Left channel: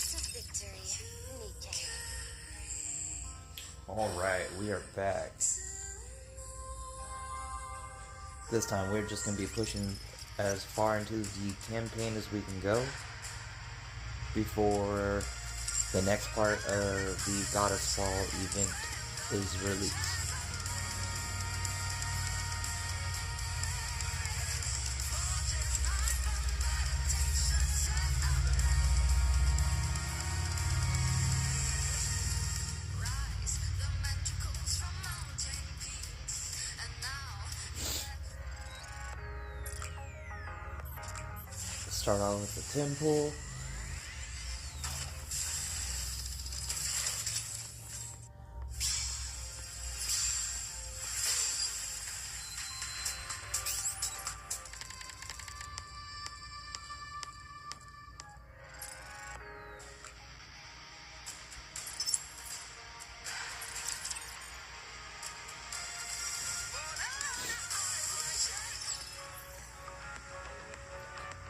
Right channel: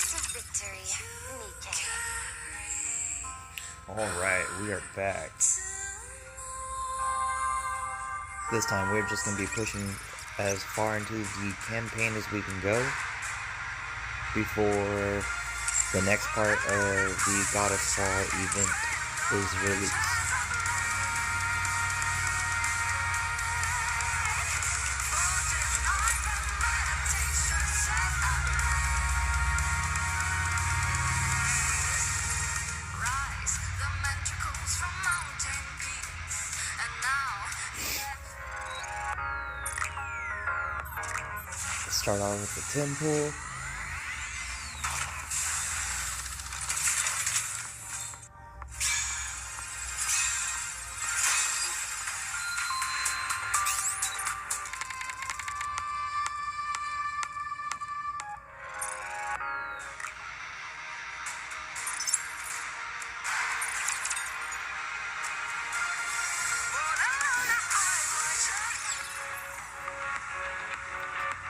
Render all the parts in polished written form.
kiss of victory, Nikke. Alright, we are back. This time we're just going to be pushing as far into the campaign as we can go before the next part of the God of Fall event is released. Start off with the temple.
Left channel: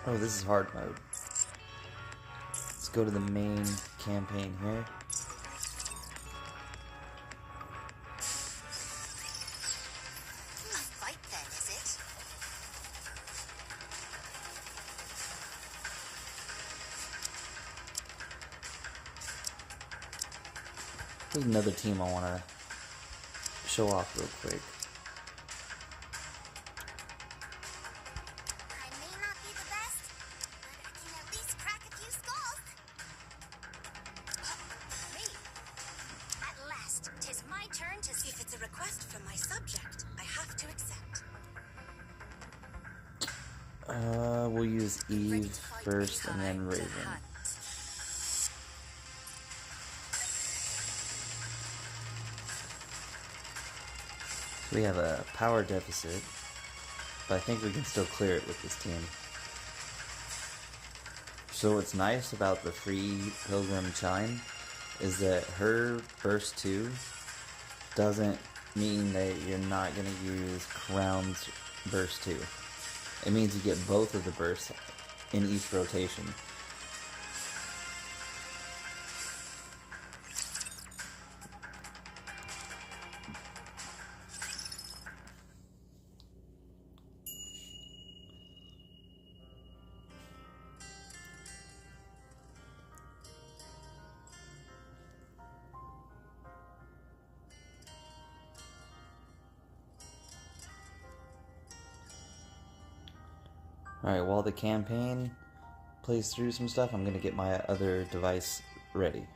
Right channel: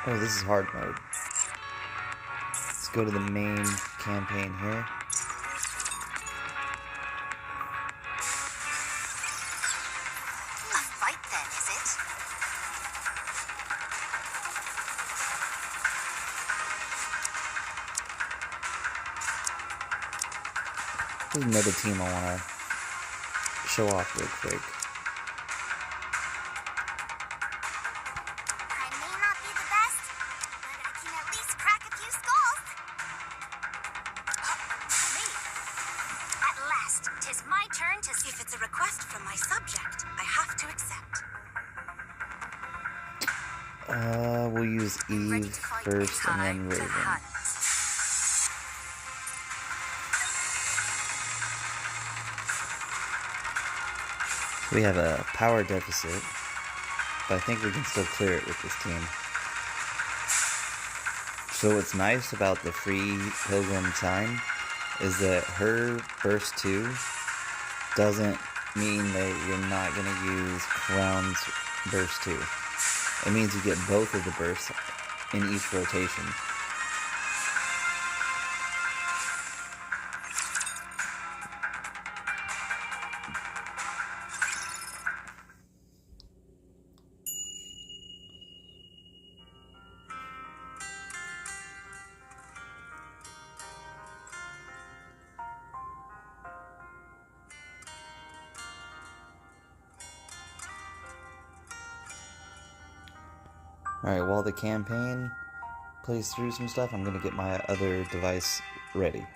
Oh, this is hard mode. Let's go to the main campaign here. A fight then, is it? There's another team I want to show off real quick. We'll use Eve first and then Raven. We have a power deficit, but I think we can still clear it with this team. So what's nice about the free Pilgrim time is that her burst 2 doesn't mean that you're not going to use Crown's burst 2. It means you get both of the bursts in each rotation. Alright, while the campaign plays through some stuff, I'm going to get my other device ready.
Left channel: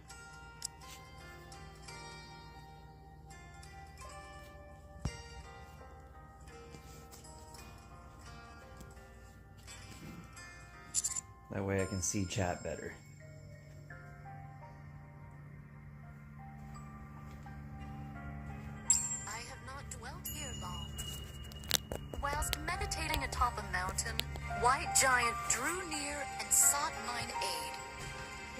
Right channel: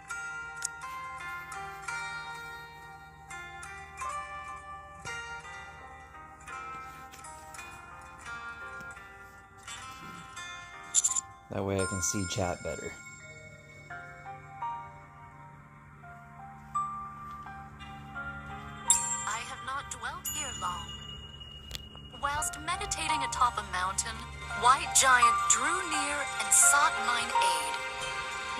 That way I can see chat better. I have not dwelt here long. Whilst meditating atop a mountain, White Giant drew near and sought mine aid.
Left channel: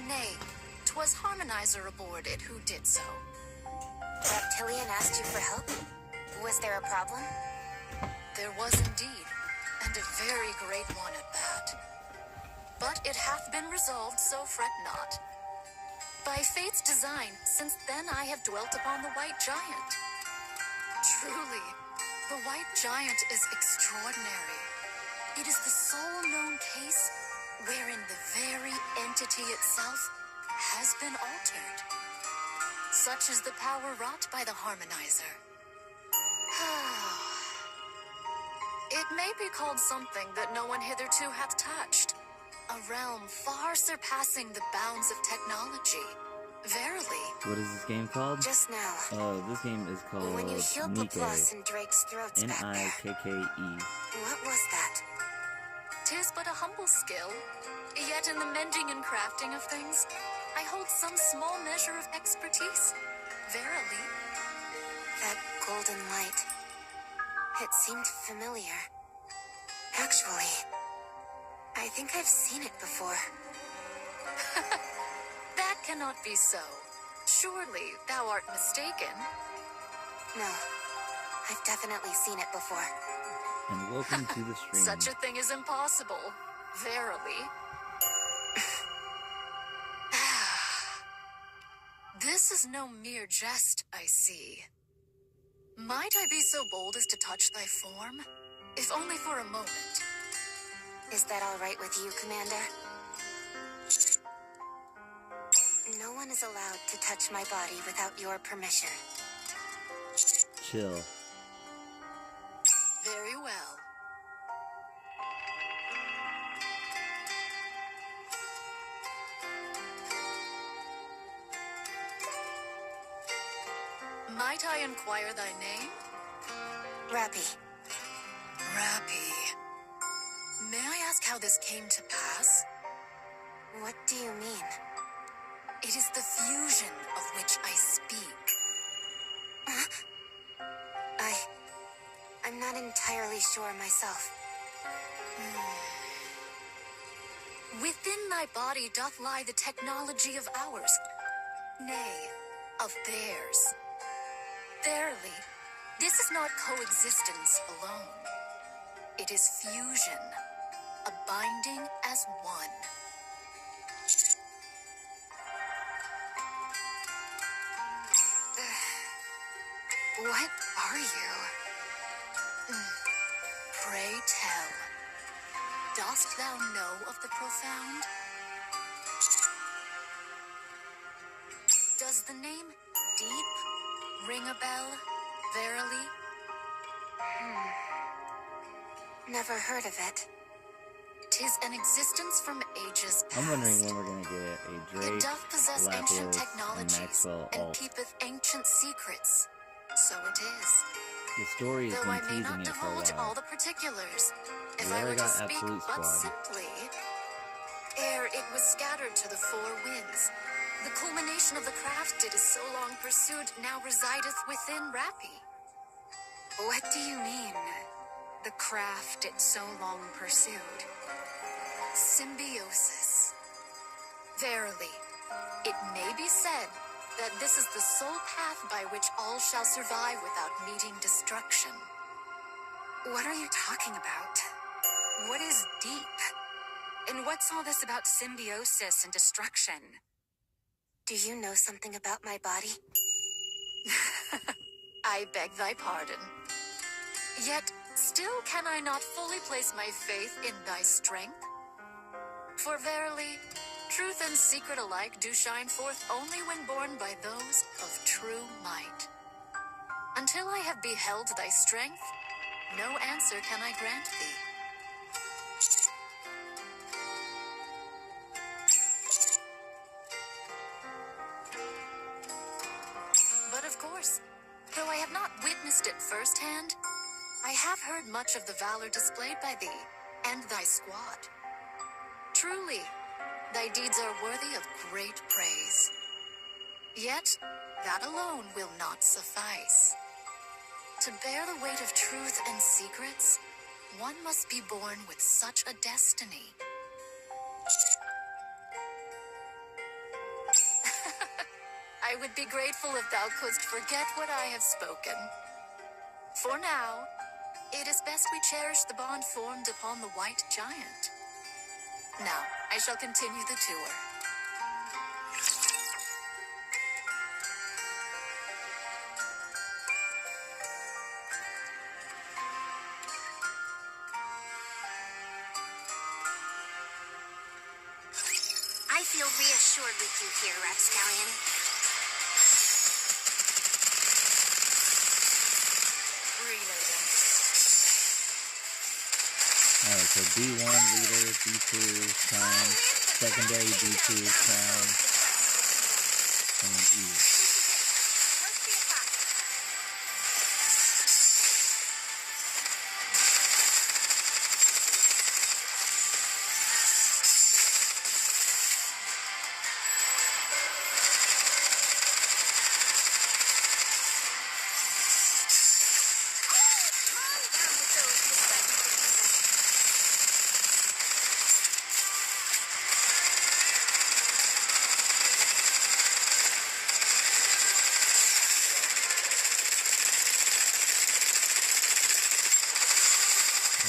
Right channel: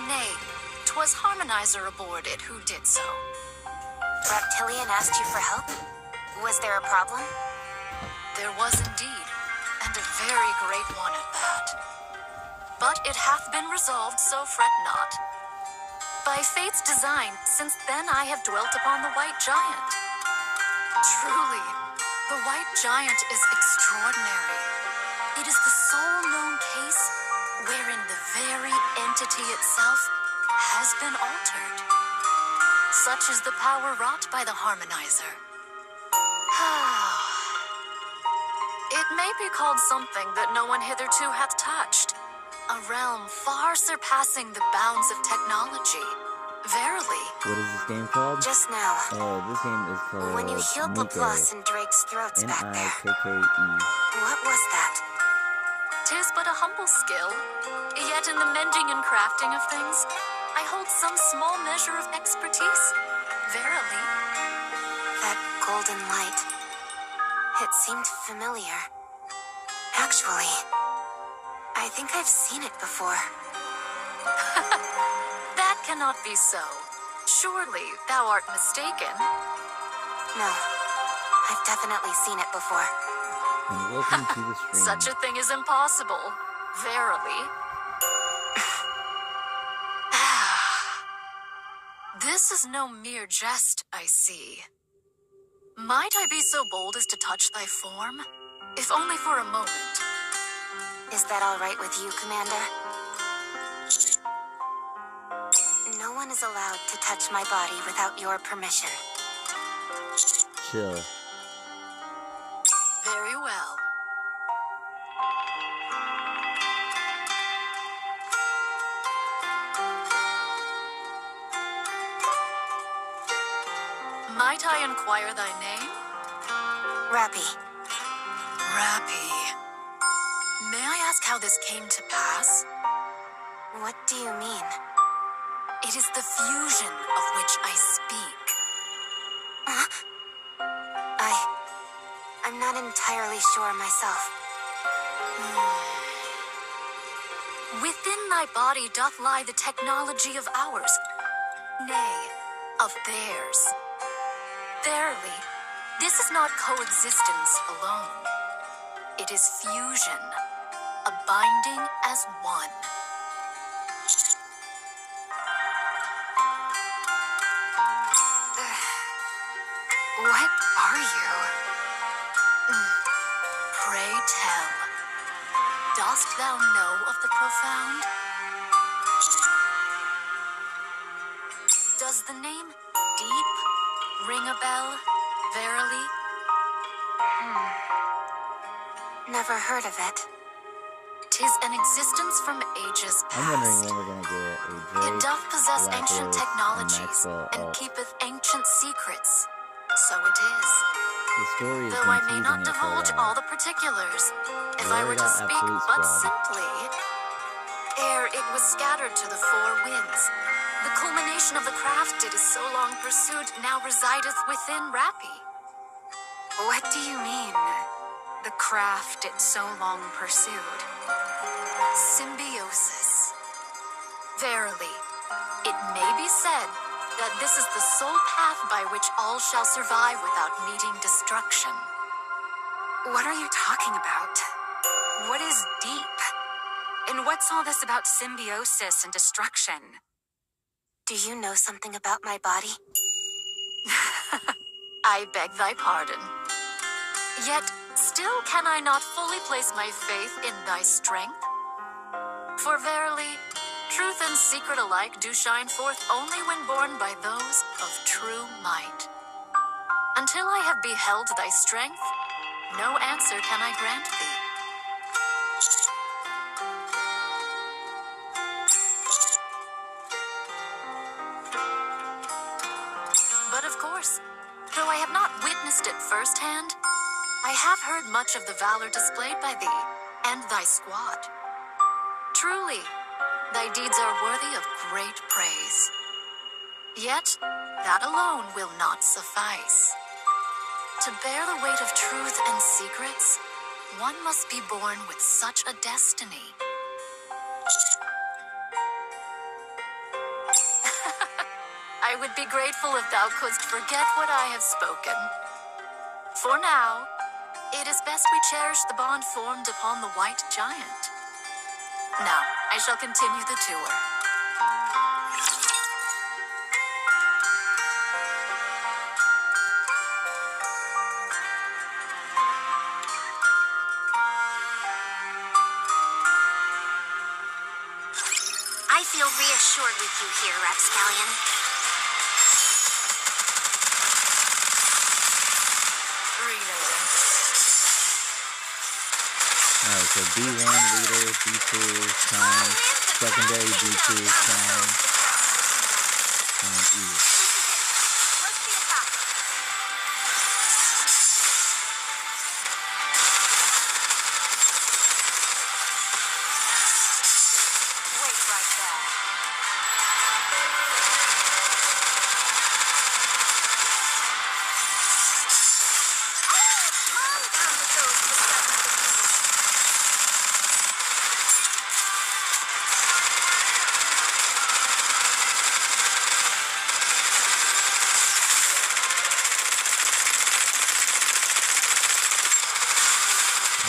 Nay, 'twas Harmonizer aboard it who did so. Reptilian asked you for help? Was there a problem? There was indeed, and a very great one at that. But it hath been resolved, so fret not. By fate's design, since then I have dwelt upon the White Giant. Truly, the White Giant is extraordinary. It is the sole known case wherein the very entity itself has been altered. Such is the power wrought by the Harmonizer. It may be called something that no one hitherto hath touched. A realm far surpassing the bounds of technology. Verily. What is this game called? Just now. This game is called When you healed Nikke. Laplace and Drake's throats back there. Nikke. What was that? 'Tis but a humble skill, yet in the mending and crafting of things, I hold some small measure of expertise. Verily. That golden light. It seemed familiar. Actually, I think I've seen it before. That cannot be so. Surely thou art mistaken. No, I've definitely seen it before. And welcome to the stream. Such a thing is impossible. Verily. This is no mere jest, I see. Might I be so bold as to touch thy form? If only for a moment. Is that all right with you, Commander? No one is allowed to touch my body without your permission. Chill. Very well. Might I inquire thy name? Rappy. Rappy. May I ask how this came to pass? What do you mean? It is the fusion of which I speak. Huh? I'm not entirely sure myself. Within thy body doth lie the technology of ours, nay, of theirs. Verily, this is not coexistence alone. It is fusion, a binding as one. What are you? Pray tell, dost thou know of the profound? Does the name Deep ring a bell, verily? Never heard of it. 'Tis an existence from ages I'm wondering past. when we're gonna get a It Drake, doth possess Black ancient Wolf, technologies, Maxwell and alt. keepeth ancient secrets. So it is. The story is Though I may confusing not me for a divulge while. all the particulars, if We I already were to got speak Absolute but Squad. simply, ere it was scattered to the four winds, the culmination of the craft it is so long pursued now resideth within Rappy. What do you mean? The craft it so long pursued? Symbiosis. Verily, it may be said that this is the sole path by which all shall survive without meeting destruction. What are you talking about? What is deep? And what's all this about symbiosis and destruction? Do you know something about my body? I beg thy pardon. Yet, still can I not fully place my faith in thy strength? For verily, truth and secret alike do shine forth only when borne by those of true might. Until I have beheld thy strength, no answer can I grant thee. But of course, though I have not witnessed it firsthand, I have heard much of the valor displayed by thee and thy squad. Truly, thy deeds are worthy of great praise. Yet, that alone will not suffice. To bear the weight of truth and secrets, one must be born with such a destiny. I would be grateful if thou couldst forget what I have spoken. For now, it is best we cherish the bond formed upon the White Giant. Now, I shall continue the tour. I feel reassured with you here, Rapscallion. Reloading. Alright, so B1 leader, B2 clown, secondary B2 clown, and then E. What's the attack? Wait right there. Calm down with those who threaten the kingdom.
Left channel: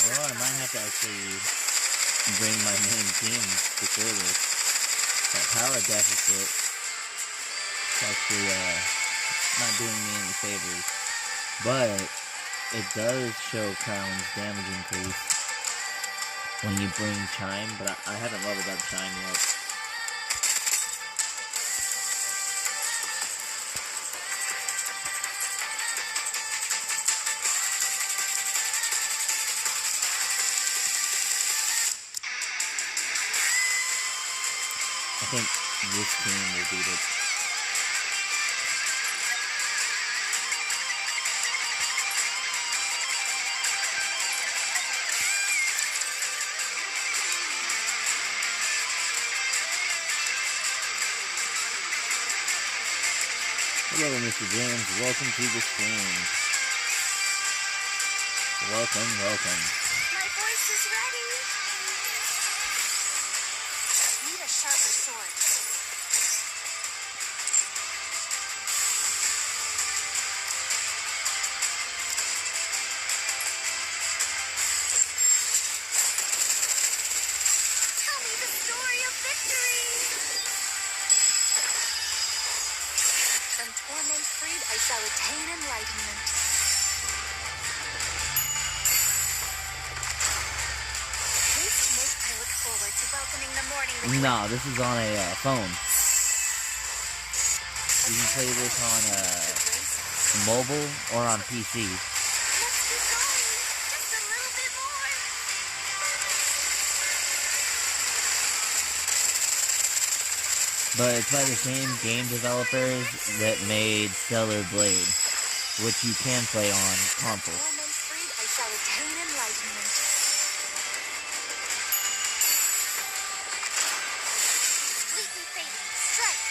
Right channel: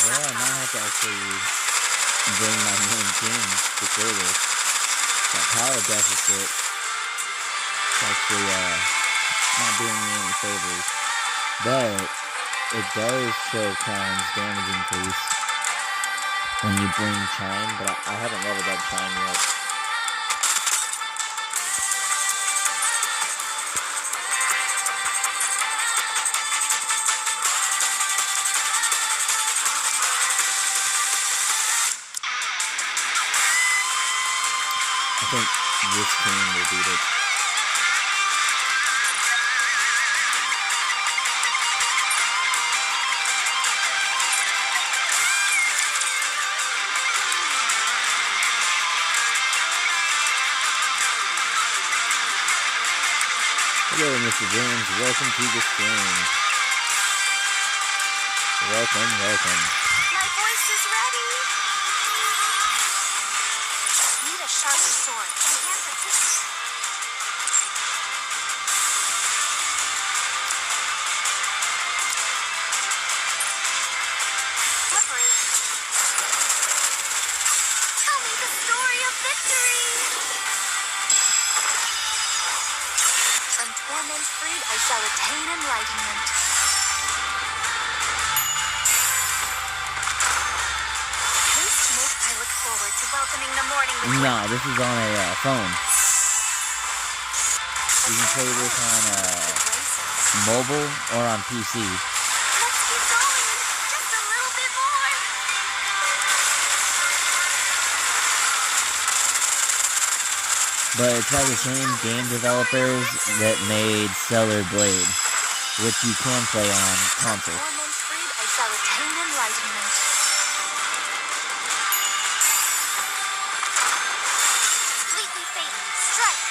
Well, I might have to actually bring my main team to kill this. That power deficit It's actually not doing me any favors. But it does show Crown's damage increase when you bring Chime, but I haven't leveled up Chime yet. I think this team will beat it. Hello, Mr. James. Welcome to the stream. Welcome. My voice is ready. Need a sharper sword. Tell me the story of victory. From torment freed, I shall attain enlightenment. Haste make I look forward to welcoming the morning with Nah, this is on a phone. You can play this on mobile or on PC. Let's keep going. Just a little bit more. But it's by the same game developers that made Stellar Blade, which you can play on console. Torment freed, I shall attain enlightenment. Completely fading. Strike.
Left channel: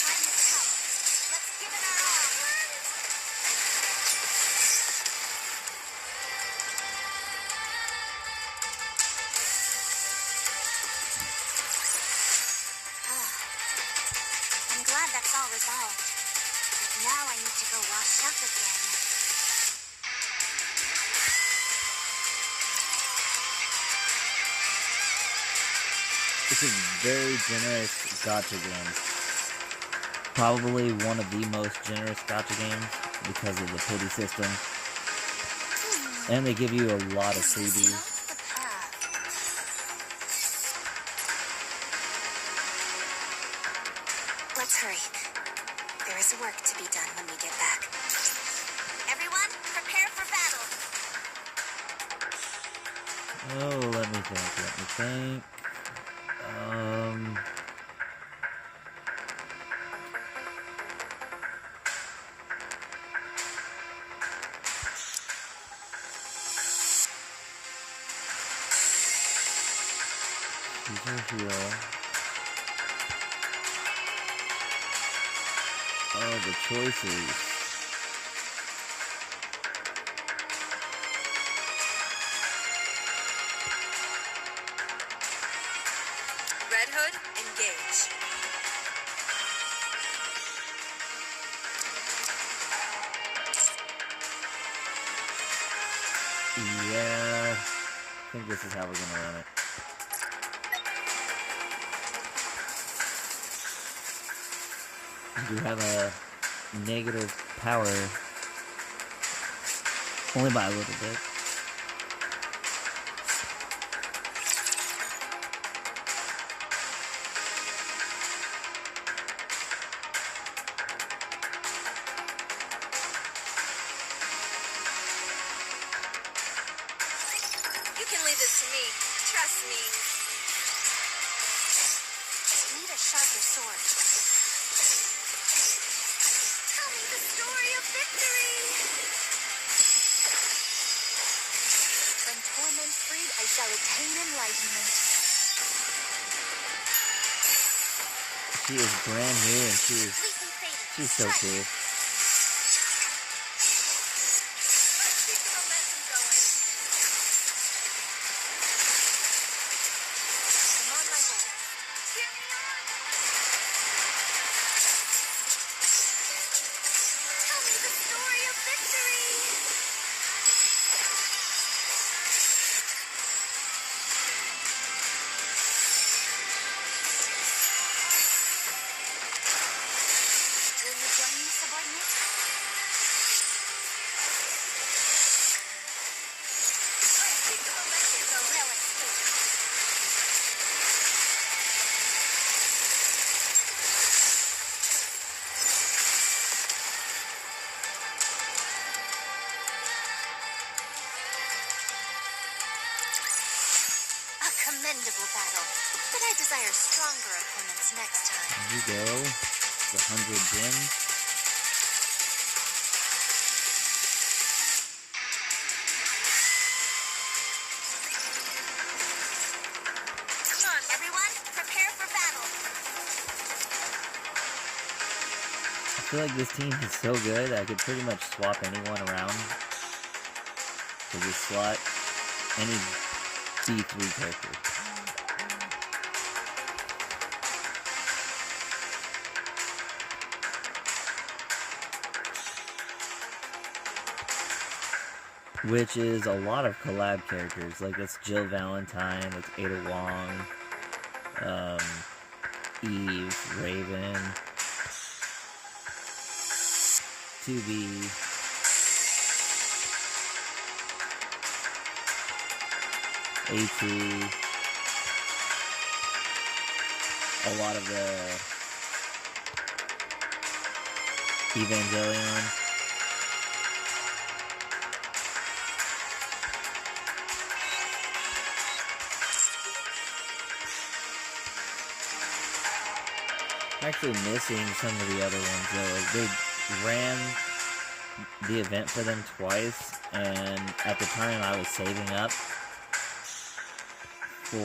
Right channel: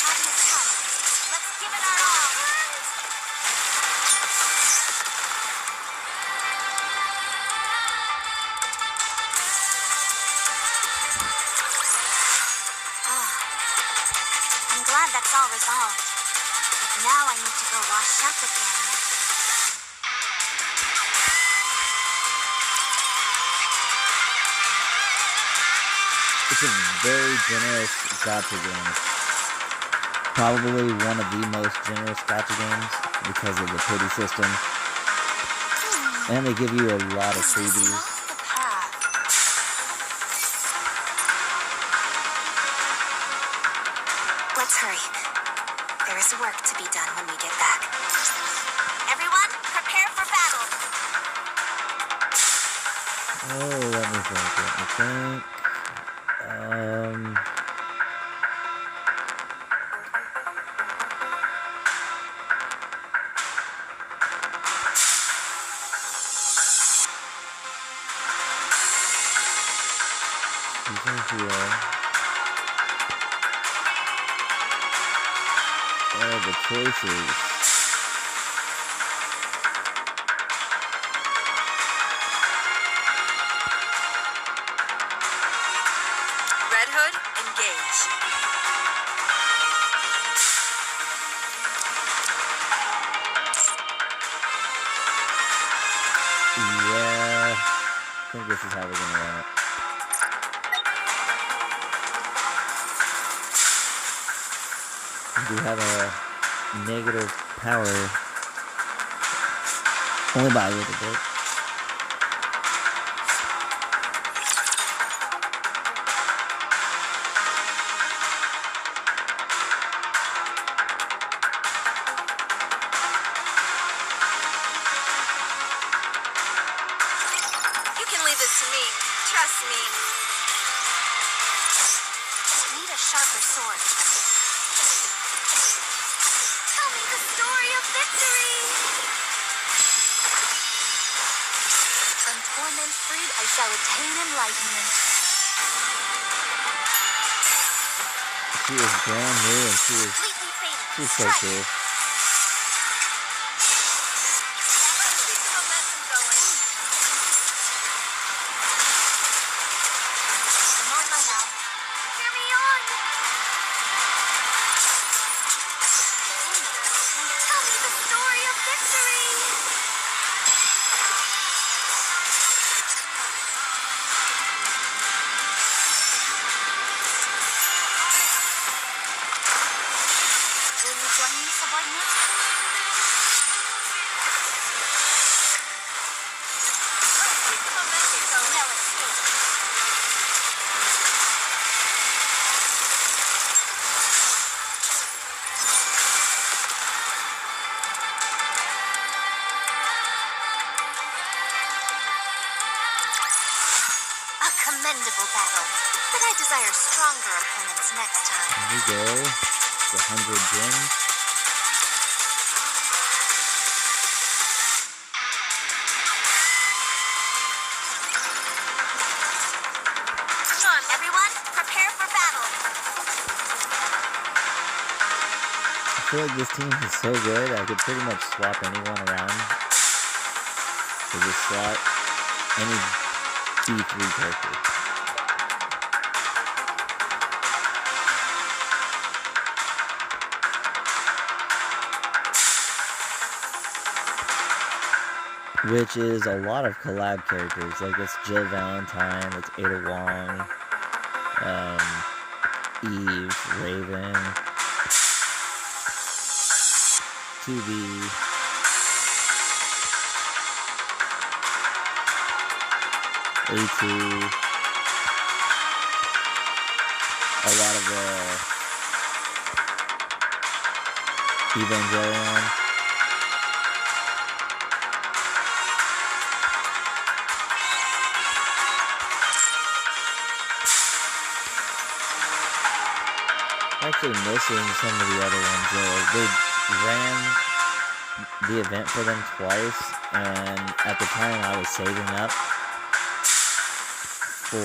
Time has come. Let's give it our all. I'm glad that's all resolved. But now I need to go wash up again. It's a very generous gacha game. Probably one of the most generous gacha games because of the pity system. And they give you a lot of This is freebies. not the path. Let's hurry. There is work to be done when we get back. Everyone, prepare for battle. Oh, let me think. These are here. Oh, the choices. Red Hood, engage. Yeah, I think this is how we're gonna run it. We have a negative power only by a little bit. You can leave this to me. Trust me. Need a sharper sword. Tell me the story of victory. From torment freed, I shall attain enlightenment. She is brand new and Completely fading. she's so Strike. cool. Let's keep the momentum going. I'm on my way. Hear me on. Tell me the story of victory. subordinate. Keep the momentum going. No escape. A commendable battle, but I desire stronger opponents next time. Here we go. The 100 gems. Come on, everyone, prepare for battle. I feel like this team is so good, I could pretty much swap anyone around. So just slot any D3 character. Which is a lot of collab characters, like it's Jill Valentine, it's Ada Wong, Eve, Raven, 2B, A2, a lot of Evangelion. Actually missing some of the other ones though. They ran the event for them twice, and at the time I was saving up for,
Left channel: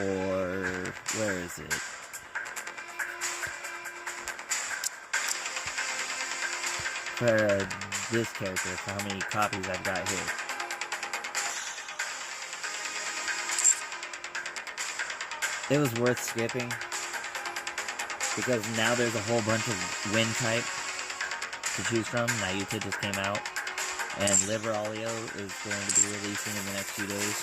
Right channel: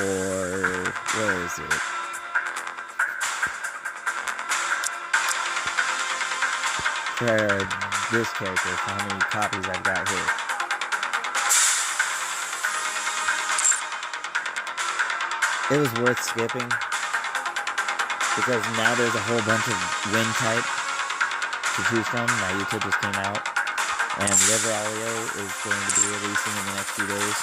where is it? For this character, for how many copies I've got here. It was worth skipping, because now there's a whole bunch of wind type to choose from. Nikke just came out, and River Alio is going to be releasing in the next few days.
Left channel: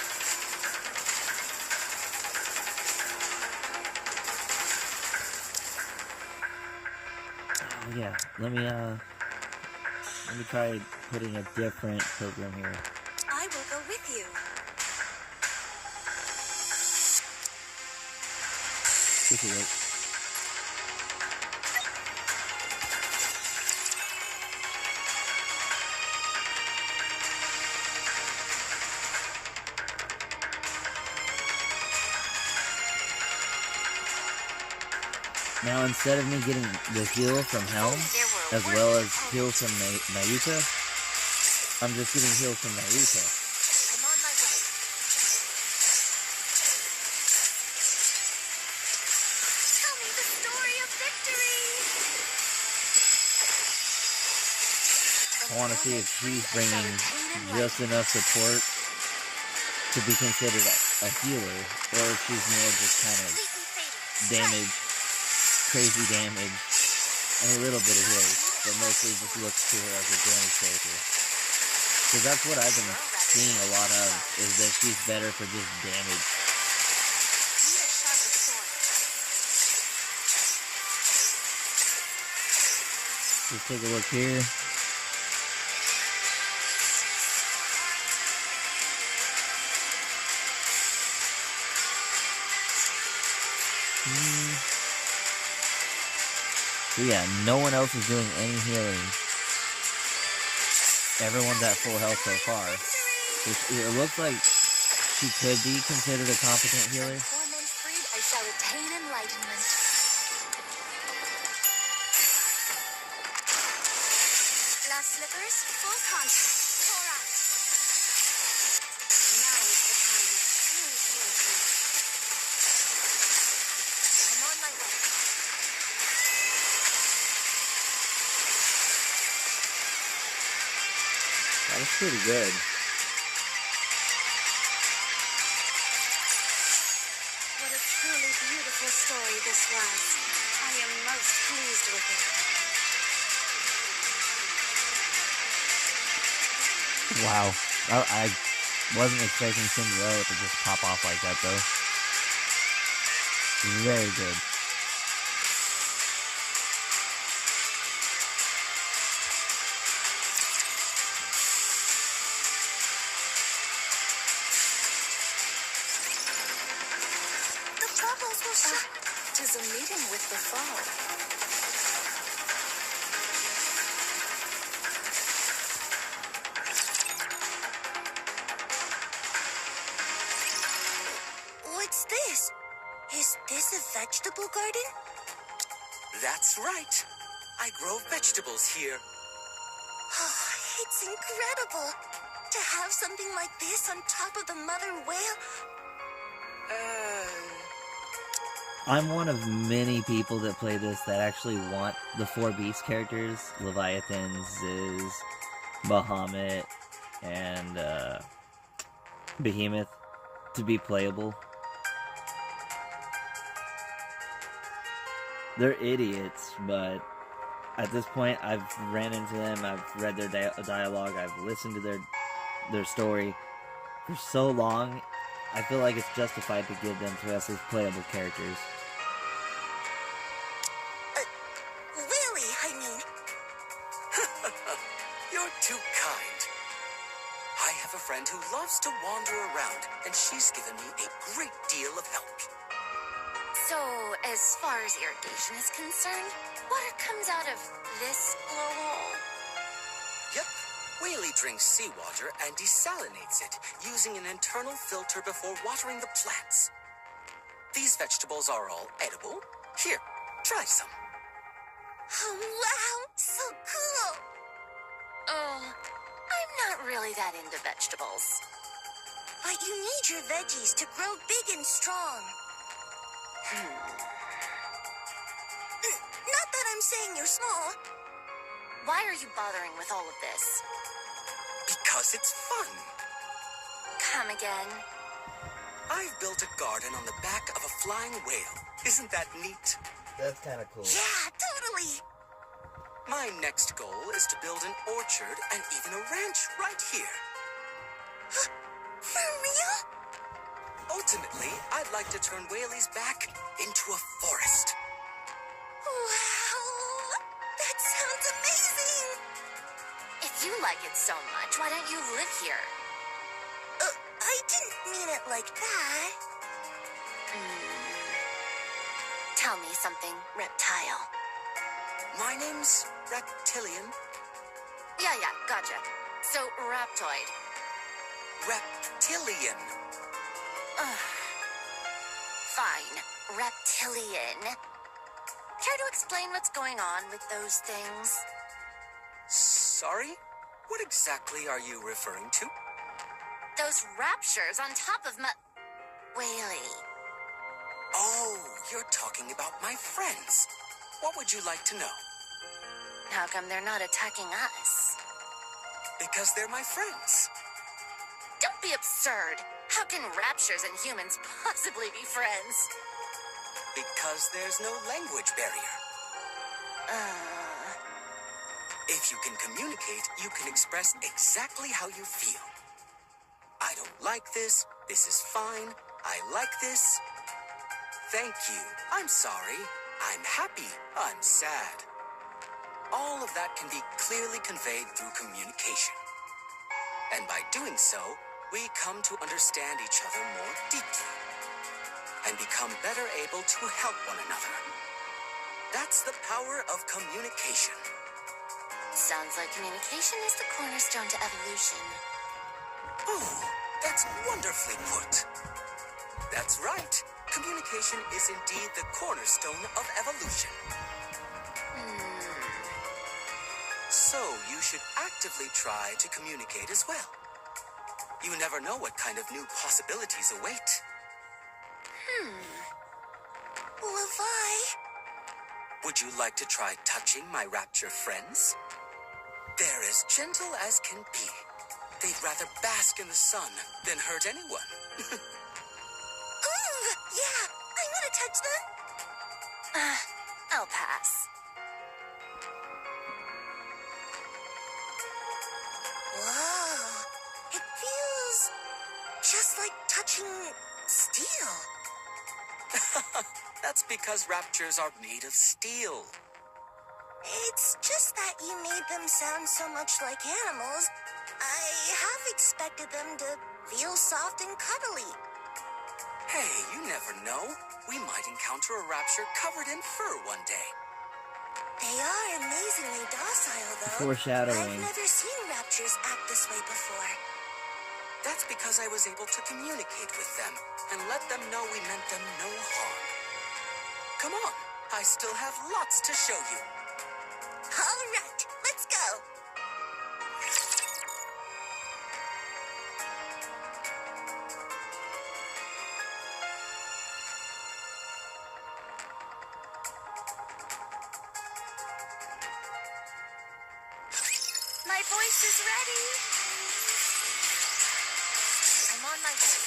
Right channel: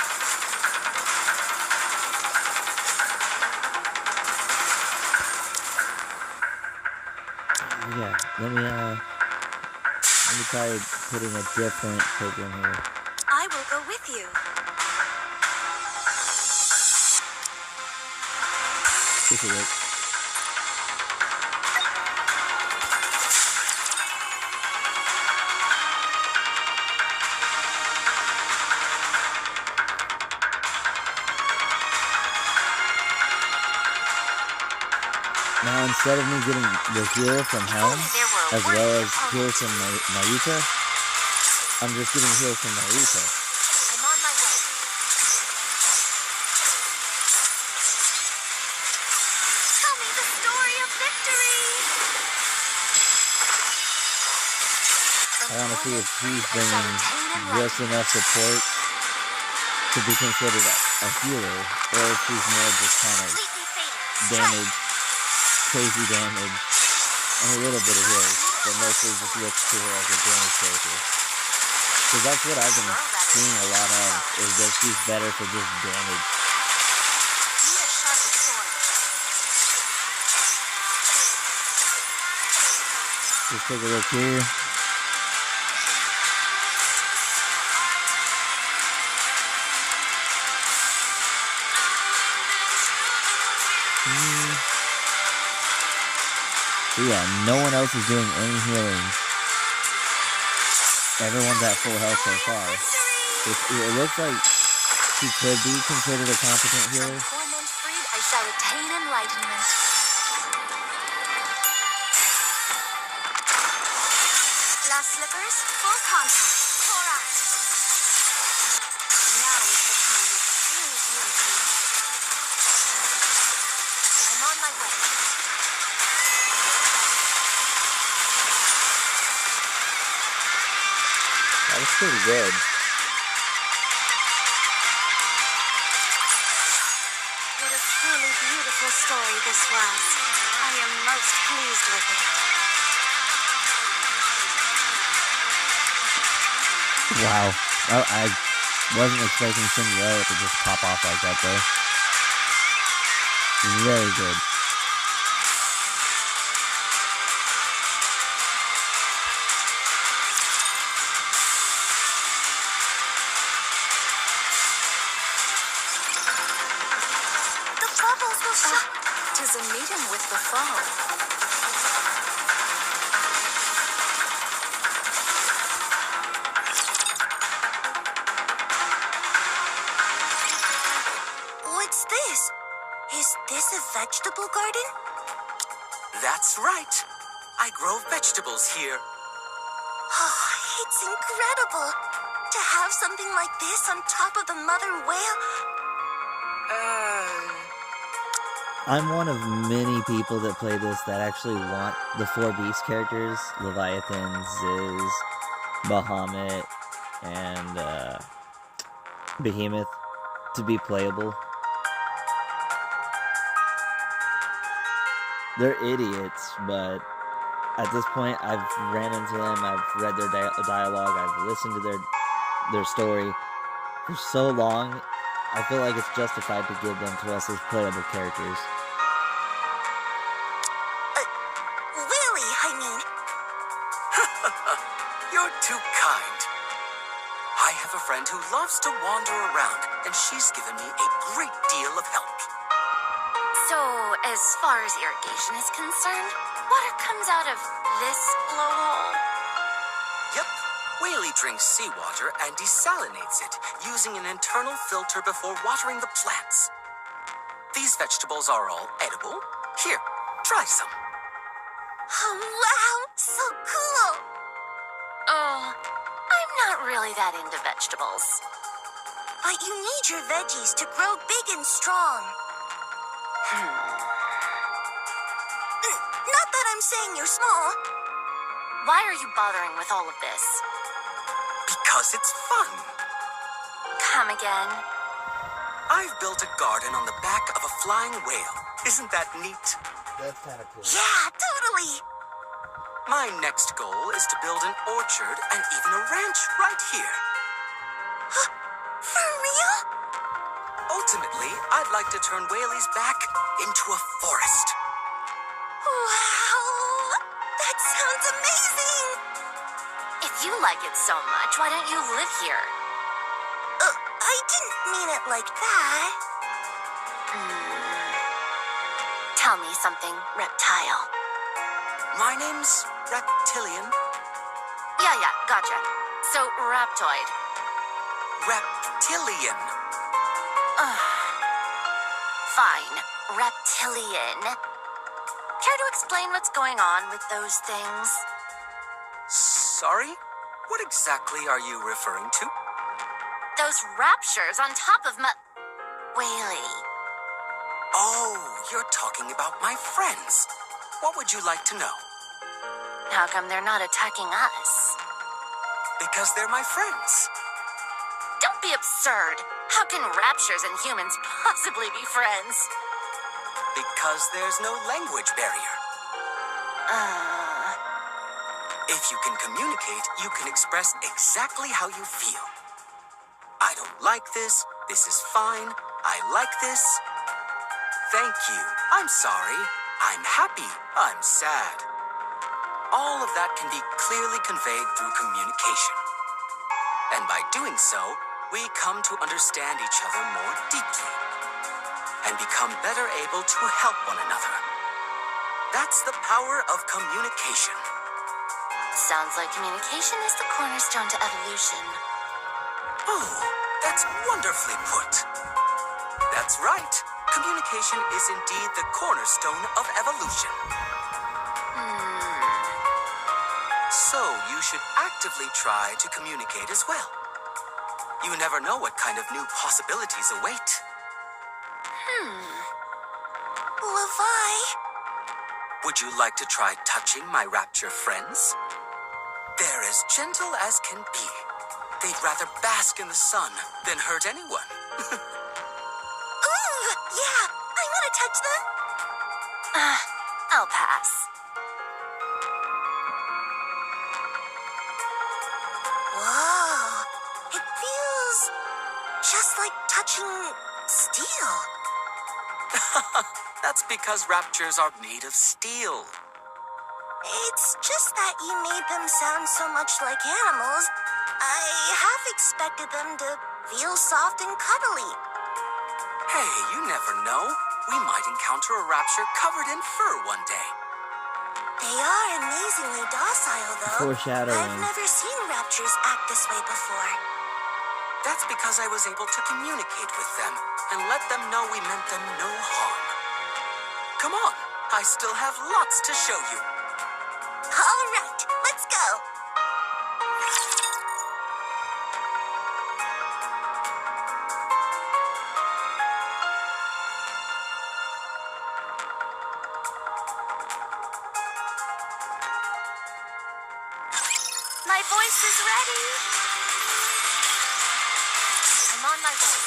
Yeah, let me try putting a different program here. I will go with you. This is it. Now, instead of me getting the heal from Helm, as well as heal from Nikke, I'm just getting heal from Nikke. I'm on my way. Tell me the story of victory. I want to see if she's bringing just enough support to be considered a healer, or if she's more just kind of damage, crazy damage, and a little bit of heal, but mostly just looks to her as a damage character. Because that's what I've been seeing a lot of, is that she's better for just damage. Need a sharper sword. Just take a look here. So yeah, no one else is doing any healing. Everyone's at full health so far. It looks like she could be considered a competent healer. From torment freed, I shall attain enlightenment. Last slippers, full contact. Pour out. Now is the time of true beauty. I'm on my way. That was pretty good. What a truly beautiful story this was. I am most pleased with it. Wow. I wasn't expecting Cinderella to just pop off like that though. Very good. vegetables will show. 'Tis a meeting with the foe. What's this? Is this a vegetable garden? That's right. I grow vegetables here. Oh, it's incredible. To have something like this on top of the mother whale. I'm one of many people that play this that actually want the 4 beast characters, Leviathan, Ziz, Bahamut, and Behemoth, to be playable. They're idiots, but at this point, I've ran into them, I've read their dialogue, I've listened to their story for so long. I feel like it's justified to give them to us as playable characters. Willie, I mean. You're too kind. I have a friend who loves to wander around, and she's given me a great deal of help. So, as far as irrigation is concerned, water comes out of this blowhole? Yep. Whaley drinks seawater and desalinates it using an internal filter before watering the plants. These vegetables are all edible. Here, try some. Oh, wow, so cool. Oh, I'm not really that into vegetables. But you need your veggies to grow big and strong. Not that I'm saying you're small. Why are you bothering with all of this? Because it's fun. Come again. I've built a garden on the back of a flying whale. Isn't that neat? That's kind of cool. Yeah, totally. My next goal is to build an orchard and even a ranch right here. For real? Ultimately, I'd like to turn Whaley's back into a forest. Wow, that sounds amazing. If you like it so much, why don't you live here? I didn't mean it like that. Tell me something, reptile. My name's Reptilian. Yeah, gotcha. So, Raptoid. Reptilian. Fine, reptilian. Care to explain what's going on with those things? Sorry? What exactly are you referring to? Those raptures on top of Whaley. Oh, you're talking about my friends. What would you like to know? How come they're not attacking us? Because they're my friends. Don't be absurd. How can raptures and humans possibly be friends? Because there's no language barrier. If you can communicate, you can express exactly how you feel. I don't like this. This is fine. I like this. Thank you. I'm sorry. I'm happy. I'm sad. All of that can be clearly conveyed through communication. And by doing so, we come to understand each other more deeply and become better able to help one another. That's the power of communication. Sounds like communication is the cornerstone to evolution. Oh, that's wonderfully put. That's right. Communication is indeed the cornerstone of evolution. So you should actively try to communicate as well. You never know what kind of new possibilities await. Levi? Would you like to try touching my rapture friends? They're as gentle as can be. They'd rather bask in the sun than hurt anyone. Ooh, yeah, I want to touch them. I'll pass. Whoa, it feels just like touching steel. That's because raptures are made of steel. It's just that you made them sound so much like animals. I half expected them to feel soft and cuddly. Hey, you never know. we might encounter a rapture covered in fur one day. They are amazingly docile, though. Foreshadowing. I've never seen raptors act this way before. That's because I was able to communicate with them and let them know we meant them no harm. Come on, I still have lots to show you. All right, let's go. My voice is ready. I'm on my way.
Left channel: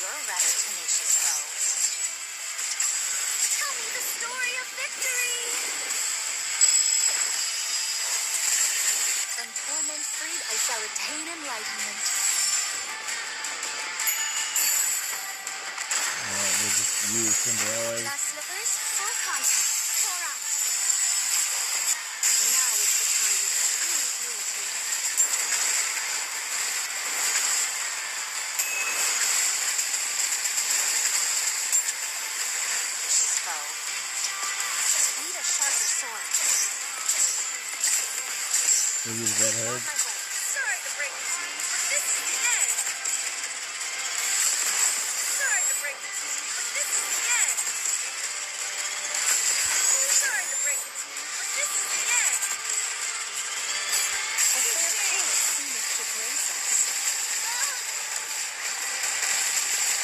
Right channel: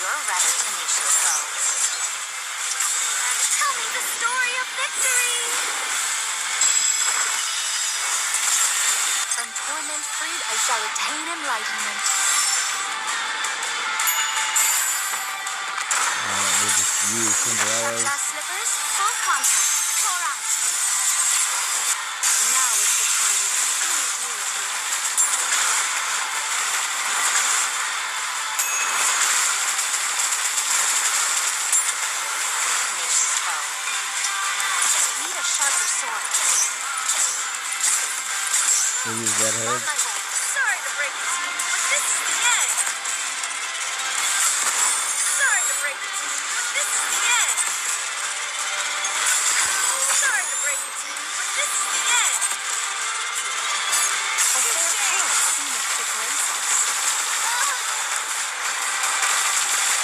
You're a rather tenacious foe. Tell me the story of victory. From torment freed, I shall attain enlightenment. We'll just use Cinderella's. Glass slippers, full contact. Pour out. Now is the time of true unity. Tenacious foe. Need a sharper sword. We'll use Red On Hood. my way. Sorry to break it to you, but this is the end. Sorry to break it to you, but this is the end. Sorry to break it to you, but this is the end. A fair chance seemeth to grace us.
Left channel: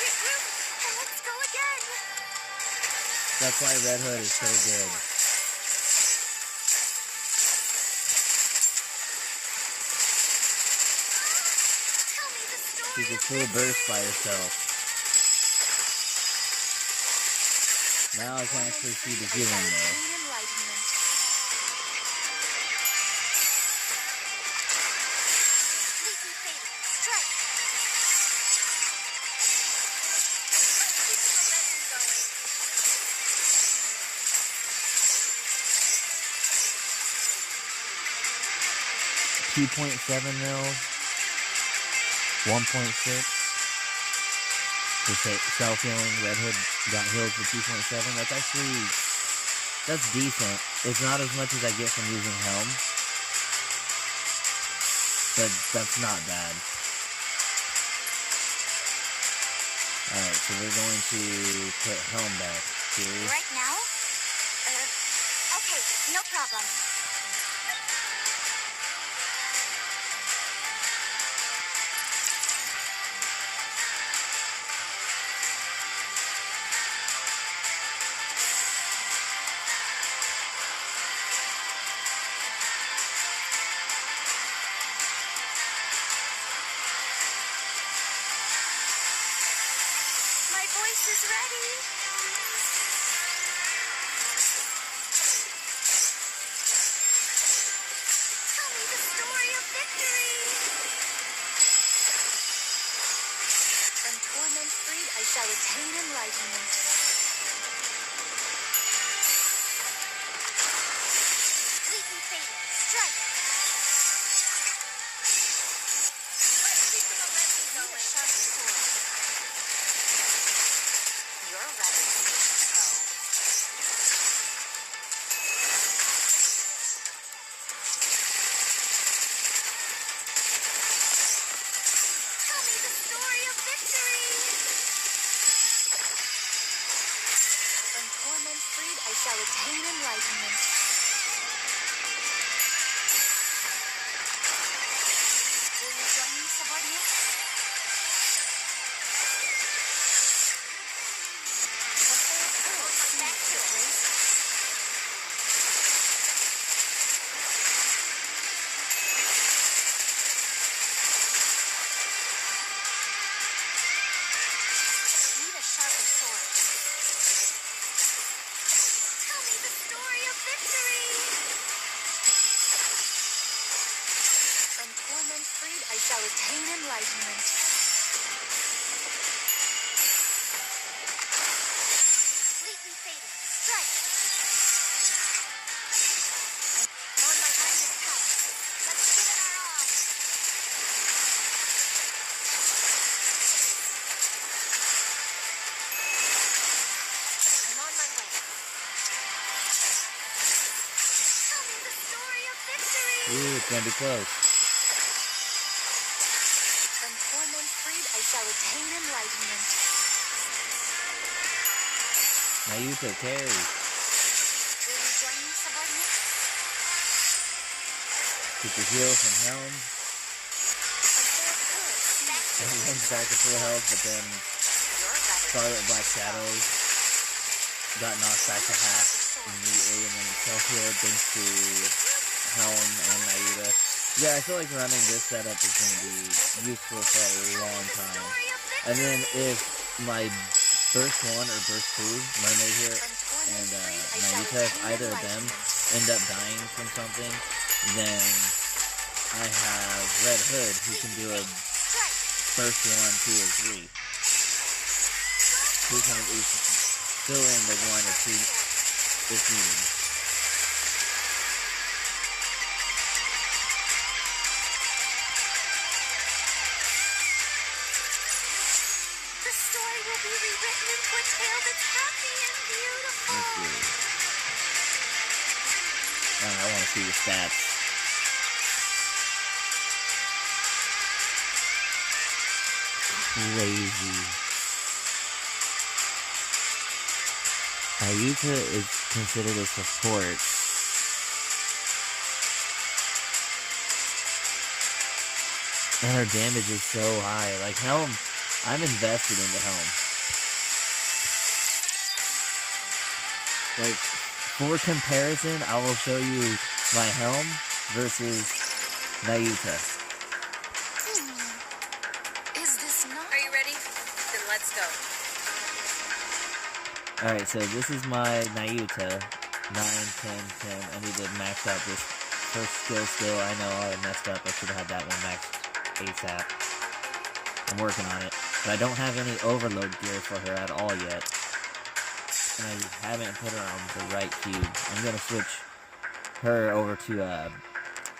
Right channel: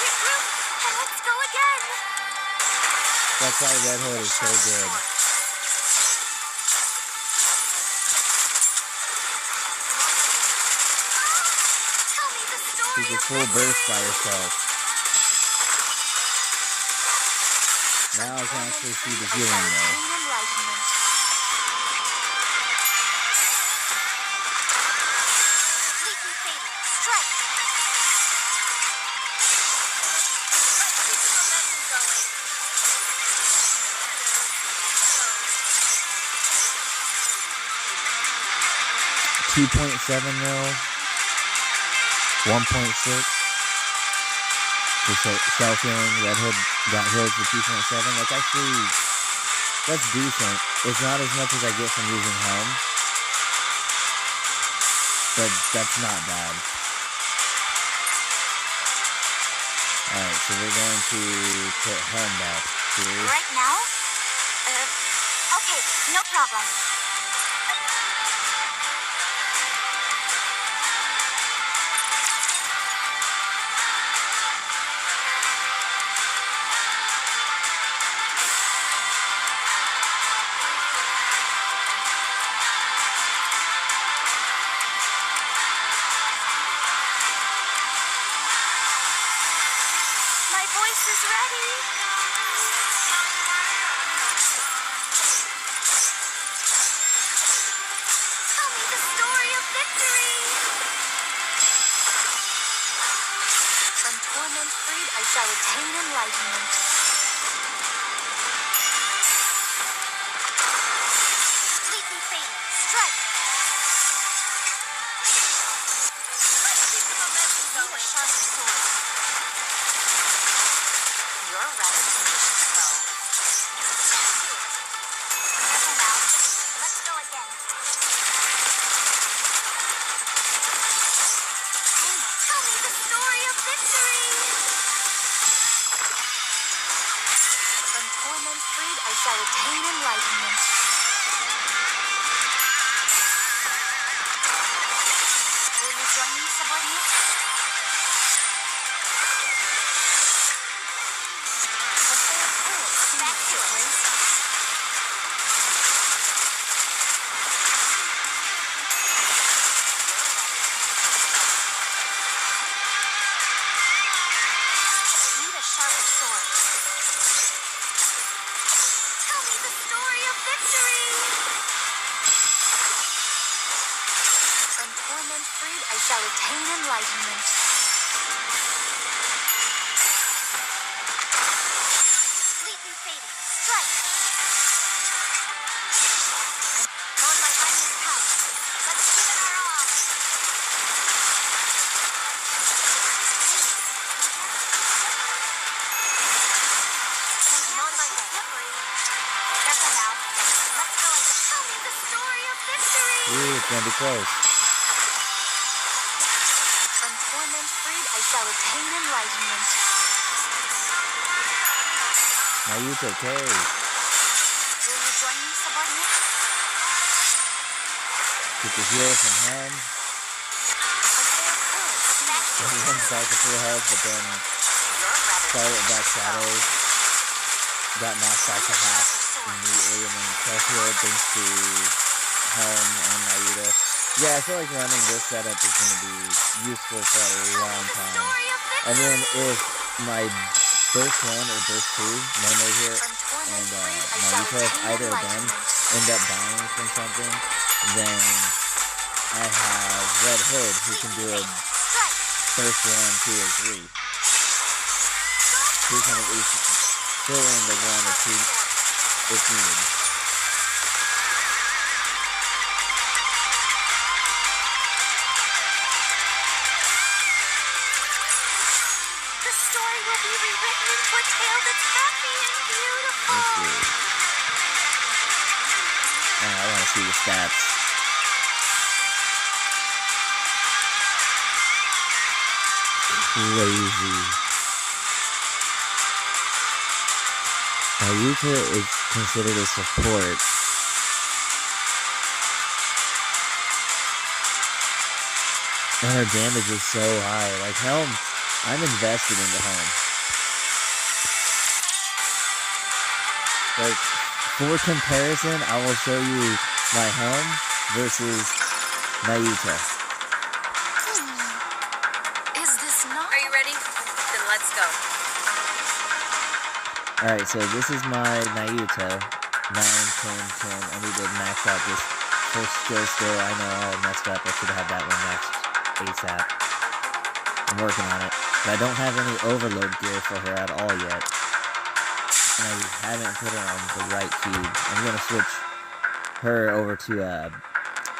Regroup, and let's go again. That's why Red Hood is so good. Tell me the story She's a of full burst by victory. herself. Now I can actually see the I shall healing though. attain enlightenment. Completely fading. Strike. Let's keep the momentum going. 2.7 mil. 1.6. For self-healing, Red Hood got healed for 2.7. That's decent. It's not as much as I get from using Helm. But that's not bad. Alright, so we're going to put Helm back here. Right now? Okay, no problem. My voice is ready. Tell me the story of victory. From torment freed, I shall attain enlightenment. Completely fading. Strike. Let's keep the momentum Need a going. sharper sword. You're a rather tenacious foe. Careful now. Let's go again. Tell me the story of victory. From torment freed, I shall attain enlightenment. Will you join me, subordinate? A fair poet seems to grace us. Need a sharper sword. Tell me the story of victory. From torment freed, I shall attain enlightenment. Completely fading. Strike. I'm on my highness path. Let's give it our all. It's gonna be close. From torment freed, I shall attain enlightenment. Naruto carry. Will you join me, subordinate? Get the heal from Helm. Everyone's back to full health, but then Scarlet and Black Shadow got knocked back to half immediately, and then self-healed thanks to Helm and Naruto. Yeah, I feel like running this setup is going to be useful for a long time. And then if my burst 1 or burst 2, Momo here, and Naruto, if either of them end up dying from something, then I have Red Hood who can do a burst 1, 2, or 3. Who can at least fill in the 1 or 2 if needed. The story will be rewritten into a tale that's happy and beautiful. Let's see. Oh, I want to see the stats. Crazy. Ayuka is considered a support. And her damage is so high. Like Helm, I'm invested into Helm. Like, for comparison, I will show you my Helm versus Naruto. Is this not? Are you ready? Then let's go. Alright, so this is my Naruto. 9, 10, 10. I need to max out this first skill still. I know I messed up. I should have had that one maxed ASAP. I'm working on it. But I don't have any overload gear for her at all yet. And I haven't put her on the right cube. I'm gonna switch her over to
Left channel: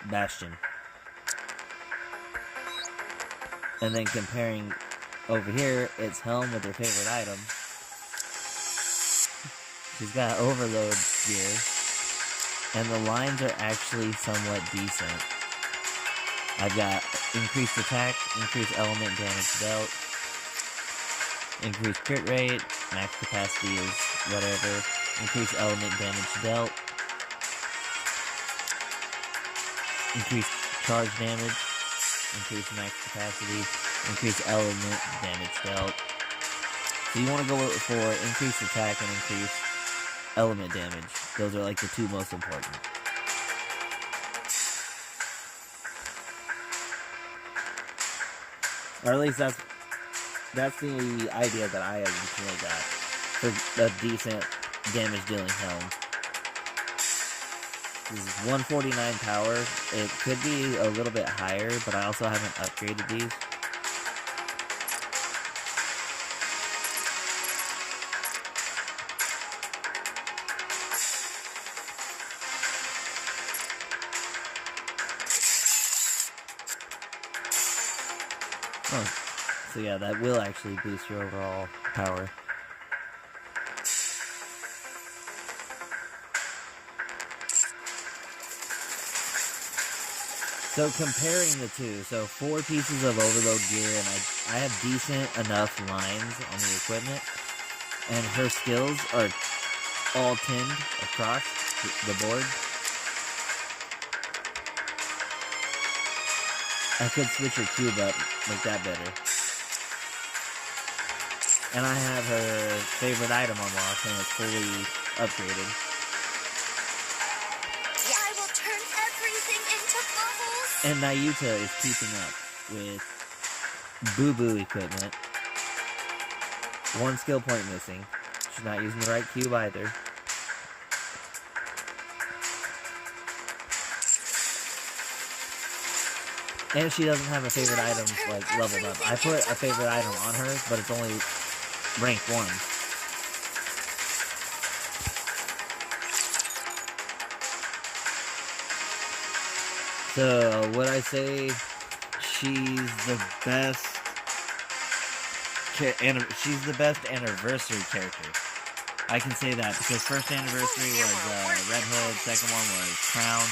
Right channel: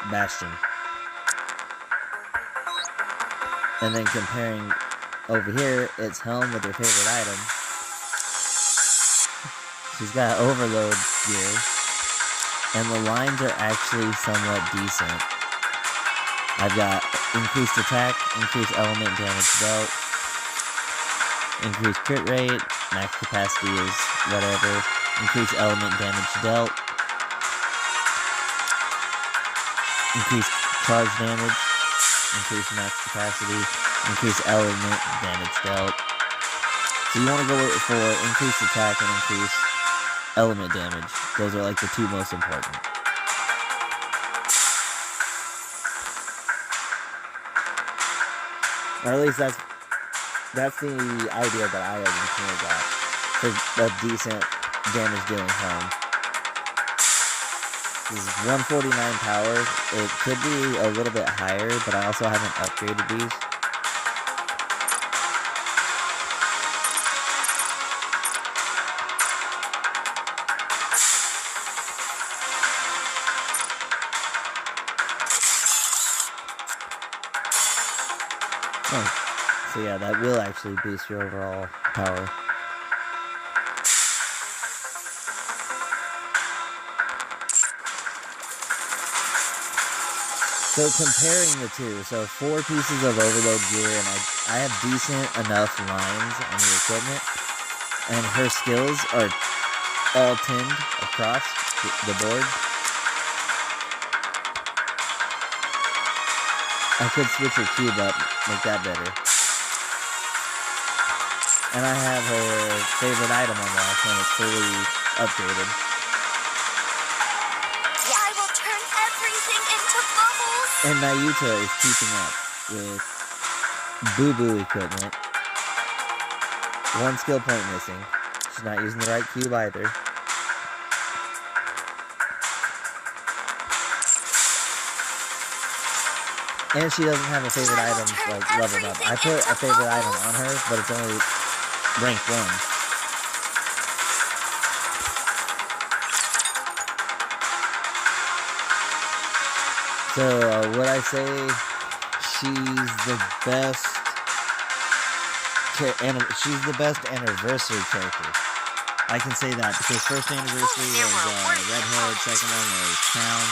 Bastion. And then comparing over here, it's Helm with her favorite item. She's got overload gear, and the lines are actually somewhat decent. I've got increased attack, increased element damage dealt, increased crit rate, max capacity is whatever, increased element damage dealt, increased charge damage, increased max capacity, increased element damage dealt. So you want to go for increased attack and increased element damage. Those are like the two most important. Or at least that's the idea that I originally got for a decent damage dealing Helm. This is 149 power. It could be a little bit higher, but I also haven't upgraded these. Oh, so yeah, that will actually boost your overall power. So comparing the two, so 4 pieces of overload gear, and I have decent enough lines on the equipment, and her skills are all tinned across the board. I could switch her cube up, make that better. And I have her favorite item unlocked, and it's fully upgraded. I will turn everything into bubbles. And Naruto is keeping up with boo-boo equipment. 1 skill point missing. She's not using the right cube either. And she doesn't have a favorite item like leveled up. I put a favorite item on her, but it's only rank 1. So would I say she's the best? She's the best anniversary character. I can say that because first anniversary was Red Hood, second one was Crown.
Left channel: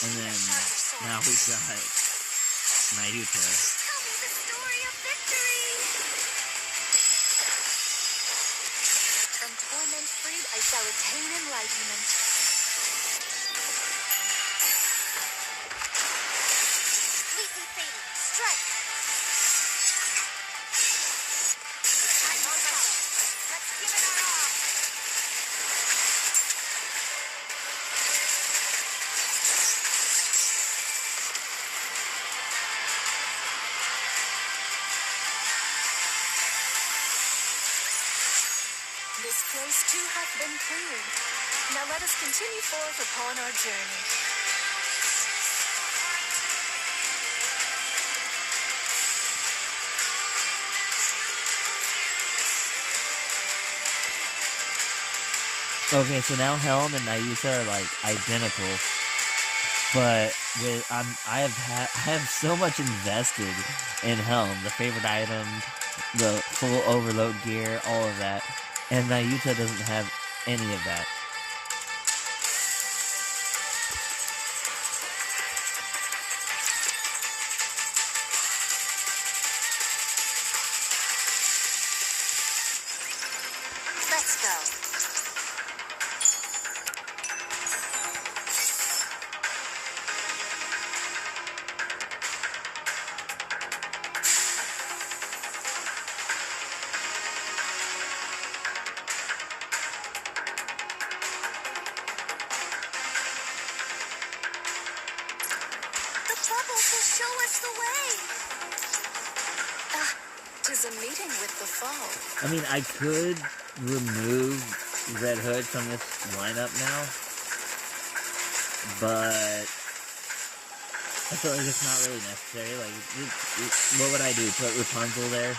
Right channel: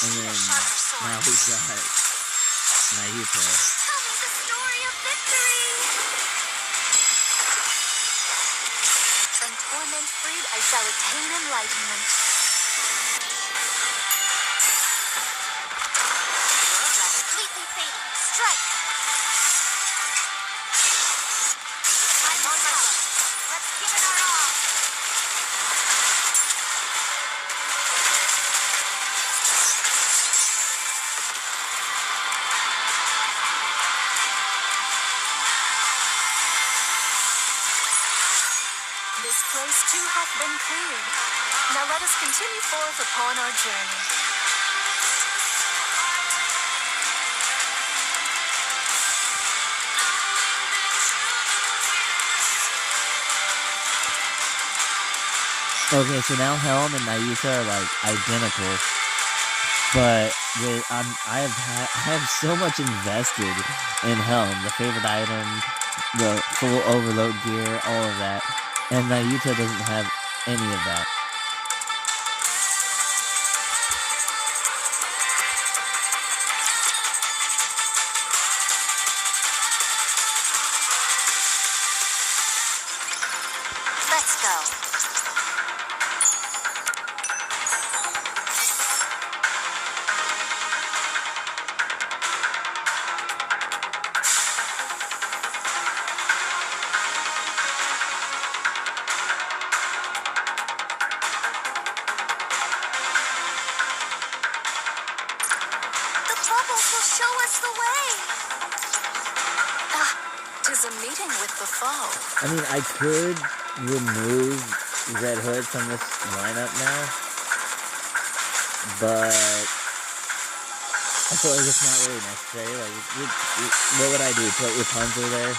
And then now we got Naruto. Tell me the story of victory. From torment freed, I shall attain enlightenment. Completely fading. Strike. I'm on my way. Let's give it our all. This place too hath been cleared. Now let us continue forth upon our journey. Okay, so now Helm and Nayuta are like identical, but I have so much invested in Helm, the favorite item, the full overload gear, all of that, and Nayuta doesn't have any of that. Let's go. The bubbles will show us the way. Ah, 'tis a meeting with the foe. I mean, I could remove Red Hood from this lineup now, but I feel like it's not really necessary. Like, what would I do? Put Rapunzel there?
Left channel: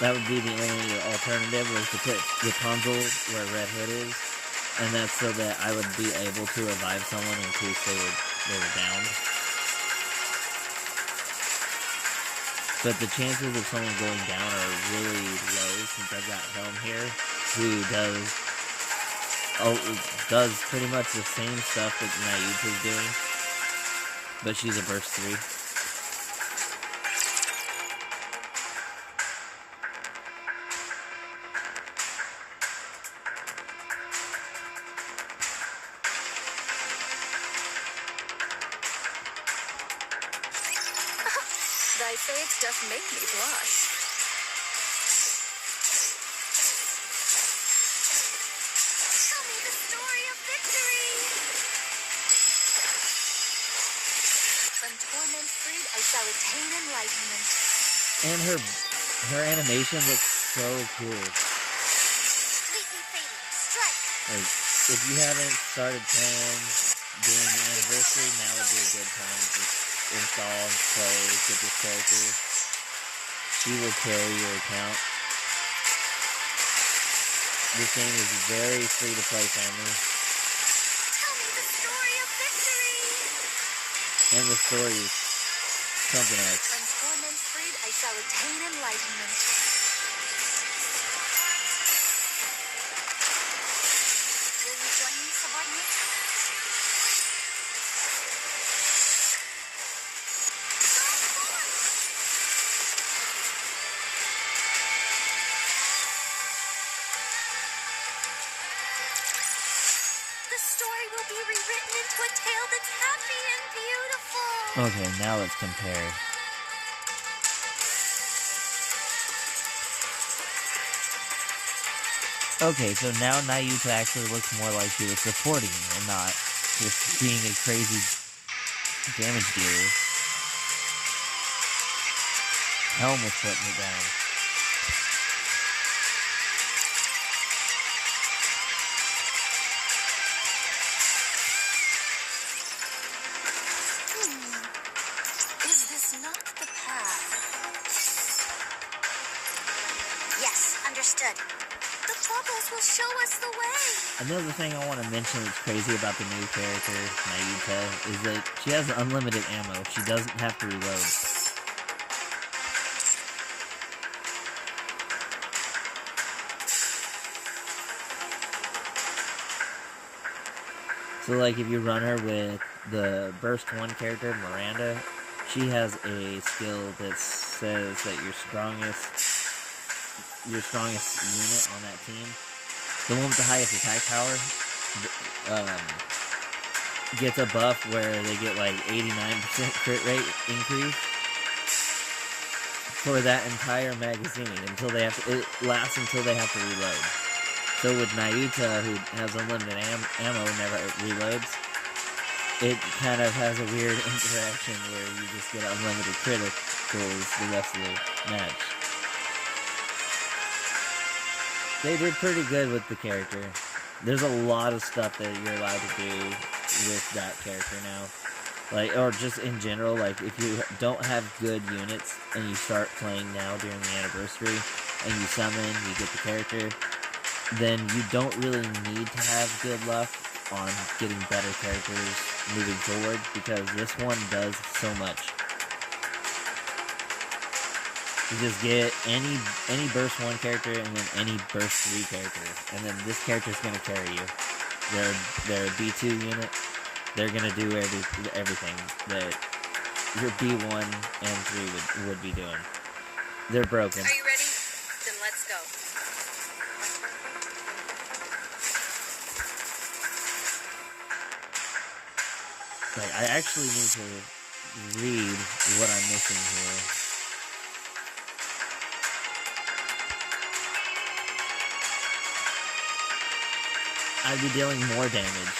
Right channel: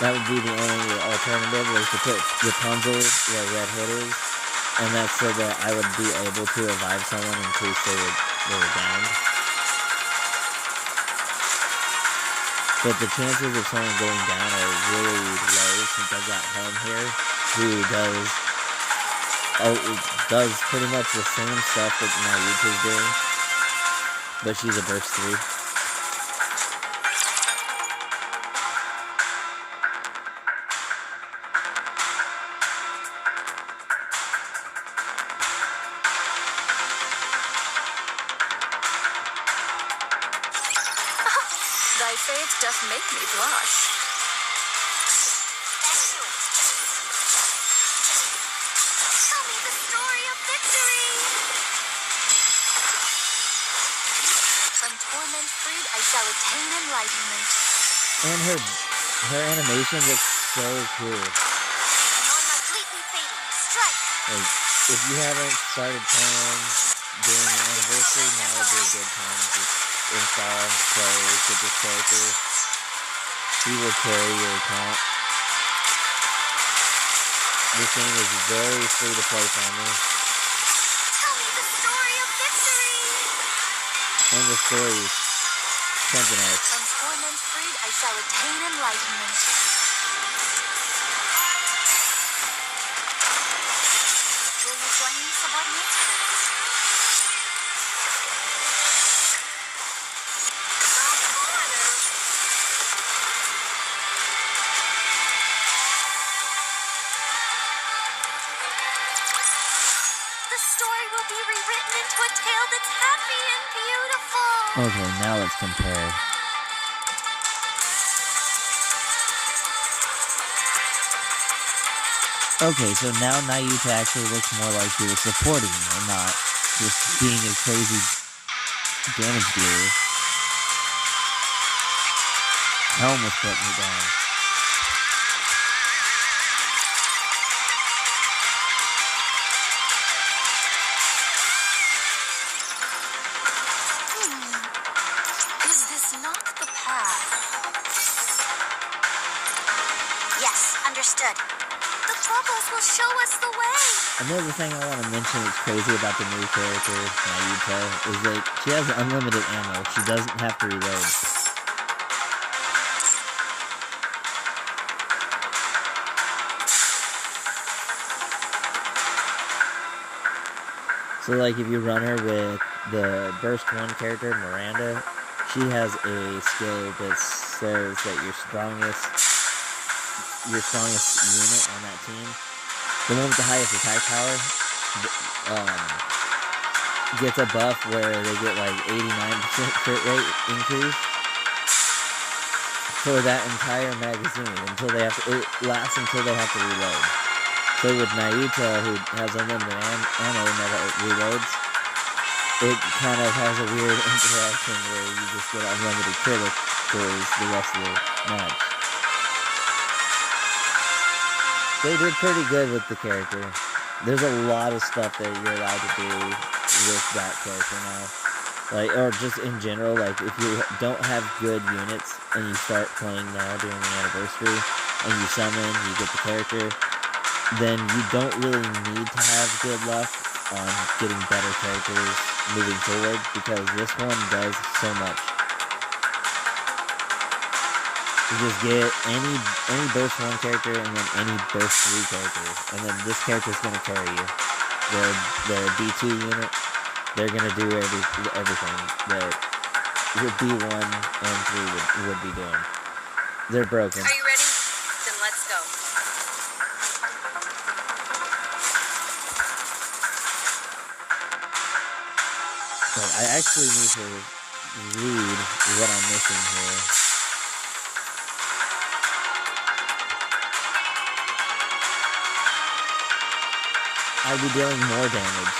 That would be the only alternative, was to put Rapunzel where Red Hood is, and that's so that I would be able to revive someone in case they were down. But the chances of someone going down are really low since I've got Helm here, who does pretty much the same stuff that Nayuta's doing, but she's a burst 3. Thy fate doth make me blush. Tell me the story of victory. From torment freed, I shall attain enlightenment. And her animation looks so cool. Completely fading. Strike. Like, if you haven't started playing during the anniversary, now would be a good time to install, play, get this character. He will carry your account. This game is very free to play friendly, Tell me the story of victory. and the story is something else. From torment freed, I shall attain enlightenment. Will you join me, subordinate? The story will be rewritten into a tale that's happy and beautiful. Okay, now let's compare. Okay, so now Nayuta actually looks more like she was supporting and not just being a crazy damage dealer. Helm was putting it down. Is this not the path? Yes, understood. The bubbles will show us the way. Another thing I want to mention that's crazy about the new character, Nayuta, is that she has unlimited ammo. She doesn't have to reload. So, like, if you run her with the Burst 1 character, Miranda, she has a skill that says that your strongest unit on that team, the one with the highest attack power, gets a buff where they get like 89% crit rate increase for that entire magazine until they have to. It lasts until they have to reload. So with Naita, who has unlimited ammo, never reloads, it kind of has a weird interaction where you just get unlimited criticals the rest of the match. They did pretty good with the character. There's a lot of stuff that you're allowed to do with that character now. Like, or just in general, like, if you don't have good units and you start playing now during the anniversary, and you summon, you get the character, then you don't really need to have good luck on getting better characters moving forward, because this one does so much. You just get any burst 1 character and then any burst 3 character, and then this character's gonna carry you. Their B2 unit, they're gonna do everything that your B1 and 3 would be doing. They're broken. Are you ready? Then let's go. But I actually need to read what I'm missing here. I'd be dealing more damage.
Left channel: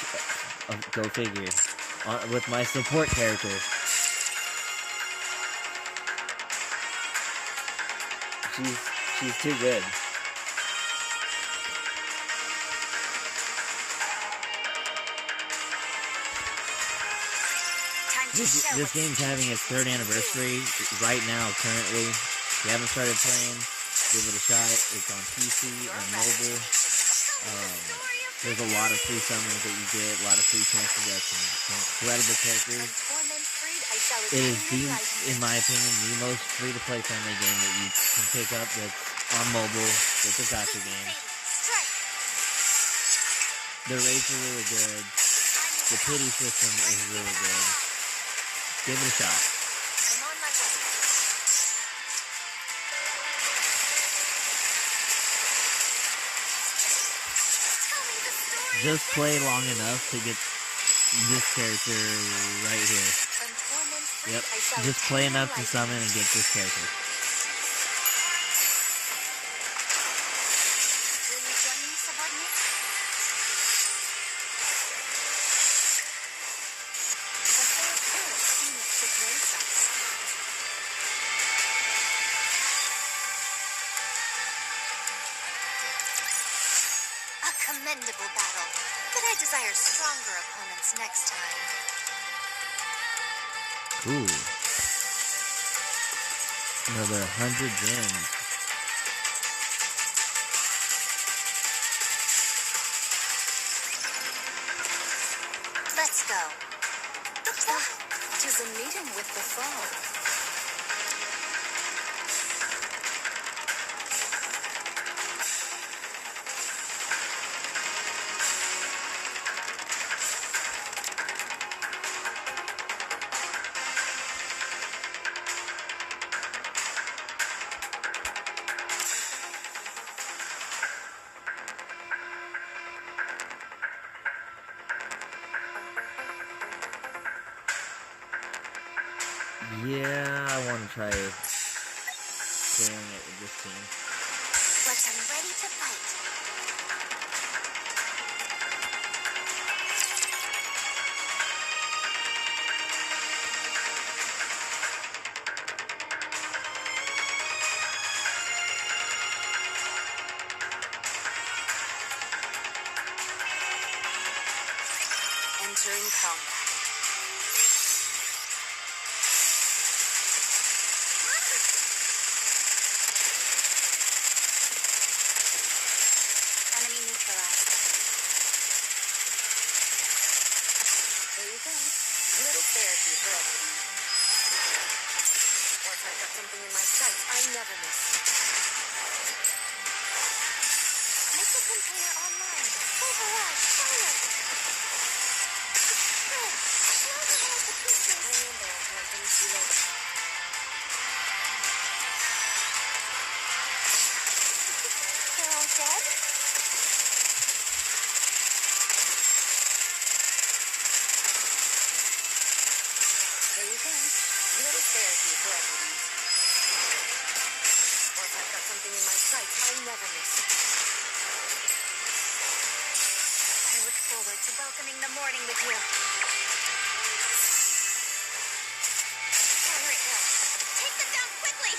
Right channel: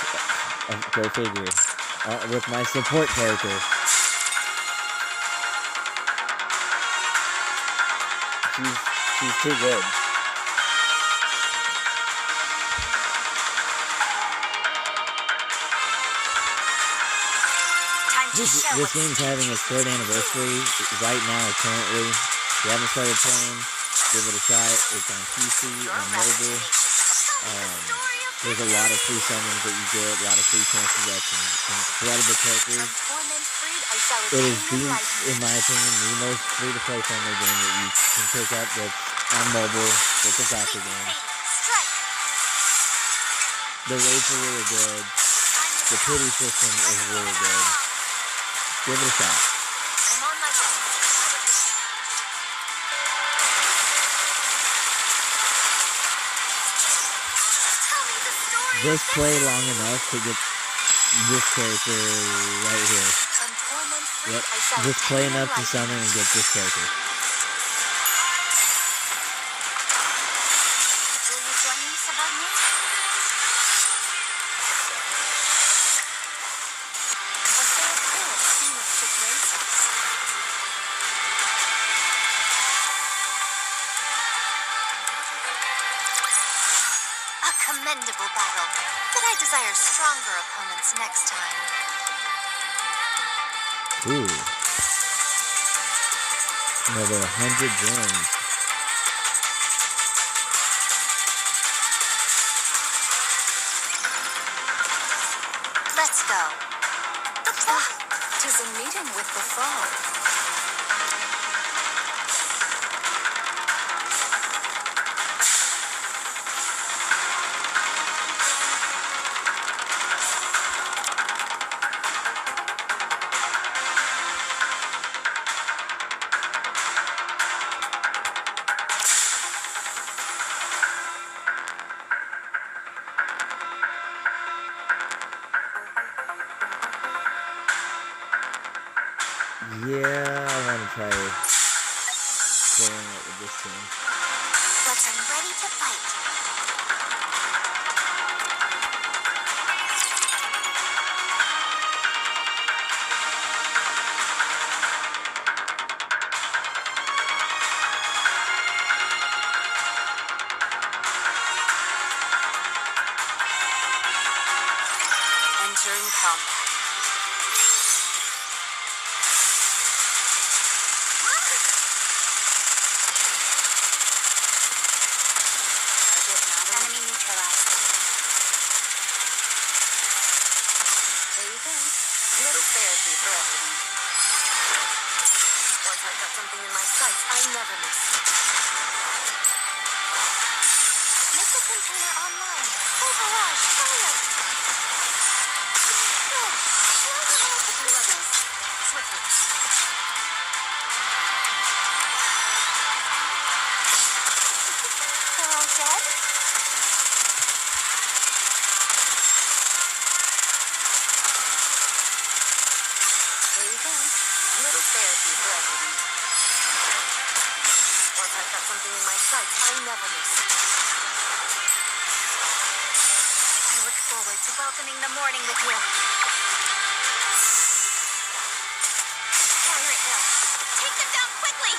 Go figure. With my support character. She's too good. This game's having its 3rd anniversary right now, currently. If you haven't started playing, give it a shot. It's on PC and mobile. There's a lot of free summons that you get, a lot of free chances at some incredible characters. It is in my opinion, the most free-to-play friendly game that you can pick up that's on mobile, that's a Gacha game. The rates are really good. The pity system is really good. Give it a shot. Just play long enough to get this character right here. Yep. Just play enough to summon and get this character. Will you join me, subordinate? A fair appearance seems to grace us. A commendable battle, but I desire stronger opponents next time. Ooh. Another 100 gems. Let's go. The fall. 'Tis a meeting with the fall. Yeah, I want to try clearing it with this team. But I'm ready to fight. Entering combat. Enemy neutralized. There you go. A little therapy for everyone. Once I've got something in my sights, I never miss. Missile container online. Full barrage. Fire! They're all dead? There you go. A little therapy for everyone. Once I've got something in my sights, I never miss it. I look forward to welcoming the morning with you. Fire at will. Take them down quickly!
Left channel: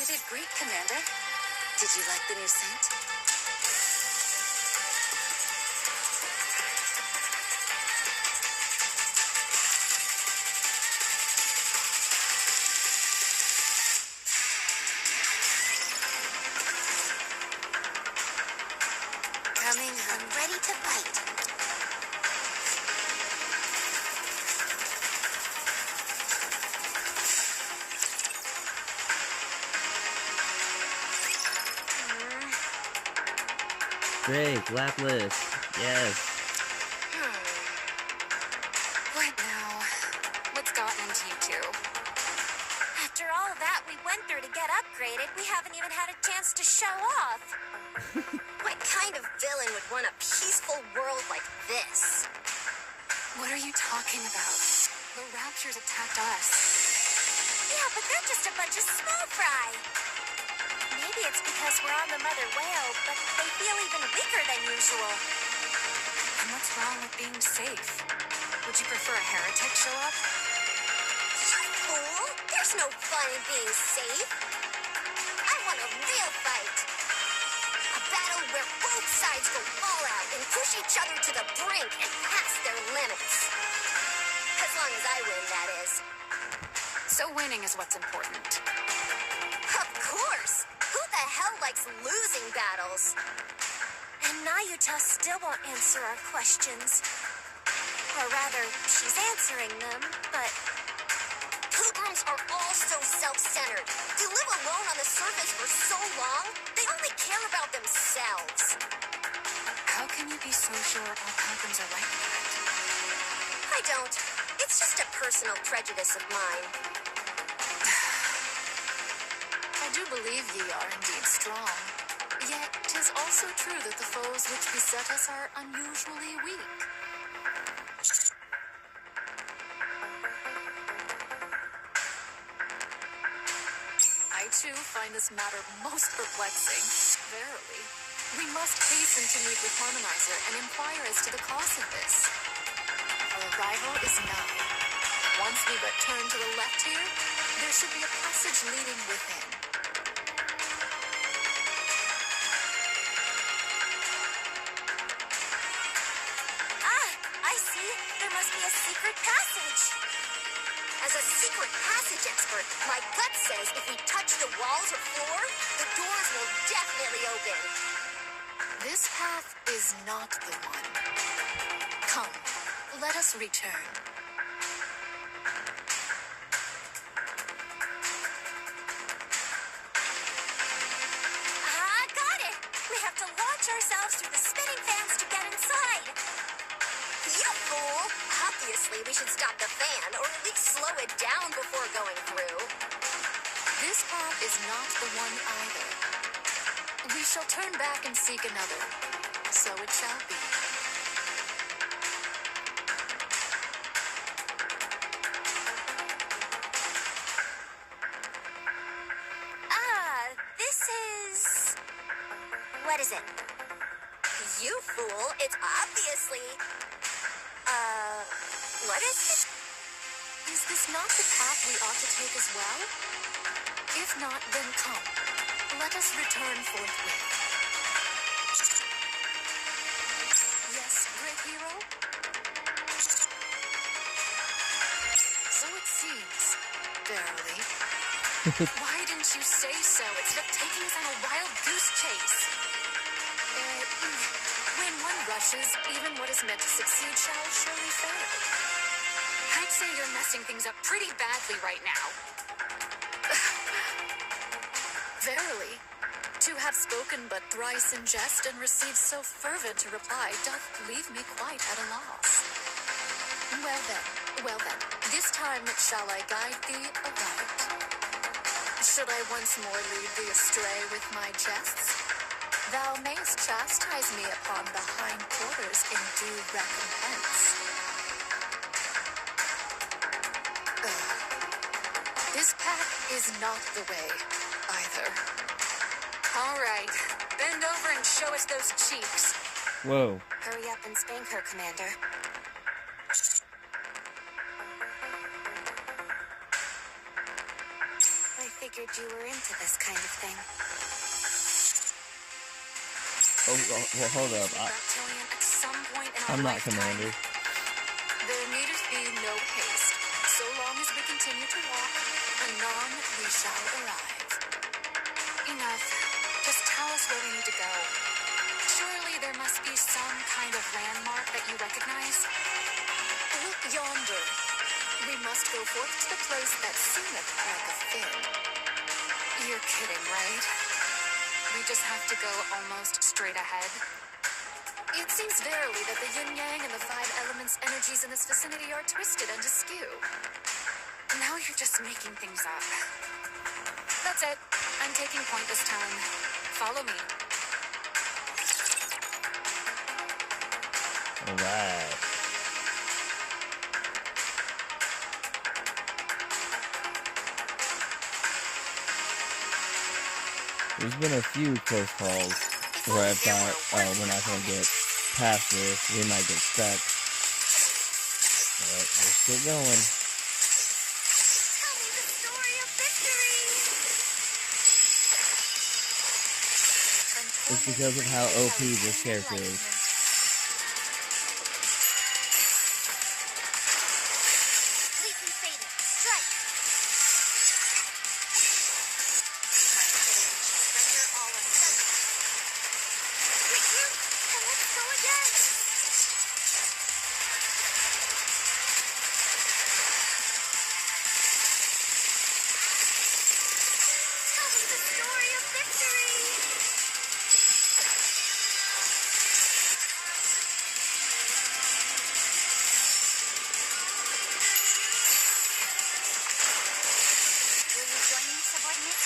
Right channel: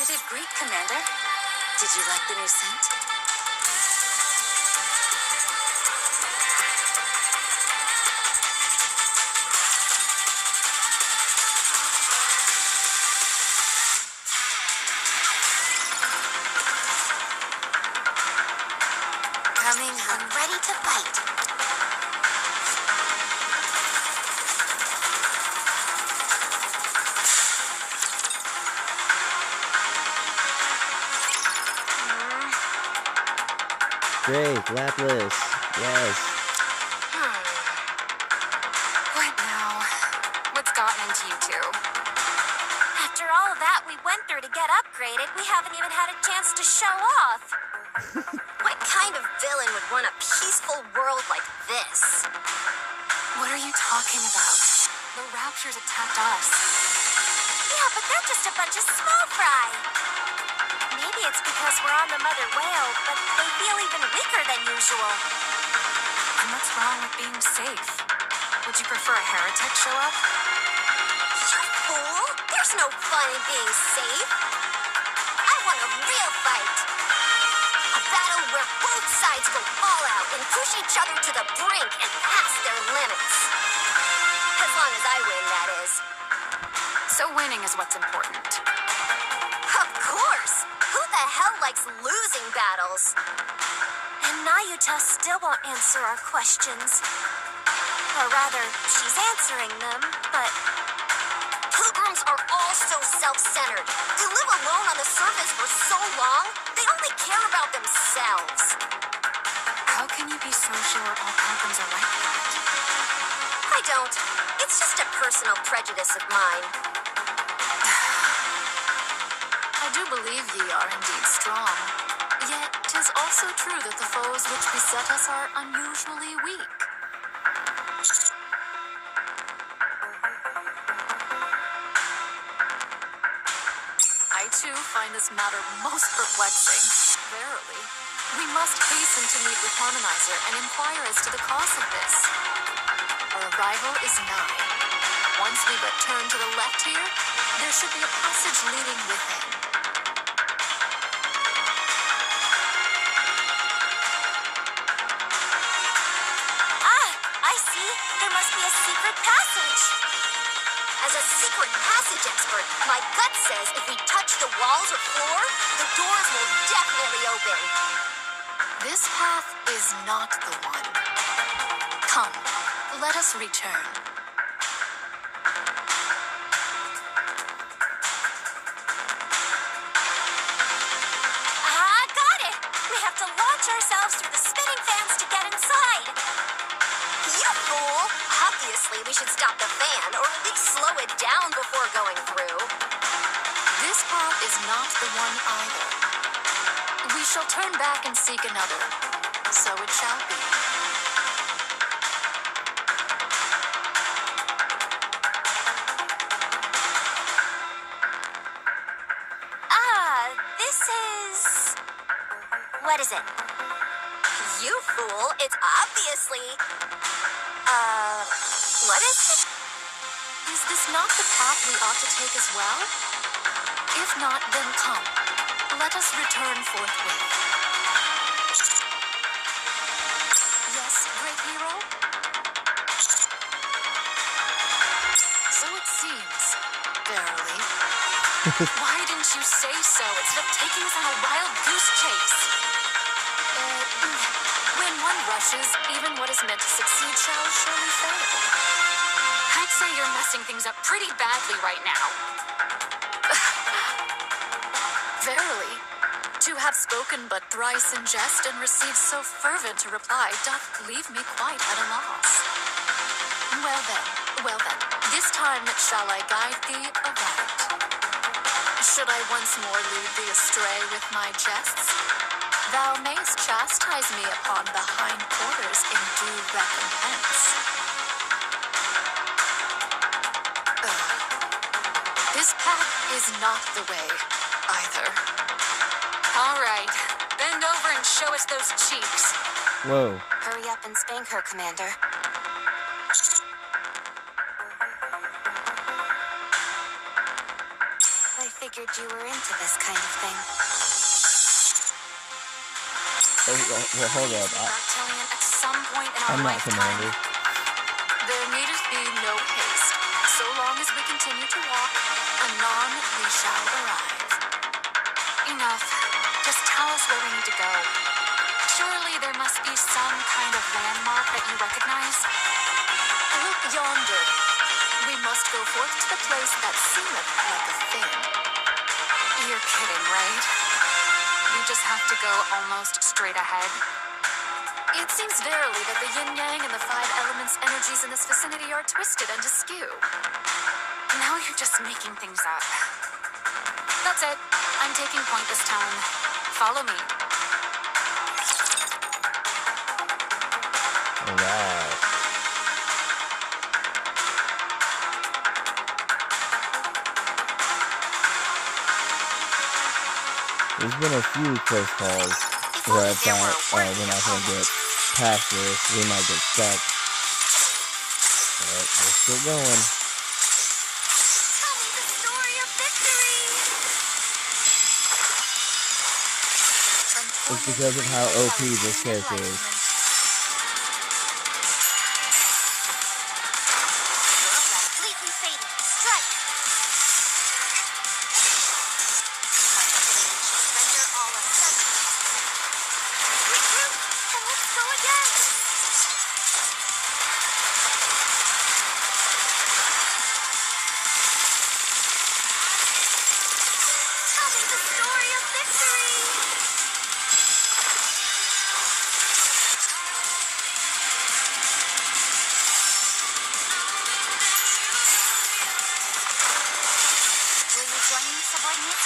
You did great, Commander. Did you like the new scent? Coming home ready to fight. Great, Lapis. Yes. What now? What's gotten into you two? After all that we went through to get upgraded, we haven't even had a chance to show off. What kind of villain would want a peaceful world like this? What are you talking about? The Raptures attacked us. Yeah, but they're just a bunch of small fry. Maybe it's because we're on the mother whale, but they feel even weaker than usual. And what's wrong with being safe? Would you prefer a heretic show up? You fool! There's no fun in being safe. I want a real fight. A battle where both sides go all out and push each other to the brink and past their limits. As long as I win, that is. So winning is what's important. Of course! Who the hell likes losing battles? And Nayuta still won't answer our questions. Or rather, she's answering them, but... Pilgrims are all so self-centered. They live alone on the surface for so long, they only care about themselves. How can you be so sure all pilgrims are like that? I don't. It's just a personal prejudice of mine. I do believe ye are indeed strong. Yet, 'tis also true that the foes which beset us are unusually weak. I too find this matter most perplexing. Verily, we must hasten to meet with Harmonizer and inquire as to the cause of this. Our arrival is nigh. Once we but turn to the left here, there should be a passage leading within. I see. There must be a secret passage. As a secret passage expert, my gut says if we touch the walls or floor, the doors will definitely open. This path is not the one. Come, let us return. Got it! We have to launch ourselves through the spinning fans to get inside. You fool! Obviously, we should stop the fan, or at least slow it down before going through. This path is not the one either. We shall turn back and seek another. So it shall be. This is... What is it? You fool! It's obviously... what is it? Is this not the path we ought to take as well? If not, then come. Let us return forthwith. Yes, great hero? So it seems, verily. Why didn't you say so instead of taking us on a wild goose chase? When one rushes, even what is meant to succeed shall surely fail. I'd say you're messing things up pretty badly right now. Verily, To have spoken but thrice in jest and received so fervent a reply doth leave me quite at a loss. Well then, this time shall I guide thee aright. Should I once more lead thee astray with my jests, thou mayst chastise me upon the hind quarters in due recompense. This path is not the way, either. All right, bend over and show us those cheeks. Whoa. Hurry up and spank her, Commander. I figured you were into this kind of thing. Well, hold up. Reptilian at some point in our I'm not lifetime. Commander. There needeth be no haste. So long as we continue to walk, anon we shall arrive. Enough. Just tell us where we need to go. Surely there must be some kind of landmark that you recognize? Look yonder. We must go forth to the place that seemeth like a fin. You're kidding, right? We just have to go almost straight ahead? It seems verily that the yin-yang and the five elements' energies in this vicinity are twisted and askew. Now you're just making things up. That's it. I'm taking point this time. Follow me. Alright. There's been a few close calls where I thought, oh, we're not going to get past this, we might get stuck. But we're still going. Tell me the story of victory! It's because of how OP this character is. Completely fading. Strike! My fitting shall render all asunder. Regroup, and let's go again! Tell me the story of victory! Will you join me, subordinate?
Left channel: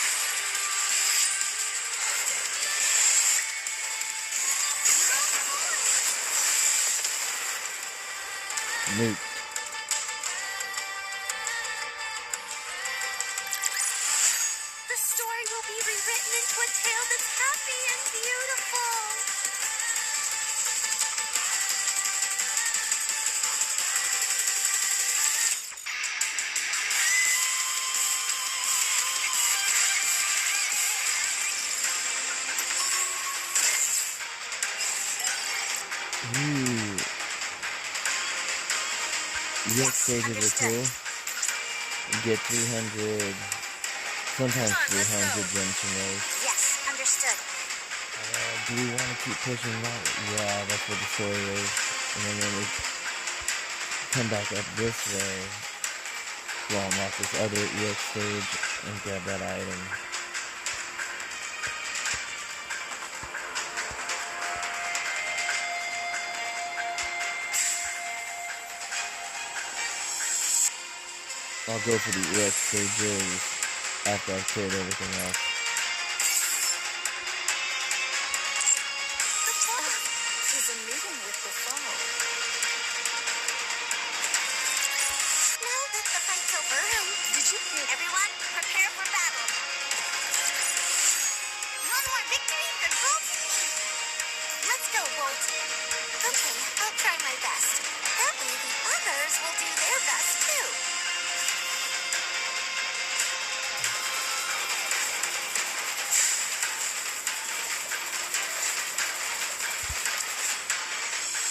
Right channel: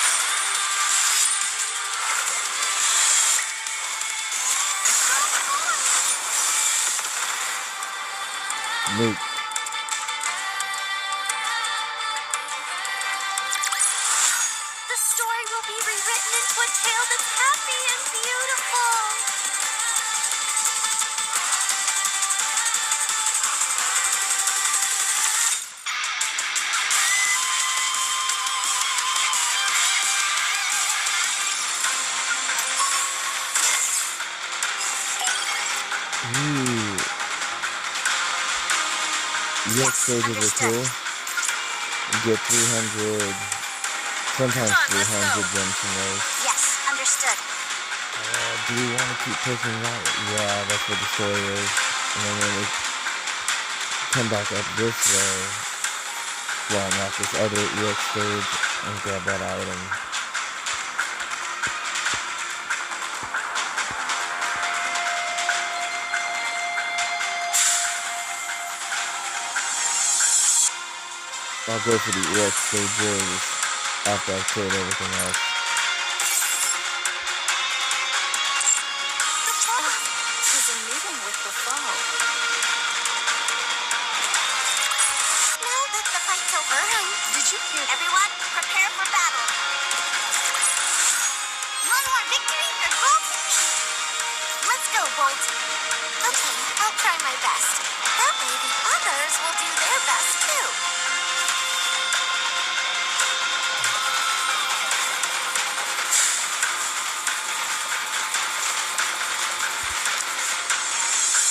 Luke. The story will be rewritten into a tale that's happy and beautiful. Ooh. Yes, stages are cool. You get 300, sometimes 300 gems from those. Yes, understood. Do we want to keep pushing that? Yeah, that's what the story is. And then when we come back up this way, well, not this other EX stage, and grab that item. I'll go for the EX stages after I've cleared everything else. Tis a meeting with the foe. Now that the fight's over, did you hear? Everyone, prepare for battle. One more victory for Bolt and me. Let's go, Bolt. Okay, I'll try my best. That way the others will do their best too.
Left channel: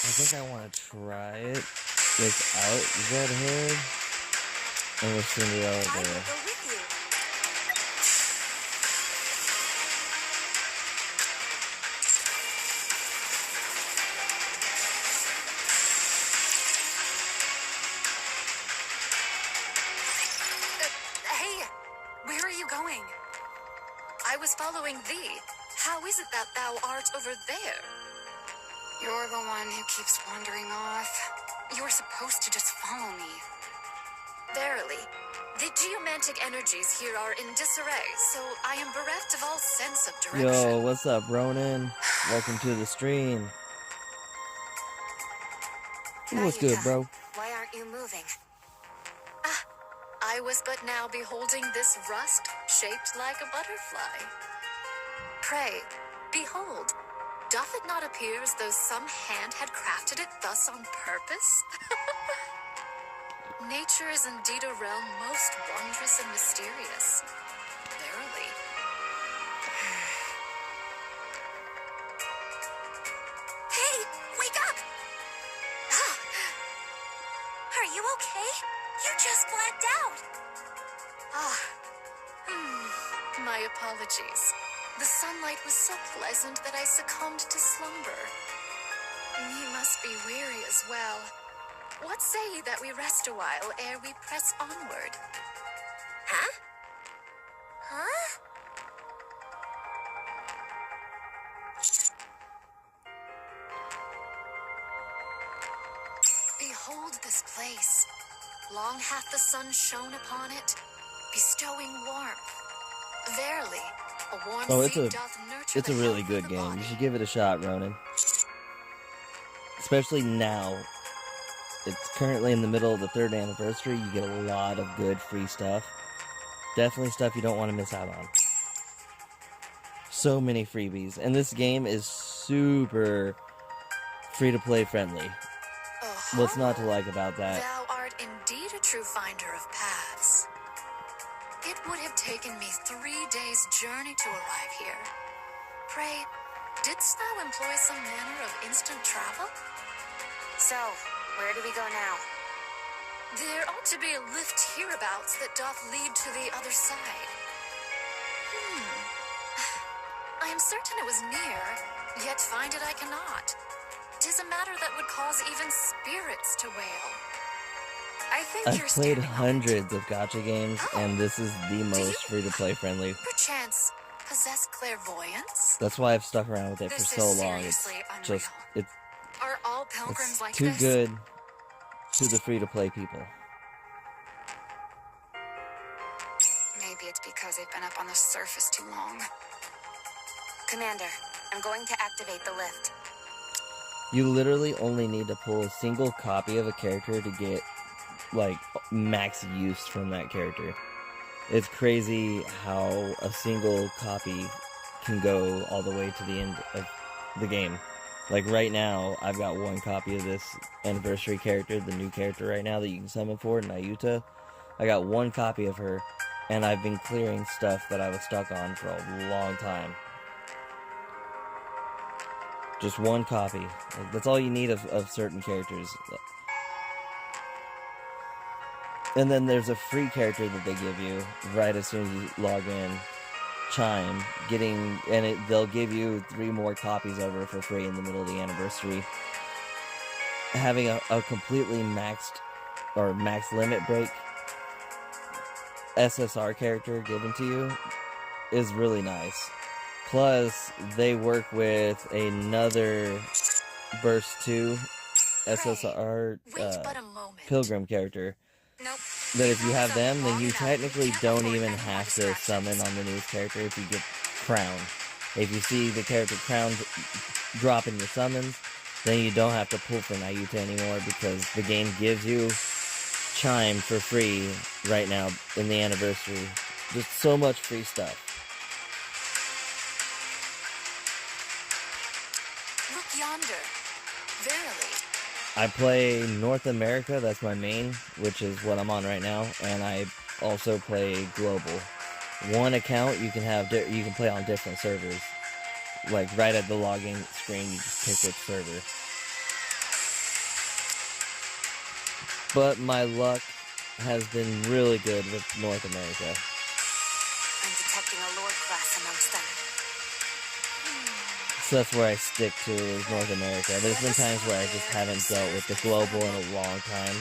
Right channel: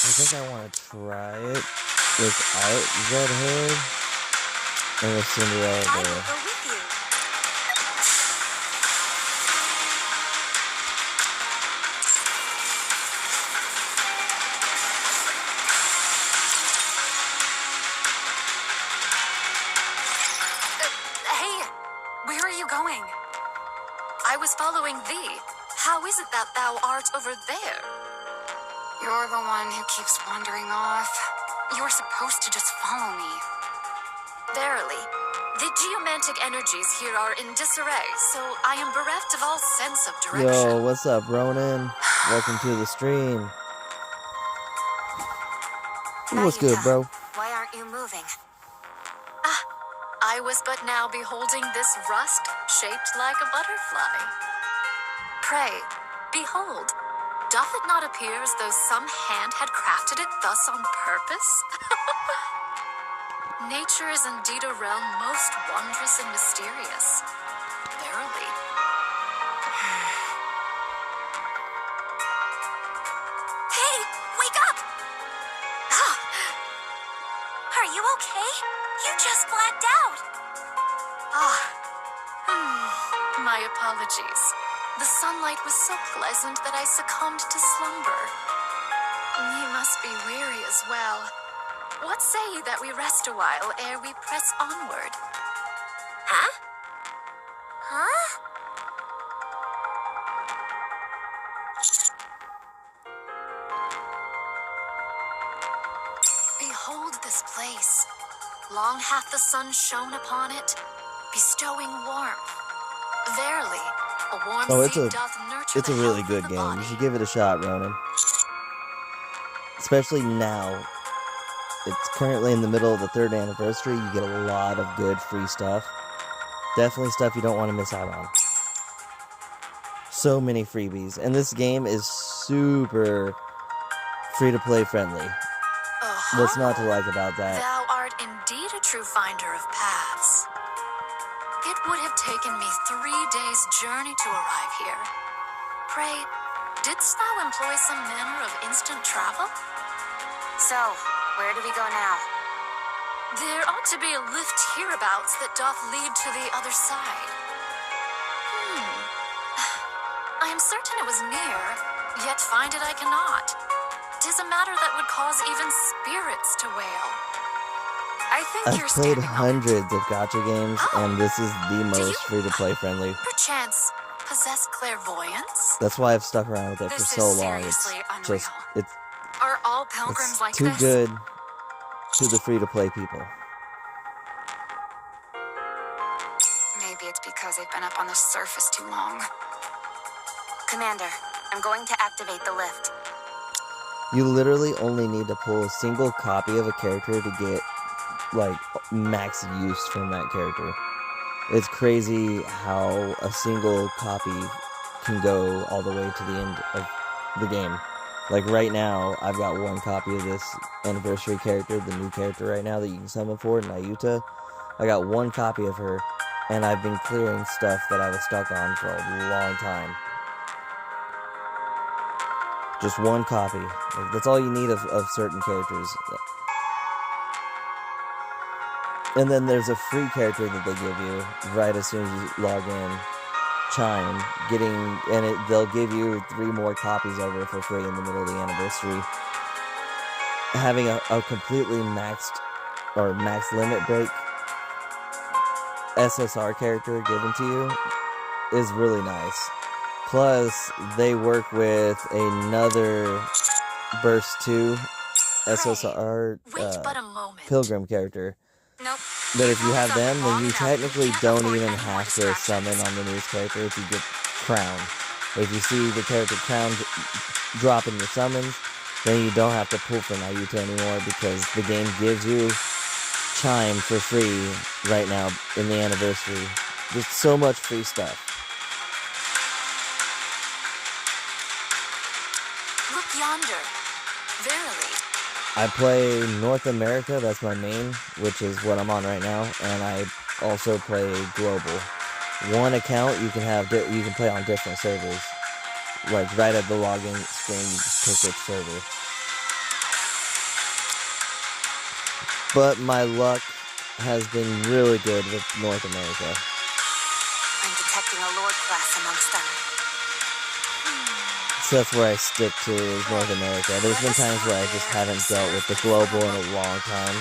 I think I want to try it without Red Hood and with Cinderella I will there. go with you. Hey, where are you going? I was following thee. How is it that thou art over there? You're the one who keeps wandering off. You were supposed to just follow me. Verily, the geomantic energies here are in disarray, so I am bereft of all sense of direction. Yo, what's up, Ronan? Welcome to the stream. What's good, Nayuta, bro? why aren't you moving? I was but now beholding this rust shaped like a butterfly. Pray, behold, doth it not appear as though some hand had crafted it thus on purpose? Nature is indeed a realm most wondrous and mysterious. Verily. Hey, wake up! Ah, are you okay? You just blacked out. My apologies. The sunlight was so pleasant that I succumbed to slumber. Ye must be weary as well. What say ye that we rest a while ere we press onward? Huh? Huh? Behold this place. Long hath the sun shone upon it, bestowing warmth. Verily, a warm Oh, it's seed a doth nurture it's a the really health good of the game. body. You should give it a shot, Ronan. Especially now. It's currently in the middle of the 3rd anniversary. You get a lot of good free stuff. Definitely stuff you don't want to miss out on. So many freebies. And this game is super free-to-play friendly. What's not to like about that? Thou art indeed a true finder of paths. It would have taken me 3 days' journey to arrive here. Pray, didst thou employ some manner of instant travel? So, where do we go now? There ought to be a lift hereabouts that doth lead to the other side. I am certain it was near, yet find it I cannot. 'Tis a matter that would cause even spirits to wail. I think I've you're played standing on it. hundreds of gacha games, and this is the most free-to-play friendly. Perchance possess clairvoyance? That's why I've stuck around with it for This so is long. It's seriously just, unreal. Are all pilgrims it's like too this? good to the free-to-play people. Maybe it's because they've been up on the surface too long. Commander, I'm going to activate the lift. You literally only need to pull a single copy of a character to get, like, max use from that character. It's crazy how a single copy can go all the way to the end of the game. Like, right now, I've got one copy of this anniversary character, the new character right now that you can summon for, Nayuta. I got one copy of her, and I've been clearing stuff that I was stuck on for a long time. Just one copy. Like, that's all you need of certain characters. And then there's a free character that they give you right as soon as you log in. Chime. They'll give you 3 more copies of her for free in the middle of the anniversary. Having a completely maxed or max limit break SSR character given to you is really nice. Plus, they work with another Burst 2 SSR Wait but a moment. Pilgrim character. Nope. But if you have Up them, then long you enough. technically Can't don't afford even any more have to summon distractions. on the news character if you get Crown. If you see the character Crown drop in your summons, then you don't have to pull for Nayuta anymore because the game gives you Chime for free right now in the anniversary. There's so much free stuff. Look yonder. Verily. I play North America, that's my main, which is what I'm on right now, and I also play global. One account you can play on different servers. Like right at the login screen, you just pick which server. But my luck has been really good with North America. I'm detecting a Lord class amongst them. So that's where I stick to is North America. There's been times where I just haven't dealt with the global in a long time.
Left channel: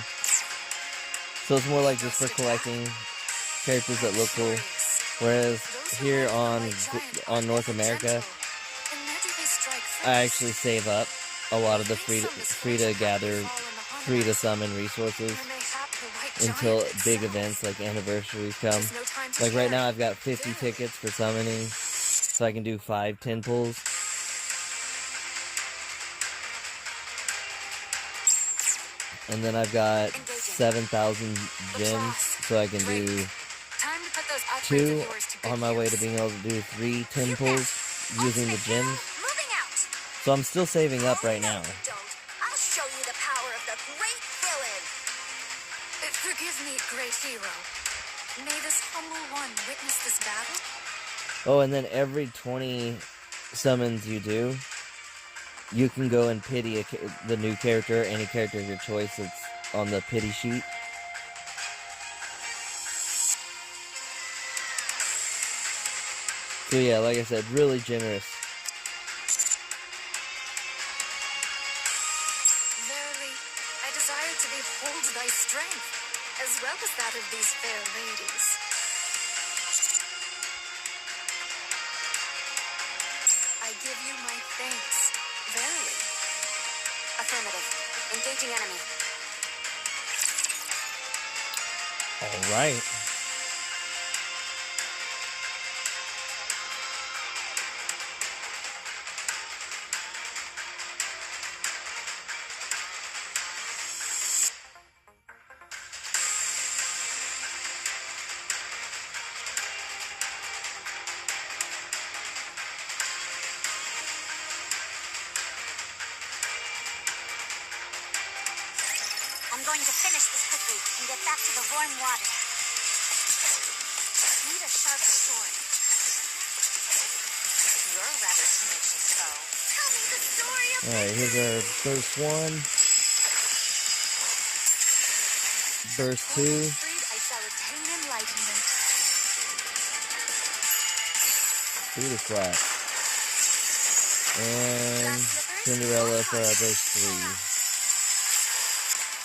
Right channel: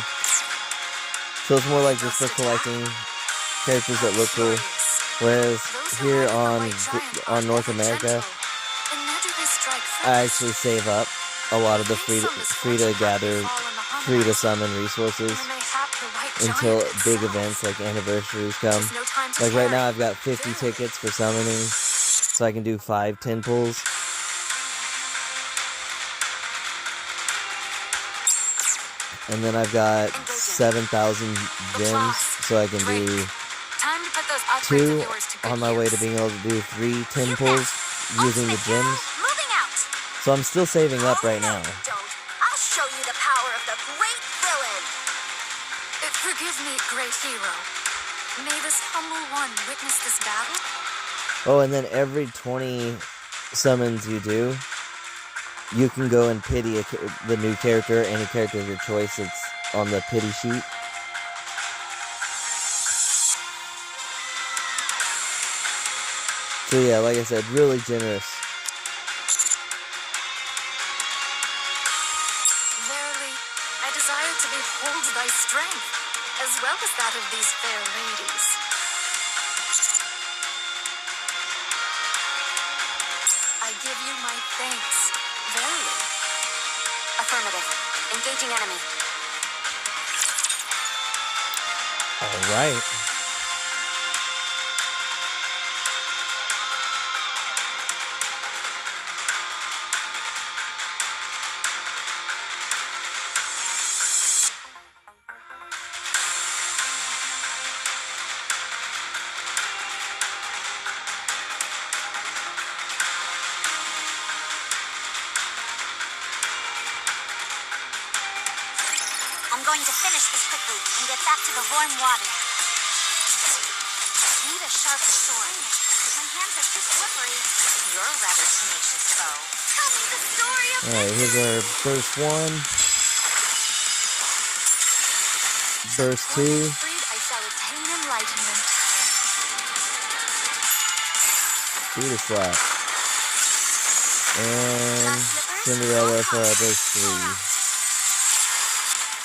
So it's more like just for collecting characters that look cool. Whereas here on North America, I actually save up a lot of the free to gather, free to summon resources until big events like anniversaries come. Like right now I've got 50 tickets for summoning, so I can do 5 10 pulls. And then I've got 7,000 gems, so I can do 2 on my way to being able to do 3 10 pulls using the gems. So I'm still saving up right now. I'll show you the power of the great villain. Forgive me, great hero. May this humble one witness this battle? Oh, and then every 20 summons you do, you can go and pity the new character, any character of your choice that's on the pity sheet. So yeah, like I said, really generous. Verily, I desire to behold thy strength, as well as that of these fair ladies. I give you my thanks, verily. Affirmative. Engaging enemy. Alright. I'm going to finish this quickly and get back to the warm water. Need a sharper sword. My hands are too slippery. You're a rather tenacious foe. Tell me the story of Alright, here's our burst 1. Burst 2. Freed, I shall attain enlightenment. Buddha slap. And Cinderella for our burst 3.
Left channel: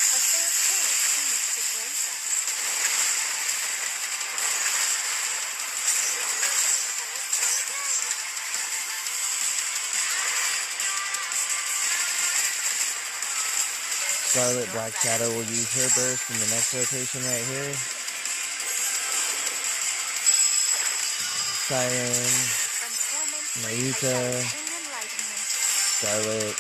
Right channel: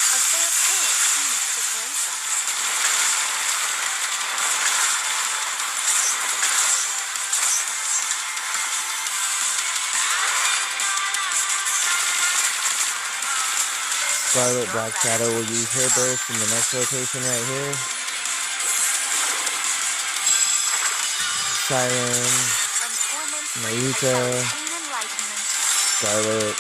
A fair tale seemeth to grace us. Scarlet Black Shadow will use her burst in the next rotation right here. Siren, From torment free, I Marika, shall attain enlightenment. Scarlet,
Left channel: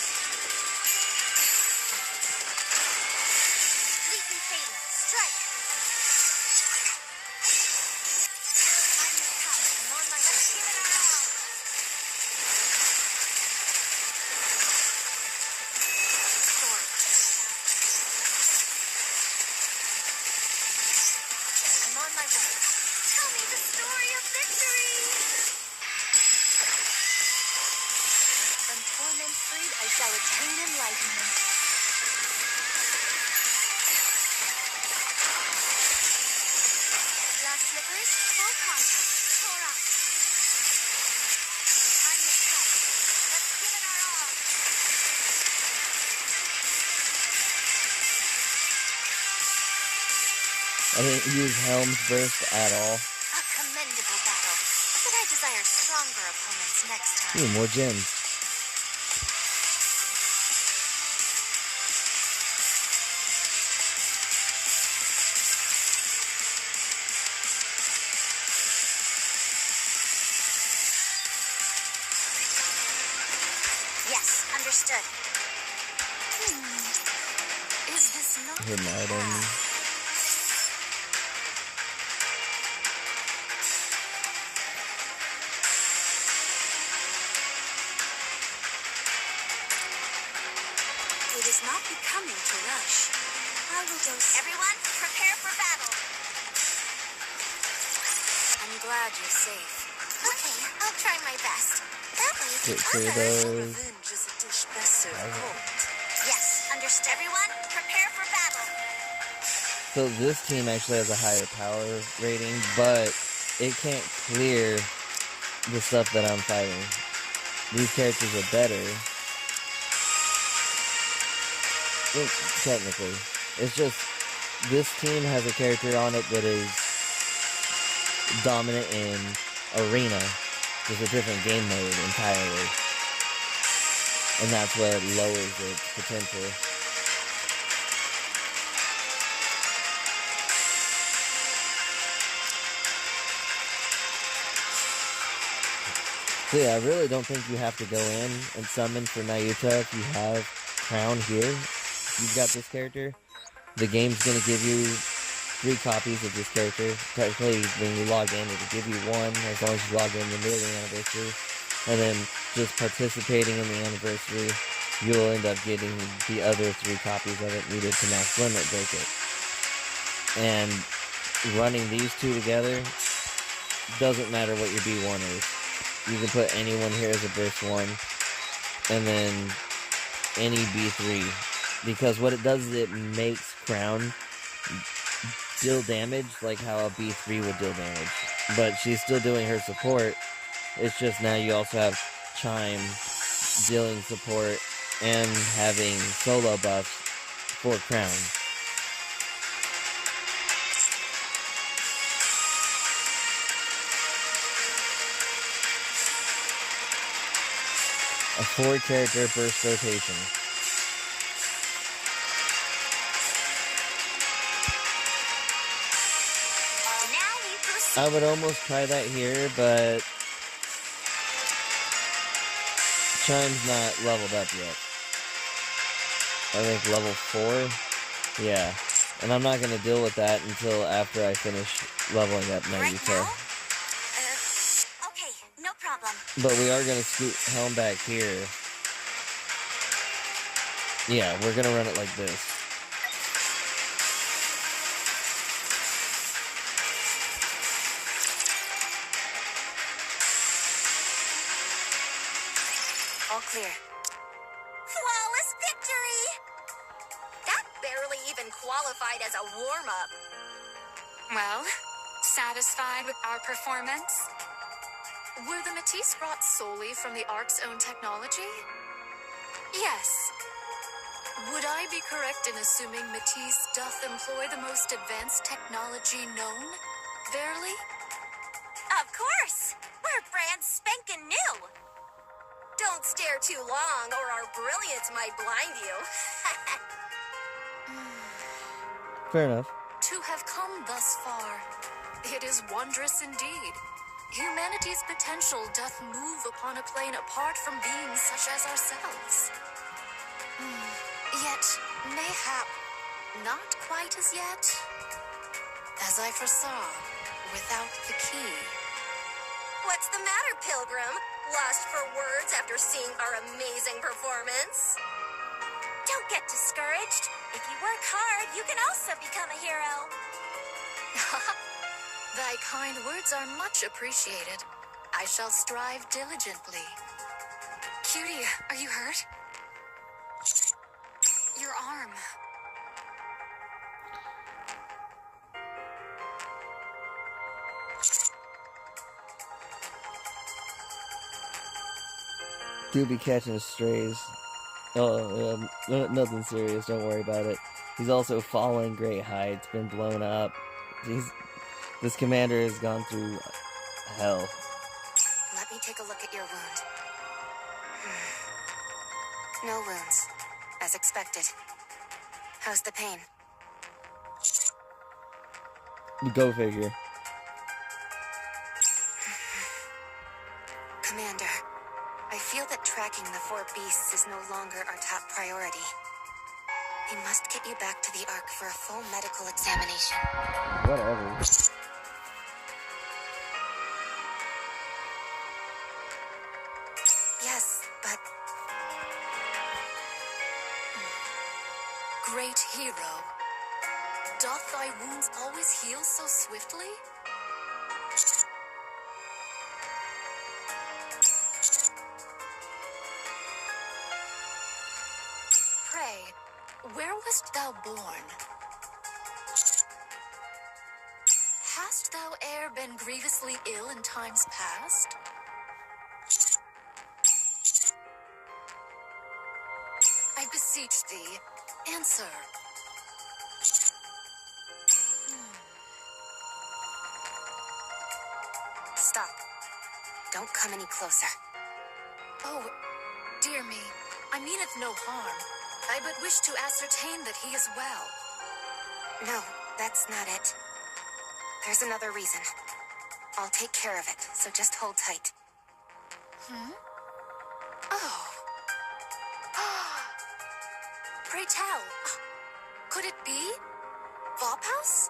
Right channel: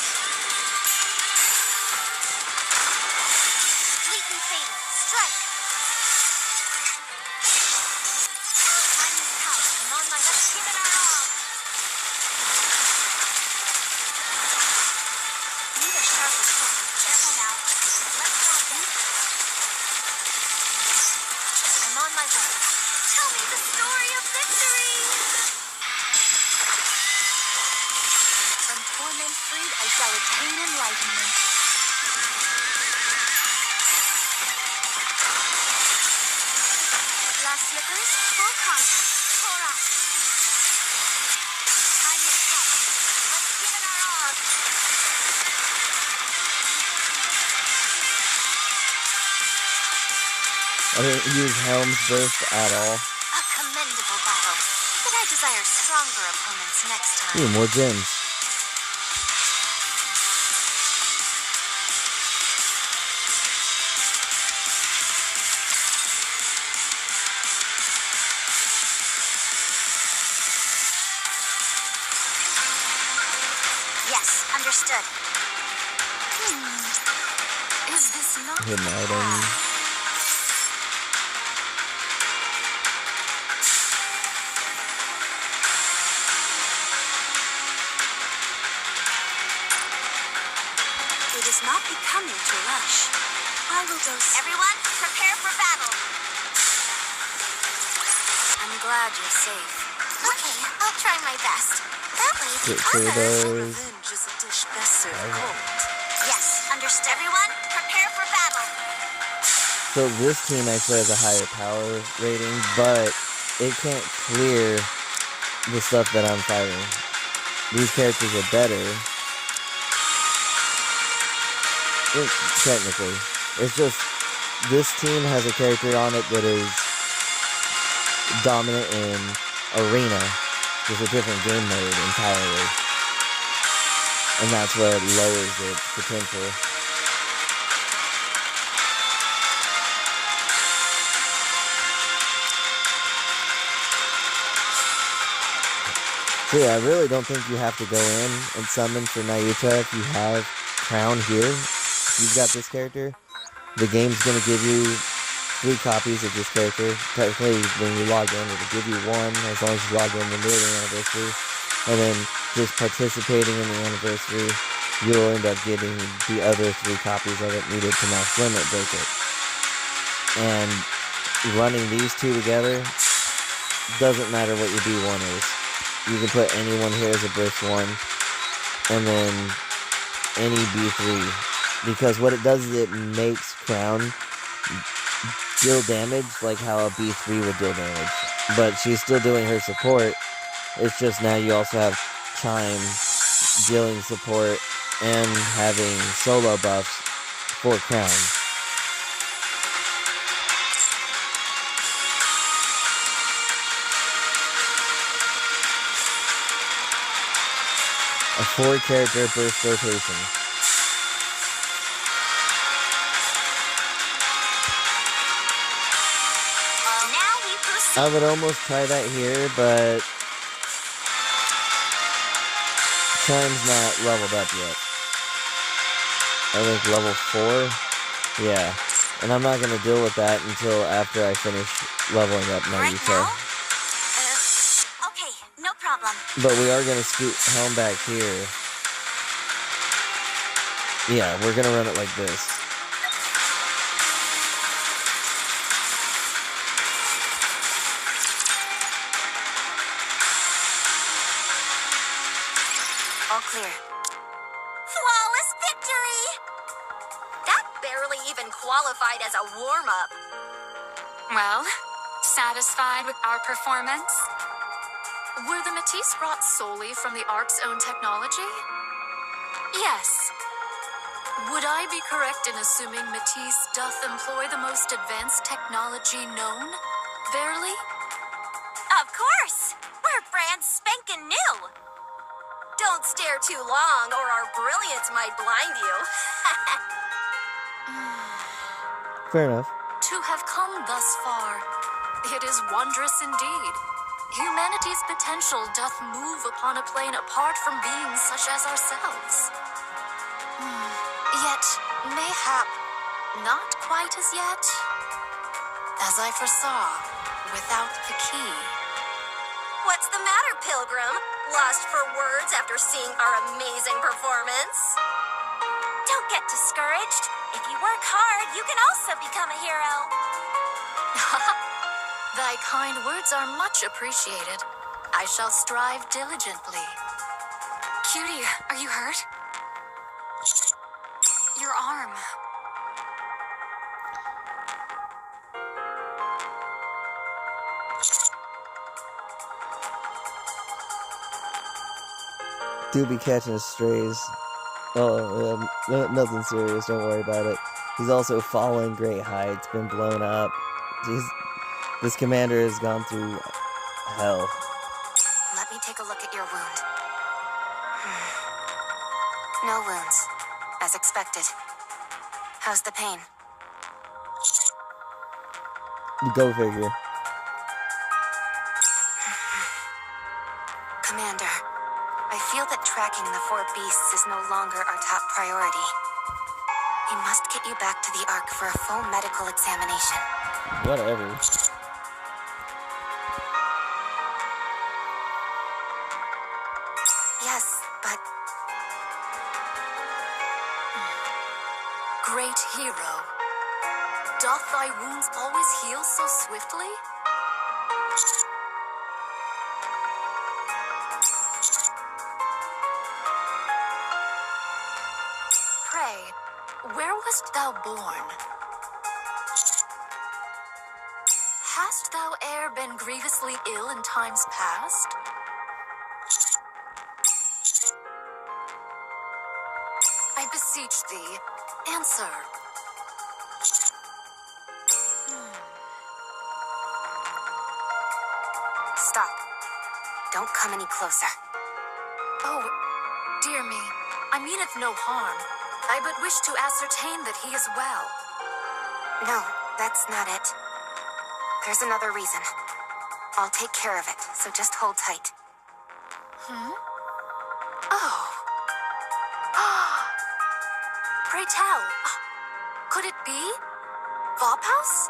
Fleetly fatal. Strike. Time has come. I'm on my way. Let's give it our all. Need a sharper sword. Careful now. Let's go. I'm on my way. Tell me the story of victory. From torment freed, I shall attain enlightenment. Glass slippers, full contact. Pour out. Time has come. Let's give it our all. I didn't use Helm's burst at all. A commendable battle. But I desire stronger opponents next time. Ooh, more gems. Yes, understood. Is this not Hidden the item. path? It is not becoming to rush. I will go. Everyone, prepare for battle. I'm glad you're safe. Okay, I'll try my best. That way the others. Revenge is a dish best served cold. Yes, understood. Everyone, prepare for battle. So this team actually has a higher power rating, but it can't clear the stuff that I'm fighting. These characters are better. Technically. It's just, this team has a character on it that is dominant in Arena. Just a different game mode entirely. and that's what lowers its potential. So yeah, I really don't think you have to go in and summon for Nayuta if you have Crown here. If you've got this character, the game's going to give you 3 copies of this character. Technically, when you log in, it'll give you 1 as long as you log in the yearly anniversary. And then just participating in the anniversary, you'll end up getting the other 3 copies of it needed to max limit break it. And running these 2 together, doesn't matter what your B1 is. You can put anyone here as a burst 1, and then any B3. Because what it does is it makes Crown deal damage like how a B3 would deal damage. But she's still doing her support. It's just now you also have Chime dealing support and having solo buffs for Crown. A 4-character burst rotation. Now we proceed. I would almost try that here, but Chime's not leveled up yet. I think level 4? Yeah. And I'm not going to deal with that until after I finish leveling up Right Nayuta. now? Okay, no problem. But we are going to scoot Helm back here. Yeah, we're going to run it like this. All clear. Flawless victory! That barely even qualified as a warm-up. Well, satisfied with our performance? Were the Matisse brought solely from the Ark's own technology? Yes. Would I be correct in assuming Matisse doth employ the most advanced technology known? Verily? Of course! We're brand spankin' new! Don't stare too long or our brilliance might blind you. Fair enough. To have come thus far, it is wondrous indeed. Humanity's potential doth move upon a plane apart from beings such as ourselves. Yet, mayhap, not quite as yet. As I foresaw, without the key. What's the matter, Pilgrim? Lost for words after seeing our amazing performance? Don't get discouraged. If you work hard, you can also become a hero. Thy kind words are much appreciated. I shall strive diligently. Cutie, are you hurt? Your arm. Do be catching strays. Oh, nothing serious. Don't worry about it. He's also fallen great heights, been blown up. This commander has gone through hell. Let me take a look at your wound. No wounds, as expected. How's the pain? Go figure. Commander, I feel that tracking the 4 beasts is no longer our top priority. We must get you back to the Ark for a full medical examination. Whatever. Yes, but Great hero, doth thy wounds always heal so swiftly? Pray, where wast thou born? Hast thou e'er been grievously ill in times past? I beseech thee, answer. stop. Don't come any closer. Oh, dear me. I meaneth no harm. I but wish to ascertain that he is well. No, that's not it. There's another reason. I'll take care of it, so just hold tight. Oh. Pray tell, could it be Vophouse?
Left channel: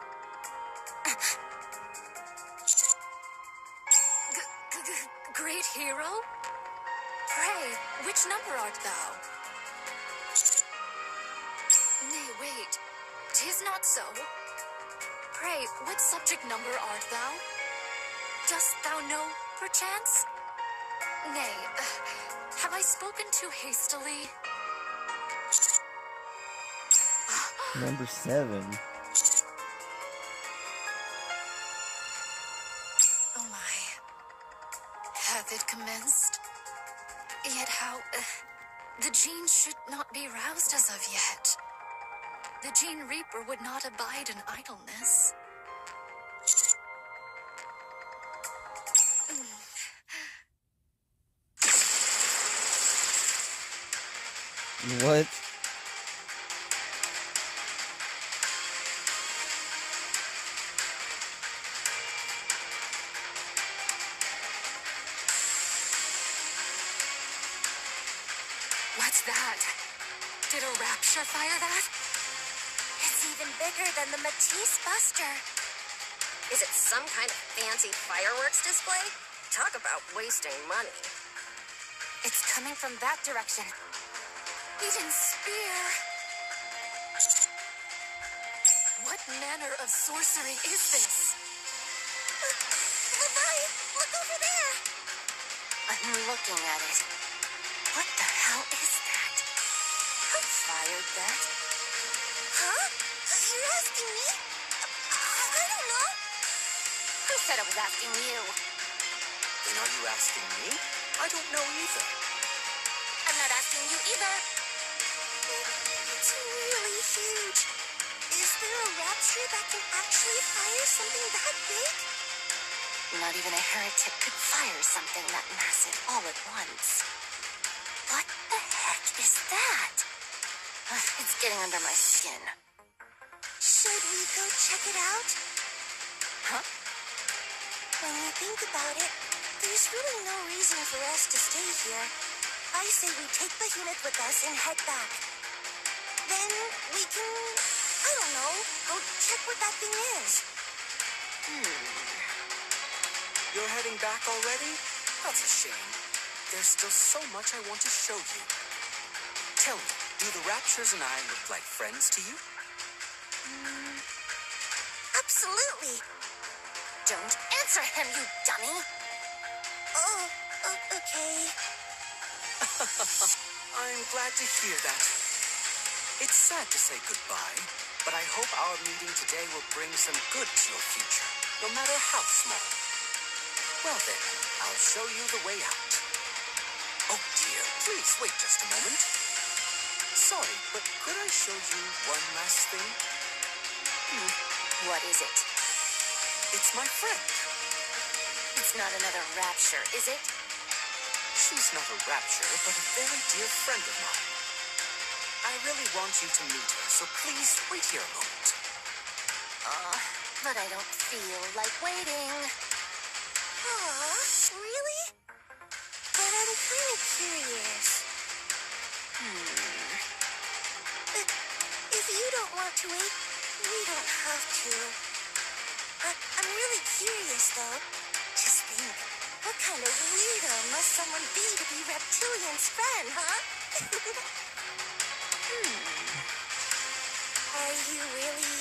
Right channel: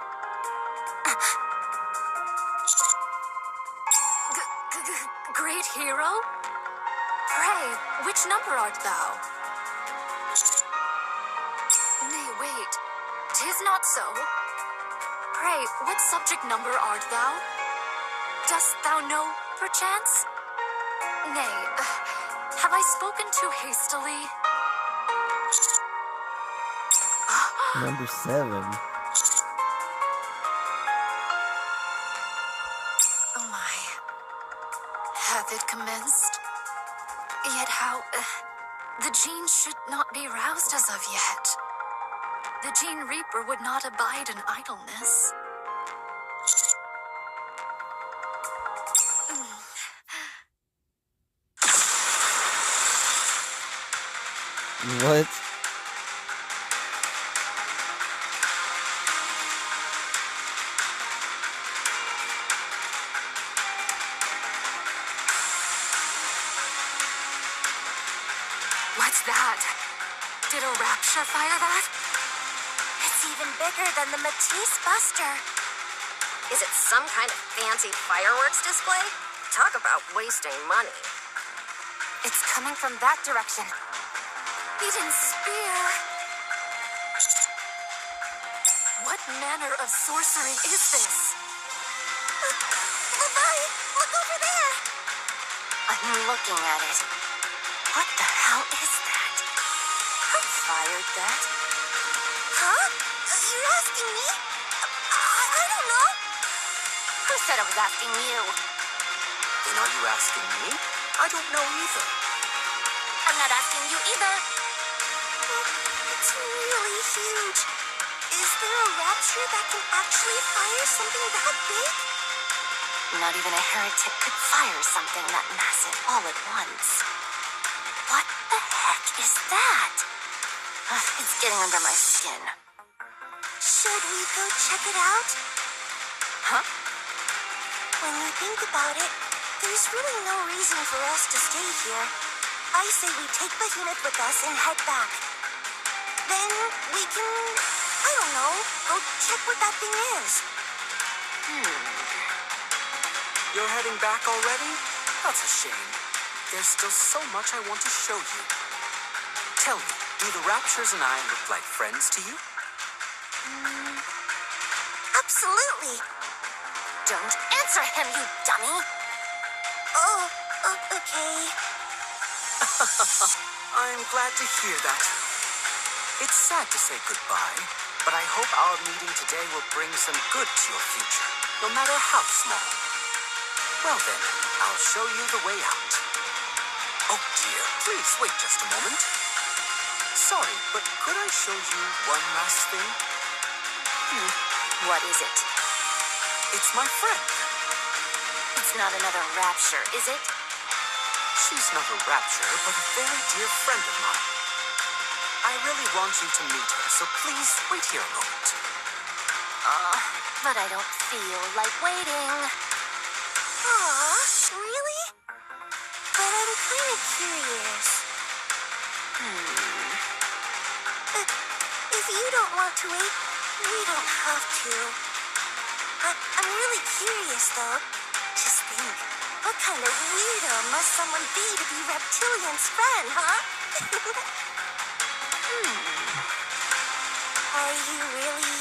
Great hero? Pray, which number art thou? Nay, wait, 'tis not so. Pray, what subject number art thou? Dost thou know, perchance? Nay, have I spoken too hastily? Number 7. Oh my. Hath it commenced? Yet how... the gene should not be roused as of yet. The Gene Reaper would not abide in idleness. What? What's that? Did a rapture fire that? It's even bigger than the Matisse Buster. Is it some kind of fancy fireworks display? Talk about wasting money. It's coming from that direction. Eden Spear! What manner of sorcery is this? Levi, look over there! I'm looking at it. What the hell is that? Who fired that? Huh? You're asking me? I don't know. Who said I was asking you? Then are you asking me? I don't know either. I'm not asking you either. It's really huge. Is there a rapture that can actually fire something that big? Not even a heretic could fire something that massive all at once. What the heck is that? It's getting under my skin. Should we go check it out? Huh? When you think about it, there's really no reason for us to stay here. I say we take Behemoth with us and head back. Then we can, I don't know, go check what that thing is. You're heading back already? That's a shame. There's still so much I want to show you. Tell me, do the Raptures and I look like friends to you? Absolutely. Don't answer him, you dummy! Oh, okay. I'm glad to hear that. It's sad to say goodbye, but I hope our meeting today will bring some good to your future, no matter how small. Well then, I'll show you the way out. Oh dear, please wait just a moment. Sorry, but could I show you one last thing? What is it? It's my friend. It's not another rapture, is it? She's not a rapture, but a very dear friend of mine. I really want you to meet her, so please wait here a moment. But I don't feel like waiting. Aw, really? But I'm kind of curious. If you don't want to wait, we don't have to. I'm really curious, though. Just think, what kind of weirdo must someone be to be Reptilian's friend, huh? Are you really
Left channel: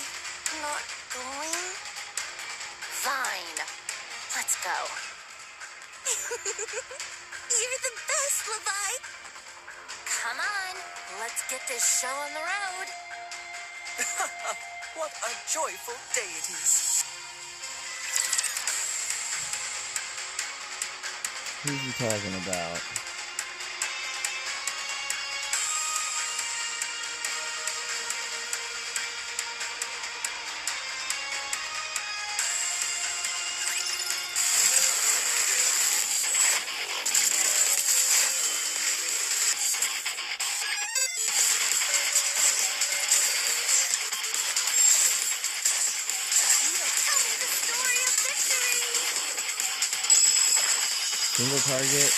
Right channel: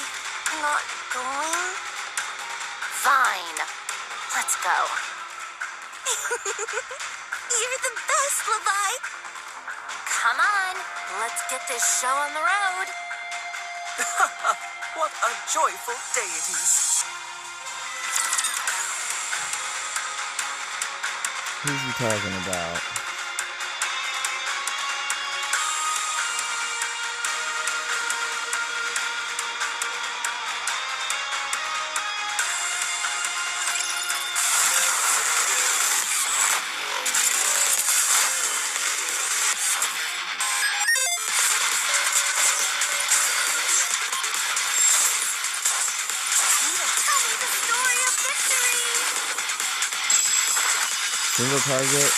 not going? Fine. Let's go. You're the best, Levi. Come on. Let's get this show on the road. What a joyful day it is. Who's he talking about? single target,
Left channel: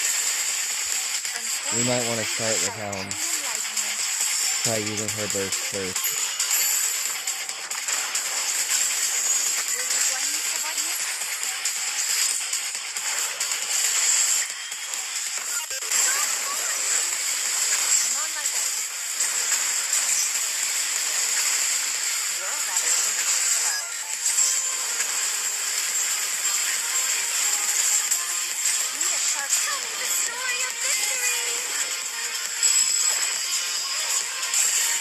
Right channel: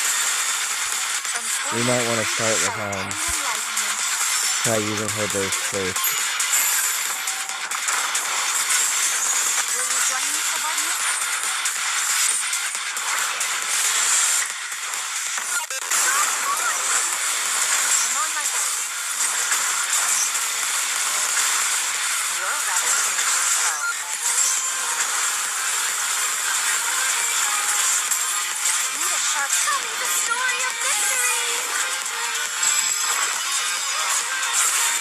we might want to start with try using her burst first. Will you join me, subordinate? I'm on my way. You're a rather tenacious foe. Need a sharp. Tell me the story of victory.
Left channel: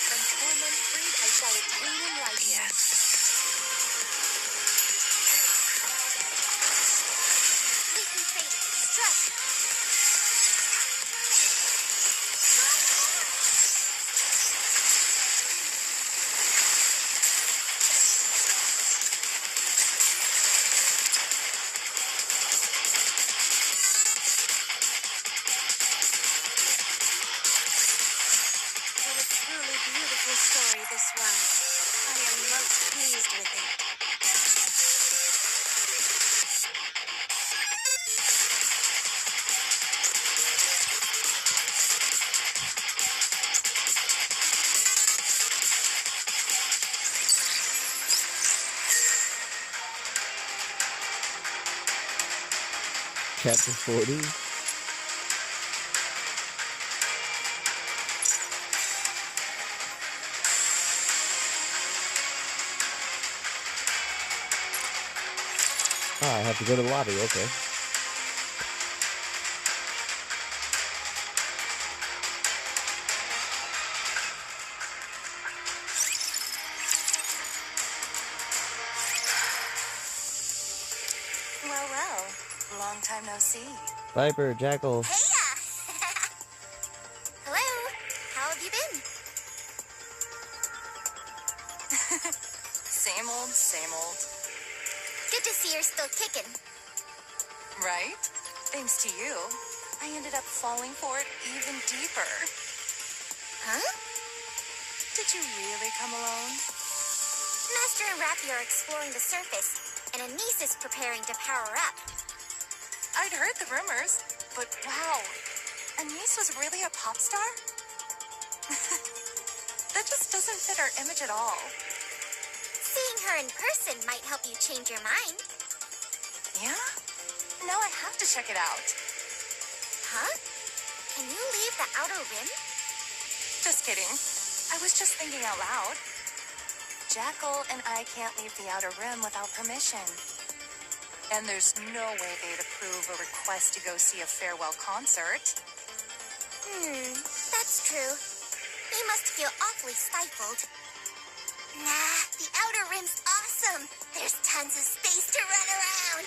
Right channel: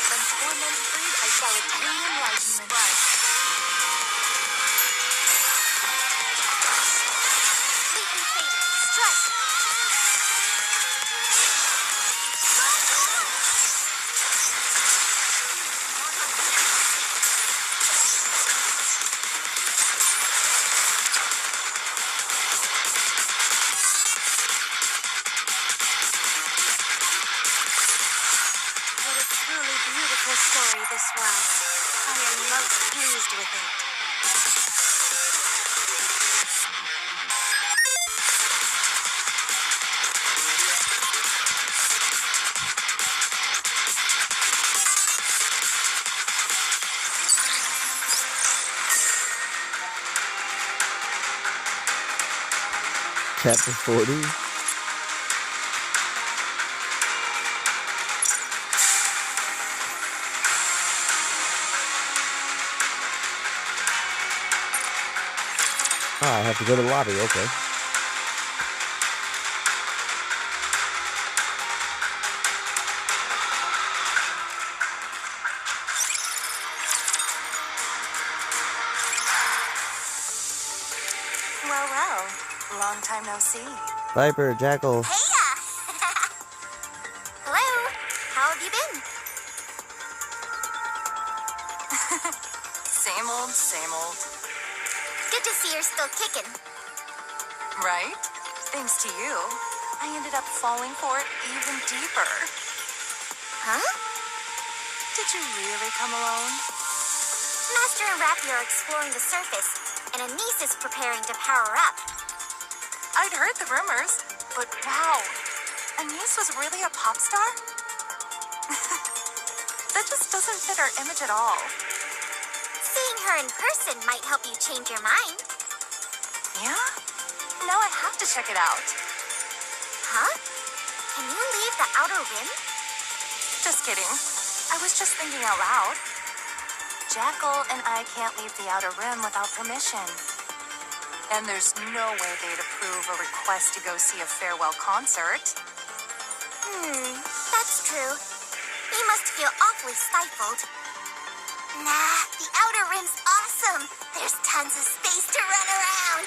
From torment freed, I shall attain enlightenment. Fleet and fading. Strike. What a truly beautiful story this was. I am most pleased with it. Chapter 40. Oh, I have to go to the lobby, okay. Well, well. Long time no see. Viper, Jackal. Heya! Hello. How have you been? Same old, same old. Good to see you're still kicking. Right? Thanks to you, I ended up falling for it even deeper. Huh? Did you really come alone? Master and Rappy are exploring the surface, and Anise is preparing to power up. I'd heard the rumors, but wow, Anise was really a pop star? That just doesn't fit our image at all. Seeing her in person might help you change your mind. Yeah? Now I have to check it out. Huh? Can you leave the outer rim? Just kidding. I was just thinking out loud. Jackal and I can't leave the outer rim without permission. And there's no way they'd approve a request to go see a farewell concert. That's true. He must feel awfully stifled. Nah, the outer rim's awesome. There's tons of space to run around.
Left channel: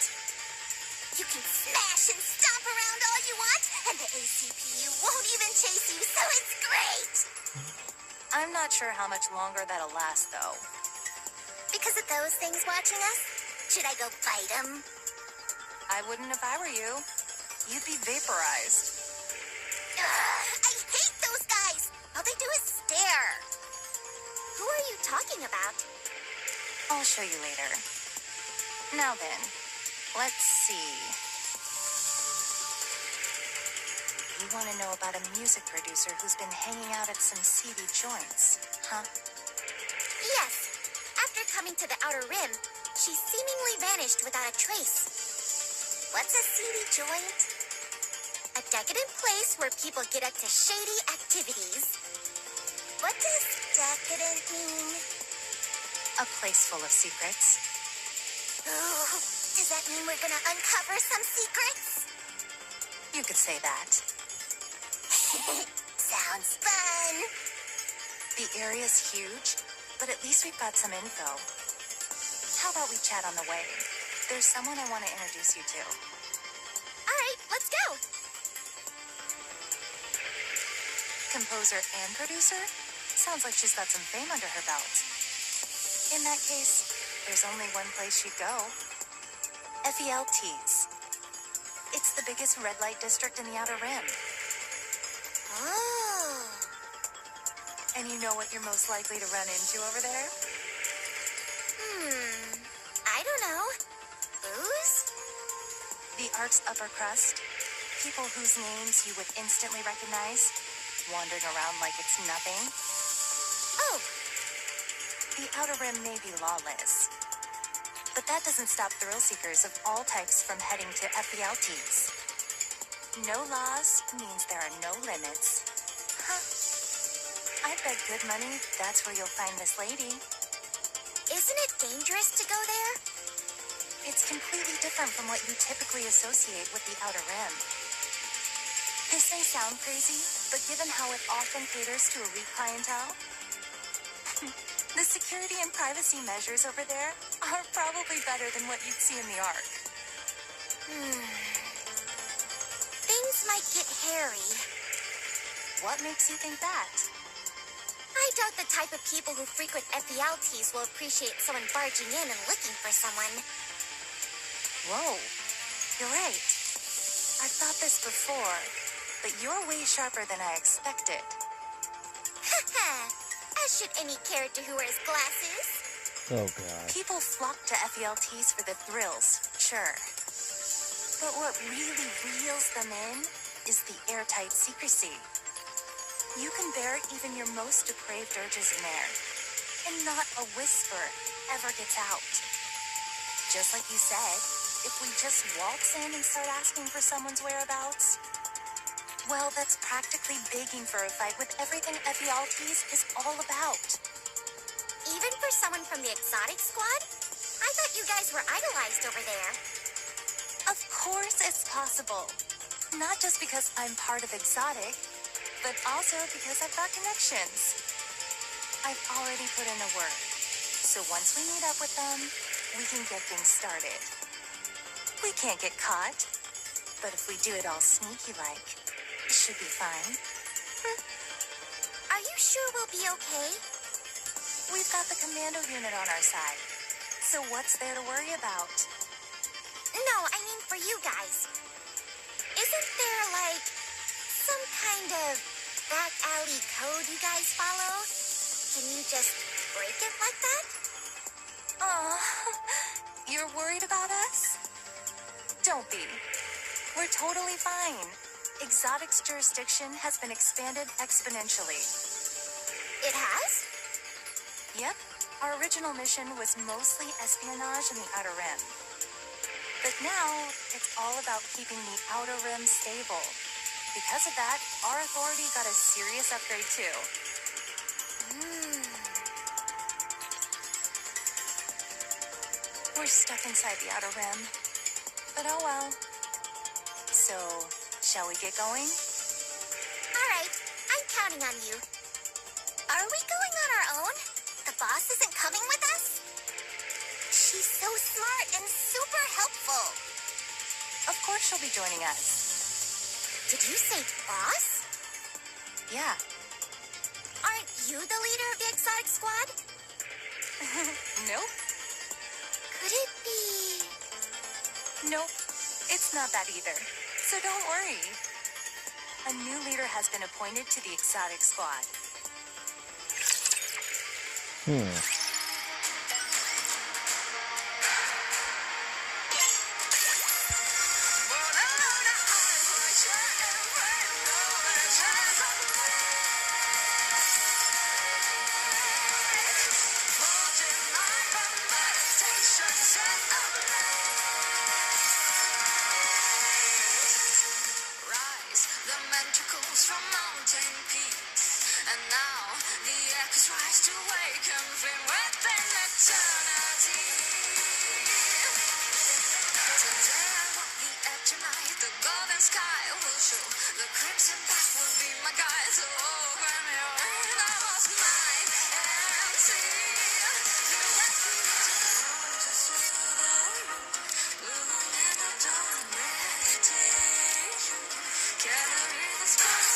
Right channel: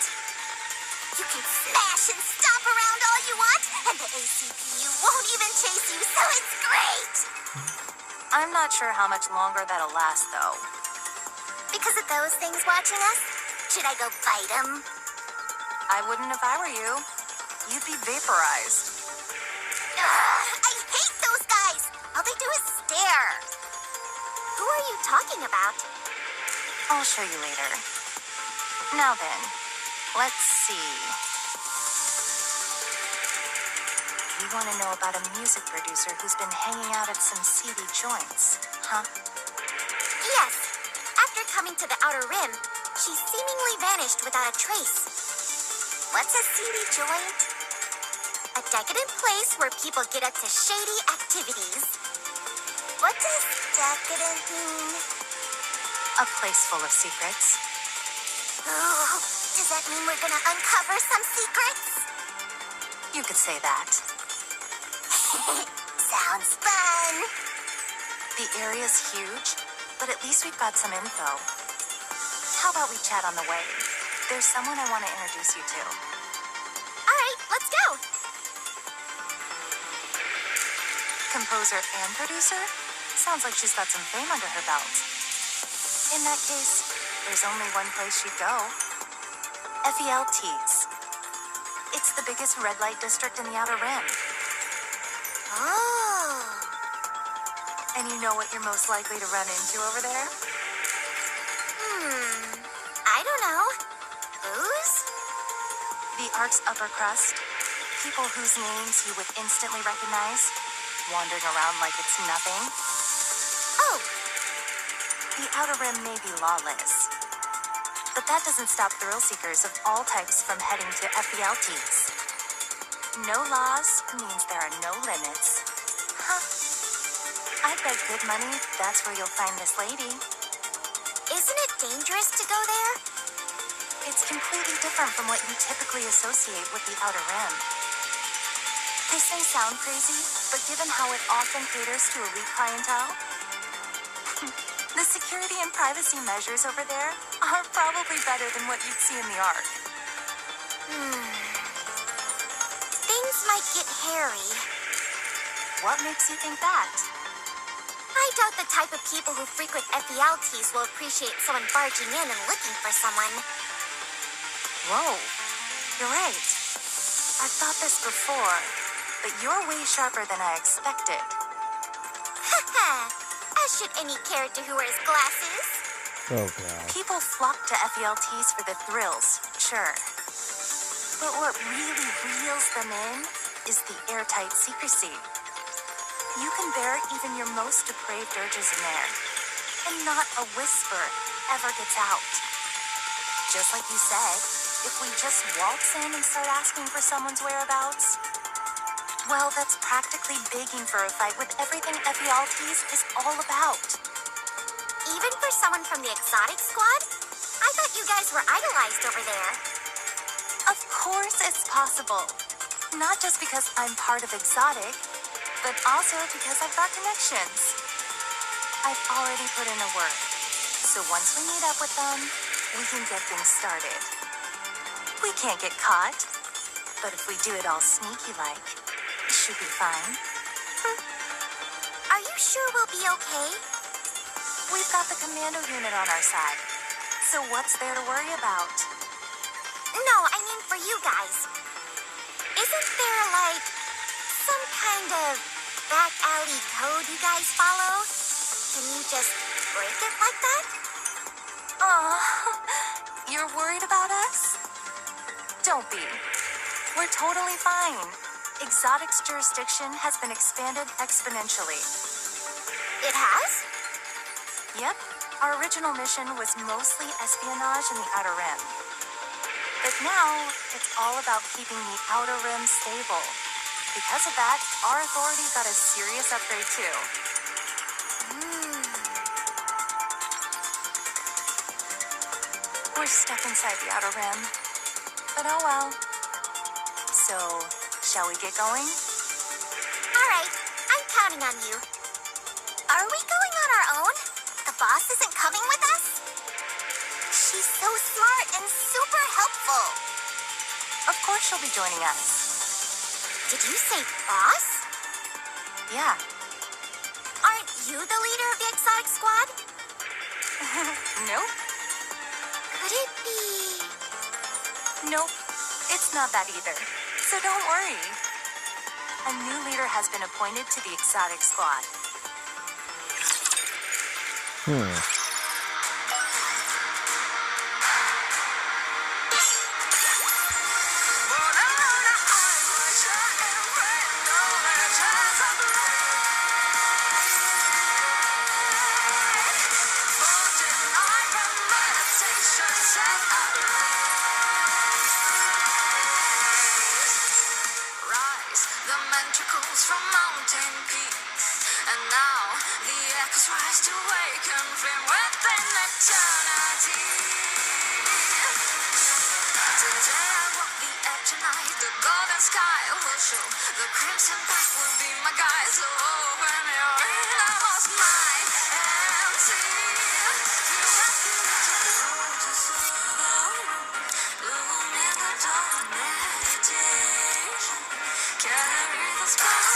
You can smash and stomp around all you want, and the ACPU won't even chase you, so it's great! I'm not sure how much longer that'll last, though. Because of those things watching us, should I go bite them? I wouldn't if I were you. You'd be vaporized. I hate those guys! All they do is stare. Who are you talking about? I'll show you later. Now then, let's see. You want to know about a music producer who's been hanging out at some seedy joints, huh? Yes. After coming to the outer rim, she seemingly vanished without a trace. What's a seedy joint? A decadent place where people get up to shady activities. What does decadent mean? A place full of secrets. Ooh, does that mean we're gonna uncover some secrets? You could say that. Sounds fun. The area's huge, but at least we've got some info. How about we chat on the way? There's someone I want to introduce you to. All right, let's go. Composer and producer? Sounds like she's got some fame under her belt. In that case, there's only one place she'd go. FELT's. It's the biggest red light district in the Outer Rim. Oh. And you know what you're most likely to run into over there? I don't know. Booze? The Ark's upper crust. people whose names you would instantly recognize, wandering around like it's nothing. Oh, The Outer Rim may be lawless, but that doesn't stop thrill seekers of all types from heading to FELTs. No laws means there are no limits. Huh. I bet good money that's where you'll find this lady. isn't it dangerous to go there? It's completely different from what you typically associate with the Outer Rim. This may sound crazy, but given how it often caters to elite clientele, the security and privacy measures over there are probably better than what you'd see in the Ark. Things might get hairy. What makes you think that? I doubt the type of people who frequent FELTs will appreciate someone barging in and looking for someone. Whoa, you're right. I've thought this before, but you're way sharper than I expected. Haha, as should any character who wears glasses. Oh god. People flock to FELTs for the thrills, sure. But what really reels them in is the airtight secrecy. You can bear even your most depraved urges in there, and not a whisper ever gets out. Just like you said, if we just waltz in and start asking for someone's whereabouts, well, that's practically begging for a fight with everything FELTs is all about. Even for someone from the exotic squad? I thought you guys were idolized over there. Of course it's possible. Not just because I'm part of exotic, but also because I've got connections. I've already put in a word, so once we meet up with them, we can get things started. We can't get caught, but if we do it all sneaky-like, it should be fine. Are you sure we'll be okay? We've got the commando unit on our side, so what's there to worry about? No, I mean for you guys. Isn't there, like, some kind of back alley code you guys follow? Can you just break it like that? Aw, you're worried about us? Don't be. We're totally fine. Exotic's jurisdiction has been expanded exponentially. It has? Yep, our original mission was mostly espionage in the Outer Rim. But now, it's all about keeping the Outer Rim stable. Because of that, our authority got a serious upgrade too. We're stuck inside the Outer Rim. But oh well. So, shall we get going? All right, I'm counting on you. Are we going on our own? The boss isn't coming with us? She's so smart and super helpful. Of course she'll be joining us. Did you say boss? Yeah. Aren't you the leader of the exotic squad? Nope. Could it be... Nope. It's not that either. So don't worry. A new leader has been appointed to the exotic squad. Rise, the mantracles from mountain peaks, and now the echoes rise to awaken flame within eternity. Today I walk the edge of night, the golden sky will show, the crimson path will be my guide. So open your innermost mind and see. Feel that beat of the road to the room, bloom in the dawn, meditation. Carry the spark,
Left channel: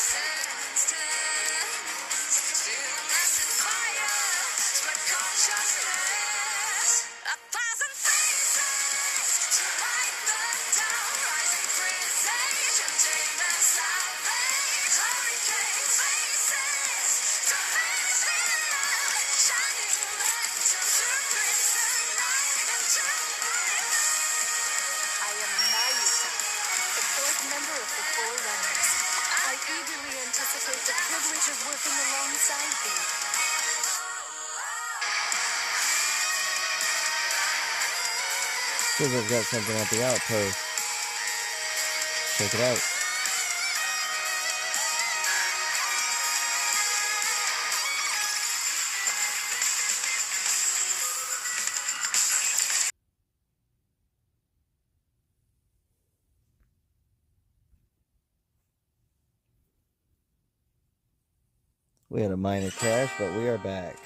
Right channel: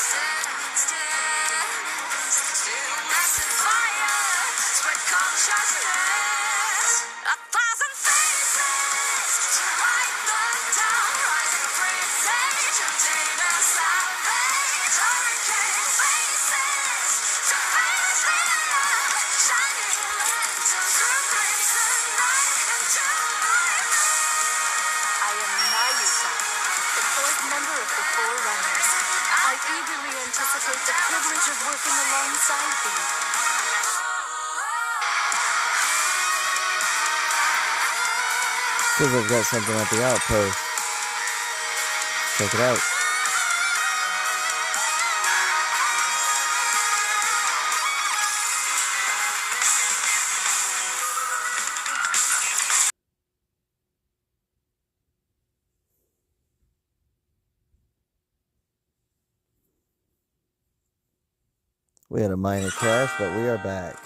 stillness, stillness and fire, spread consciousness. A thousand faces to light the dawn, rising presage, container salvage, hurricane faces to face the light, shining lanterns through crimson night into my mind. I am Nayusa, the fourth member of the Four Runners. I eagerly anticipate the privilege of working alongside thee. Because they've got something at the outpost. Check it out. We had a minor crash, but we are back.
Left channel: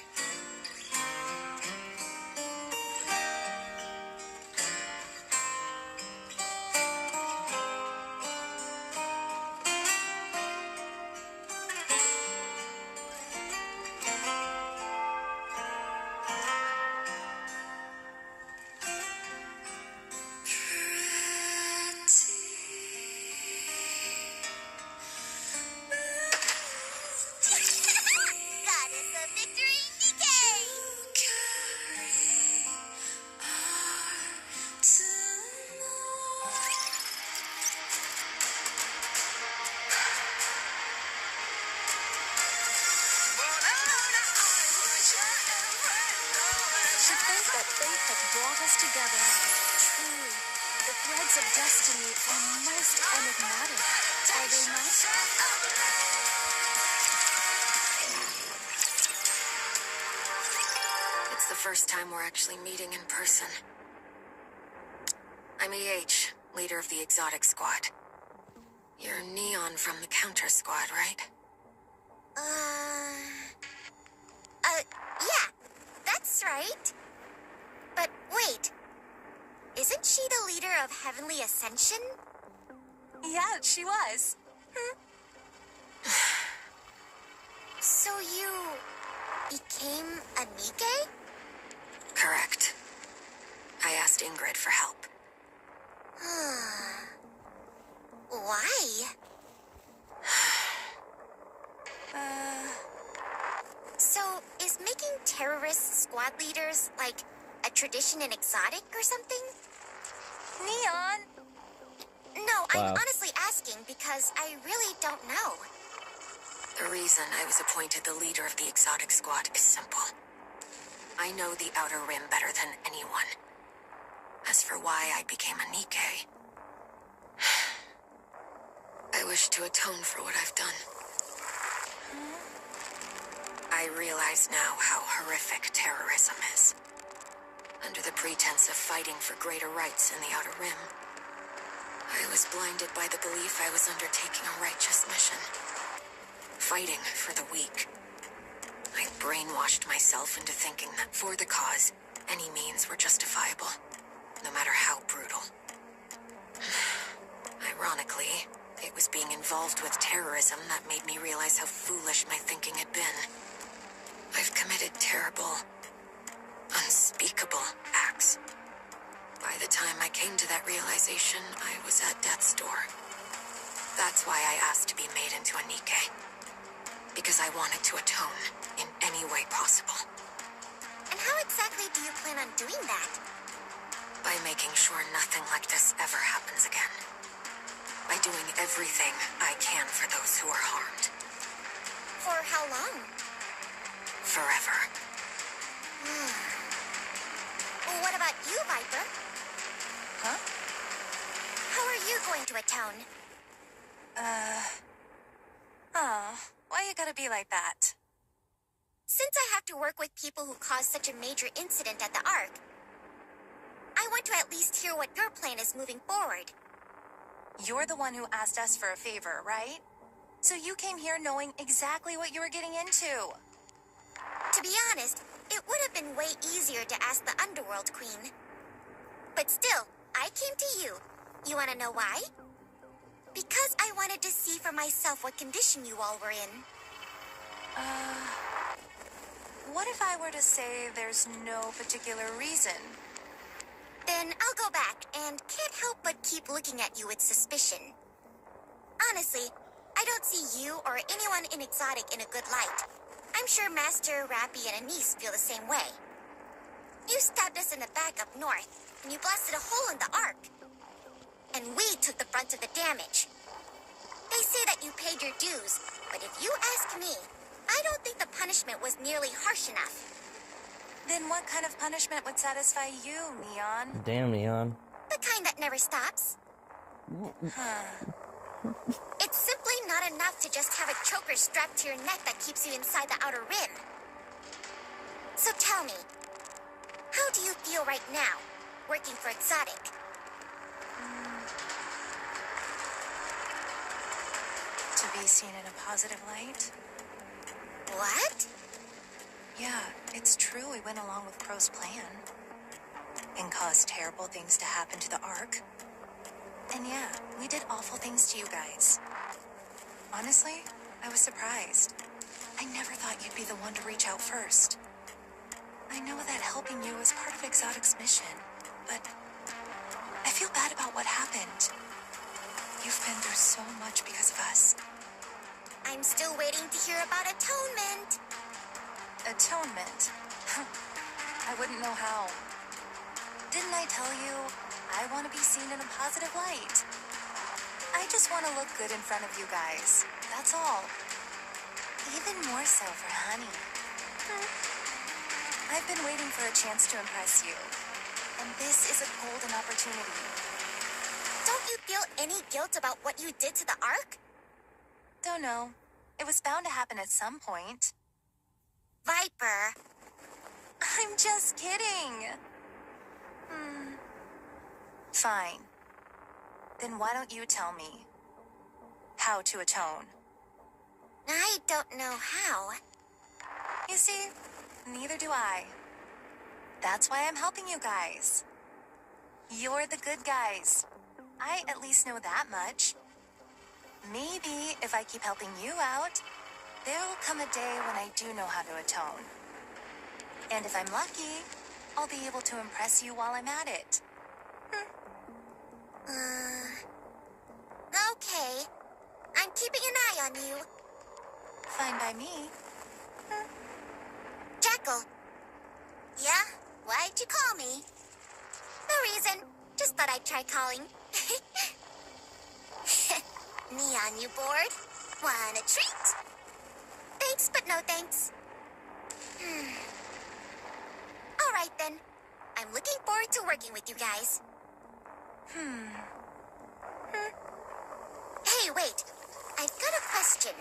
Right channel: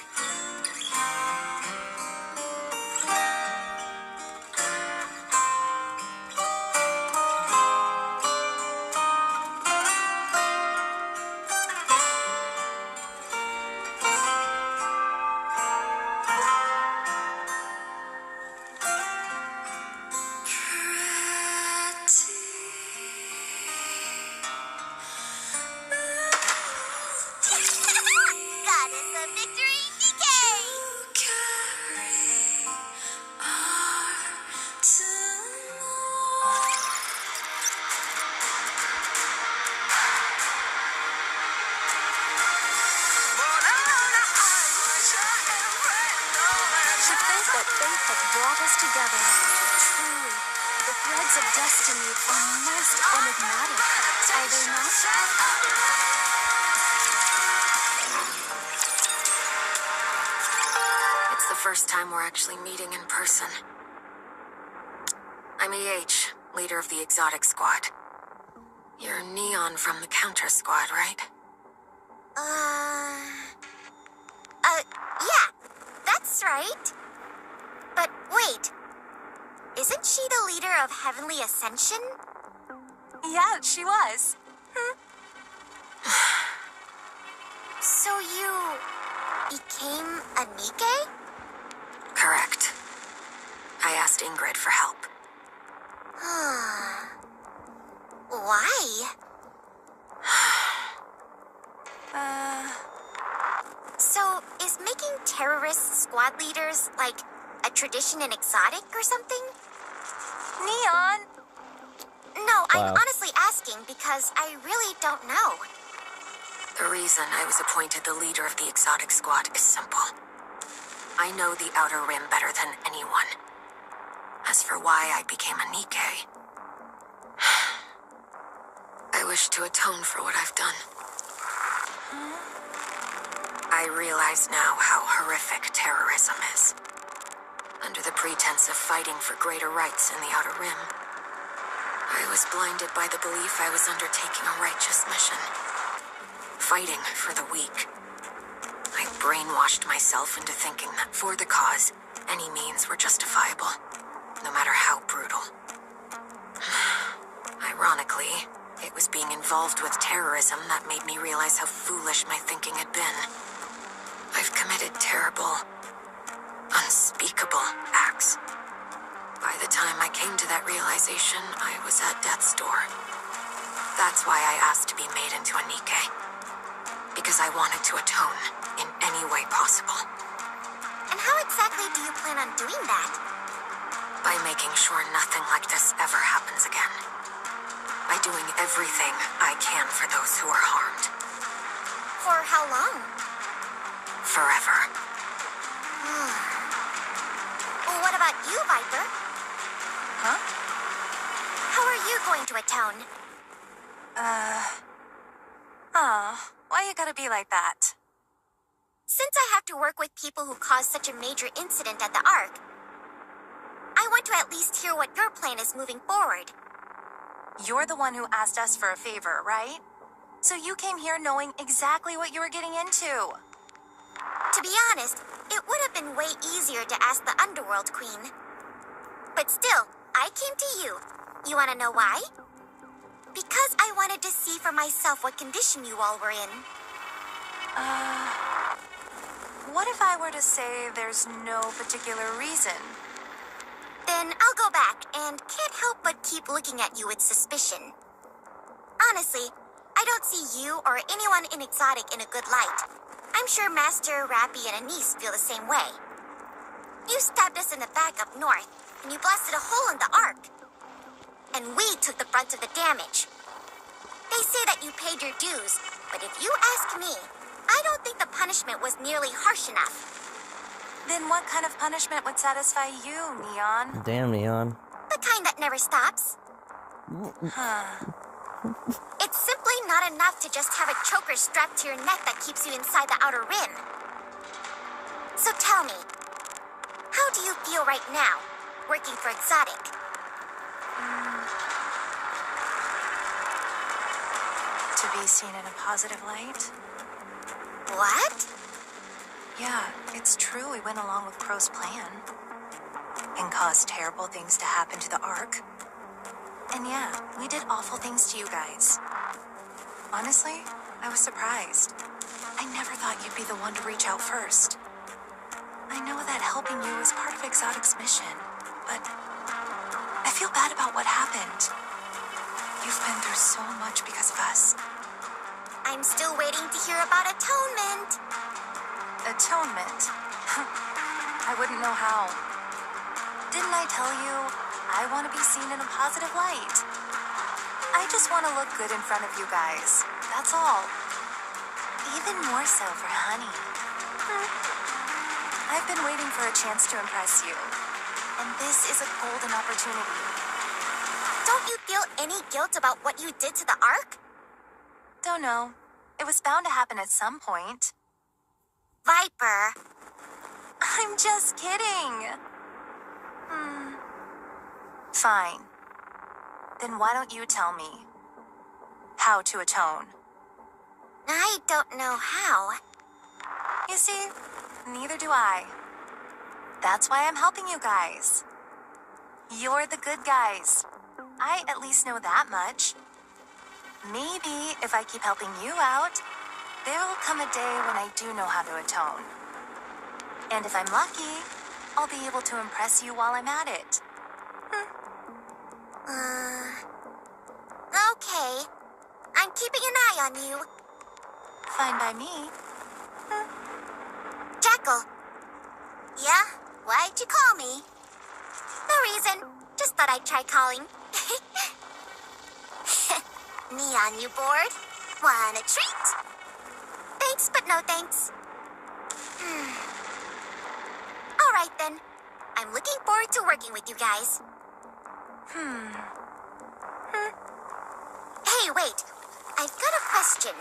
Goddess of victory, Nikke! To think that fate had brought us together. Truly, the threads of destiny are most enigmatic, are they not? It's the first time we're actually meeting in person. I'm EH, leader of the exotic squad. You're Neon from the counter squad, right? Yeah, that's right. But wait, isn't she the leader of Heavenly Ascension? Yeah, she was. So you became a Nikke? Correct. I asked Ingrid for help. Why? So, is making terrorist squad leaders like a tradition in exotic or something? Neon! No, I'm Wow. honestly asking because I really don't know. The reason I was appointed the leader of the exotic squad is simple. I know the Outer Rim better than anyone. As for why I became a Nikke, I wish to atone for what I've done. I realize now how horrific terrorism is. Under the pretense of fighting for greater rights in the Outer Rim, I was blinded by the belief I was undertaking a righteous mission. Fighting for the weak. I brainwashed myself into thinking that for the cause, any means were justifiable, no matter how brutal. Ironically, it was being involved with terrorism that made me realize how foolish my thinking had been. I've committed terrible, unspeakable acts. By the time I came to that realization, I was at death's door. That's why I asked to be made into a Nikke. Because I wanted to atone in any way possible. And how exactly do you plan on doing that? By making sure nothing like this ever happens again. By doing everything I can for those who are harmed. For how long? Forever. Well, what about you, Viper? Huh? How are you going to atone? Oh, why you gotta be like that? Since I have to work with people who caused such a major incident at the Ark, I want to at least hear what your plan is moving forward. You're the one who asked us for a favor, right? So you came here knowing exactly what you were getting into. To be honest, it would have been way easier to ask the Underworld Queen. But still, I came to you. You want to know why? Because I wanted to see for myself what condition you all were in. What if I were to say there's no particular reason? Then I'll go back and can't help but keep looking at you with suspicion. Honestly, I don't see you or anyone in Exotic in a good light. I'm sure Master, Rappy, and Anise feel the same way. You stabbed us in the back up north, and you blasted a hole in the Ark. and we took the brunt of the damage. They say that you paid your dues, but if you ask me, I don't think the punishment was nearly harsh enough. Then what kind of punishment would satisfy you, Neon? Damn, Neon. The kind that never stops. It's simply not enough to just have a choker strapped to your neck that keeps you inside the outer rim. So tell me, how do you feel right now, working for Exotic? To be seen in a positive light? What? Yeah, it's true we went along with Crow's plan. And caused terrible things to happen to the Ark. And yeah, we did awful things to you guys. Honestly, I was surprised. I never thought you'd be the one to reach out first. I know that helping you was part of Exotic's mission, but I feel bad about what happened. You've been through so much because of us. I'm still waiting to hear about atonement. Atonement? I wouldn't know how. Didn't I tell you, I want to be seen in a positive light? I just want to look good in front of you guys. That's all. Even more so for Honey. I've been waiting for a chance to impress you. And this is a golden opportunity. Don't you feel any guilt about what you did to the Ark? Don't know. It was bound to happen at some point. Viper. I'm just kidding. Fine. Then why don't you tell me how to atone? I don't know how. You see, neither do I. That's why I'm helping you guys. You're the good guys. I at least know that much. Maybe if I keep helping you out, there will come a day when I do know how to atone. And if I'm lucky, I'll be able to impress you while I'm at it. Okay. I'm keeping an eye on you. Fine by me. Jackal. Yeah? Why'd you call me? No reason. Just thought I'd try calling. Neon, you bored? Want a treat? Thanks, but no thanks. All right, then. I'm looking forward to working with you guys. Hey, wait. I've got a question.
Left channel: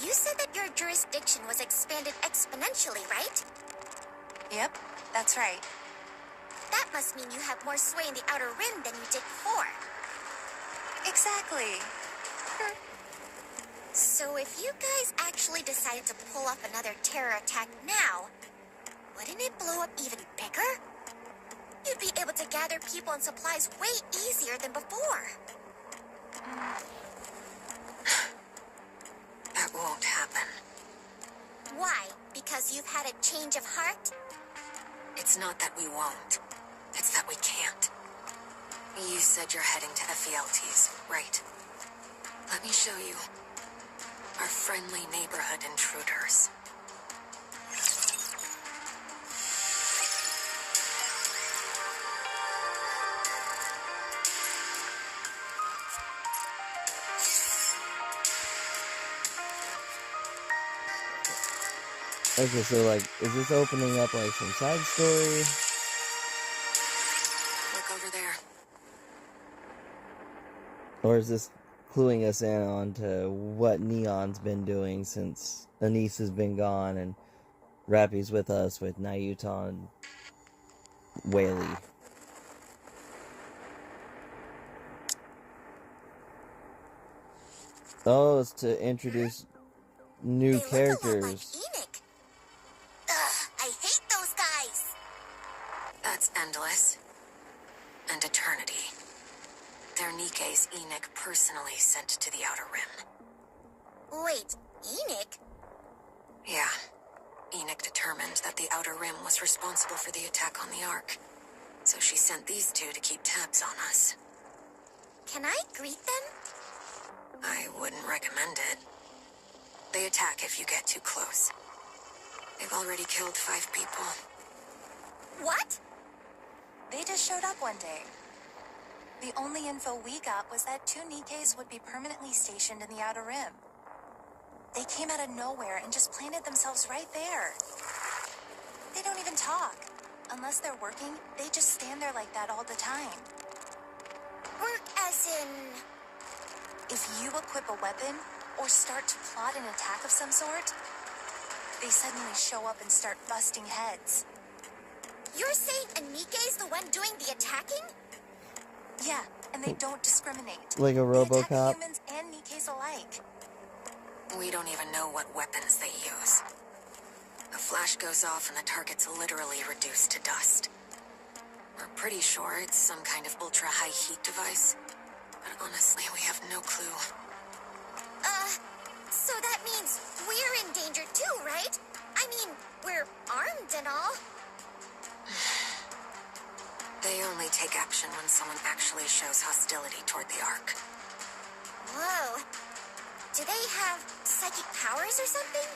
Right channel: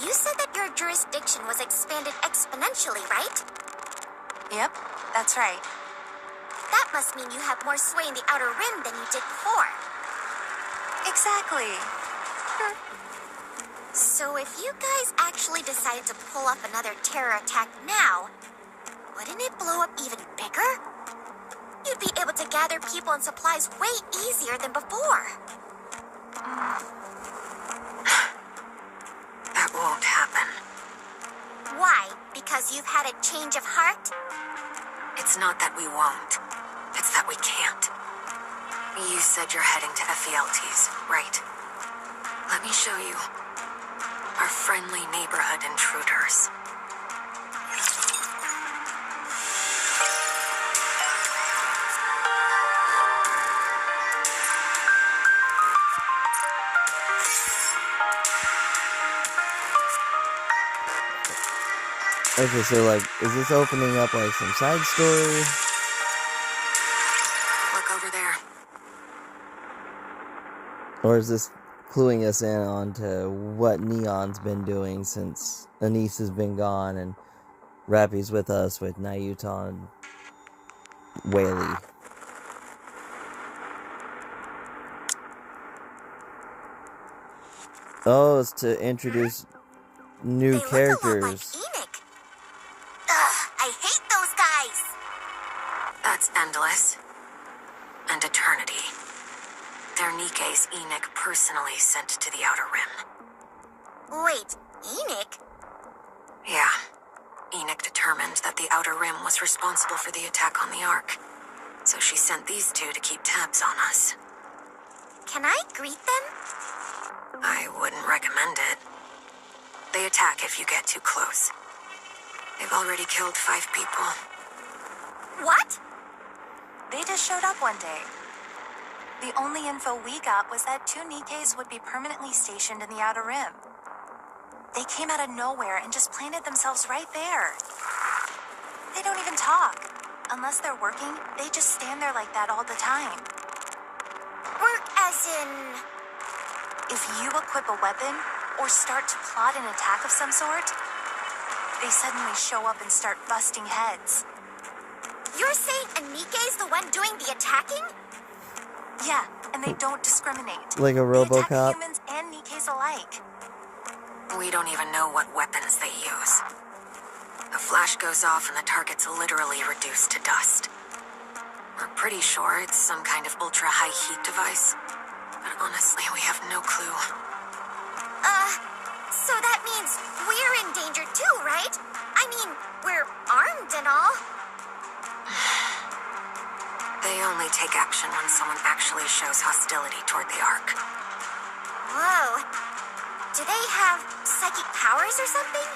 You said that your jurisdiction was expanded exponentially, right? Yep, that's right. That must mean you have more sway in the Outer Rim than you did before. Exactly. So if you guys actually decided to pull off another terror attack now, wouldn't it blow up even bigger? You'd be able to gather people and supplies way easier than before. That won't happen. Why? Because you've had a change of heart? It's not that we won't. It's that we can't. You said you're heading to Ephialtes, right? Let me show you. Our friendly neighborhood intruders. Okay, so like, is this opening up like some side story? Look over there. Or is this cluing us in on to what Neon's been doing since Anise has been gone and Rappy's with us with Nayuta and Whaley? Oh, it's to introduce new They look a lot like characters. Enoch. Ugh, I hate those guys. That's endless. And eternity. They're Nikke's Enoch personally sent to the Outer Rim. Wait, Enoch? Yeah. Enoch determined that the Outer Rim was responsible for the attack on the Ark. So she sent these two to keep tabs on us. Can I greet them? I wouldn't recommend it. They attack if you get too close. They've already killed 5 people. What? They just showed up one day. The only info we got was that 2 Nikkes would be permanently stationed in the Outer Rim. They came out of nowhere and just planted themselves right there. They don't even talk. Unless they're working, they just stand there like that all the time. Work as in... If you equip a weapon or start to plot an attack of some sort, they suddenly show up and start busting heads. You're saying a Nikke's the one doing the attacking? Yeah, and they don't discriminate. Like a They attack RoboCop. humans and Nikkes alike. We don't even know what weapons they use. A flash goes off and the target's literally reduced to dust. We're pretty sure it's some kind of ultra-high heat device, but honestly, we have no clue. So that means we're in danger too, right? I mean, we're armed and all. They only take action when someone actually shows hostility toward the Ark. Whoa. Do they have psychic powers or something?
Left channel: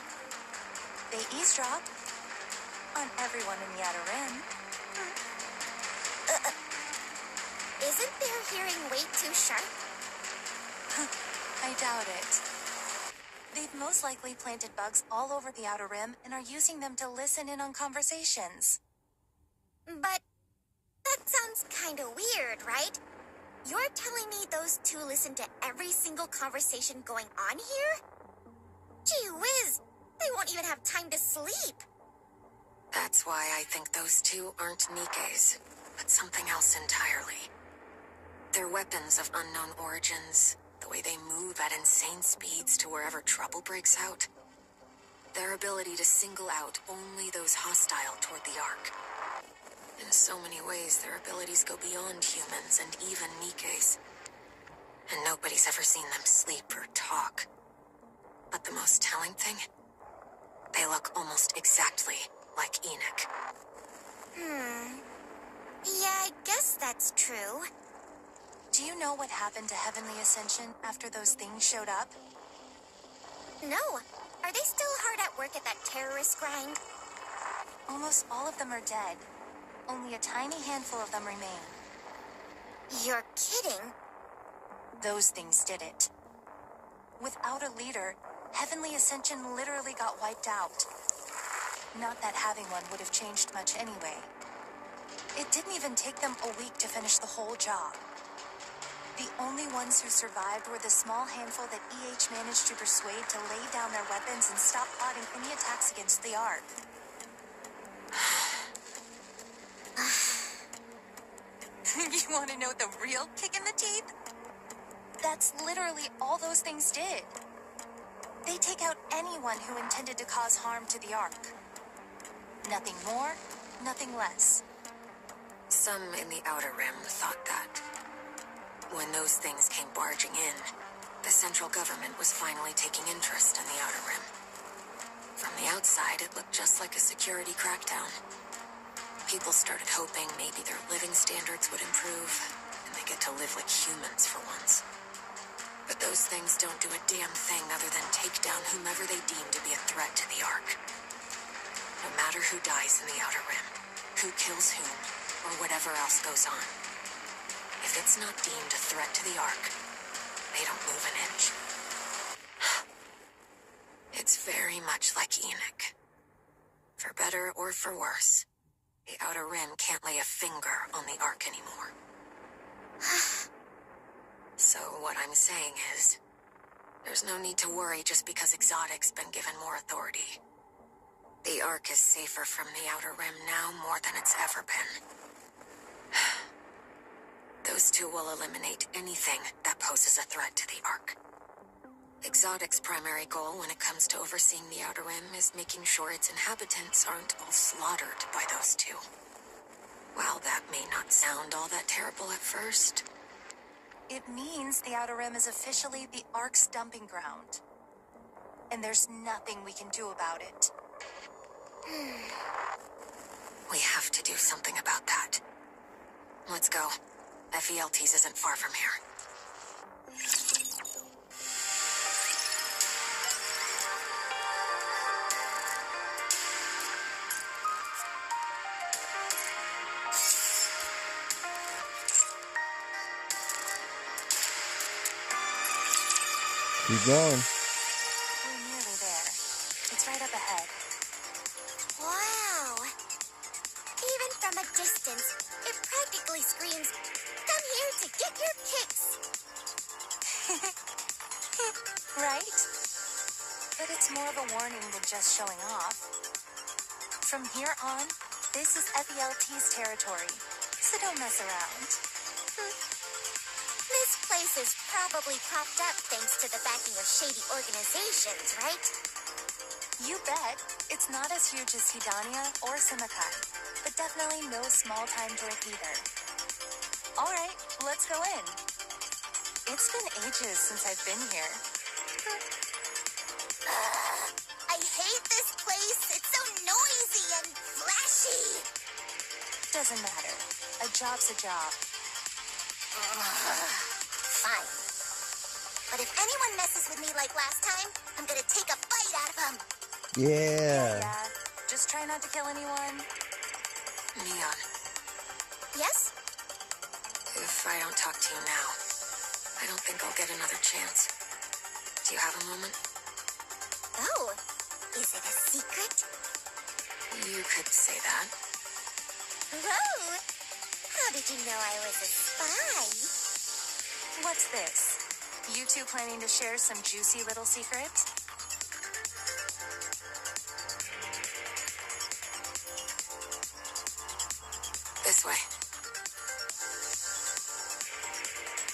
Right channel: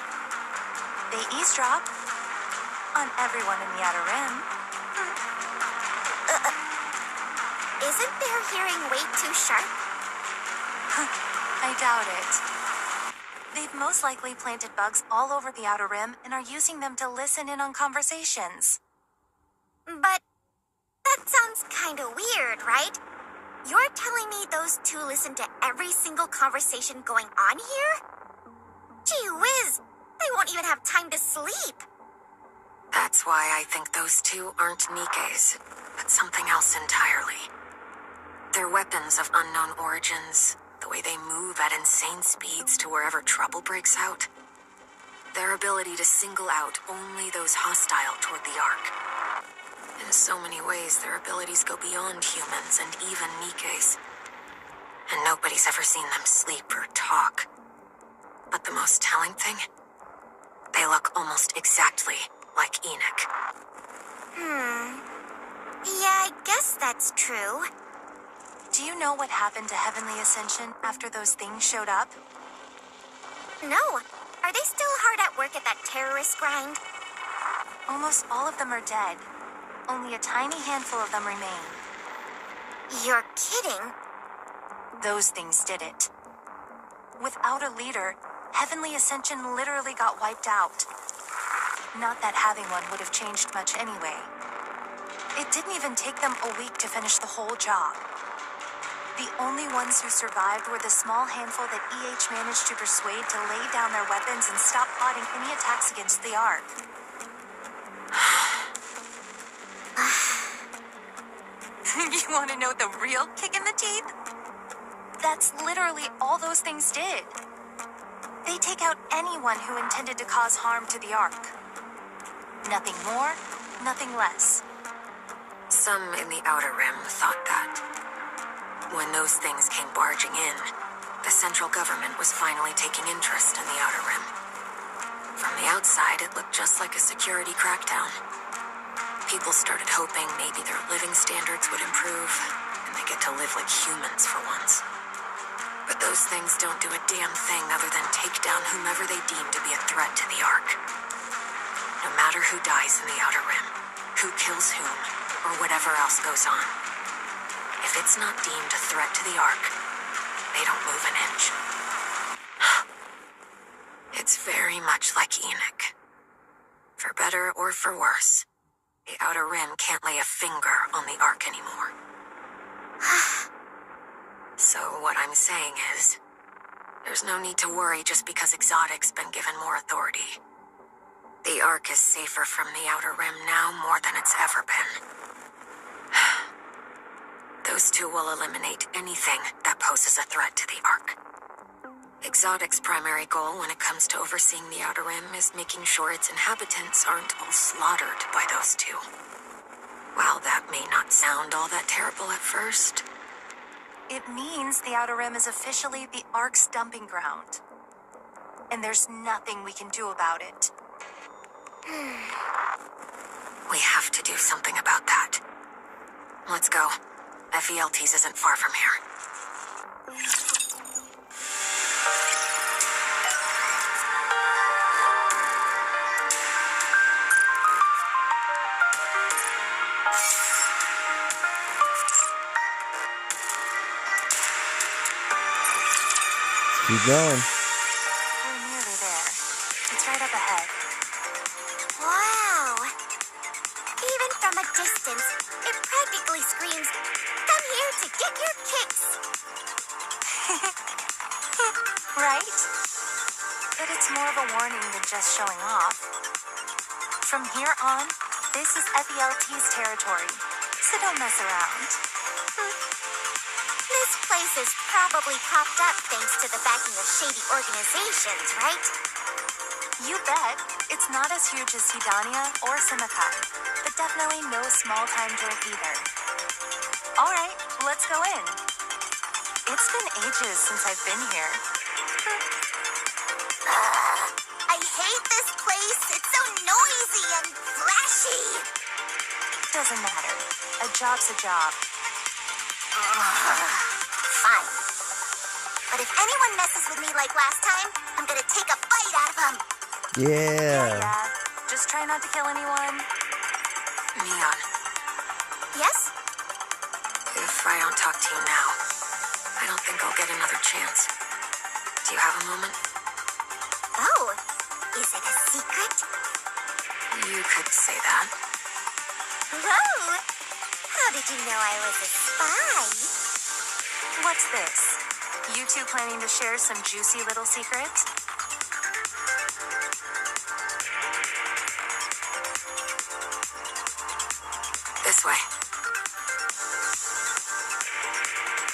They eavesdrop on everyone in the Outer Rim. Isn't their hearing way too sharp? I doubt it. They've most likely planted bugs all over the Outer Rim and are using them to listen in on conversations. But that sounds kind of weird, right? You're telling me those two listen to every single conversation going on here? Gee whiz, they won't even have time to sleep. That's why I think those two aren't Nikkes, but something else entirely. They're weapons of unknown origins, the way they move at insane speeds to wherever trouble breaks out. Their ability to single out only those hostile toward the Ark. In so many ways, their abilities go beyond humans and even Nikkes. And nobody's ever seen them sleep or talk. But the most telling thing? They look almost exactly like Enoch. Yeah, I guess that's true. Do you know what happened to Heavenly Ascension after those things showed up? No. Are they still hard at work at that terrorist grind? Almost all of them are dead. Only a tiny handful of them remain. You're kidding. Those things did it. Without a leader, Heavenly Ascension literally got wiped out. Not that having one would have changed much anyway. It didn't even take them a week to finish the whole job. The only ones who survived were the small handful that EH managed to persuade to lay down their weapons and stop plotting any attacks against the Ark. You want to know the real kick in the teeth? That's literally all those things did. They take out anyone who intended to cause harm to the Ark. Nothing more, nothing less. Some in the Outer Rim thought that. When those things came barging in, the central government was finally taking interest in the Outer Rim. From the outside, it looked just like a security crackdown. People started hoping maybe their living standards would improve, and they get to live like humans for once. But those things don't do a damn thing other than take down whomever they deem to be a threat to the Ark. No matter who dies in the Outer Rim, who kills whom, or whatever else goes on. If it's not deemed a threat to the Ark, they don't move an inch. It's very much like Enoch. For better or for worse, the Outer Rim can't lay a finger on the Ark anymore. So what I'm saying is, there's no need to worry just because Exotic's been given more authority. The Ark is safer from the Outer Rim now more than it's ever been. Those two will eliminate anything that poses a threat to the Ark. Exotic's primary goal when it comes to overseeing the Outer Rim is making sure its inhabitants aren't all slaughtered by those two. While that may not sound all that terrible at first, It means the Outer Rim is officially the Ark's dumping ground. And there's nothing we can do about it. we have to do something about that. Let's go. FELTs isn't far from here. Keep going. We're nearly there. It's right up ahead. Wow. Even from a distance, it practically screams, "Come here to get your kicks." Right? But it's more of a warning than just showing off. From here on, this is FELT's territory, so don't mess around. This place is probably popped up thanks to the backing of shady organizations, right? You bet. It's not as huge as Hidania or Simikai, but definitely no small-time joint either. All right, let's go in. It's been ages since I've been here. I hate this place. It's so noisy and flashy. Doesn't matter. A job's a job. Fine. But if anyone messes with me like last time, I'm gonna take a bite out of them. Yeah. Just try not to kill anyone. Neon, Yes? if I don't talk to you now, I don't think I'll get another chance. Do you have a moment? Oh, is it a secret? You could say that. Whoa! How did you know I was a spy? What's this? You two planning to share some juicy little secrets? This way.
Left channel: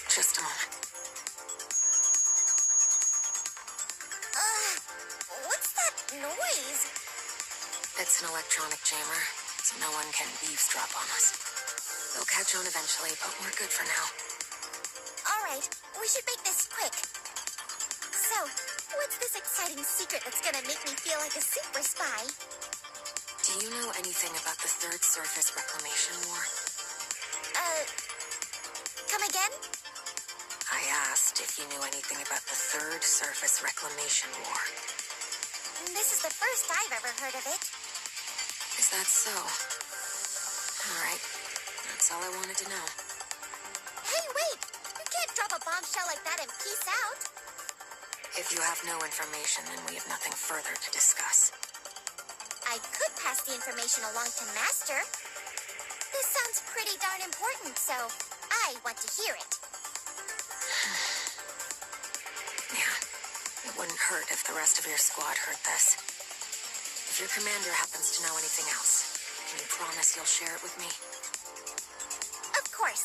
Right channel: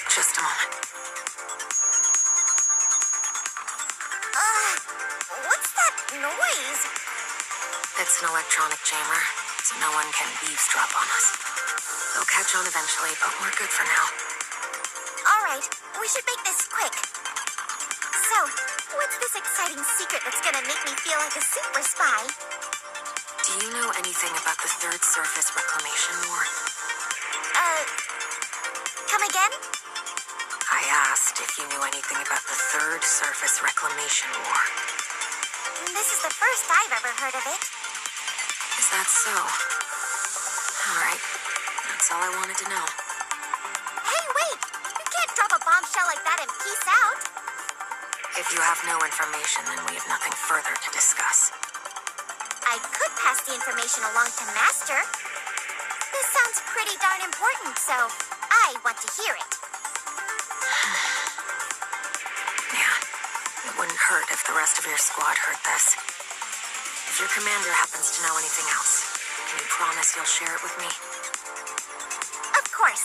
Just a moment. What's that noise? It's an electronic jammer, so no one can eavesdrop on us. They'll catch on eventually, but we're good for now. All right, we should make this quick. So, what's this exciting secret that's gonna make me feel like a super spy? Do you know anything about the Third Surface Reclamation War? Come again? I asked if you knew anything about the Third Surface Reclamation War. This is the first I've ever heard of it. Is that so? All right. That's all I wanted to know. Hey, wait! You can't drop a bombshell like that and peace out. If you have no information, then we have nothing further to discuss. I could pass the information along to Master. This sounds pretty darn important, so I want to hear it. Yeah, it wouldn't hurt if the rest of your squad heard this. If your commander happens to know anything else, can you promise you'll share it with me? Of course.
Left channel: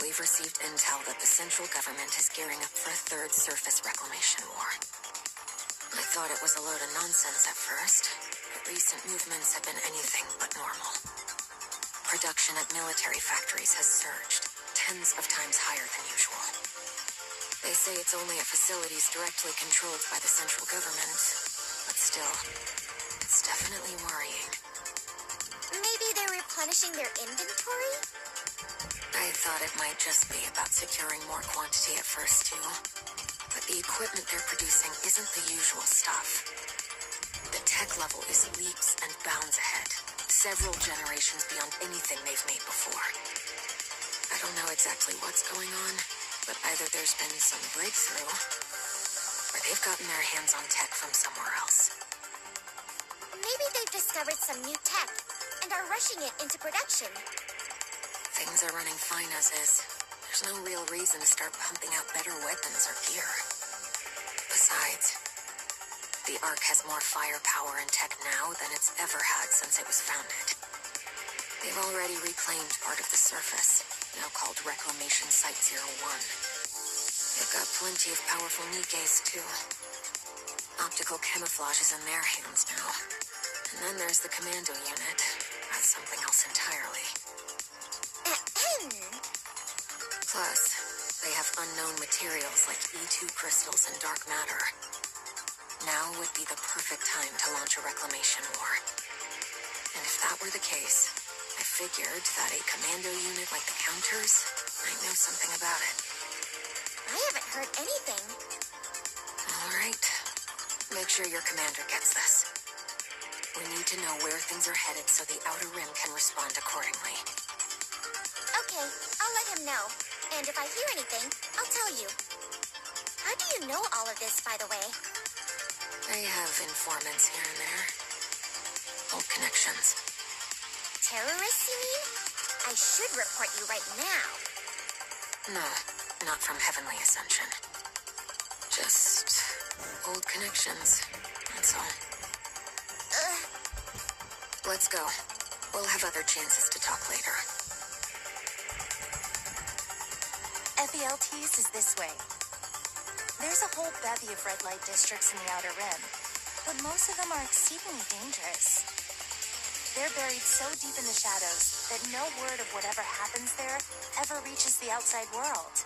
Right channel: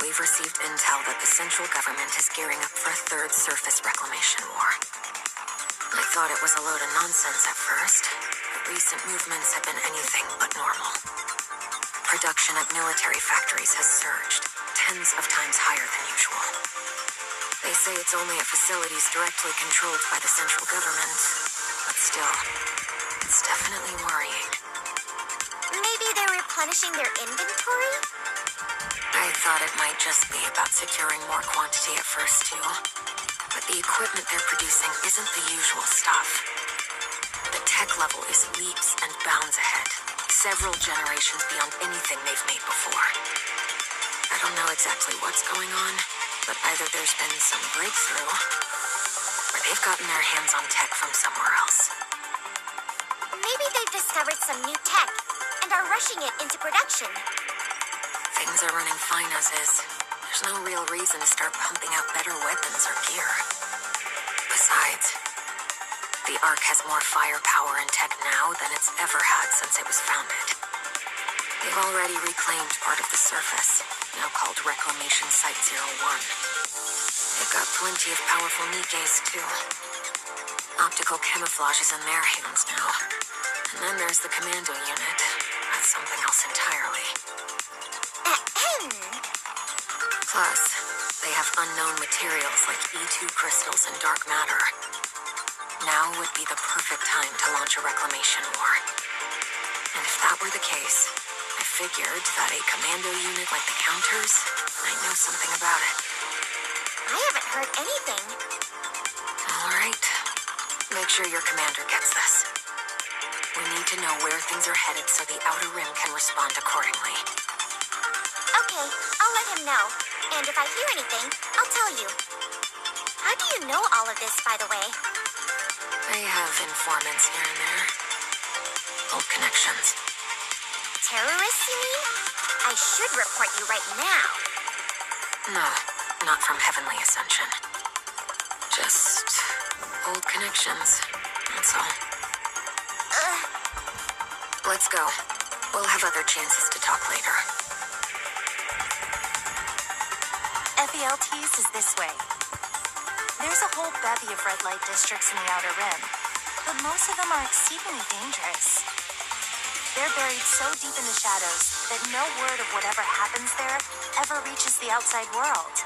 We've received intel that the central government is gearing up for a third surface reclamation war. I thought it was a load of nonsense at first, but recent movements have been anything but normal. Production at military factories has surged, tens of times higher than usual. They say it's only at facilities directly controlled by the central government, but still, it's definitely worrying. Maybe they're replenishing their inventory? I thought it might just be about securing more quantity at first, too. But the equipment they're producing isn't the usual stuff. The tech level is leaps and bounds ahead, several generations beyond anything they've made before. I don't know exactly what's going on, but either there's been some breakthrough, or they've gotten their hands on tech from somewhere else. Maybe they've discovered some new tech and are rushing it into production. Things are running fine as is. There's no real reason to start pumping out better weapons or gear. Besides, the Ark has more firepower and tech now than it's ever had since it was founded. They've already reclaimed part of the surface, now called Reclamation Site 01. They've got plenty of powerful Nikkes, too. Optical camouflage is in their hands now. And then there's the commando unit. That's something else entirely. Plus, they have unknown materials like E2 crystals and dark matter. Now would be the perfect time to launch a reclamation war. And if that were the case, I figured that a commando unit like the Counters might know something about it. I haven't heard anything. All right. Make sure your commander gets this. We need to know where things are headed so the Outer Rim can respond accordingly. Okay, I'll let him know. And if I hear anything, I'll tell you. How do you know all of this, by the way? I have informants here and there. Old connections. Terrorists, you mean? I should report you right now. No, not from Heavenly Ascension. Just old connections, that's all. Let's go. We'll have other chances to talk later. FELTs is this way. There's a whole bevy of red light districts in the Outer Rim, but most of them are exceedingly dangerous. They're buried so deep in the shadows that no word of whatever happens there ever reaches the outside world.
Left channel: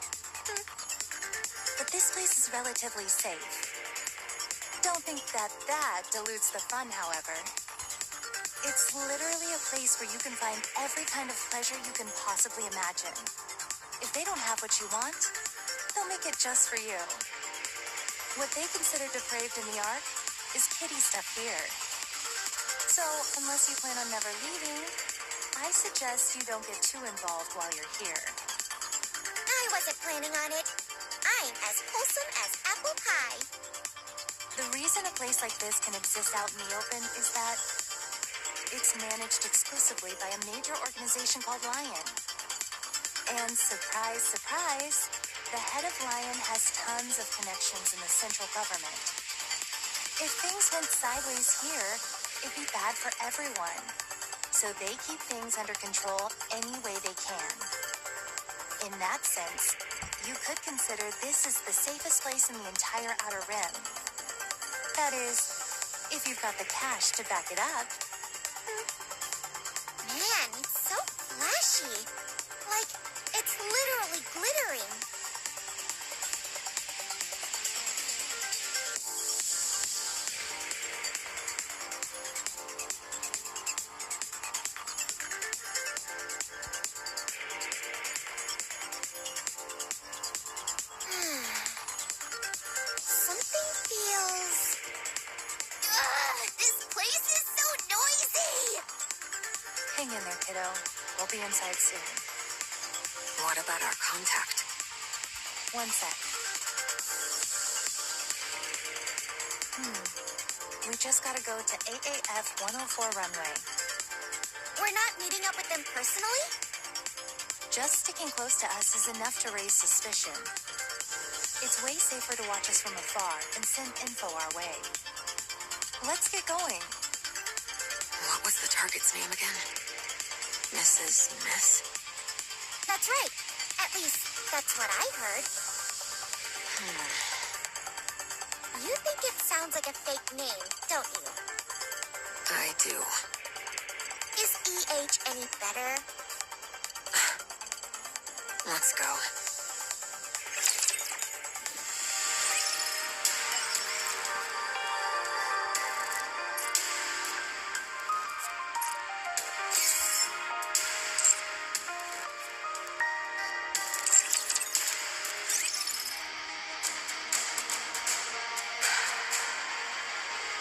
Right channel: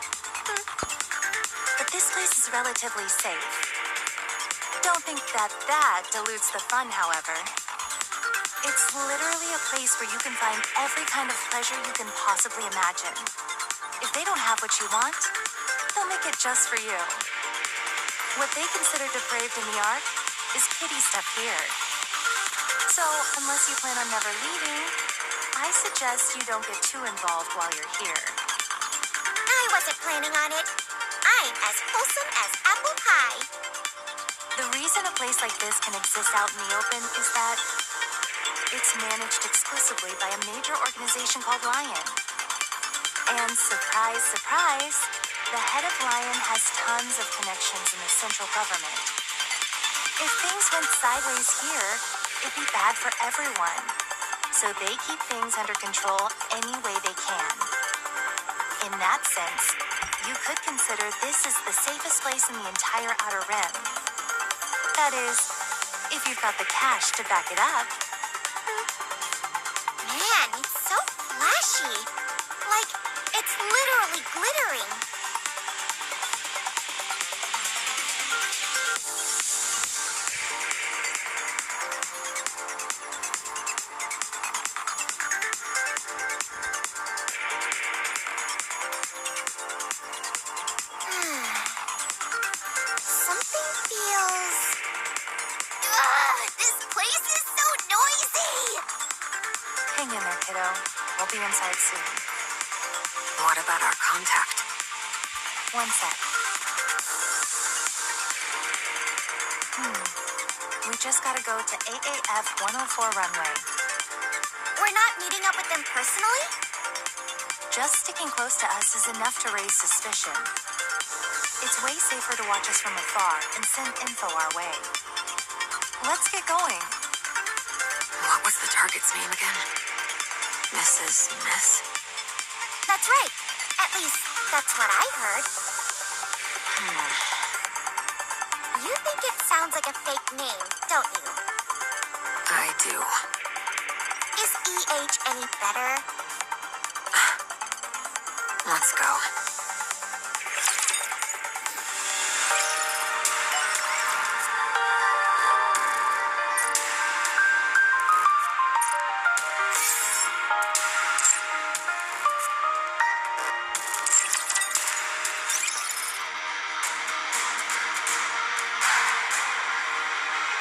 But this place is relatively safe. Don't think that dilutes the fun, however. It's literally a place where you can find every kind of pleasure you can possibly imagine. If they don't have what you want, they'll make it just for you. What they consider depraved in the Ark is kiddie stuff here. So, unless you plan on never leaving, I suggest you don't get too involved while you're here. I wasn't planning on it. I'm as wholesome as apple pie. The reason a place like this can exist out in the open is that it's managed exclusively by a major organization called Lion. And surprise, surprise, the head of Lion has tons of connections in the central government. If things went sideways here, it'd be bad for everyone. So they keep things under control any way they can. In that sense, you could consider this is the safest place in the entire Outer Rim. That is, if you've got the cash to back it up. Man, it's so flashy. Like, it's literally glittering. Something feels... this place is so noisy! Hang in there, kiddo. We'll be inside soon. What about our contact? One sec. We just gotta go to AAF 104 runway. We're not meeting up with them personally? Just sticking close to us is enough to raise suspicion. It's way safer to watch us from afar and send info our way. Let's get going. What was the target's name again? Mrs. Miss? That's right. At least, that's what I heard. You think it sounds like a fake name, don't you? I do. Is EH any better? Let's go.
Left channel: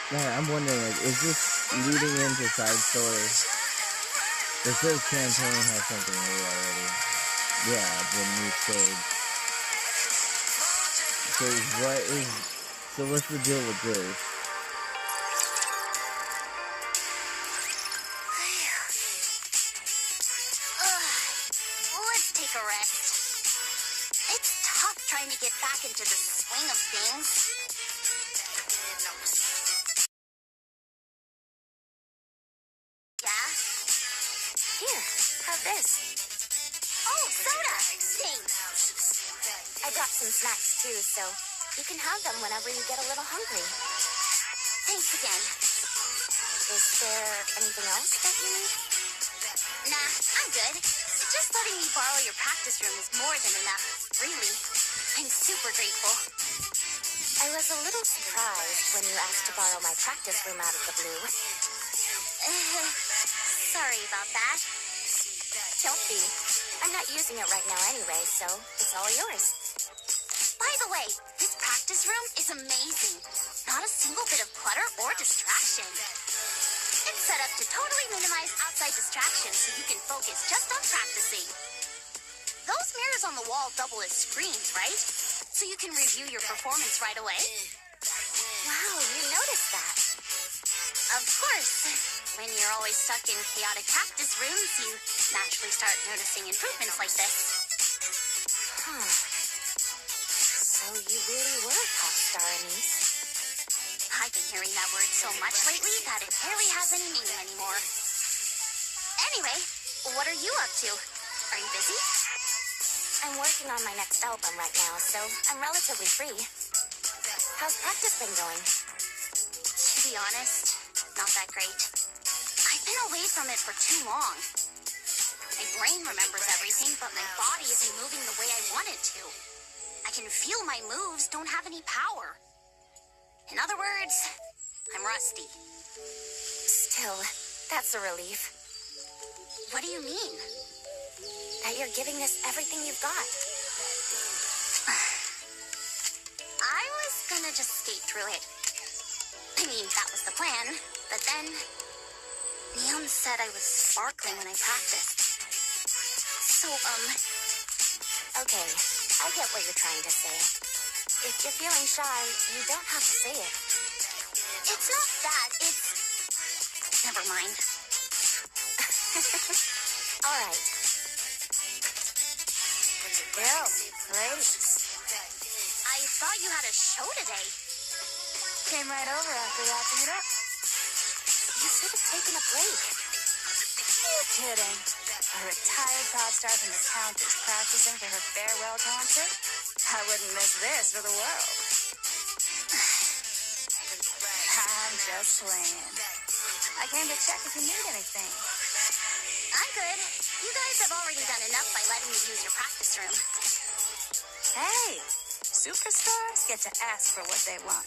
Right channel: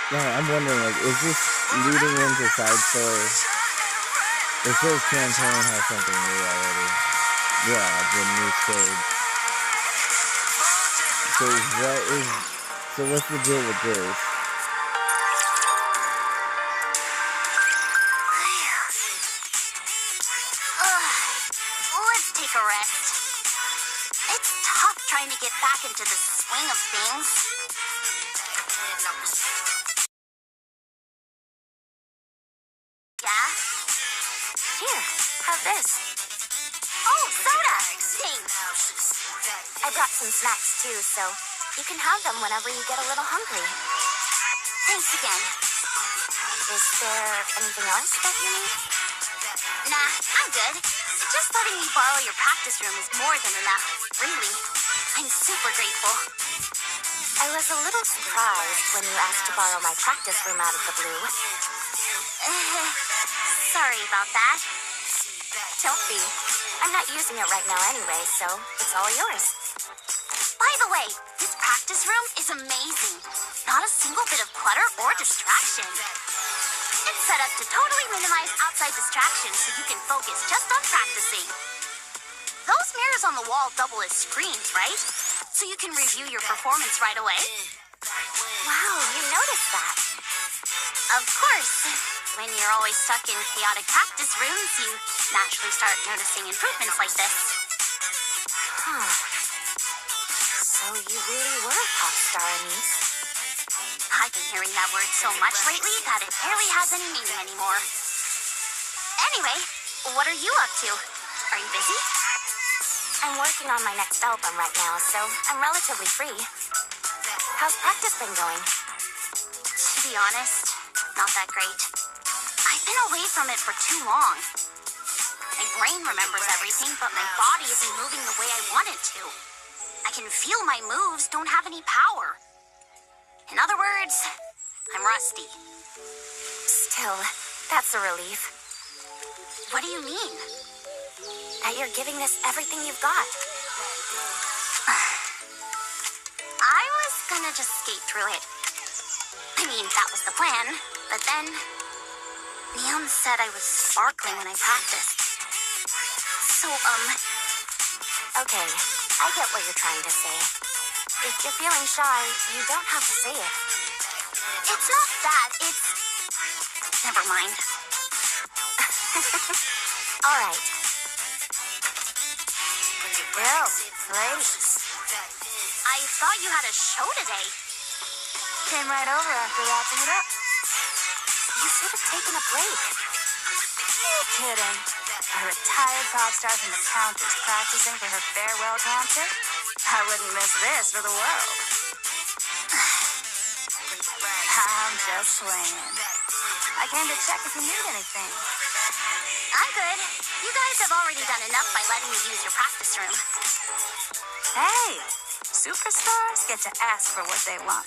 Yeah, I'm wondering, like, is this leading into side story? It says campaign has something new already. Yeah, the new stage. So what's the deal with this? Let's take a rest. It's tough trying to get back into the swing of things. Yeah? Here, have this. Oh, soda! Thanks. I brought some snacks too, so you can have them whenever you get a little hungry. Thanks again. Is there anything else that you need? Nah, I'm good. Just letting me borrow your practice room is more than enough, really. I'm super grateful. I was a little surprised when you asked to borrow my practice room out of the blue. Sorry about that. Don't be. I'm not using it right now anyway, so it's all yours. By the way, this practice room is amazing. Not a single bit of clutter or distraction. It's set up to totally minimize outside distractions so you can focus just on practicing. Those mirrors on the wall double as screens, right? so you can review your performance right away. Wow, you noticed that. Of course. When you're always stuck in chaotic practice rooms, you naturally start noticing improvements like this. Huh. So you really were a pop star, Anise. I've been hearing that word so much lately that it barely has any meaning anymore. Anyway, what are you up to? Are you busy? I'm working on my next album right now, so I'm relatively free. How's practice been going? To be honest, not that great. I've been away from it for too long. My brain remembers everything, but my body isn't moving the way I want it to. I can feel my moves don't have any power. In other words, I'm rusty. Still, that's a relief. What do you mean? That you're giving this everything you've got. I was gonna just skate through it. I mean, that was the plan, but then Neon said I was sparkling when I practiced. So, Okay, I get what you're trying to say. If you're feeling shy, you don't have to say it. it's not that, it's... Never mind. All right. Yo, ladies. I thought you had a show today. Came right over after wrapping it up. You should have taken a break. You kidding? A retired pop star from the Countess practicing for her farewell concert? I wouldn't miss this for the world. I'm just playing. I came to check if you need anything. I'm good. You guys have already done enough by letting me use your practice room. Hey, superstars get to ask for what they want.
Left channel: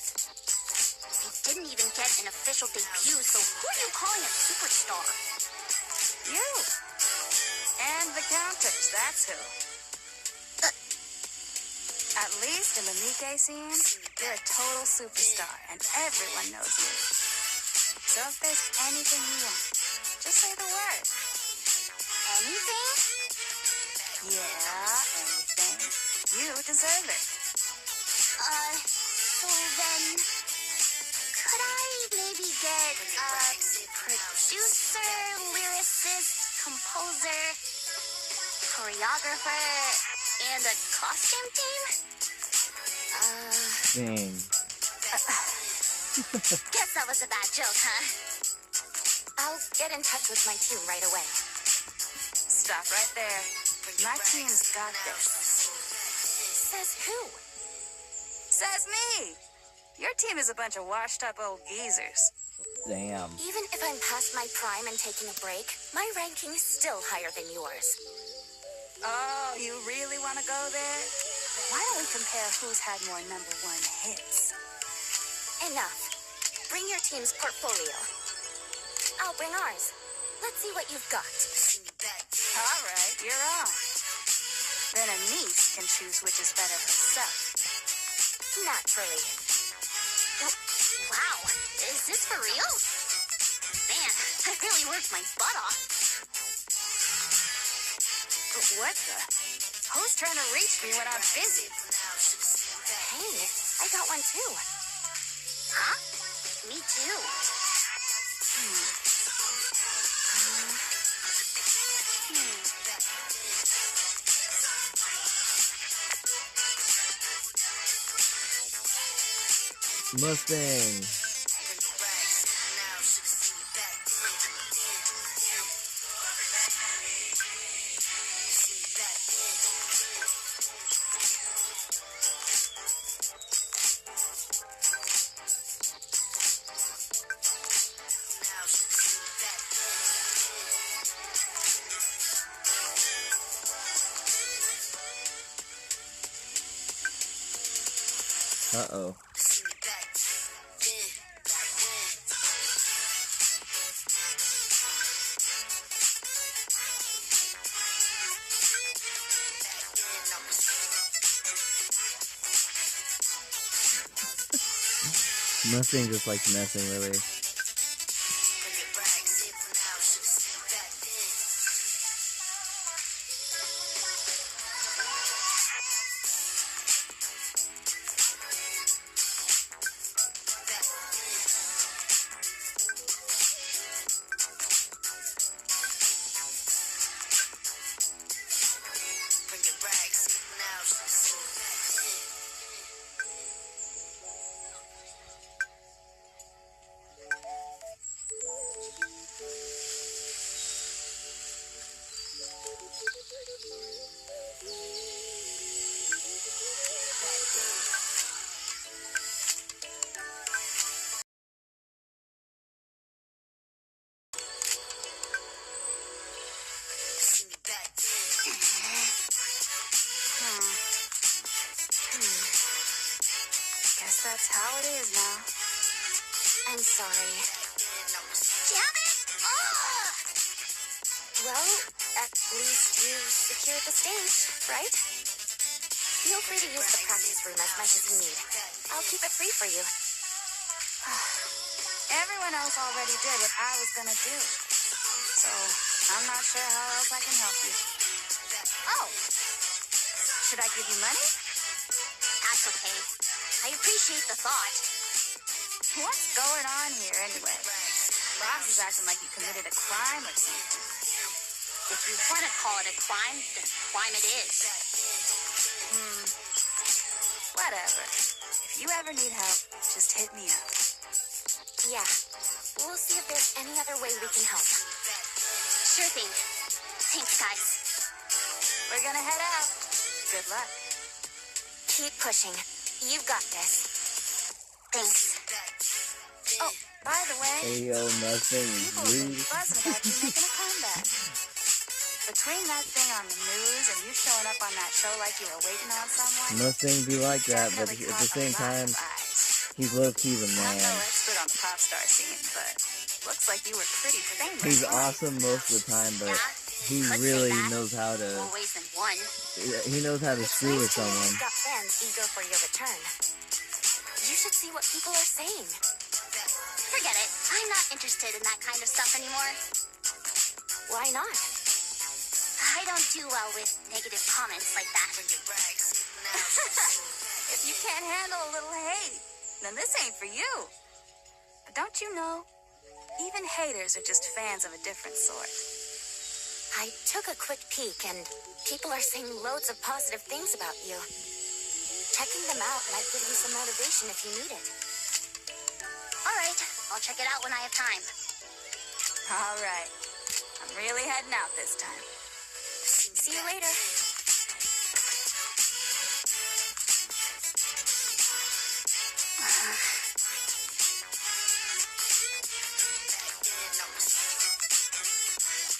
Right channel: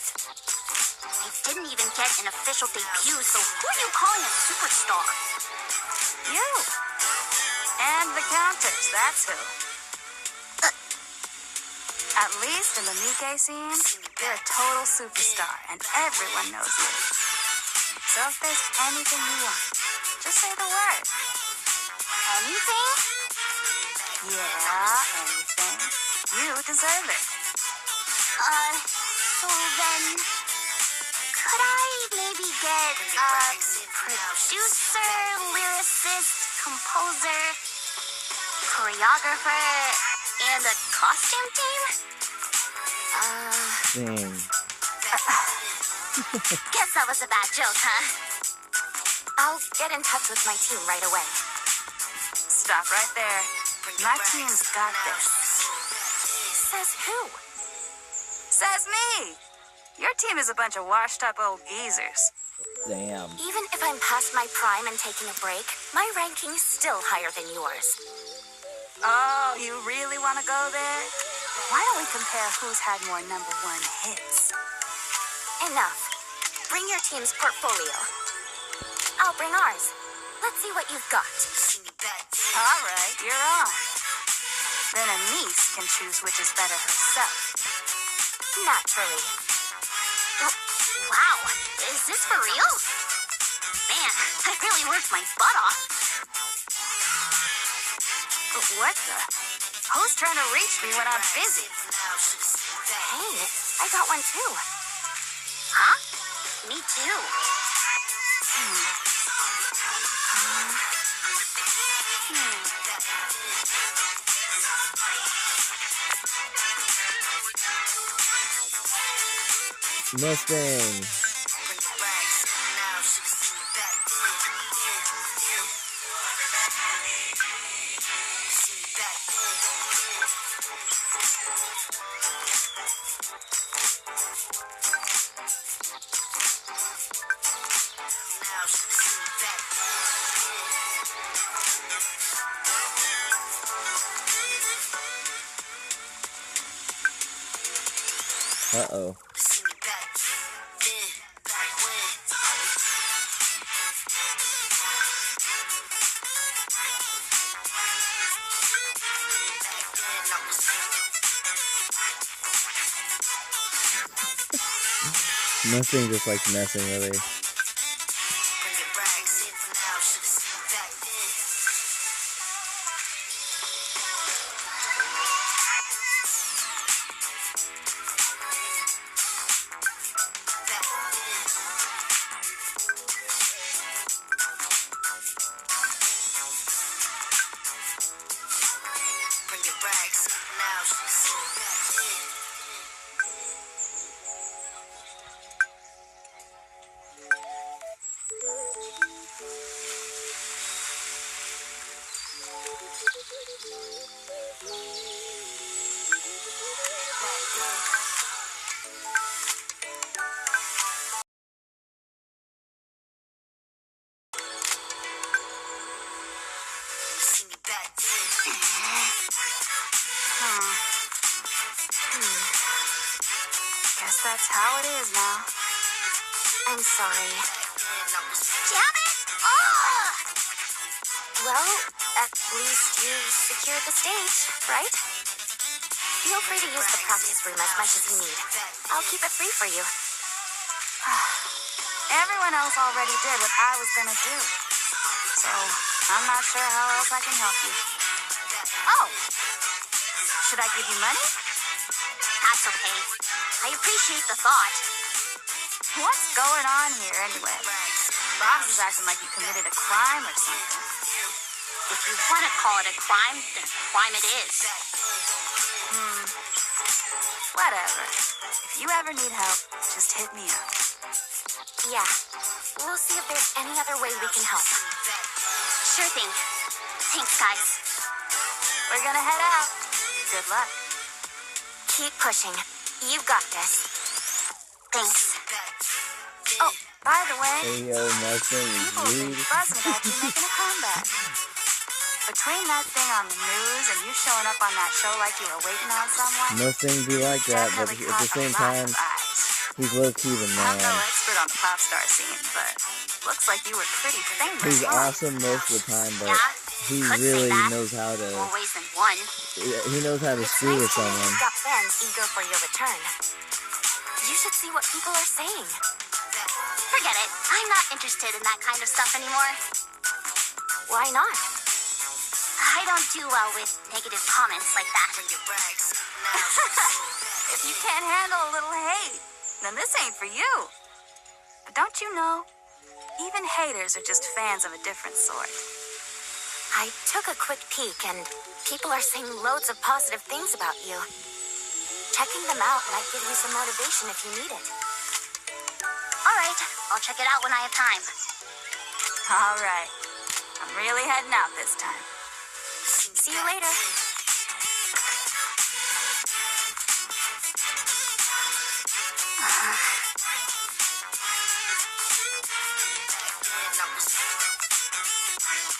I didn't even get an official debut, so who are you calling a superstar? You. And the Countess, that's who. At least in the Nikke scene, you're a total superstar, and everyone knows you. So if there's anything you want, just say the word. Anything? Yeah, anything. You deserve it. So then... Could I maybe get a producer, lyricist, composer, choreographer, and a costume team? Dang. Guess that was a bad joke, huh? I'll get in touch with my team right away. Stop right there. My team's got this. Says who? Says me. Your team is a bunch of washed up old geezers. Damn. Even if I'm past my prime and taking a break, my ranking's still higher than yours. Oh, you really want to go there? Why don't we compare who's had more #1 hits? Enough. Bring your team's portfolio. I'll bring ours. Let's see what you've got. All right, you're on. Then Anise can choose which is better herself. Naturally. Wow, is this for real? Man, I really worked my butt off. What the? Who's trying to reach me when I'm busy? Hey, I got one too. Huh? Me too. Mustang. Uh-oh. Nothing just like messing with her. Guess that's how it is now. I'm sorry. Damn it! Oh! Well, at least you secured the stage, right? Feel free to use the practice room as much as you need. I'll keep it free for you. Everyone else already did what I was gonna do. So, I'm not sure how else I can help you. Oh! Should I give you money? That's okay. I appreciate the thought. What's going on here anyway? Boss is acting like you committed a crime or something. If you want to call it a crime, then crime it is. Whatever. If you ever need help, just hit me up. Yeah. We'll see if there's any other way we can help. Sure thing. Thanks, guys. We're gonna head out. Good luck. Keep pushing. You've got this. Thanks. Oh, by the way, Hey yo, Mustang is people have been rude. buzzing about you making a comeback. Between that thing on the news and you showing up on that show like you were waiting on someone, Mustang be like that, but definitely at caught the same a lot time, of eyes. he's low-key the I'm no man. expert on the pop star scene, but looks like you were pretty famous. He's huh? awesome most of the time, but Yeah, he could say really that. knows how to. More ways than one. He knows how to It's screw nice with to know someone. you've got fans eager for your return. You should see what people are saying. Forget it. I'm not interested in that kind of stuff anymore. Why not? I don't do well with negative comments like that. If you can't handle a little hate, then this ain't for you. But don't you know, even haters are just fans of a different sort. I took a quick peek, and people are saying loads of positive things about you. Checking them out might give you some motivation if you need it. All right, I'll check it out when I have time. All right. I'm really heading out this time. See you later.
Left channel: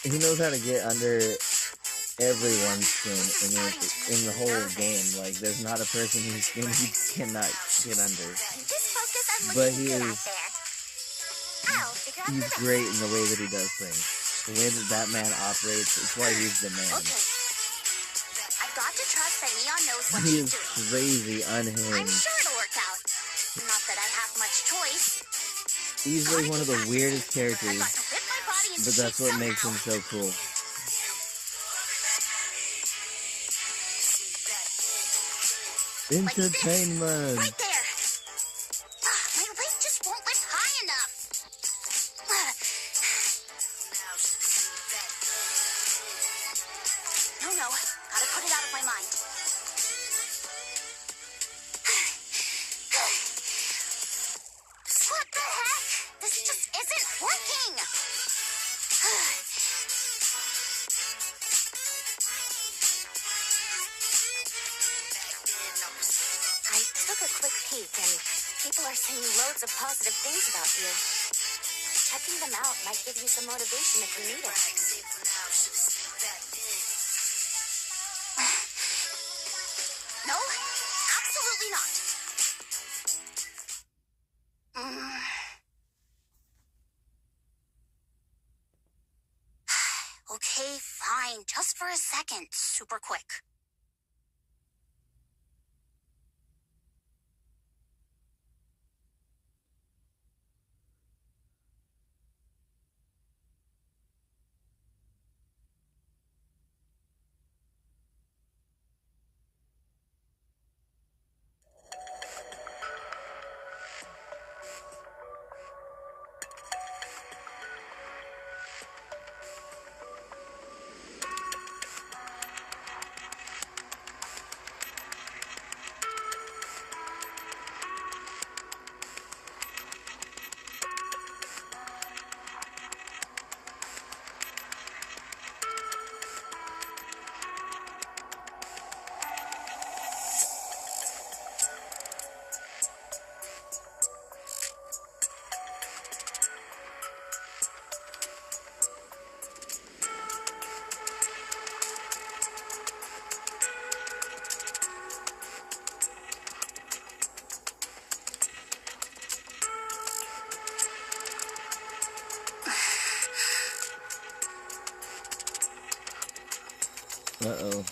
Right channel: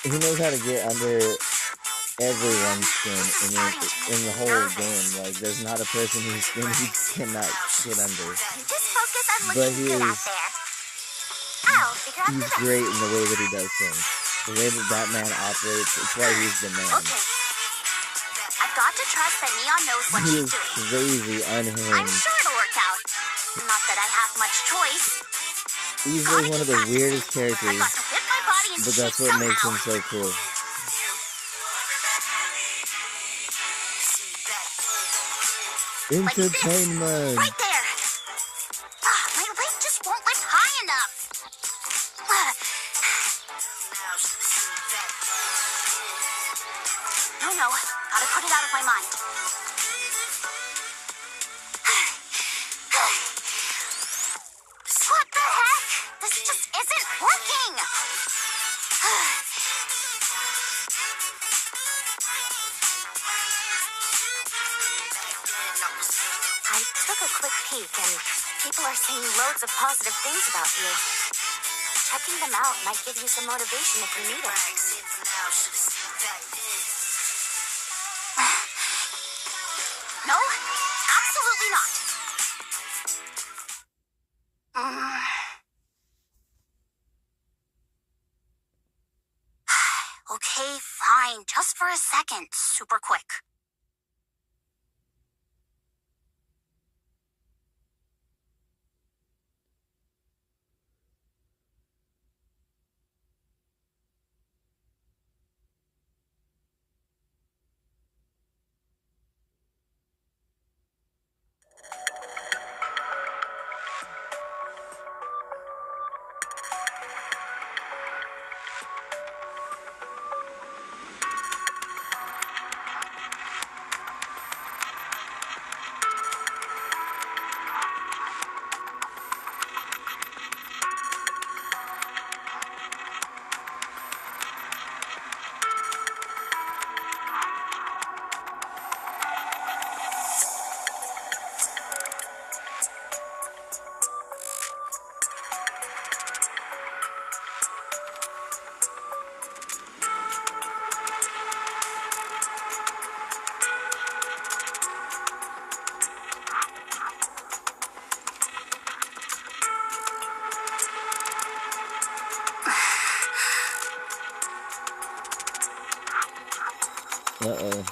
He knows how to get under everyone's skin in the whole game. Like, there's not a person whose skin he cannot get under. Just focus on But looking he good is, out there. I'll figure out the he's rest. great in the way that he does things. The way that Batman operates, it's why he's the man. Okay. I've got to trust that Neon knows what He she's is doing. crazy I'm unhinged. sure it'll work out. Not that I have much choice. Easily one of the weirdest I've characters, got to whip my body into but shape that's what makes him somehow. so cool. Like this. Entertainment! Right there. My weight just won't lift high enough. No. Gotta put it out of my mind. What the heck? This just isn't working. I took a quick peek, and people are saying loads of positive things about you. Checking them out might give you some motivation if you need it. No, absolutely not. Okay, fine. Just for a second. Super quick. Uh-oh.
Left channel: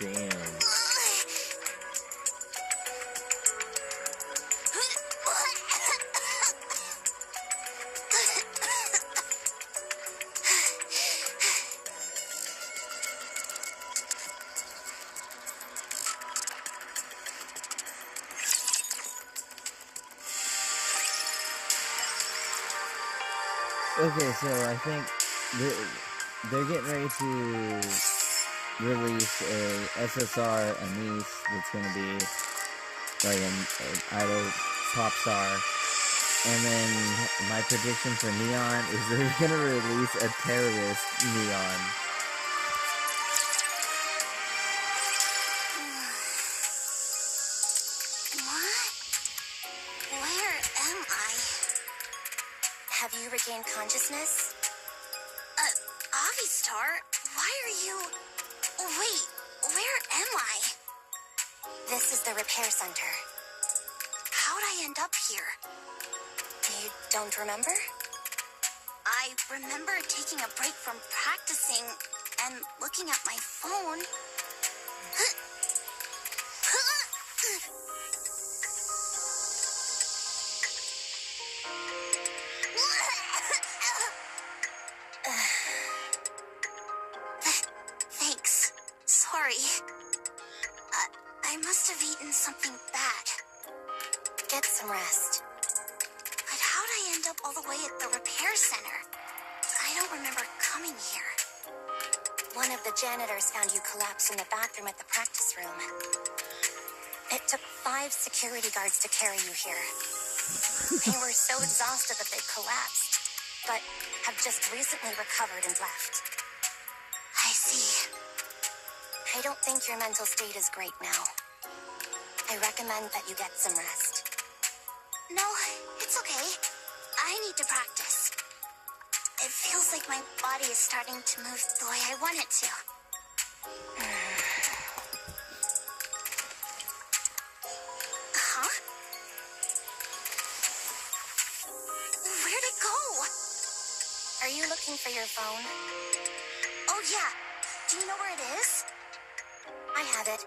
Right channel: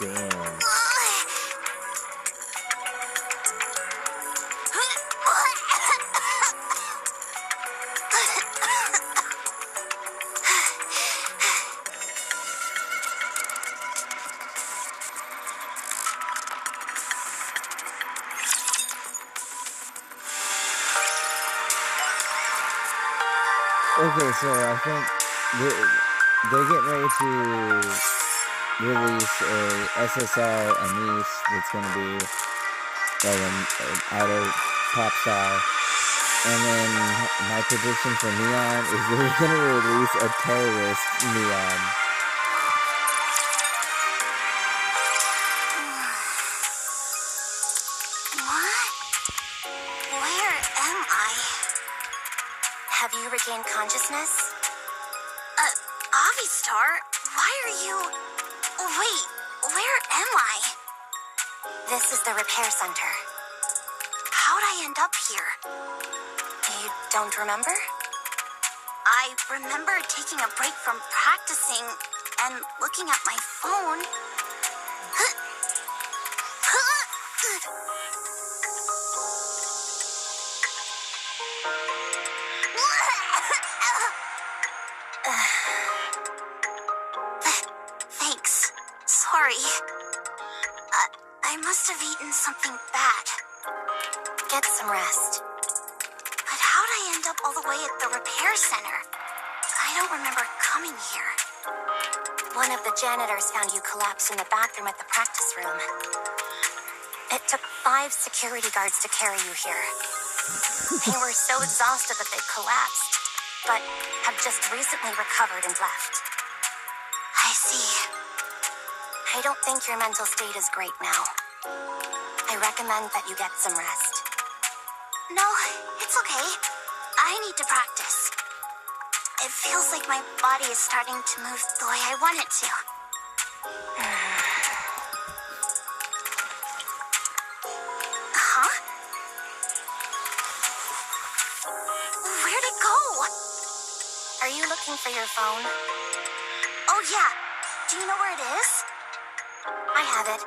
Damn. Okay, so I think they're getting ready to release a SSR Anise that's going to be like an idol pop star. And then my prediction for Neon is they're going to release a terrorist Neon. What? Where am I? Have you regained consciousness? Avistar, why are you... Wait, where am I? This is the repair center. How'd I end up here? You don't remember? I remember taking a break from practicing and looking at my phone. Thanks. Sorry. I must have eaten something bad. Get some rest. But how'd I end up all the way at the repair center? I don't remember coming here. One of the janitors found you collapsed in the bathroom at the practice room. It took 5 security guards to carry you here. They were so exhausted that they collapsed, but have just recently recovered and left. I see. I don't think your mental state is great now. I recommend that you get some rest. No, it's okay. I need to practice. It feels like my body is starting to move the way I want it to. Huh? Where'd it go? Are you looking for your phone? Oh, yeah. Do you know where it is? I have it.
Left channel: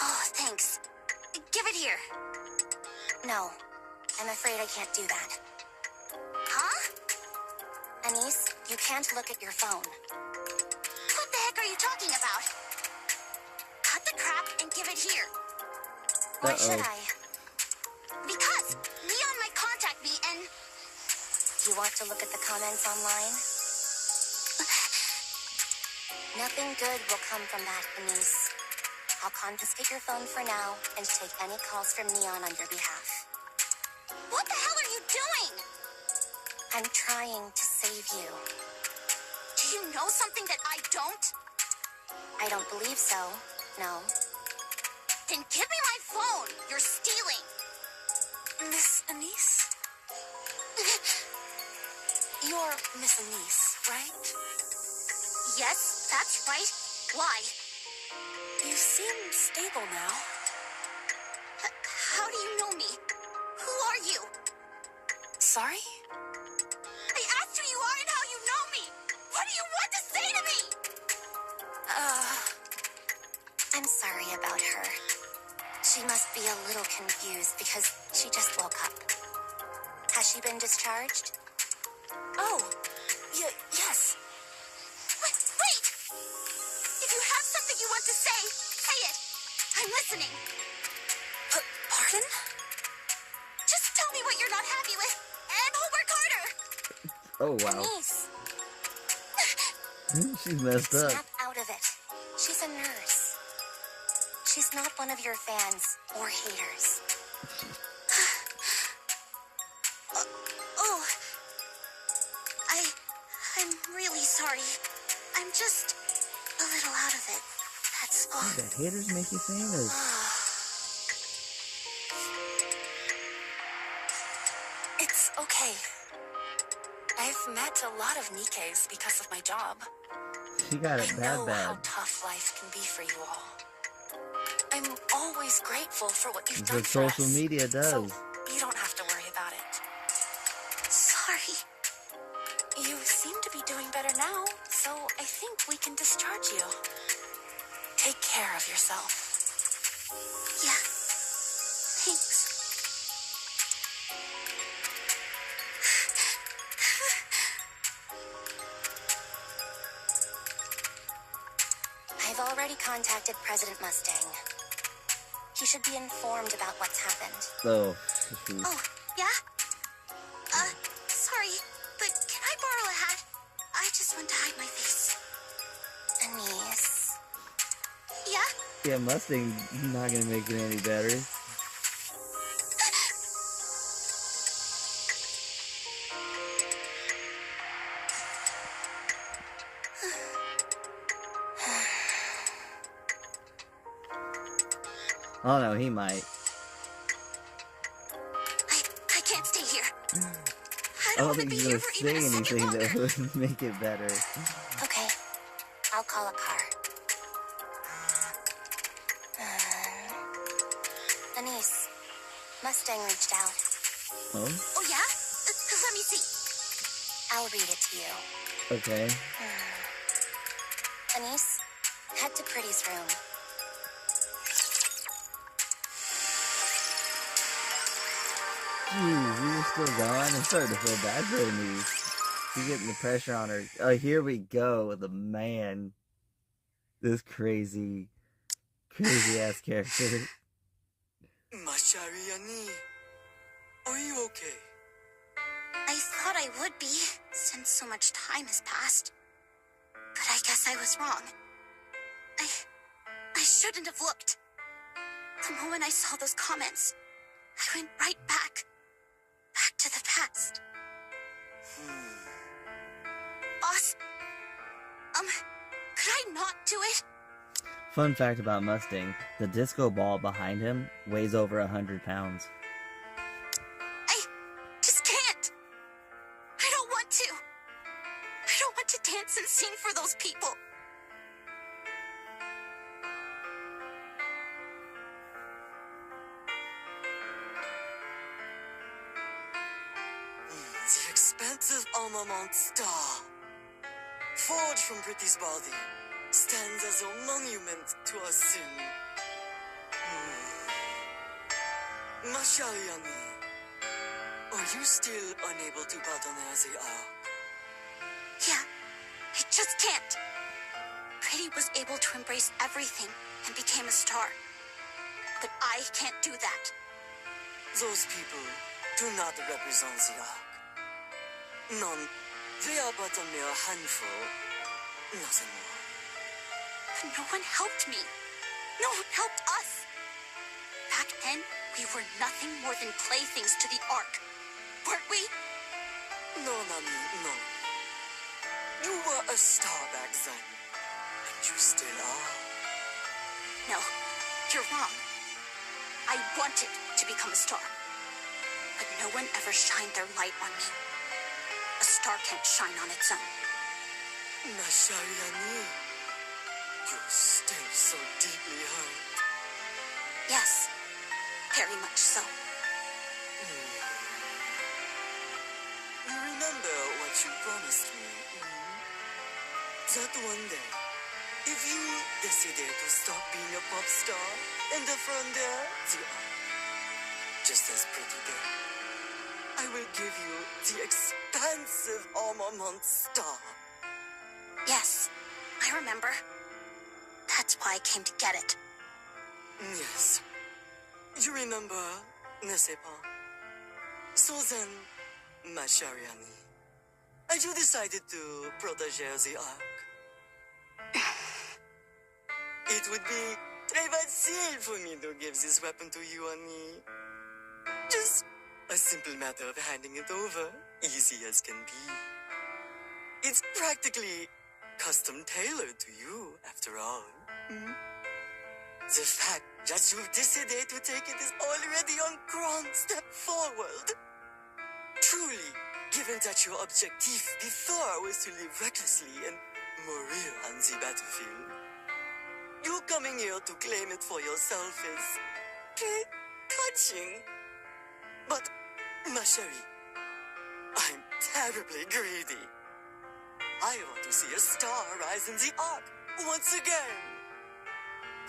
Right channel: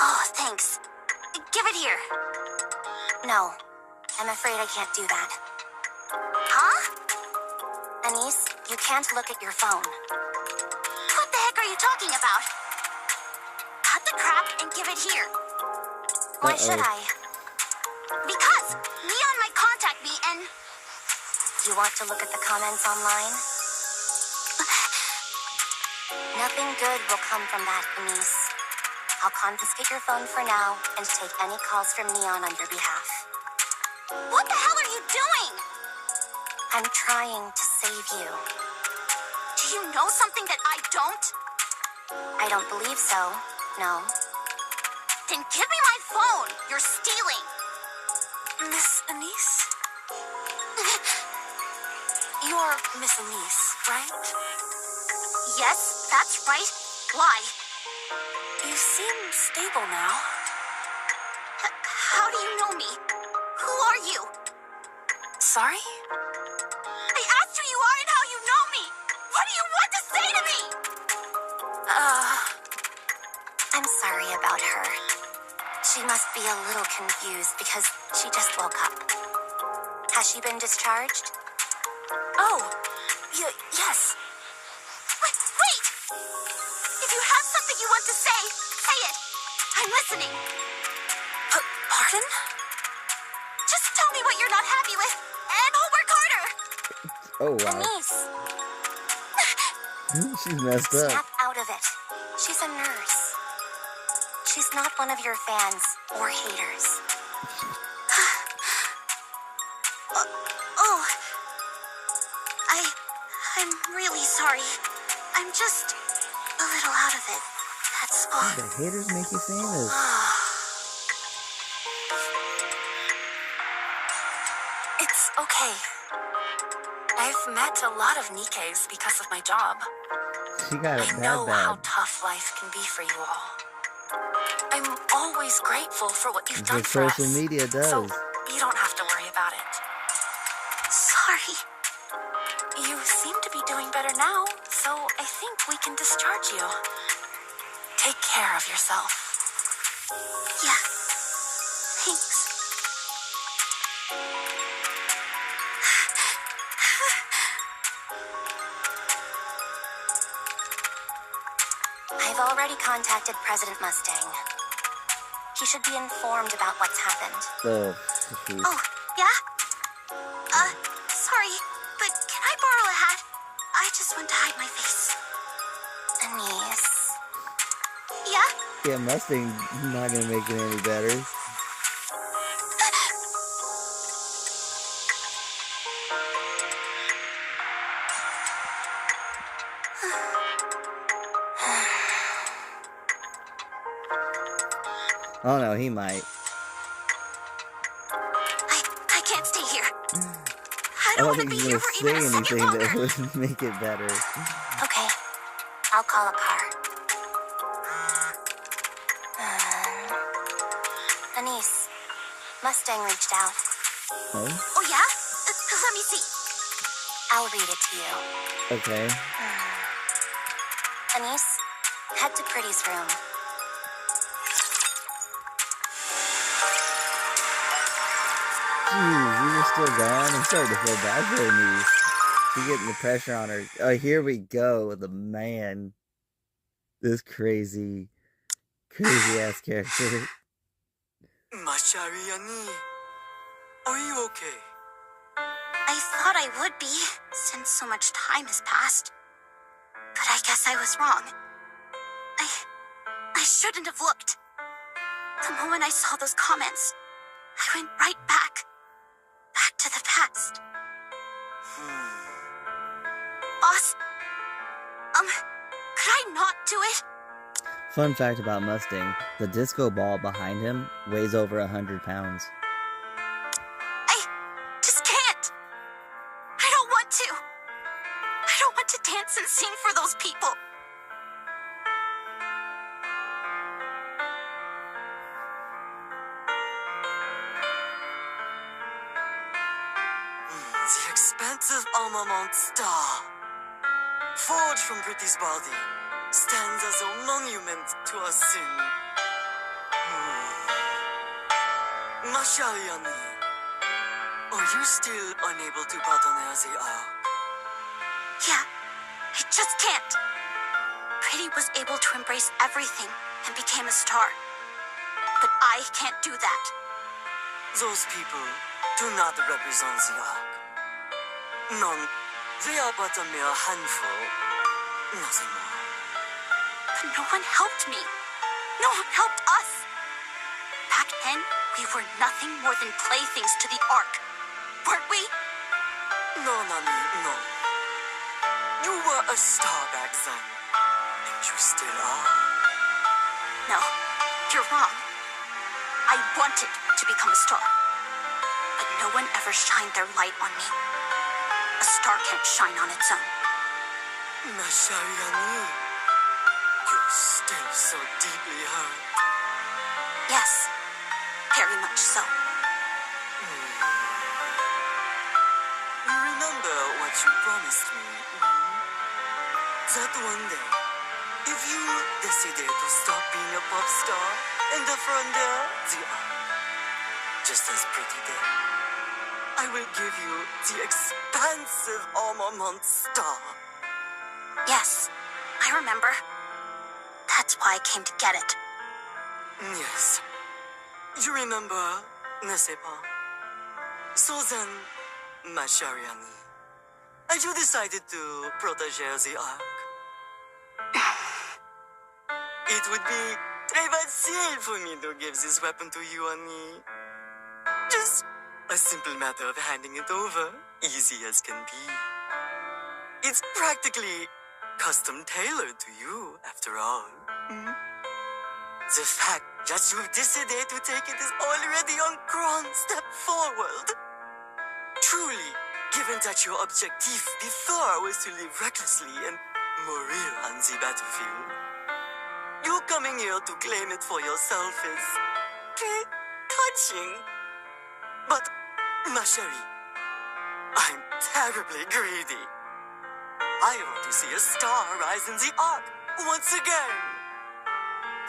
Oh, thanks. Give it here. No, I'm afraid I can't do that. Huh? Anise, you can't look at your phone. What the heck are you talking about? Cut the crap and give it here. Why should I? Because Neon might contact me and... You want to look at the comments online? Nothing good will come from that, Denise. I'll confiscate your phone for now and take any calls from Neon on your behalf. What the hell are you doing? I'm trying to save you. Do you know something that I don't? I don't believe so, no. Then give me my phone. You're stealing. Miss Anise? You're Miss Anise, right? Yes, that's right. Why? You seem stable now. How do you know me? Who are you? Sorry? I asked who you are and how you know me. What do you want to say to me? I'm sorry about her. She must be a little confused because she just woke up. Has she been discharged? Oh, yes. Wait! If you have something you want to say it. I'm listening. Pardon? Just tell me what you're not happy with, and I'll work harder. Oh, wow. Denise, She messed up. snap out of it. She's a nurse. She's not one of your fans or haters. I'm really sorry. I'm just a little out of it. That's all. The haters make you famous. It's okay. I've met a lot of Nikkes because of my job. She got it I know how bad. tough life can be for you all. I'm always grateful for what you've That's done what for social us. media does. So you don't have to worry about it. Sorry. You seem to be doing better now, so I think we can discharge you. Take care of yourself. Yeah. Thanks. I've already contacted President Mustang. He should be informed about what's happened. Oh, shoot. Oh, yeah? Sorry, but can I borrow a hat? I just want to hide my face. Anise. Yeah? Yeah, Mustang not gonna make it any better. Oh no, he might. I can't stay here. I I don't don't want to think be he's here gonna for say even a second anything longer. that would make it better. Okay, I'll call a car. Anise, Mustang reached out. Oh, Oh, yeah? Let me see. I'll read it to you. okay. Anise, head to Pretty's room. Jeez, you were still gone. I'm starting to feel bad for Anise. She's getting the pressure on her. Oh, here we go with the man. This crazy ass character. Mashariani, are you okay? I thought I would be, since so much time has passed. But I guess I was wrong. I shouldn't have looked. The moment I saw those comments, I went right back to the past. Boss, could I not do it? Fun fact about Mustang, the disco ball behind him weighs over 100 pounds. I just can't. I don't want to. I don't want to dance and sing for those people. The expensive armament star, forged from Pretty's body, stands as a monument to our sin. Mashariani, are you still unable to pardonner the arc? Yeah, I just can't. Pretty was able to embrace everything and became a star. But I can't do that. Those people do not represent the arc. None. They are but a mere handful. Nothing more. But no one helped me. No one helped us. Back then, we were nothing more than playthings to the Ark. Weren't we? No, Nami, no. You were a star back then. And you still are. No, you're wrong. I wanted to become a star. But no one ever shined their light on me. A star can't shine on its own. Mashariani, you're still so deeply hurt. Yes, very much so. You remember what you promised me, That one day, if you decided to stop being a pop star and from there, the art, just as pretty there, I will give you the expansive armament star. Yes, I remember. That's why I came to get it. Yes. You remember, n'est-ce pas? So then, Mashariani, and you decided to protege the Ark. It would be très facile for me to give this weapon to you, Annie. Just a simple matter of handing it over, easy as can be. It's practically custom tailored to you, after all. The fact that you've decided to take it is already a grand step forward. Truly, given that your objective before was to live recklessly and mourir on the battlefield, you coming here to claim it for yourself is touching. But, ma chérie, I'm terribly greedy. I want to see a star rise in the Ark once again.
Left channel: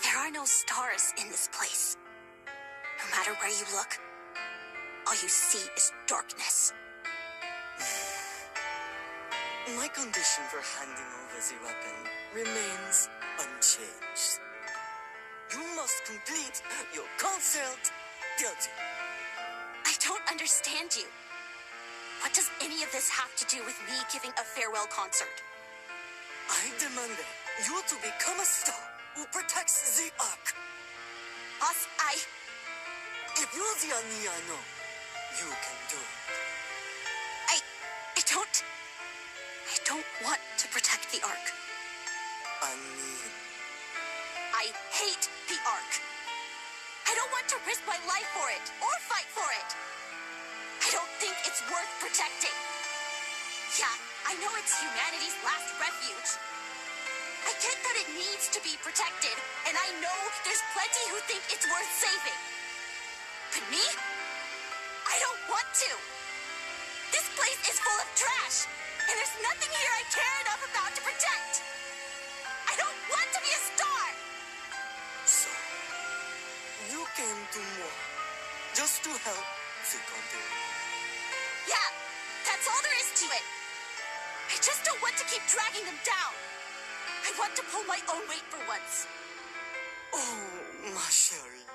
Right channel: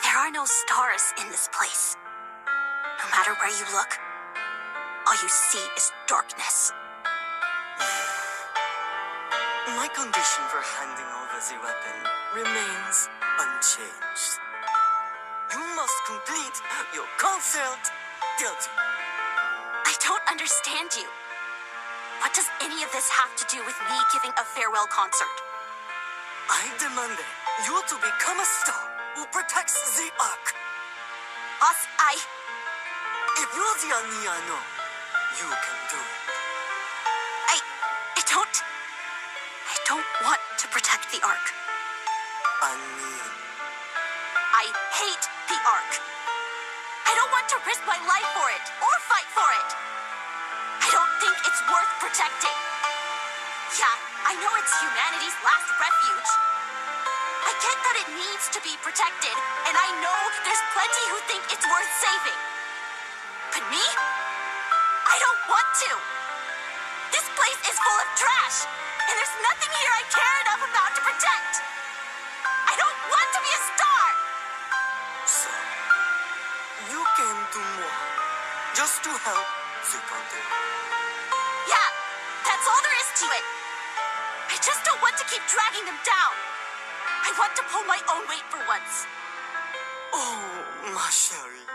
There are no stars in this place. No matter where you look, all you see is darkness. My condition for handing over the weapon remains unchanged. You must complete your concert guilty. I don't understand you. What does any of this have to do with me giving a farewell concert? I demand you to become a star who protects the Ark. Boss, If you're the Aniano, you can do it. I don't want to protect the Ark. Ani. I hate the Ark. I don't want to risk my life for it or fight for it. I don't think it's worth protecting. Yeah, I know it's humanity's last refuge. I get that it needs to be protected, and I know there's plenty who think it's worth saving. But me? I don't want to. This place is full of trash, and there's nothing here I care enough about to protect. I don't want to be a star. So, you came to moi just to help the country. Yeah, that's all there is to it. I just don't want to keep dragging them down. I want to pull my own weight for once. Oh, ma chérie,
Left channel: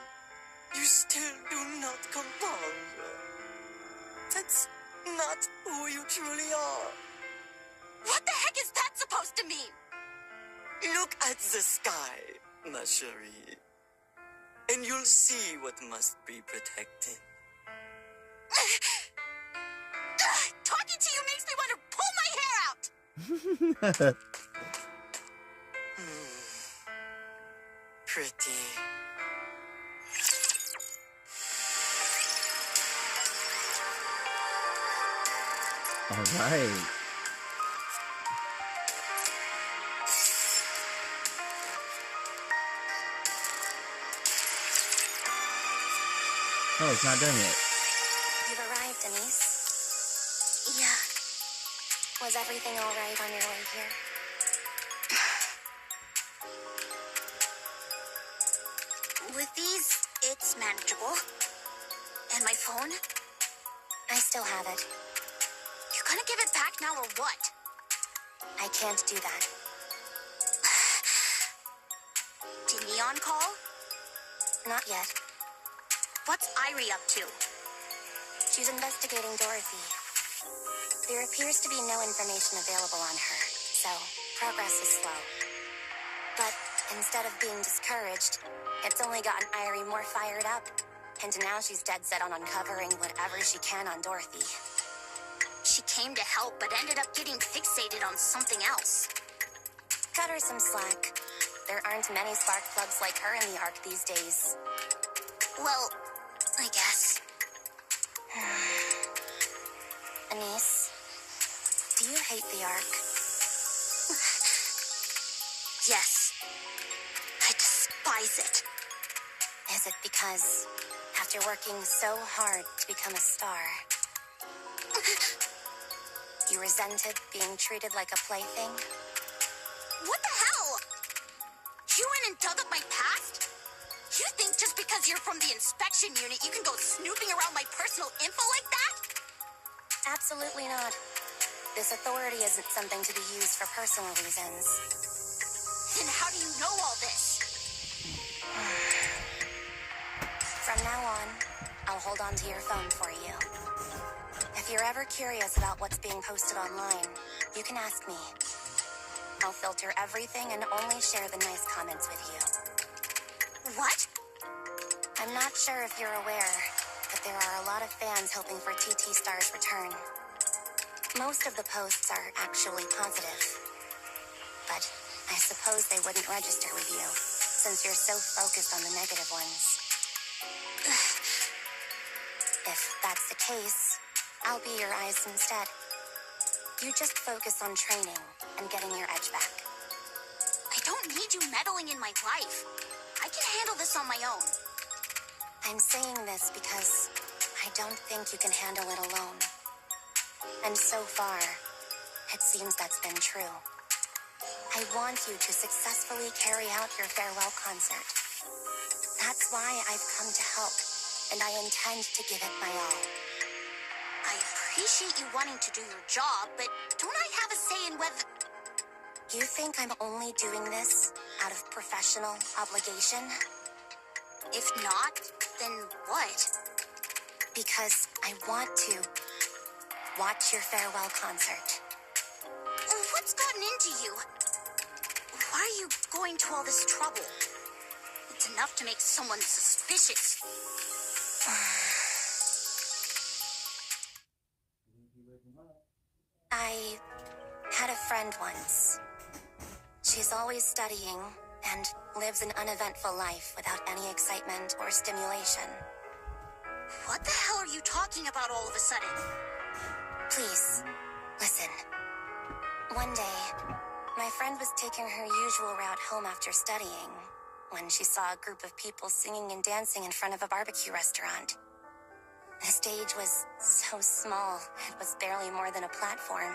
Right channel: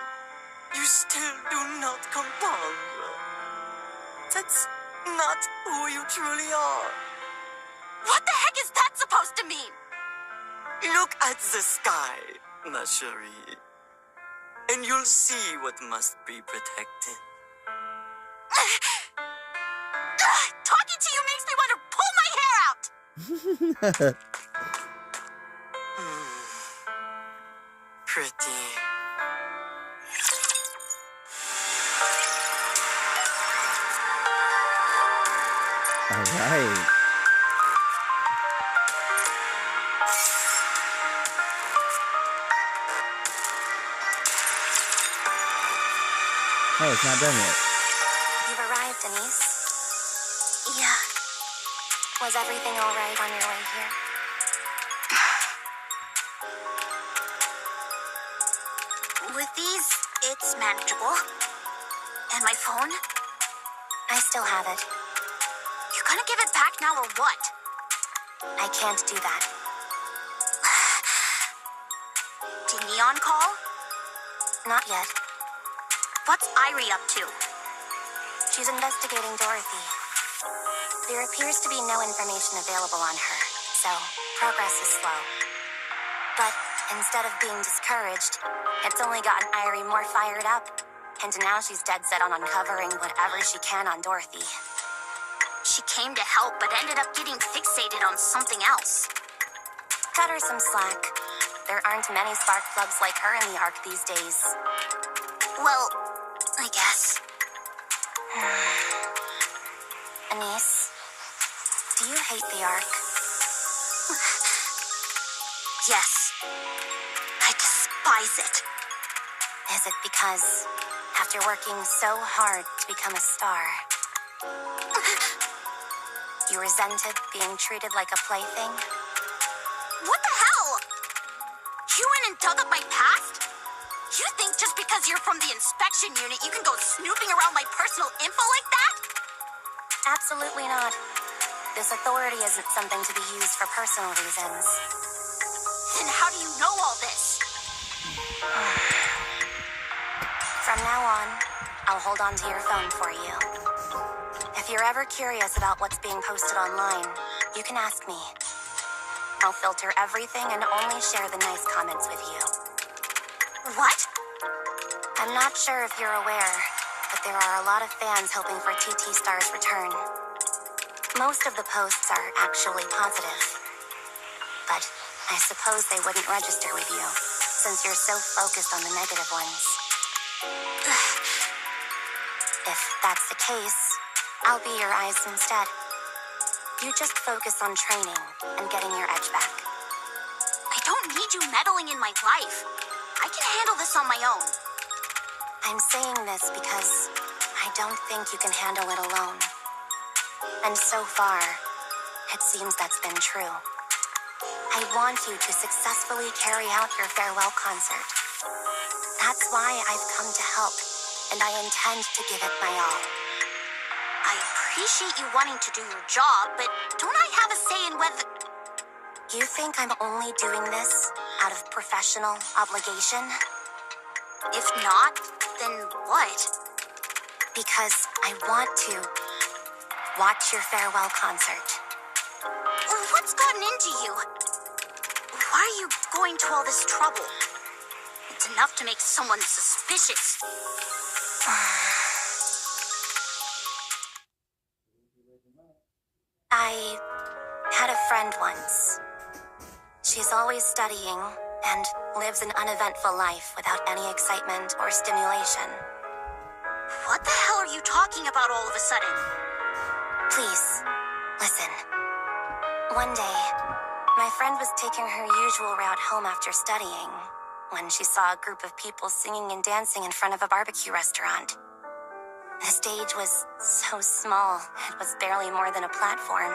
you still do not comprendre. That's not who you truly are. What the heck is that supposed to mean? Look at the sky, ma chérie, and you'll see what must be protected. Talking to you makes me want to pull my hair out. Pretty. All right. Oh, it's not done yet. You've arrived, Denise. Yeah. Was everything all right on your way here? With these, it's manageable. And my phone? I still have it. You gonna give it back now or what? I can't do that. Did Neon call? Not yet. What's Irie up to? She's investigating Dorothy. There appears to be no information available on her, so progress is slow. But Instead of being discouraged, it's only gotten Irie more fired up. And now she's dead set on uncovering whatever she can on Dorothy. She came to help, but ended up getting fixated on something else. Cut her some slack. There aren't many spark plugs like her in the Ark these days. Well, I guess. Anise, do you hate the Ark? Yes. I despise it. Is it because, after working so hard to become a star, you resented being treated like a plaything? What the hell? You went and dug up my past? You think just because you're from the inspection unit, you can go snooping around my personal info like that? Absolutely not. This authority isn't something to be used for personal reasons. Then how do you know all this? From now on, I'll hold on to your phone for you. If you're ever curious about what's being posted online, you can ask me. I'll filter everything and only share the nice comments with you. What? I'm not sure if you're aware, but there are a lot of fans hoping for TT Star's return. Most of the posts are actually positive. But I suppose they wouldn't register with you, since you're so focused on the negative ones. If that's the case, I'll be your eyes instead. You just focus on training and getting your edge back. I don't need you meddling in my life. I can handle this on my own. I'm saying this because I don't think you can handle it alone. And so far, it seems that's been true. I want you to successfully carry out your farewell concert. That's why I've come to help, and I intend to give it my all. I appreciate you wanting to do your job, but don't I have a say in whether... You think I'm only doing this out of professional obligation? If not, then what? Because I want to watch your farewell concert. What's gotten into you? Why are you going to all this trouble? It's enough to make someone suspicious. I had a friend once. She's always studying and lives an uneventful life without any excitement or stimulation. What the hell are you talking about all of a sudden? Please, listen. One day, my friend was taking her usual route home after studying when she saw a group of people singing and dancing in front of a barbecue restaurant. The stage was so small, it was barely more than a platform,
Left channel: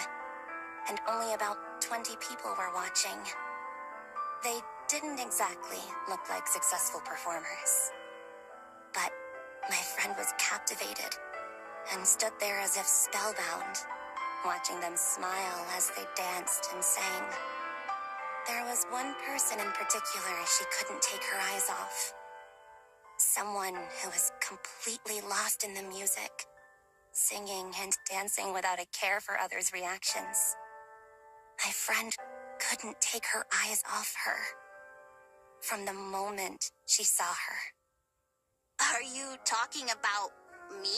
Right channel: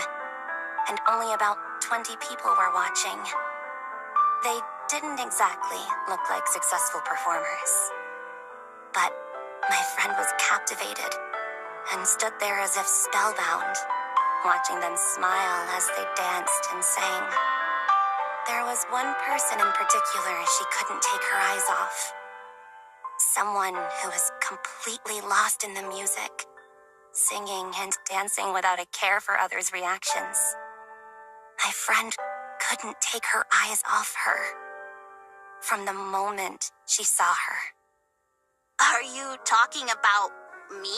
and only about 20 people were watching. They didn't exactly look like successful performers. But my friend was captivated and stood there as if spellbound, watching them smile as they danced and sang. There was one person in particular she couldn't take her eyes off. Someone who was completely lost in the music, singing and dancing without a care for others' reactions. My friend couldn't take her eyes off her from the moment she saw her. Are you talking about me?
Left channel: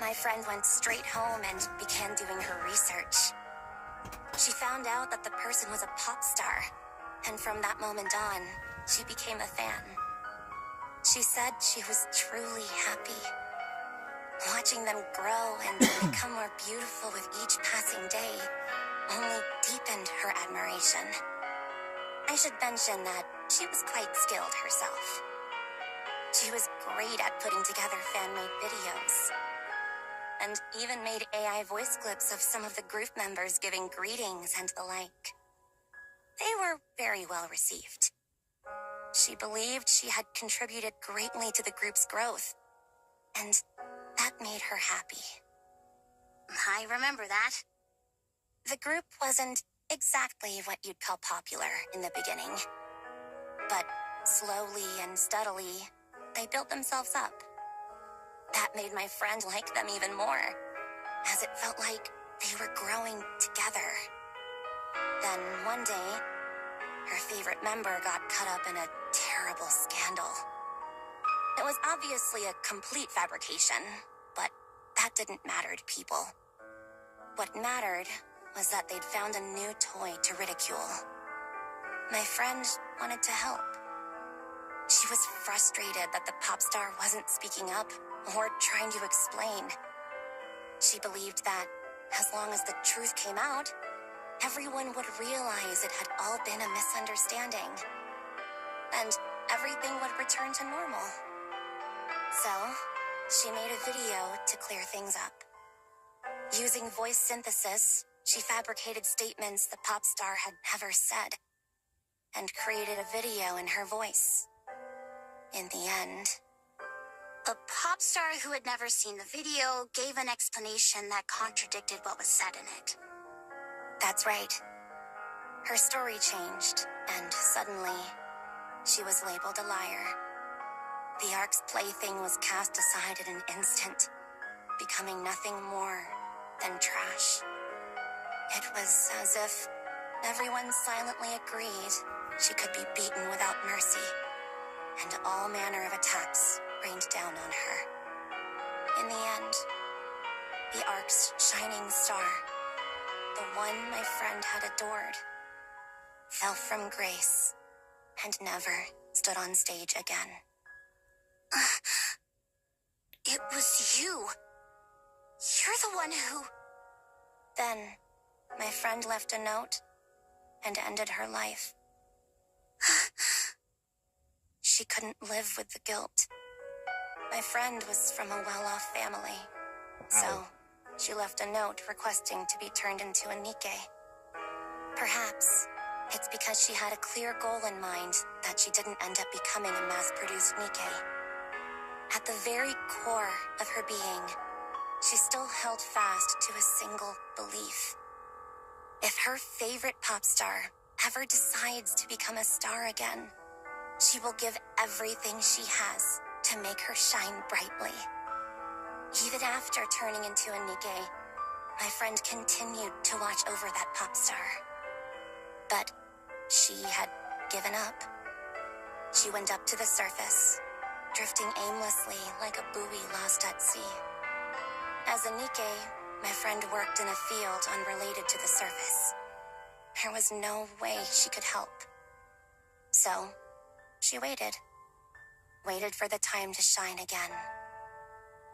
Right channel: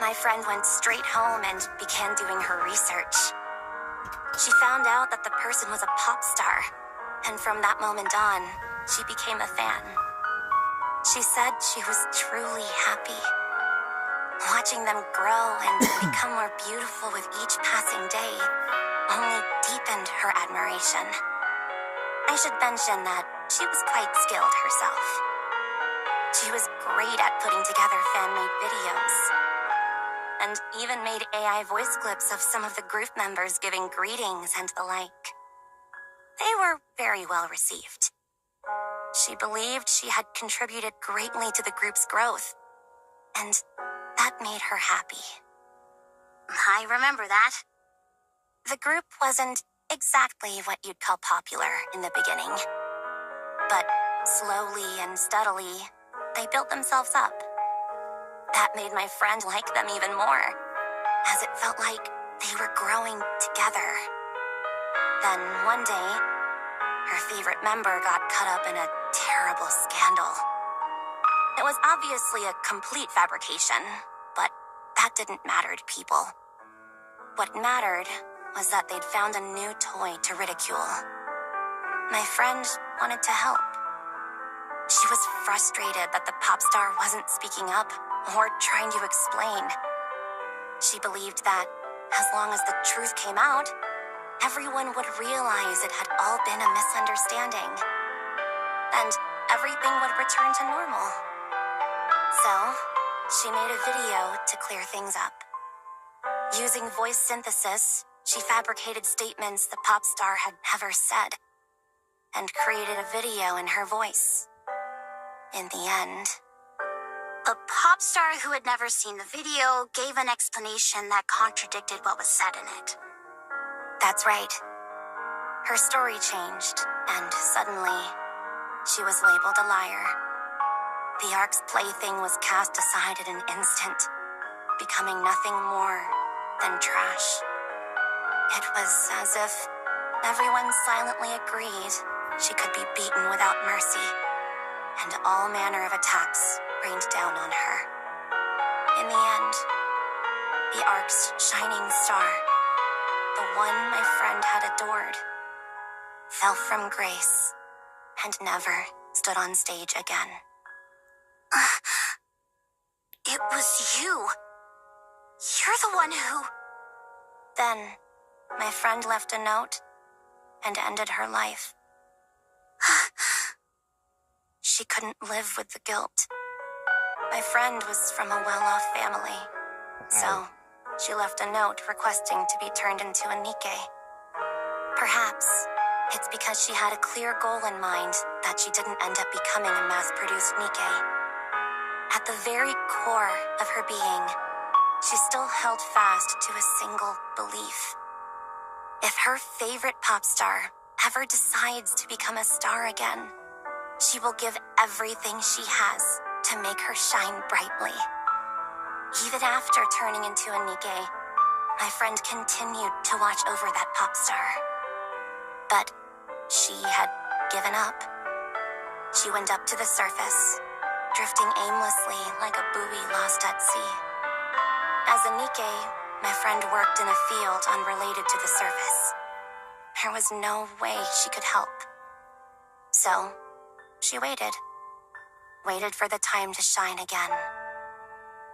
My friend went straight home and began doing her research. She found out that the person was a pop star, and from that moment on, she became a fan. She said she was truly happy. Watching them grow and become more beautiful with each passing day only deepened her admiration. I should mention that she was quite skilled herself. She was great at putting together fan-made videos, and even made AI voice clips of some of the group members giving greetings and the like. They were very well received. She believed she had contributed greatly to the group's growth, and that made her happy. I remember that. The group wasn't exactly what you'd call popular in the beginning, but slowly and steadily, they built themselves up. That made my friend like them even more, as it felt like they were growing together. Then one day, her favorite member got caught up in a terrible scandal. It was obviously a complete fabrication, but that didn't matter to people. What mattered was that they'd found a new toy to ridicule. My friend wanted to help. She was frustrated that the pop star wasn't speaking up or trying to explain. She believed that, as long as the truth came out, everyone would realize it had all been a misunderstanding, and everything would return to normal. So, she made a video to clear things up. Using voice synthesis, she fabricated statements the pop star had never said, and created a video in her voice. In the end, A pop star who had never seen the video gave an explanation that contradicted what was said in it. that's right. Her story changed, and suddenly, she was labeled a liar. The Ark's plaything was cast aside in an instant, becoming nothing more than trash. It was as if everyone silently agreed she could be beaten without mercy, and all manner of attacks rained down on her. In the end, the Ark's shining star, the one my friend had adored, fell from grace and never stood on stage again. It was you. You're the one who... Then, my friend left a note and ended her life. She couldn't live with the guilt. My friend was from a well-off family, so she left a note requesting to be turned into a Nikke. Perhaps it's because she had a clear goal in mind that she didn't end up becoming a mass-produced Nikke. At the very core of her being, she still held fast to a single belief. If her favorite pop star ever decides to become a star again, she will give everything she has to make her shine brightly. Even after turning into a Nikke, my friend continued to watch over that pop star. But she had given up. She went up to the surface, drifting aimlessly like a buoy lost at sea. As a Nikke, my friend worked in a field unrelated to the surface. There was no way she could help. So, she waited. Waited for the time to shine again.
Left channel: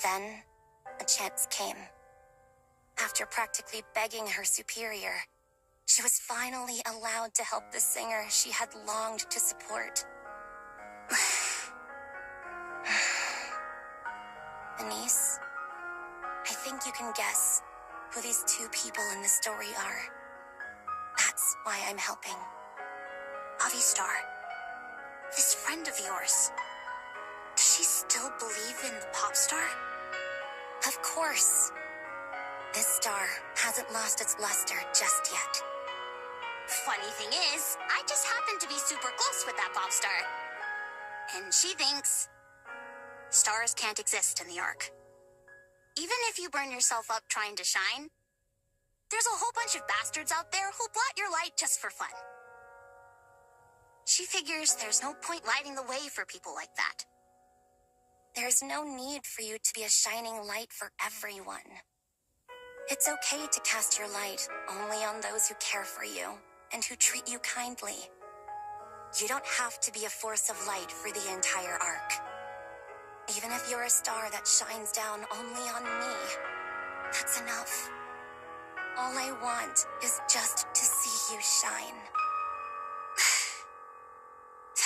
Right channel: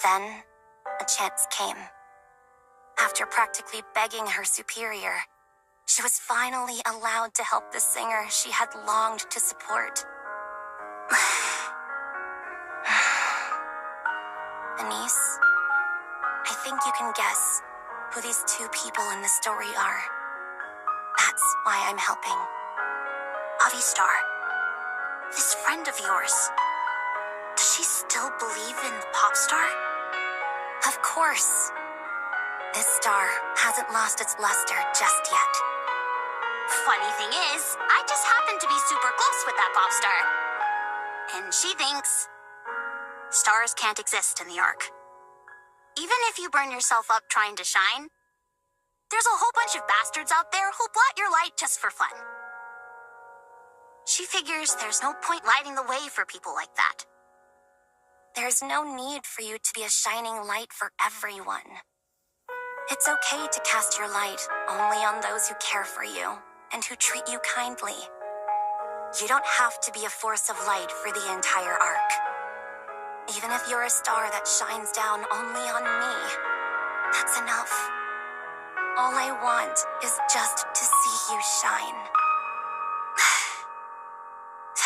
Then, a chance came. After practically begging her superior, she was finally allowed to help the singer she had longed to support. Anise, I think you can guess who these two people in the story are. That's why I'm helping. Avistar, this friend of yours, does she still believe in the pop star? Of course. This star hasn't lost its luster just yet. Funny thing is, I just happen to be super close with that pop star. And she thinks stars can't exist in the Ark. Even if you burn yourself up trying to shine, there's a whole bunch of bastards out there who'll blot your light just for fun. She figures there's no point lighting the way for people like that. There's no need for you to be a shining light for everyone. It's okay to cast your light only on those who care for you and who treat you kindly. You don't have to be a force of light for the entire Ark. Even if you're a star that shines down only on me, that's enough. All I want is just to see you shine.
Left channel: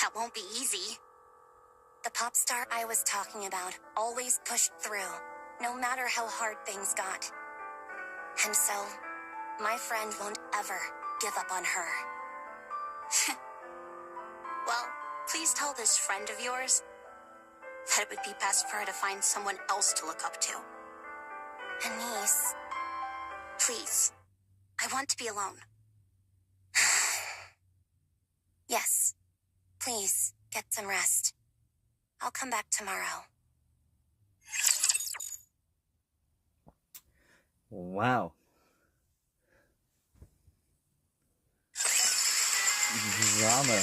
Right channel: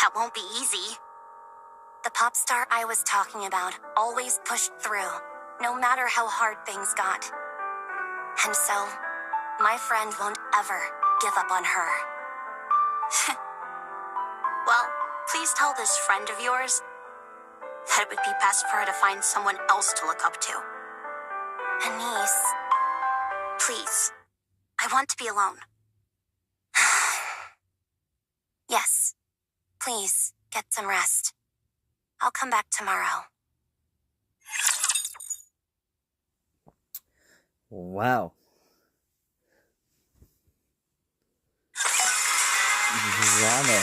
That won't be easy. The pop star I was talking about always pushed through, no matter how hard things got. And so, my friend won't ever give up on her. Well, please tell this friend of yours that it would be best for her to find someone else to look up to. Anise, Please, I want to be alone. yes, please get some rest. I'll come back tomorrow. Wow. drama.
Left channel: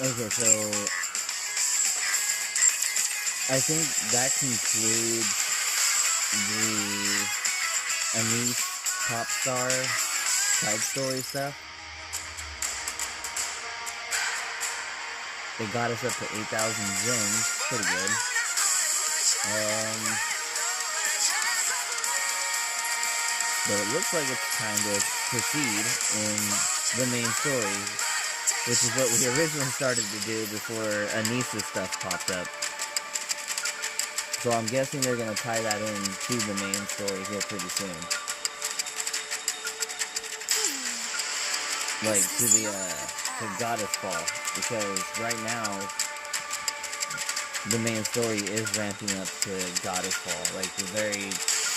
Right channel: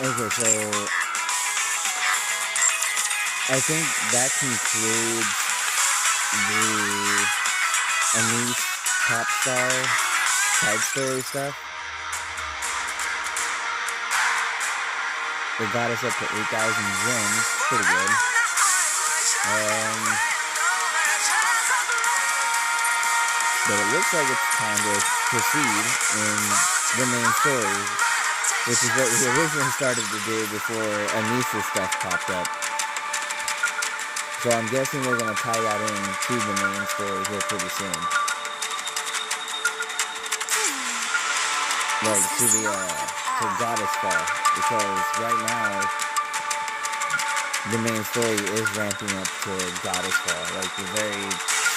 Okay, so I think that concludes the Anise pop star side story stuff. It got us up to 8,000 gems, pretty good. But it looks like it's time to proceed in the main story, which is what we originally started to do before Anisa's stuff popped up. So I'm guessing we're going to tie that in to the main story here pretty soon. Like, to the Goddess Fall. Because right now, the main story is ramping up to Goddess Fall. Like, the very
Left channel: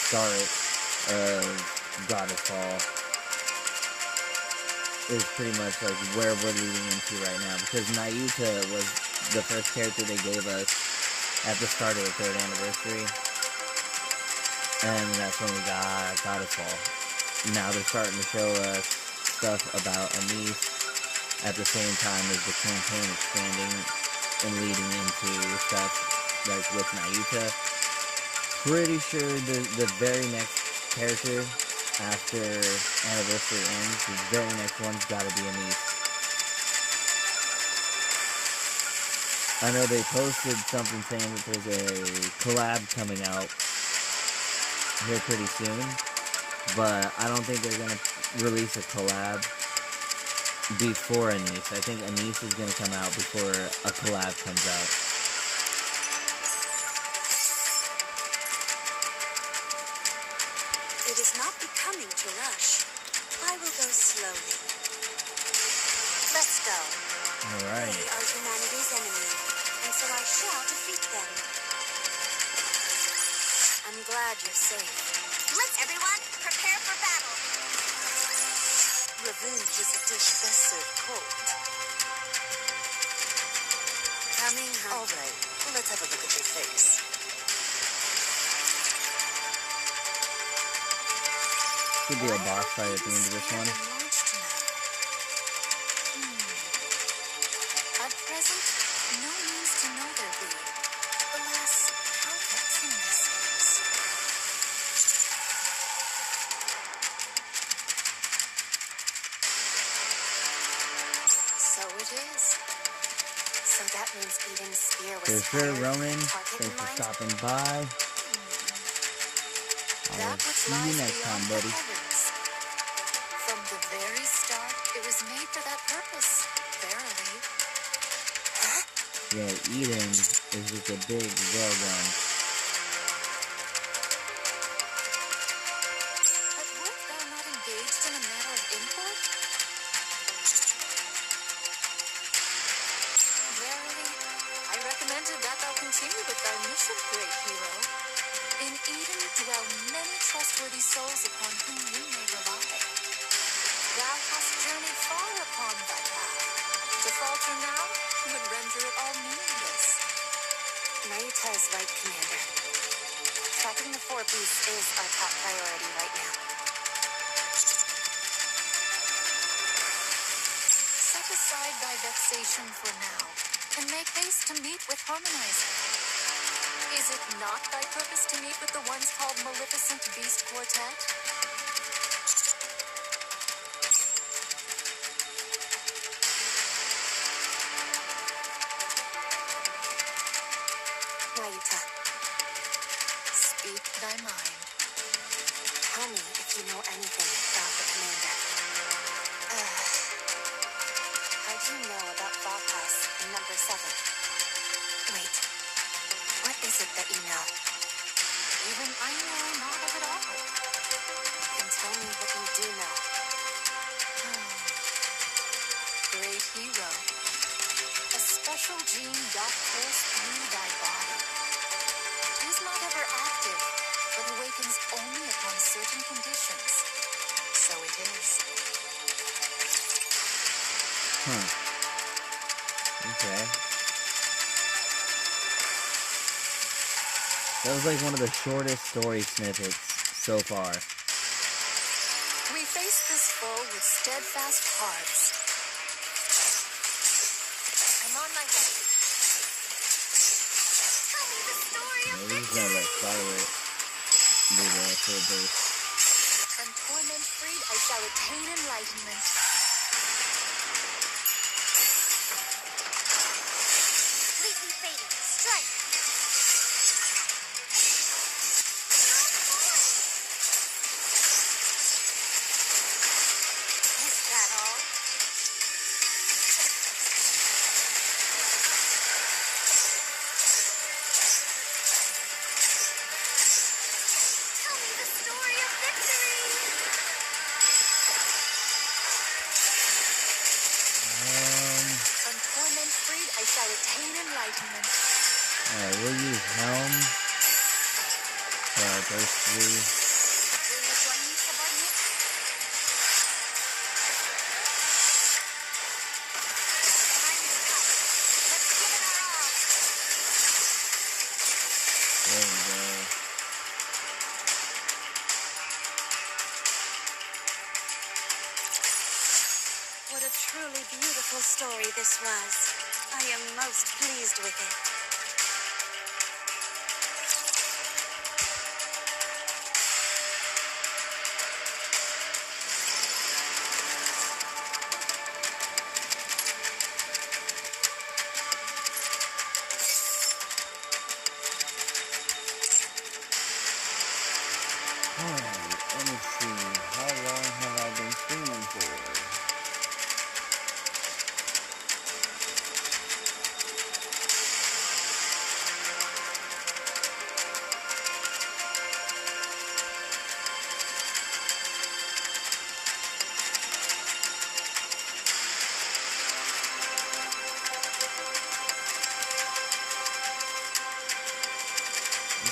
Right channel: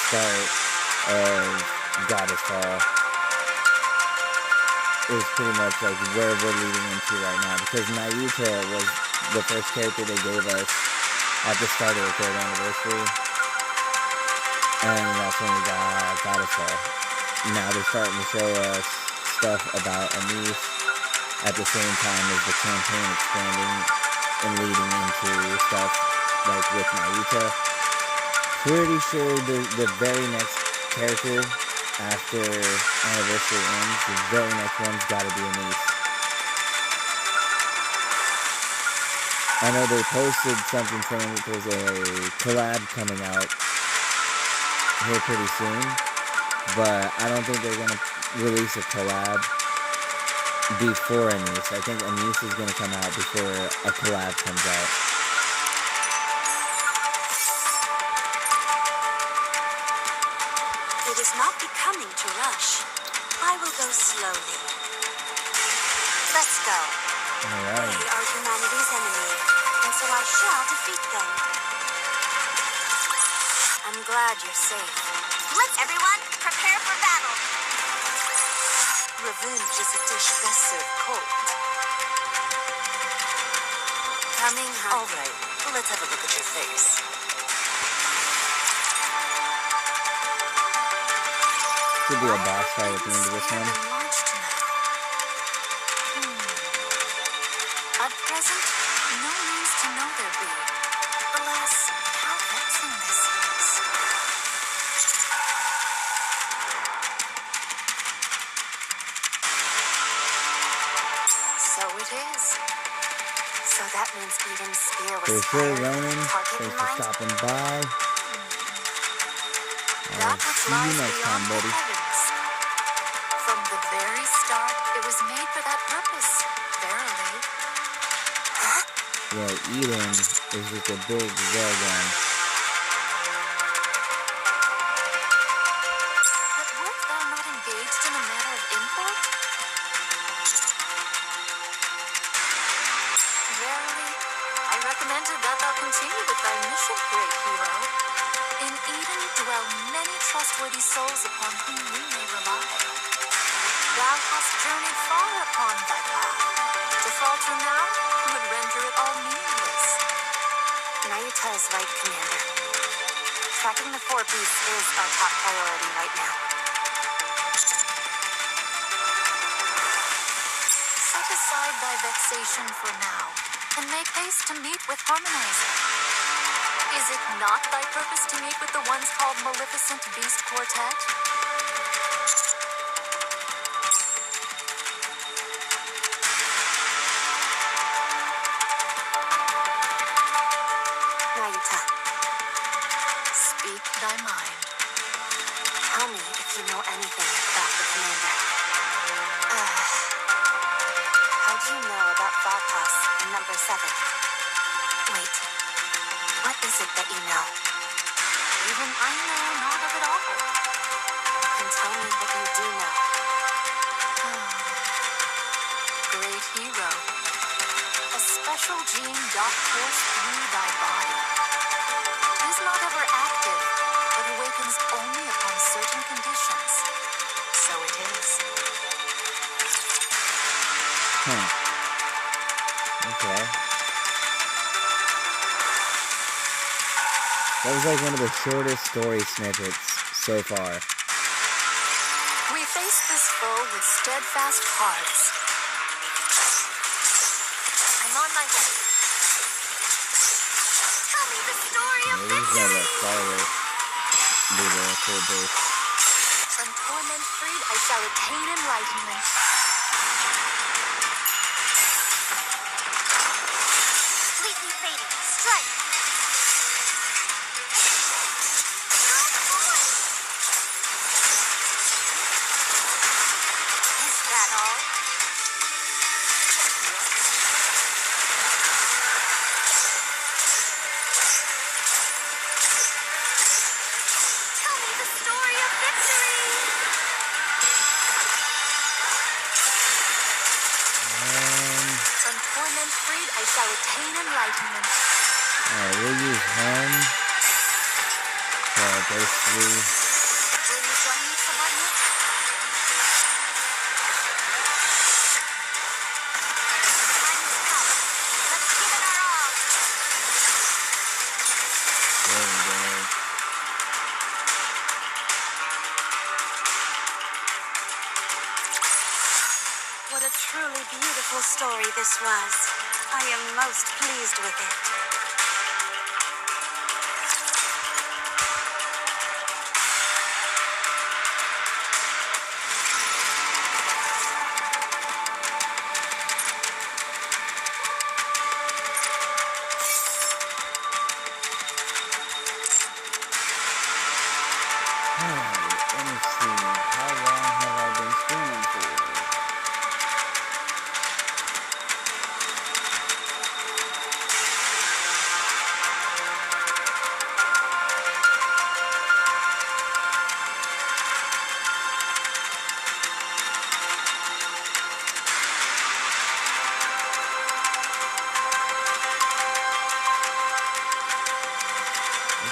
start of Goddess Fall is pretty much like where we're leading into right now. Because Naruto was the first character they gave us at the start of the 3rd anniversary. And that's when we got Goddess Fall. Now they're starting to show us stuff about Anise at the same time as the campaign expanding and leading into stuff like with Naruto. Pretty sure the very next character after Anniversary ends, the very next one's gotta be Anise. I know they posted something saying that there's a collab coming out here pretty soon, but I don't think they're gonna release a collab before Anise. I think Anise is gonna come out before a collab comes out. It is not becoming to rush. I will go slowly. Let's go. Alright. They are humanity's enemy, and so I shall defeat them. I'm glad you're safe. Let's everyone prepare for battle. Revenge is a dish best served cold. Coming, huh? All right, let's have a look at your face. Could be a boss fight at the end of this one. At present, no means to know there be. Alas, how vexing this is. So it is. So that means Eden's spear was For sure, fired Ronan. with a target Thanks in for mind? stopping by. That I'll which see you lies next beyond time, the buddy. heavens. From the very start, it was made for that purpose, verily. Yo, Eden is just a big railgun. But wert thou not engaged in a matter of import? Verily, I recommended that thou continue with thy mission, great hero. In Eden dwell many trustworthy souls upon whom we may rely. Thou hast journeyed far upon thy path. To falter now would render it all meaningless. Nayuta is right, Commander. Tracking the 4 beasts is our top priority right now. Set aside thy vexation for now, and make haste to meet with Harmonizer. Is it not thy purpose to meet with the ones called Maleficent Beast Quartet? Nayuta, Speak thy mind. tell me if you know anything about the Commander. How do you know about Varpas and number 7? Wait, what is it that you know? Even I know not of it all. And tell me what you do know. Great hero, a special gene doth course through thy body. 'Tis not ever active, but awakens only upon certain conditions. So it is. Okay. That was like one of the shortest story snippets so far. We face this foe with steadfast hearts. I'm on my way. Tell me the story of This is gonna victory! let Scarlet do the full burst. From torment freed, I shall attain enlightenment. Completely fading. Strike! Is that all? Tell me the story of victory! From torment freed, I shall attain enlightenment. Alright, we'll use home. Those three. Will you join me, subordinate? Time is come. Let's give it our all. There we go. What a truly beautiful story this was. I am most pleased with it. Alright, let me see. How long have I been streaming for?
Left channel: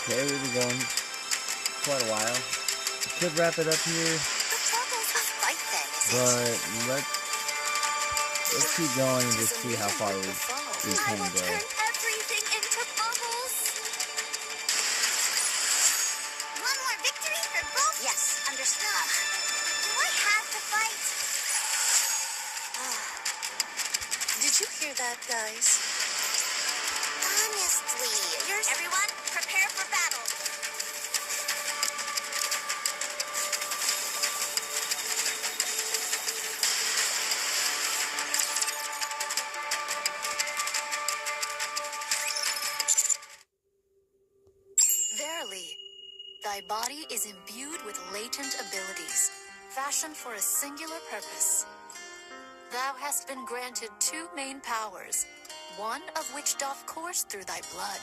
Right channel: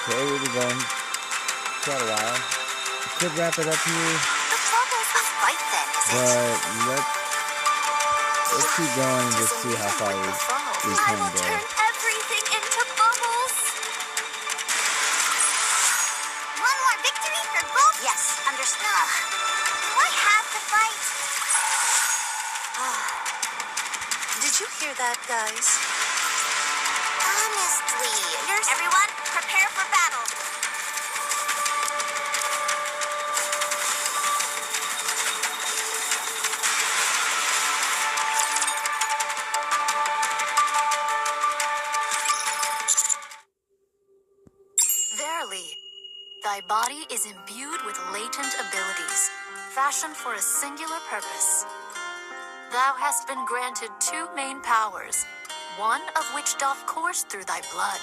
Okay, we've been going quite a while. Could wrap it up here, The bubbles a fight then, is it? but let's keep going and just see how far we I can will go. turn everything into bubbles. One more victory for both? Yes, understood. Do I have to fight? Did you hear that, guys? Honestly, everyone, prepare for battle. Verily, thy body is imbued with latent abilities, fashioned for a singular purpose. Thou hast been granted two main powers, one of which doth course through thy blood.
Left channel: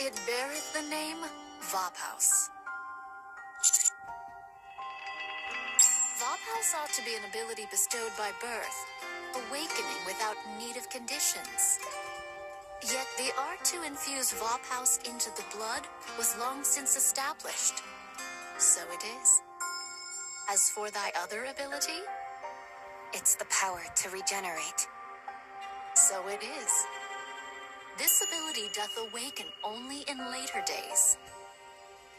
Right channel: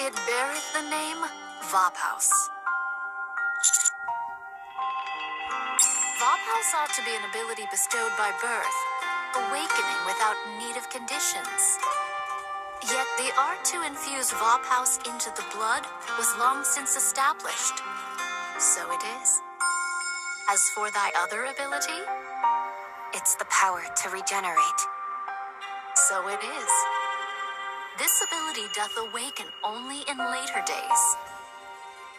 It beareth the name Vophouse. Vophouse ought to be an ability bestowed by birth, awakening without need of conditions. Yet the art to infuse Vophouse into the blood was long since established. So it is. As for thy other ability, It's the power to regenerate. so it is. This ability doth awaken only in later days.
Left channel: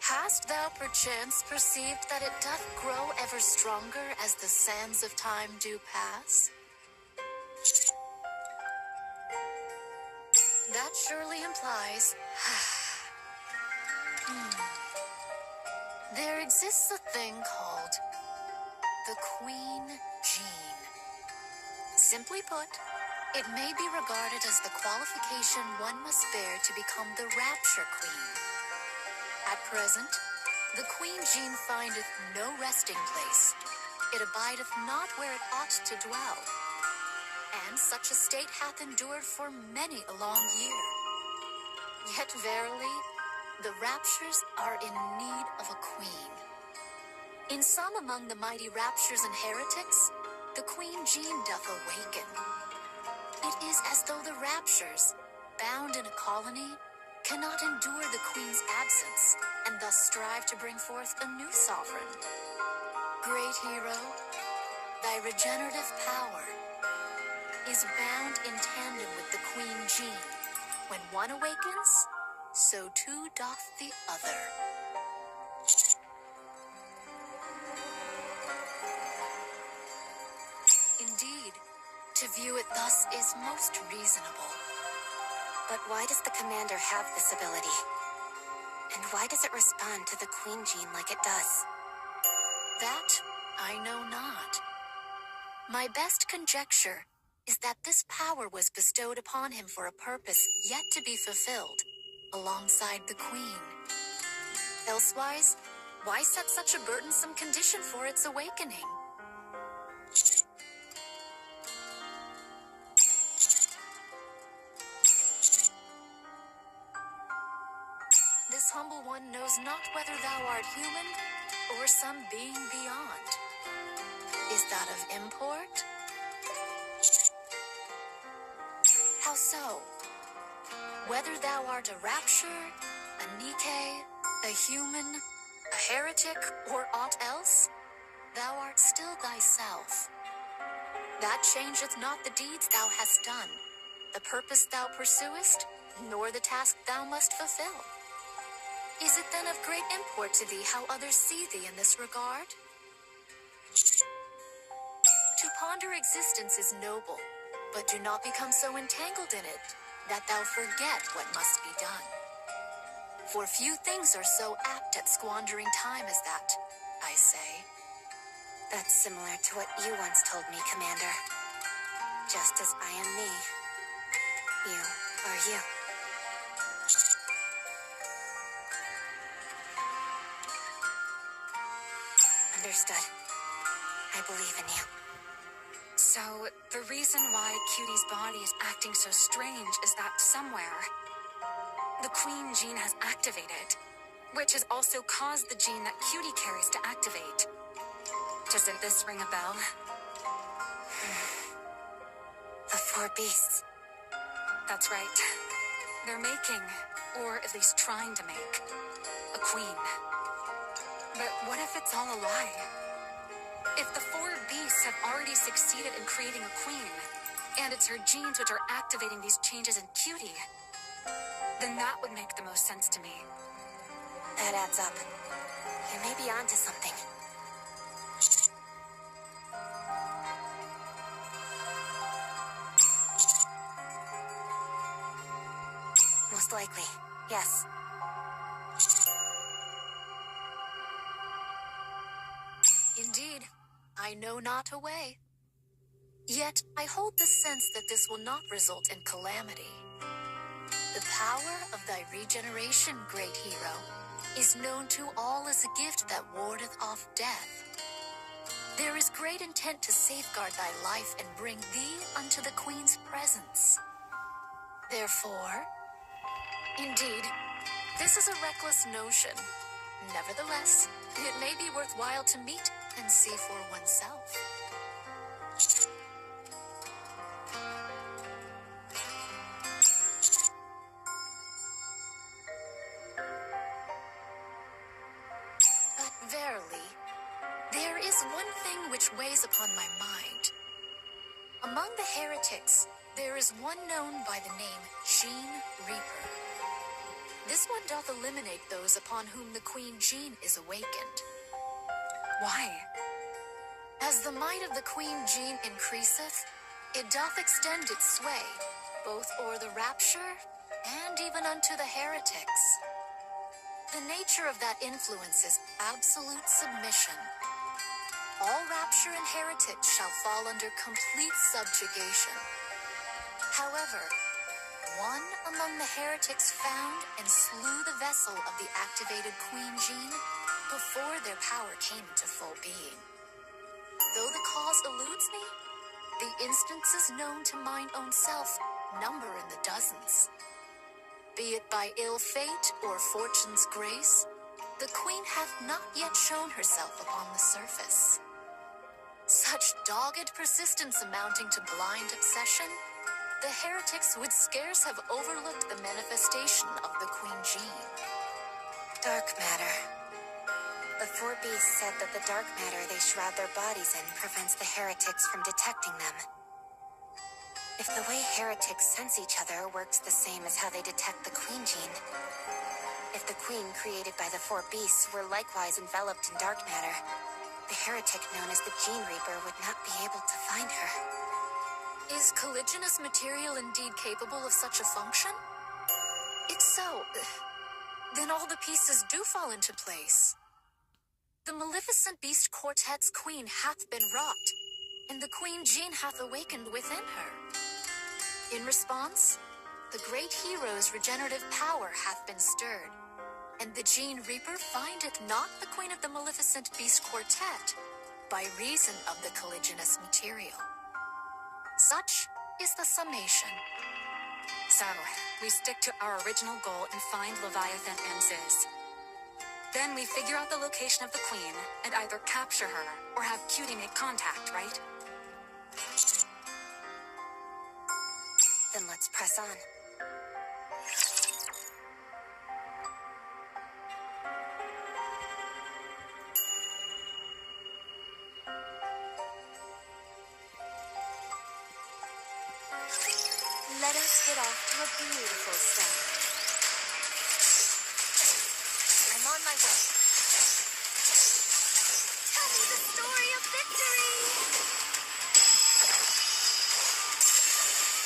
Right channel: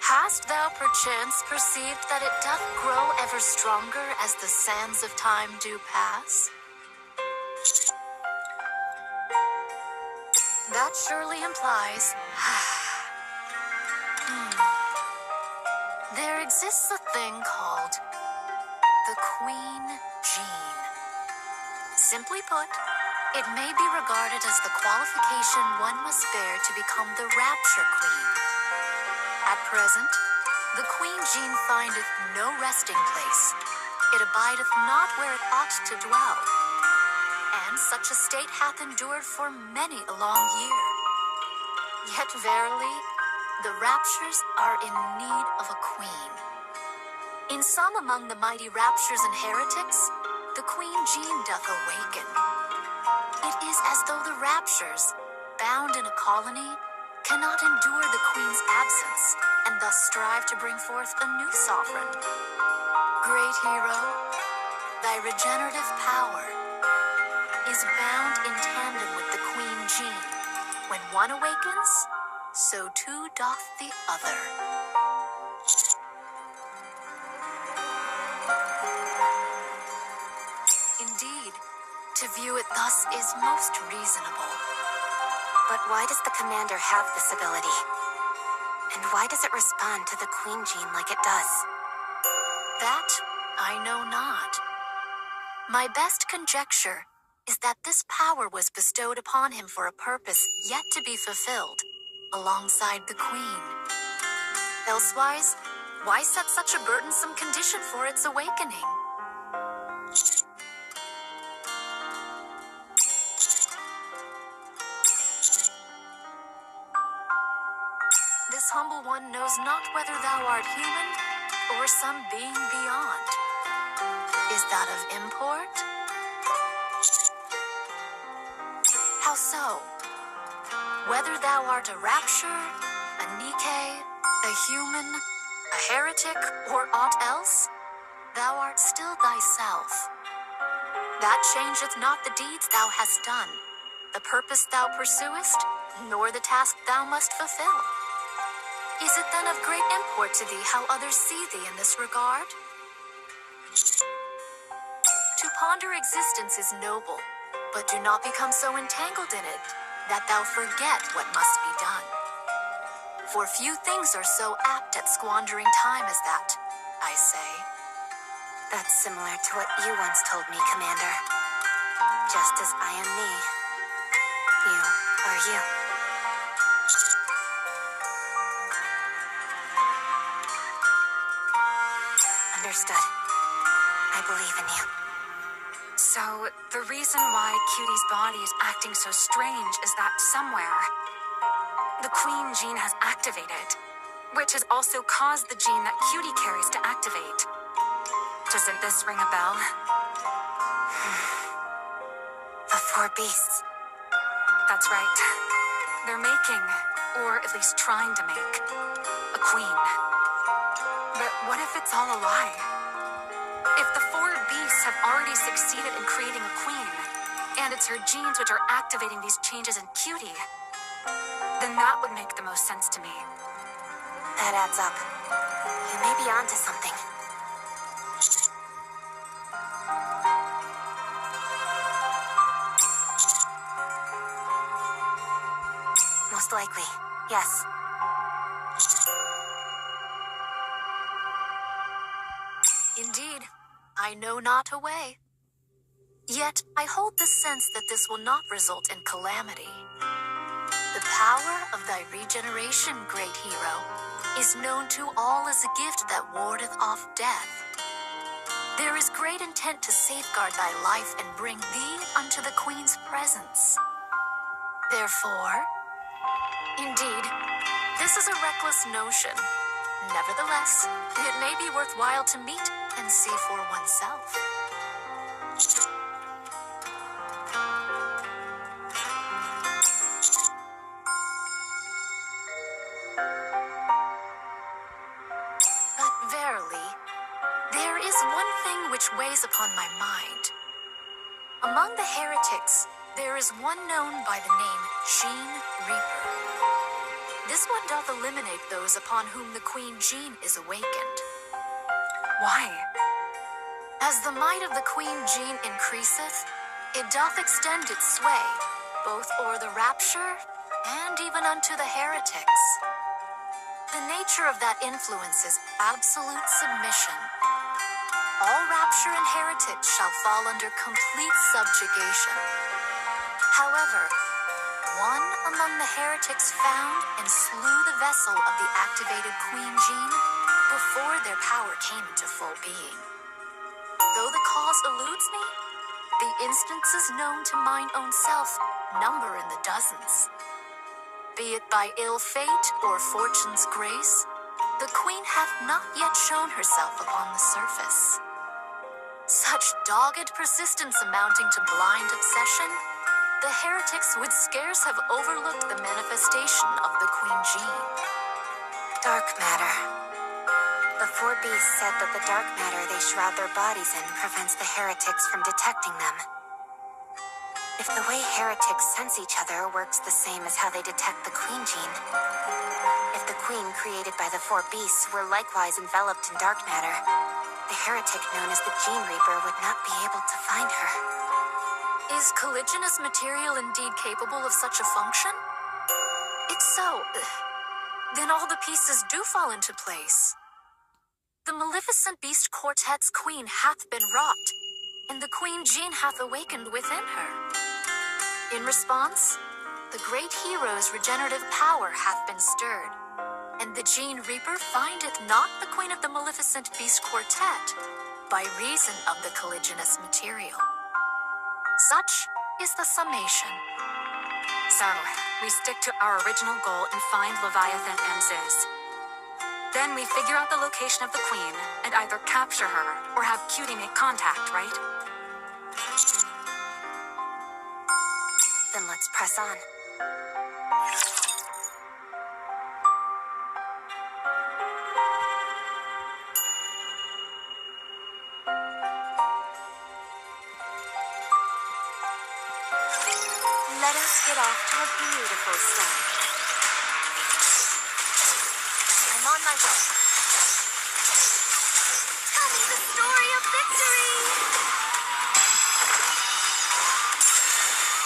Hast thou perchance perceived that it doth grow ever stronger as the sands of time do pass? That surely implies... There exists a thing called the Queen Gene. Simply put, it may be regarded as the qualification one must bear to become the Rapture Queen. At present, the Queen Gene findeth no resting place. It abideth not where it ought to dwell. And such a state hath endured for many a long year. Yet verily, the Raptures are in need of a queen. In some among the mighty Raptures and heretics, the Queen Gene doth awaken. It is as though the Raptures, bound in a colony, cannot endure the Queen's absence, and thus strive to bring forth a new sovereign. Great hero, thy regenerative power is bound in tandem with the Queen Gene. When one awakens, so too doth the other. Indeed, to view it thus is most reasonable. But why does the commander have this ability? And why does it respond to the Queen Gene like it does? That I know not. My best conjecture is that this power was bestowed upon him for a purpose yet to be fulfilled, alongside the Queen. Elsewise, why set such a burdensome condition for its awakening? This humble one knows not whether thou art human or some being beyond. Is that of import? How so? Whether thou art a rapture, a Nikke, a human, a heretic, or aught else, thou art still thyself. That changeth not the deeds thou hast done, the purpose thou pursuest, nor the task thou must fulfill. Is it then of great import to thee how others see thee in this regard? To ponder existence is noble, but do not become so entangled in it that thou forget what must be done. For few things are so apt at squandering time as that, I say. That's similar to what you once told me, Commander. Just as I am me, you are you. Understood. I believe in you. So, the reason why Cutie's body is acting so strange is that somewhere, the Queen Gene has activated, which has also caused the gene that Cutie carries to activate. Doesn't this ring a bell? The four beasts. That's right. They're making, or at least trying to make, a queen. But what if it's all a lie? If the four beasts have already succeeded in creating a queen, and it's her genes which are activating these changes in Cutie, then that would make the most sense to me. That adds up. You may be onto something. Most likely, yes. Indeed, I know not a way. Yet I hold the sense that this will not result in calamity. The power of thy regeneration, great hero, is known to all as a gift that wardeth off death. There is great intent to safeguard thy life and bring thee unto the Queen's presence. Therefore, indeed, this is a reckless notion. Nevertheless, it may be worthwhile to meet and see for oneself. But verily, there is one thing which weighs upon my mind. Among the heretics, there is one known by the name Gene Reaper. This one doth eliminate those upon whom the Queen Gene is awakened. Why? As the might of the Queen Gene increaseth, it doth extend its sway, both o'er the rapture and even unto the heretics. The nature of that influence is absolute submission. All rapture and heretics shall fall under complete subjugation. However, one among the heretics found and slew the vessel of the activated Queen Gene before their power came into full being. Though the cause eludes me, the instances known to mine own self number in the dozens. Be it by ill fate or fortune's grace, the Queen hath not yet shown herself upon the surface. Such dogged persistence amounting to blind obsession, the heretics would scarce have overlooked the manifestation of the Queen Gene. Dark matter. The four beasts said that the dark matter they shroud their bodies in prevents the heretics from detecting them. If the way heretics sense each other works the same as how they detect the Queen gene, if the Queen created by the four beasts were likewise enveloped in dark matter, the heretic known as the Gene Reaper would not be able to find her. Is colliginous material indeed capable of such a function? If so, then all the pieces do fall into place. The Maleficent Beast Quartet's queen hath been wrought, and the Queen Jean hath awakened within her. In response, the great hero's regenerative power hath been stirred, and the Gene Reaper findeth not the Queen of the Maleficent Beast Quartet by reason of the colliginous material. Such is the summation. So, we stick to our original goal and find Leviathan and Ziz. Then we figure out the location of the Queen and either capture her or have Cutie make contact, right? Then let's press on. Let us get off to a beautiful start. I'm on my way. Tell me the story of victory!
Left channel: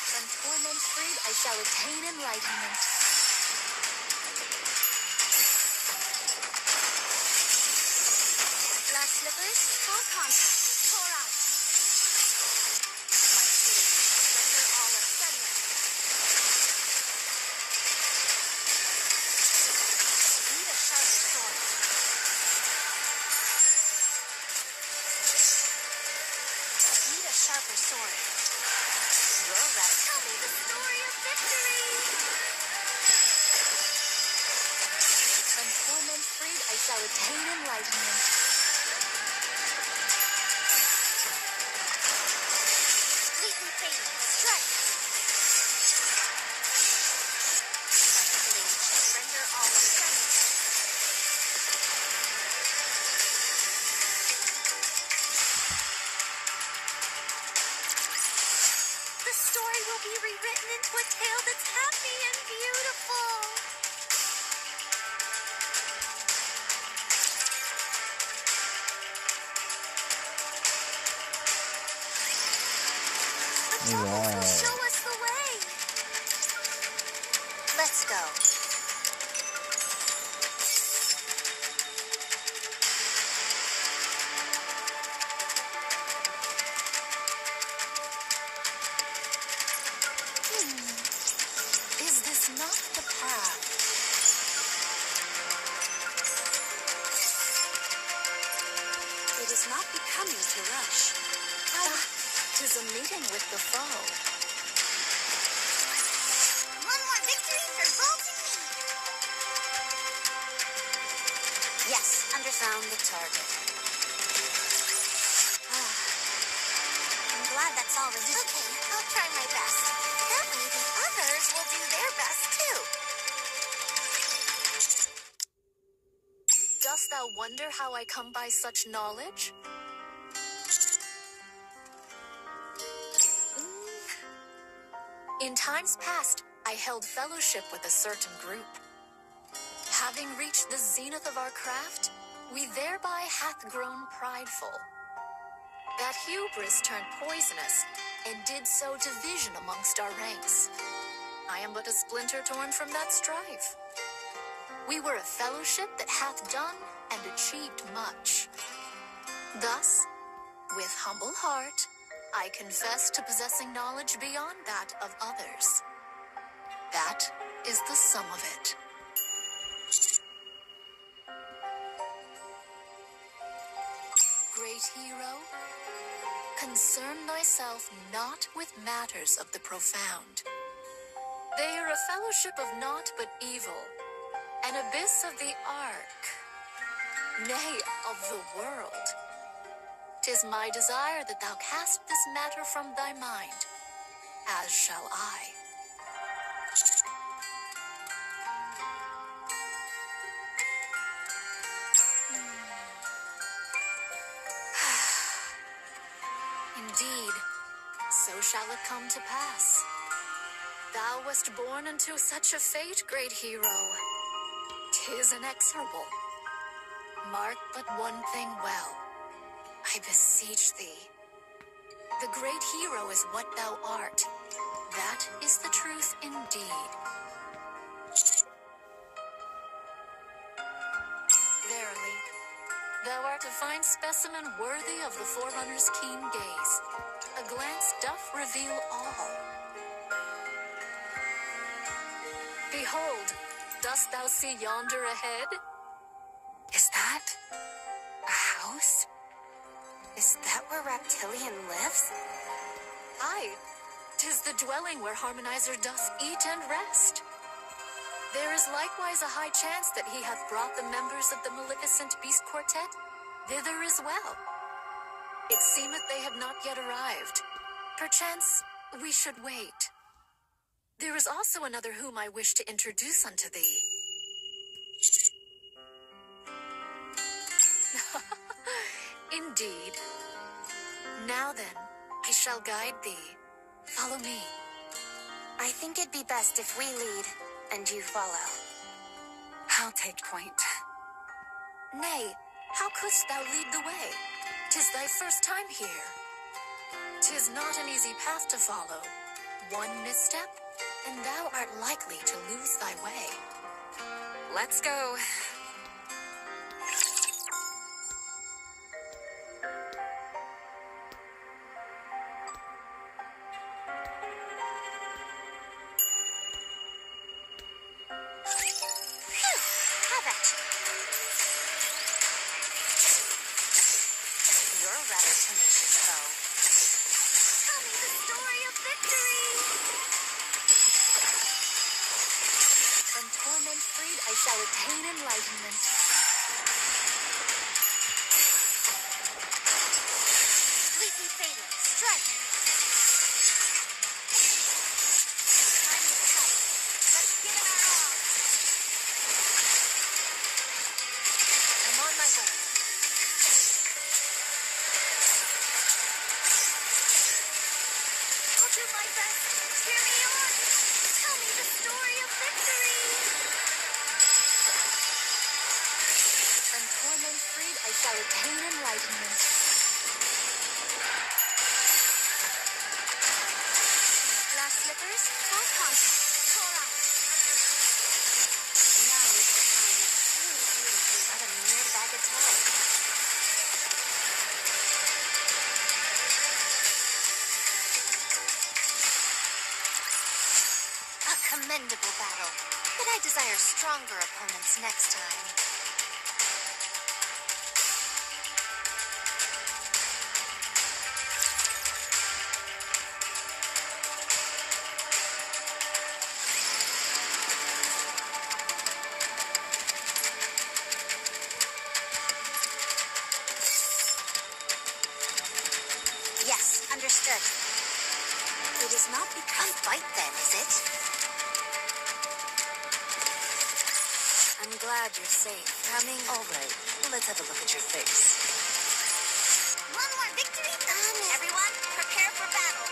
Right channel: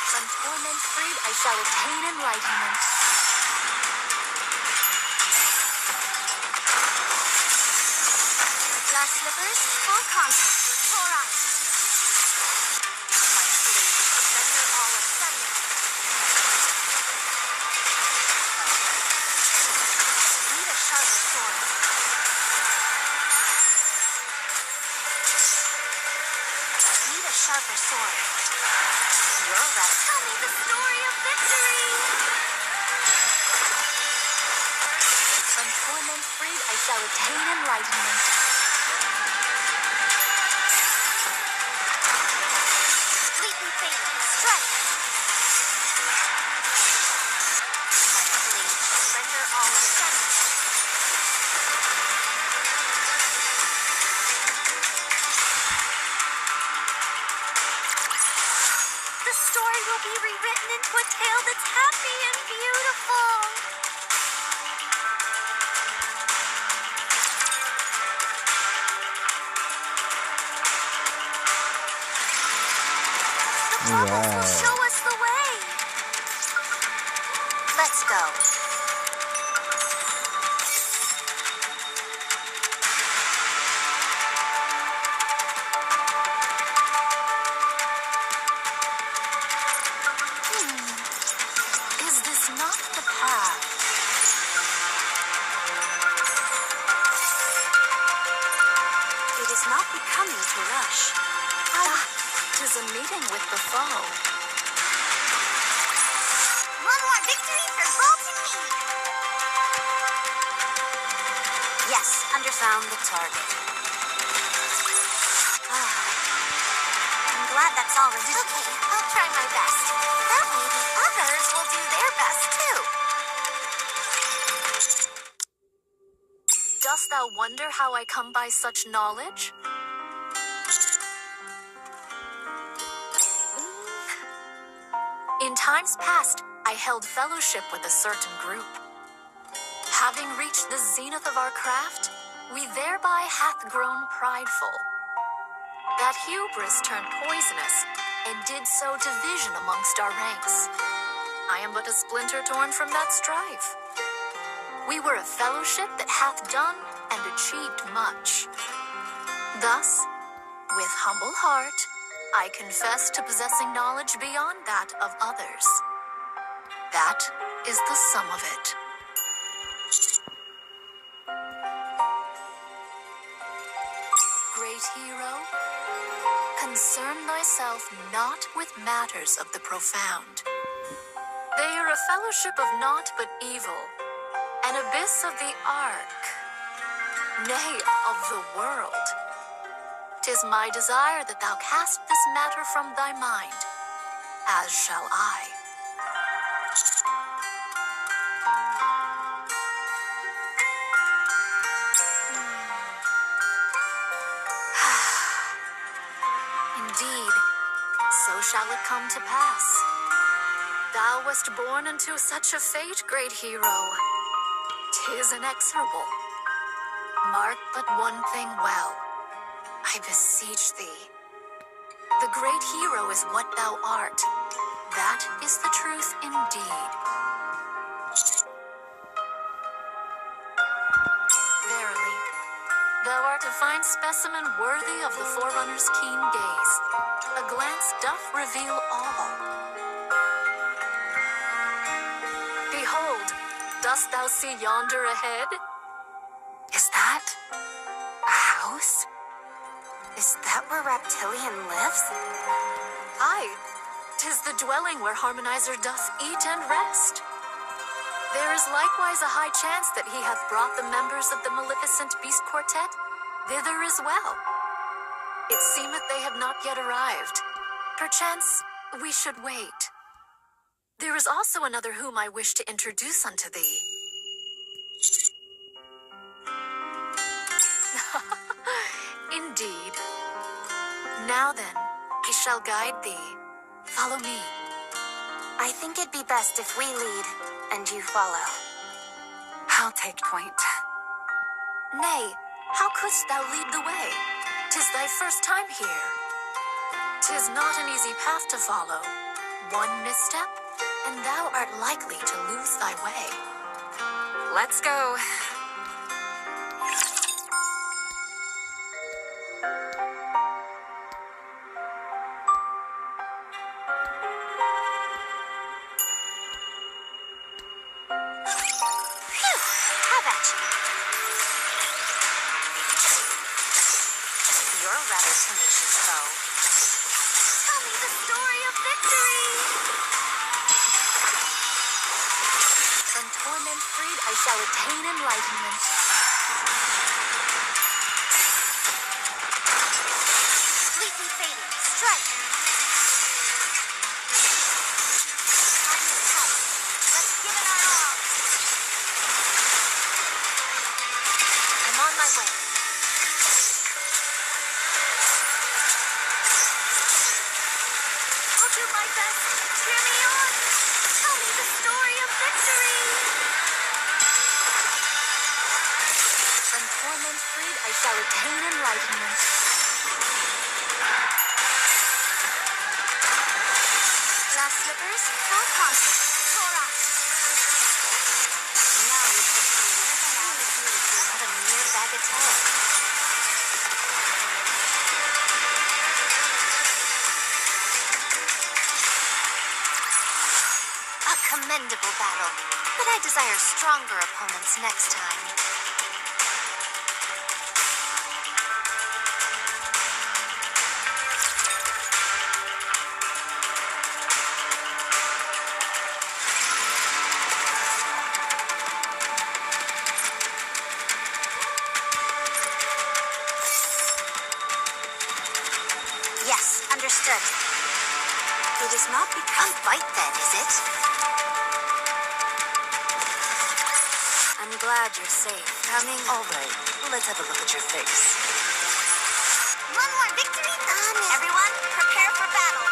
From torment freed, I shall attain enlightenment. Glass slippers, full contact, pour out. My blade shall render all asunder. Need a sharper sword. Need a sharper sword. You're right. Tell me the story of victory! From torment freed, I shall attain enlightenment. Fleetly fading, strike! My blade shall render all asunder. The story will be rewritten into a tale that's happy and beautiful. The bubbles will show us the way. Let's go. Is this not the path? It is not becoming to rush. Tis a meeting with the foe. One more victory for Bolton Mead. Yes, underfound the target. I'm glad that's all residual. Okay, I'll try my best. That way the others will do their best too. Dost thou wonder how I come by such knowledge? In times past, I held fellowship with a certain group. Having reached the zenith of our craft, we thereby hath grown prideful. That hubris turned poisonous, and did sow division amongst our ranks. I am but a splinter torn from that strife. We were a fellowship that hath done and achieved much. Thus, with humble heart, I confess to possessing knowledge beyond that of others. That is the sum of it. Great hero, concern thyself not with matters of the profound. They are a fellowship of naught but evil, an abyss of the ark, nay, of the world. 'Tis my desire that thou cast this matter from thy mind, as shall I. Indeed, so shall it come to pass. Thou wast born into such a fate, great hero. 'Tis inexorable. Mark but one thing well. I beseech thee. The great hero is what thou art. That is the truth indeed. Verily, thou art a fine specimen worthy of the Forerunner's keen gaze. A glance doth reveal all. Behold, dost thou see yonder ahead? Is that a house? Is that where Reptilian lives? Aye, 'tis the dwelling where Harmonizer doth eat and rest. There is likewise a high chance that he hath brought the members of the Maleficent Beast Quartet thither as well. It seemeth they have not yet arrived. Perchance we should wait. There is also another whom I wish to introduce unto thee. Indeed. Now then, I shall guide thee. Follow me. I think it'd be best if we lead and you follow. I'll take point. Nay, how couldst thou lead the way? 'Tis thy first time here. 'Tis not an easy path to follow. One misstep, and thou art likely to lose thy way. Let's go. Phew! Have at you. You're a rather tenacious foe. Tell me the story of victory! From torment freed, I shall attain enlightenment. Completely fading. Strike! Time is tight. Let's give it our all. I'm on my way. I'll do my best. Cheer me on. Tell me the story of victory. From torment freed, I shall attain enlightenment. Glass slippers, full contact. Tore out. Now is the time of true beauty, not a mere bagatelle. A commendable battle, but I desire stronger opponents next time. Yes, understood. It is not become fight then, is it? I'm glad you're safe. Coming. All right, let's have a look at your face. One more victory? Everyone, prepare for battle.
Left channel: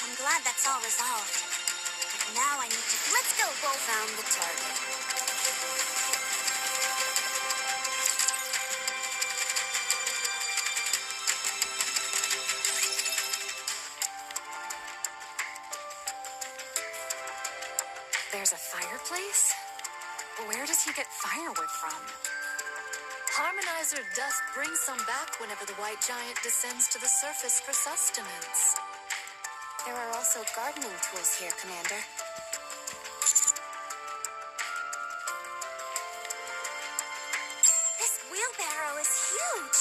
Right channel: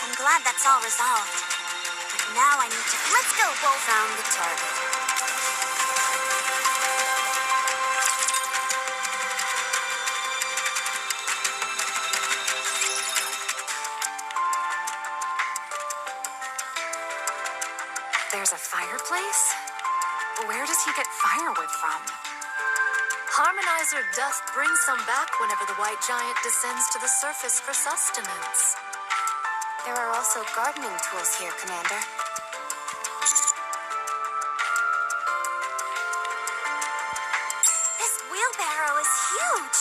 I'm glad that's all resolved. But now I need to... Let's go, Wolf. Found the target. There's a fireplace? Where does he get firewood from? Harmonizer doth bring some back whenever the white giant descends to the surface for sustenance. There are also gardening tools here, Commander. This wheelbarrow is huge.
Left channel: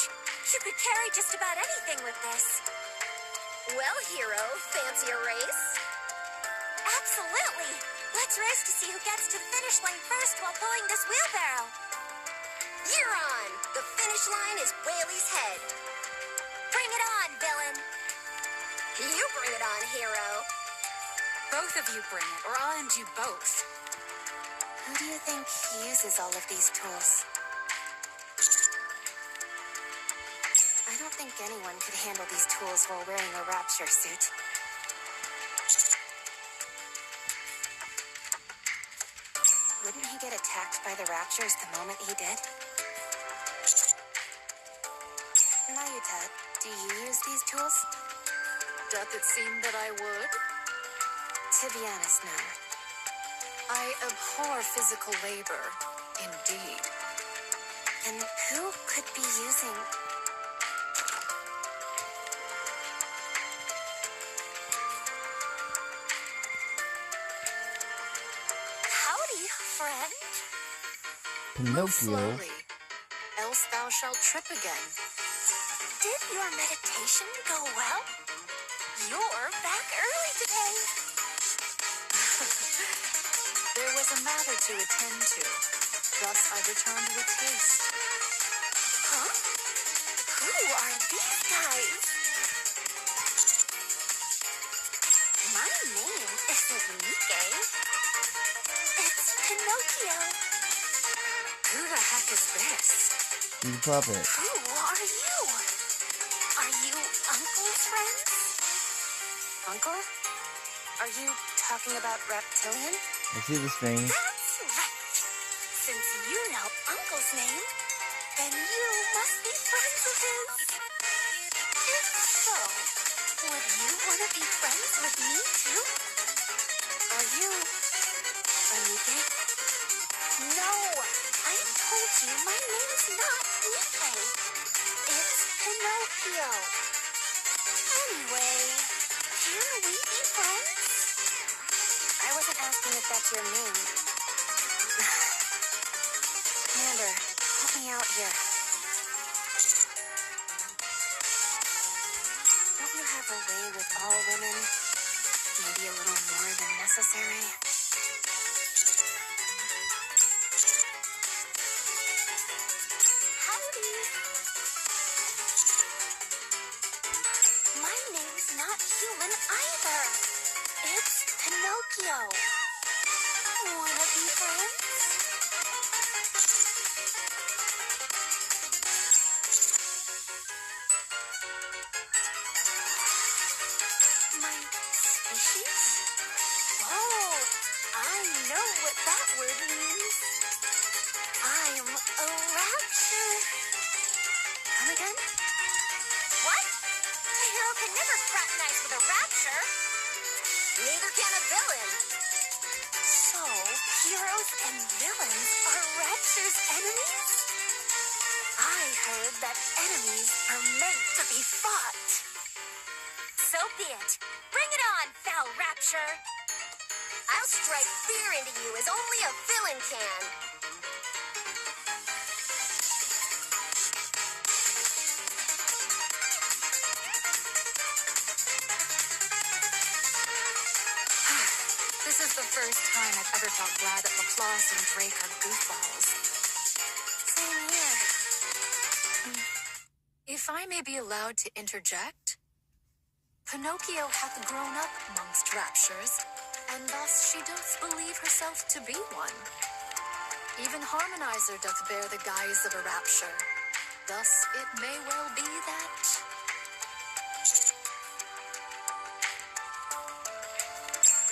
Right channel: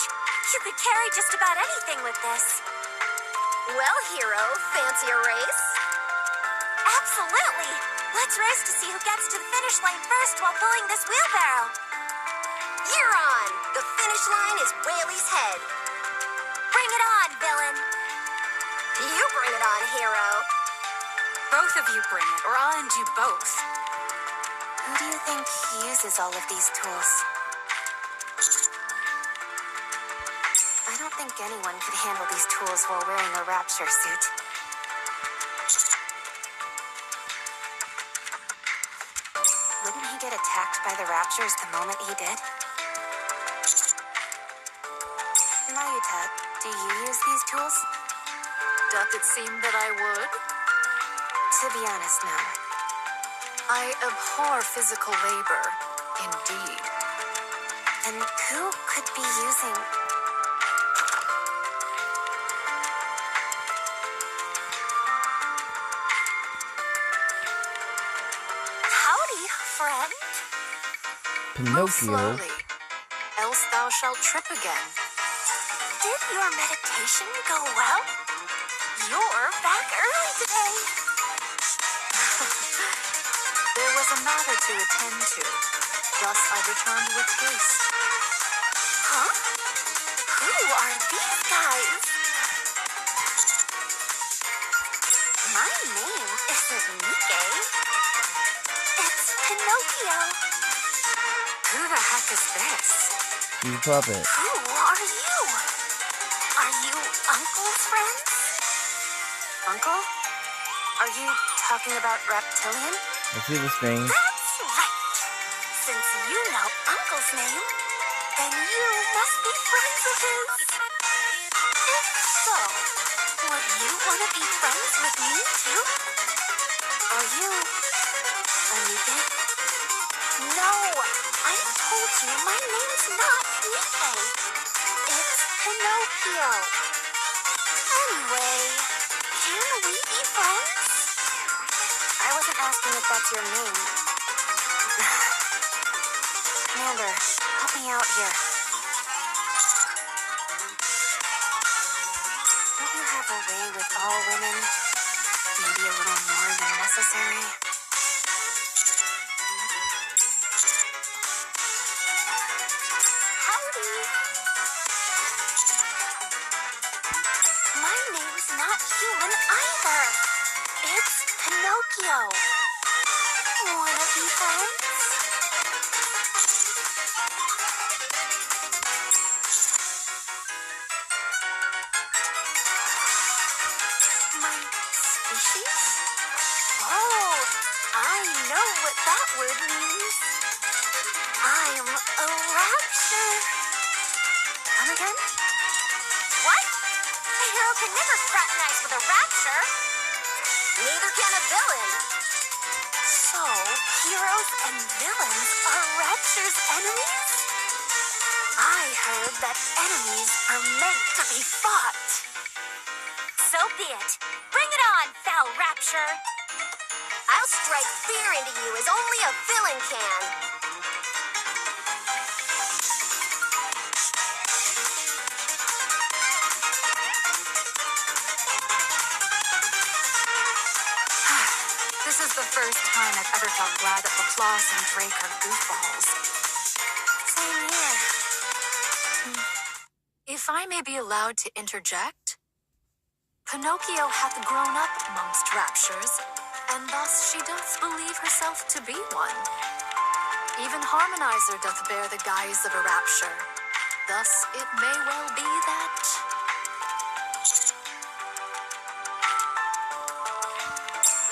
You could carry just about anything with this. Well, hero, fancy a race? Absolutely. Let's race to see who gets to the finish line first while pulling this wheelbarrow. You're on. The finish line is Whaley's head. Bring it on, villain. You bring it on, hero. Both of you bring it, or I'll end you both. Who do you think uses all of these tools? I don't think anyone could handle these tools while wearing a rapture suit. Wouldn't he get attacked by the raptures the moment he did? Mayuta, do you use these tools? Doth it seem that I would? To be honest, no. I abhor physical labor, indeed. And who could be using... Howdy, friend. Move Pinocchio. slowly, else thou shalt trip again. Did your meditation go well? You're back early today. There was a matter to attend to. Thus I returned with haste. Huh? Who are these guys? My name isn't Nikke. It's Pinocchio. Who the heck is this? He's a puppet. Who are you? Are you Uncle's friends? Uncle? Are you talking about Reptilian? I see the string. That's right. Since you know Uncle's name, then you must be friends of his. If so, would you want to be friends with me too? Are you... a Nikke? No, I told you my name's not Nikke. It's Pinocchio. Anyway, can we be friends? I wasn't asking if that's your name. Commander, help me out here. Don't you have a way with all women? Maybe a little more than necessary? Howdy. My name's not human either. It's Pinocchio. Wanna be friends? My species? Oh, I know what that word means. I'm a rapture. Come again? What? A hero can never fraternize with a rapture. Neither can a villain. So, heroes and villains are rapture's enemies? I heard that enemies are meant to be fought. So be it. Bring it on, foul rapture. I'll strike fear into you as only a villain can. This is the first time I've ever felt glad that Laplace and Drake are goofballs. Same here. If I may be allowed to interject, Pinocchio hath grown up amongst raptures, and thus she doth believe herself to be one. Even Harmonizer doth bear the guise of a rapture. Thus it may well be that...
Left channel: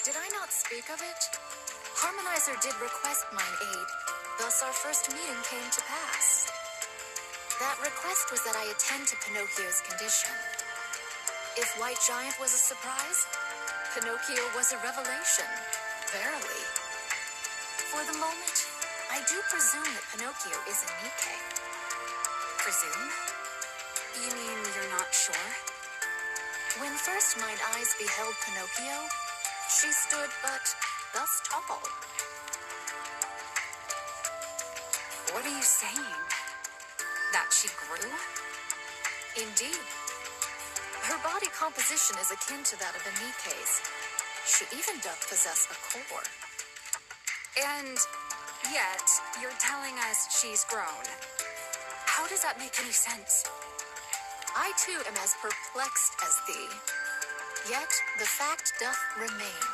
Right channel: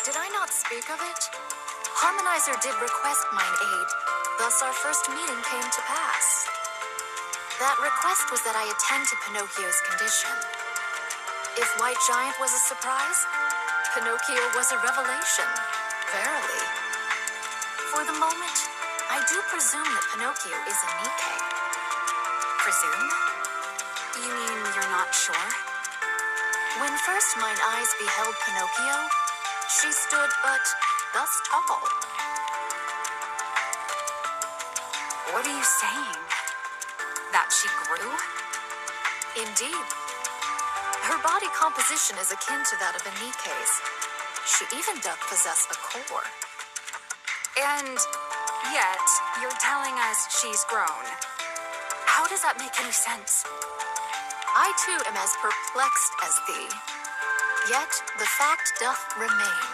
Did I not speak of it? Harmonizer did request mine aid, thus our first meeting came to pass. That request was that I attend to Pinocchio's condition. If White Giant was a surprise, Pinocchio was a revelation, verily. For the moment, I do presume that Pinocchio is a Nikke. Presume? You mean you're not sure? When first mine eyes beheld Pinocchio, she stood but thus tall. What are you saying? That she grew? Indeed. Her body composition is akin to that of a Nikke's. She even doth possess a core. And yet, you're telling us she's grown. How does that make any sense? I too am as perplexed as thee. Yet the fact doth remain.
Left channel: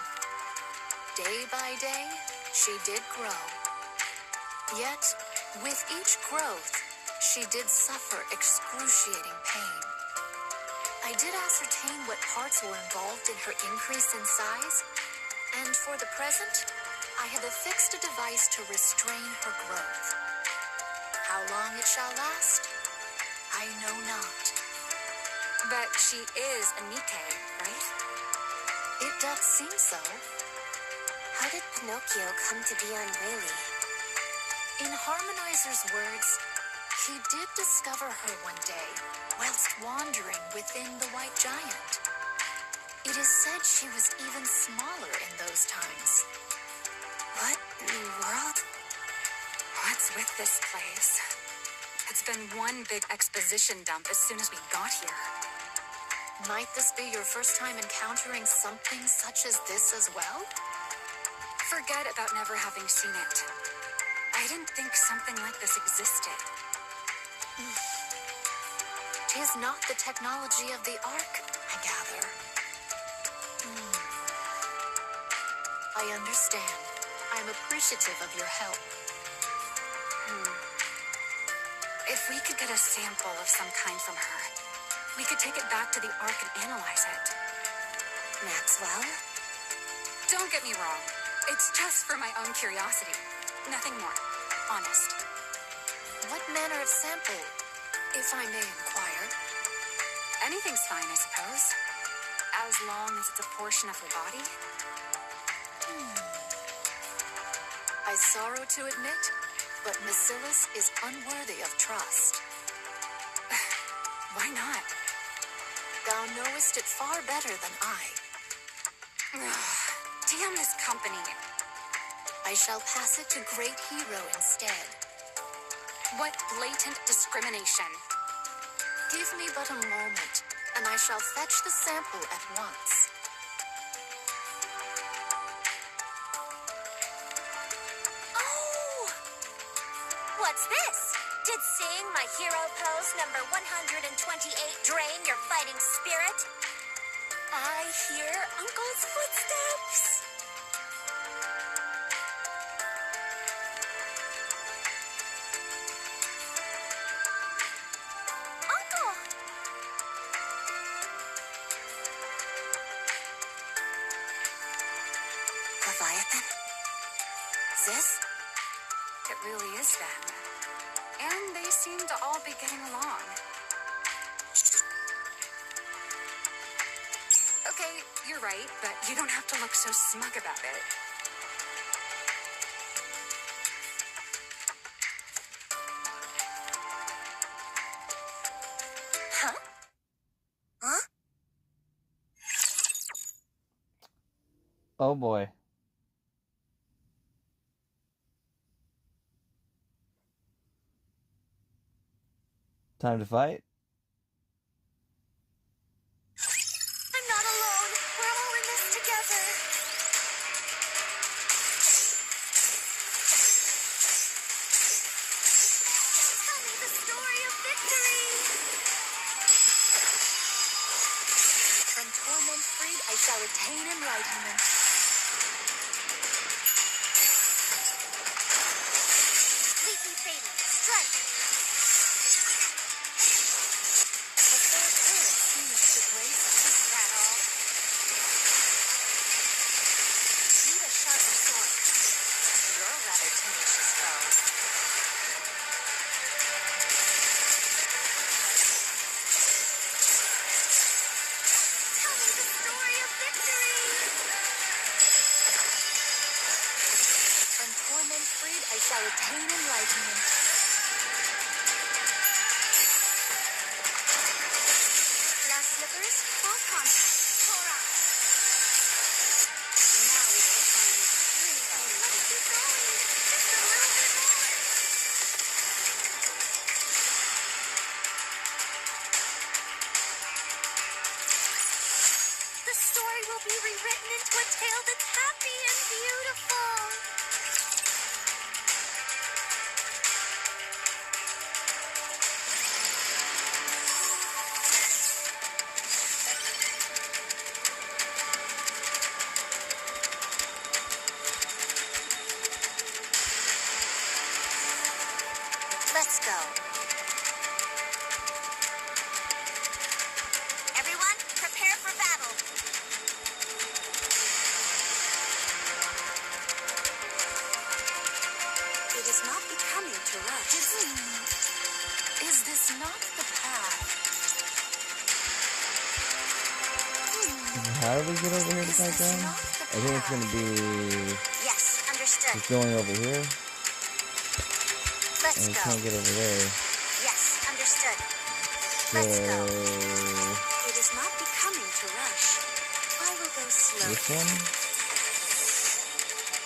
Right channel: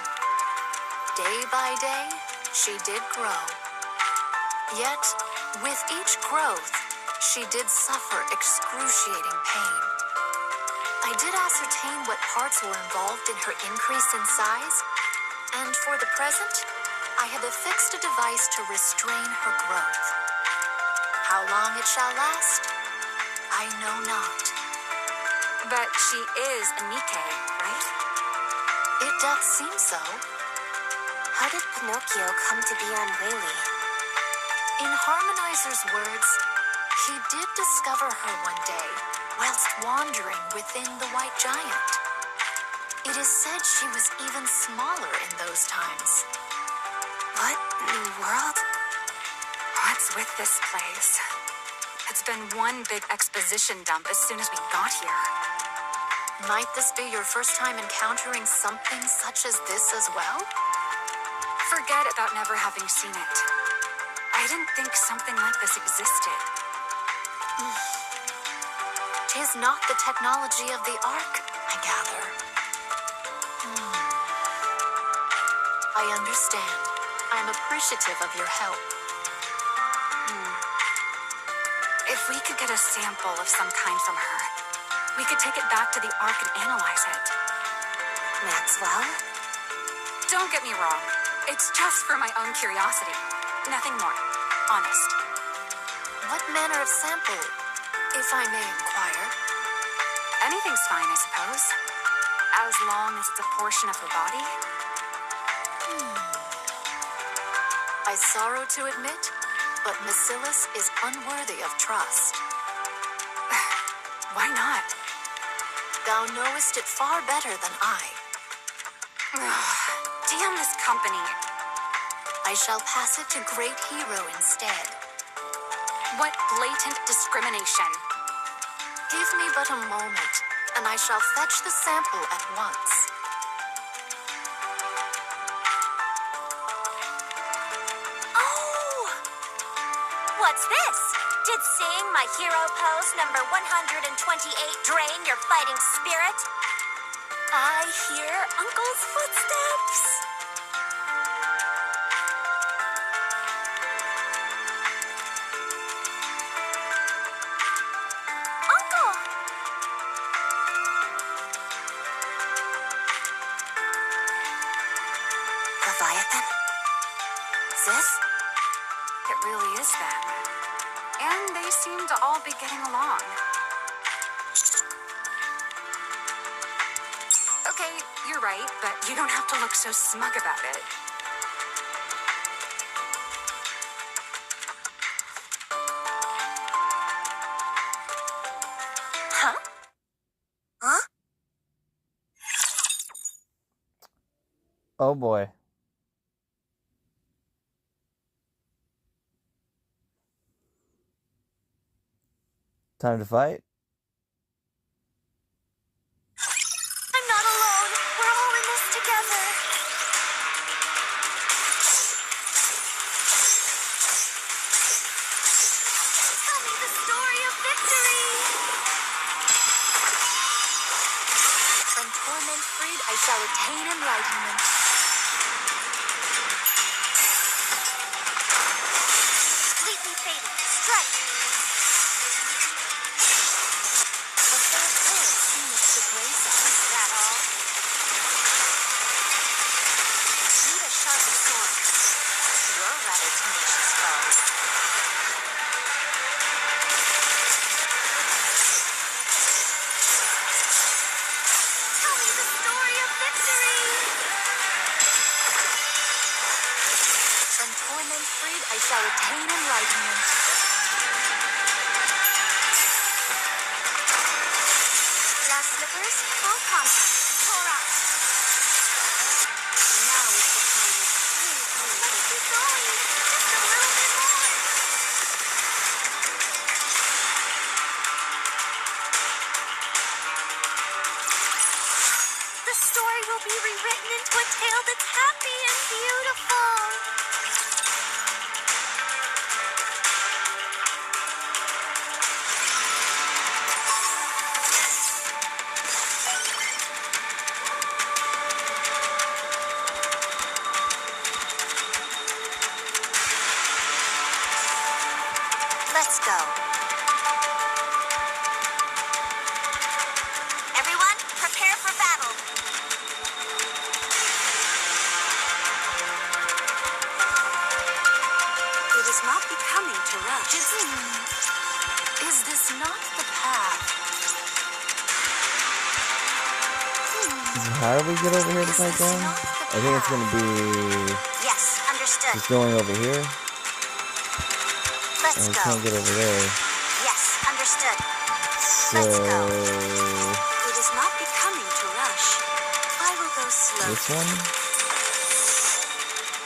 Day by day, she did grow. Yet, with each growth, she did suffer excruciating pain. I did ascertain what parts were involved in her increase in size, and for the present, I have affixed a device to restrain her growth. How long it shall last, I know not. But she is a Nikke, right? It doth seem so. How did Pinocchio come to be on Whaley? In Harmonizer's words, he did discover her one day whilst wandering within the White Giant. It is said she was even smaller in those times. What in the world? What's with this place? It's been one big exposition dump as soon as we got here. Might this be your first time encountering something such as this as well? Forget about never having seen it. I didn't think something like this existed. 'Tis not the technology of the Ark, I gather. I understand. I'm appreciative of your help. If we could get a sample of some kind from her, we could take it back to the Ark and analyze it. Maxwell? Don't get me wrong. It's just for my own curiosity. Nothing more. Honest. What manner of sample, if I may inquire? Anything's fine, I suppose. As long as it's a portion of her body. I sorrow to admit, but Macillus is unworthy of trust. Why not? Thou knowest it far better than I. Damn this company. I shall pass it to Great Hero instead. What blatant discrimination. Give me but a moment, and I shall fetch the sample at once. Oh! What's this? Did seeing my hero pose number 128 drain your fighting spirit? I hear Uncle's footsteps. Uncle! Leviathan? Is this? It really is them. And they seem to all be getting along. Okay, you're right, but you don't have to look so smug about it. Huh? Huh? Oh boy. Time to fight? I'm not alone. We're all in this together. Tell me the story of victory. From torment freed, I shall attain enlightenment. Completely fading. Strike. The fair parent seemeth to grace us. Is that all? Need a sharper sword. You're a rather tenacious foe. Tell me the story of victory. From torment freed, I shall attain enlightenment. Last slippers, full contact. Torah. Now is the time of Let's keep going. Just a little bit more. The story will be rewritten into a tale that's happy and beautiful. Let's go. Everyone rush. Is this not the path? How do we get over here to Is fight this them? not I the think it's path? gonna be Yes, understood. just going over here. Let's And we go. can't get over there. Yes, understood. So Let's go. It is not becoming to rush. I will go slowly. this one?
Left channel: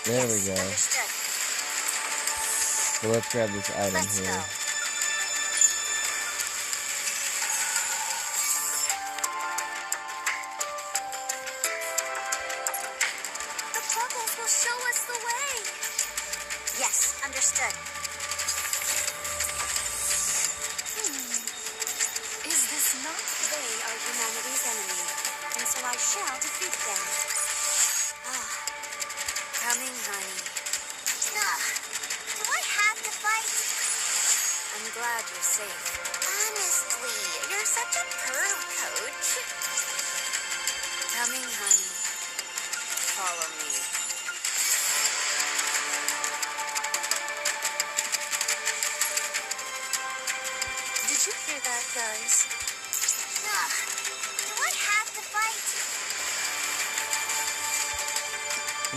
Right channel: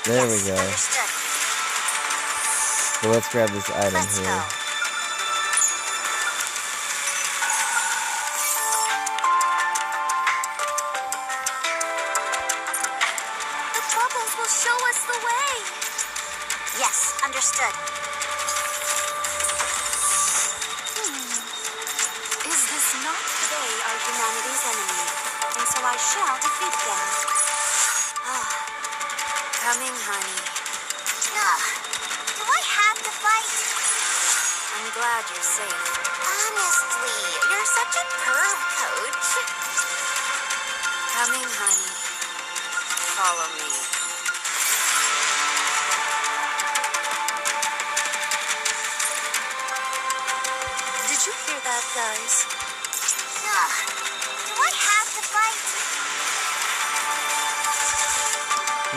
There Yes, we go. understood. So let's grab this item Let's here. go. The bubbles will show us the way. Yes, understood. Is this not They are humanity's enemy, and so I shall defeat them. Coming, honey. Do I have to fight? I'm glad you're safe. Honestly, you're such a perv, Coach. Coming, honey. Follow me. Did you hear that, guys? Do I have to fight?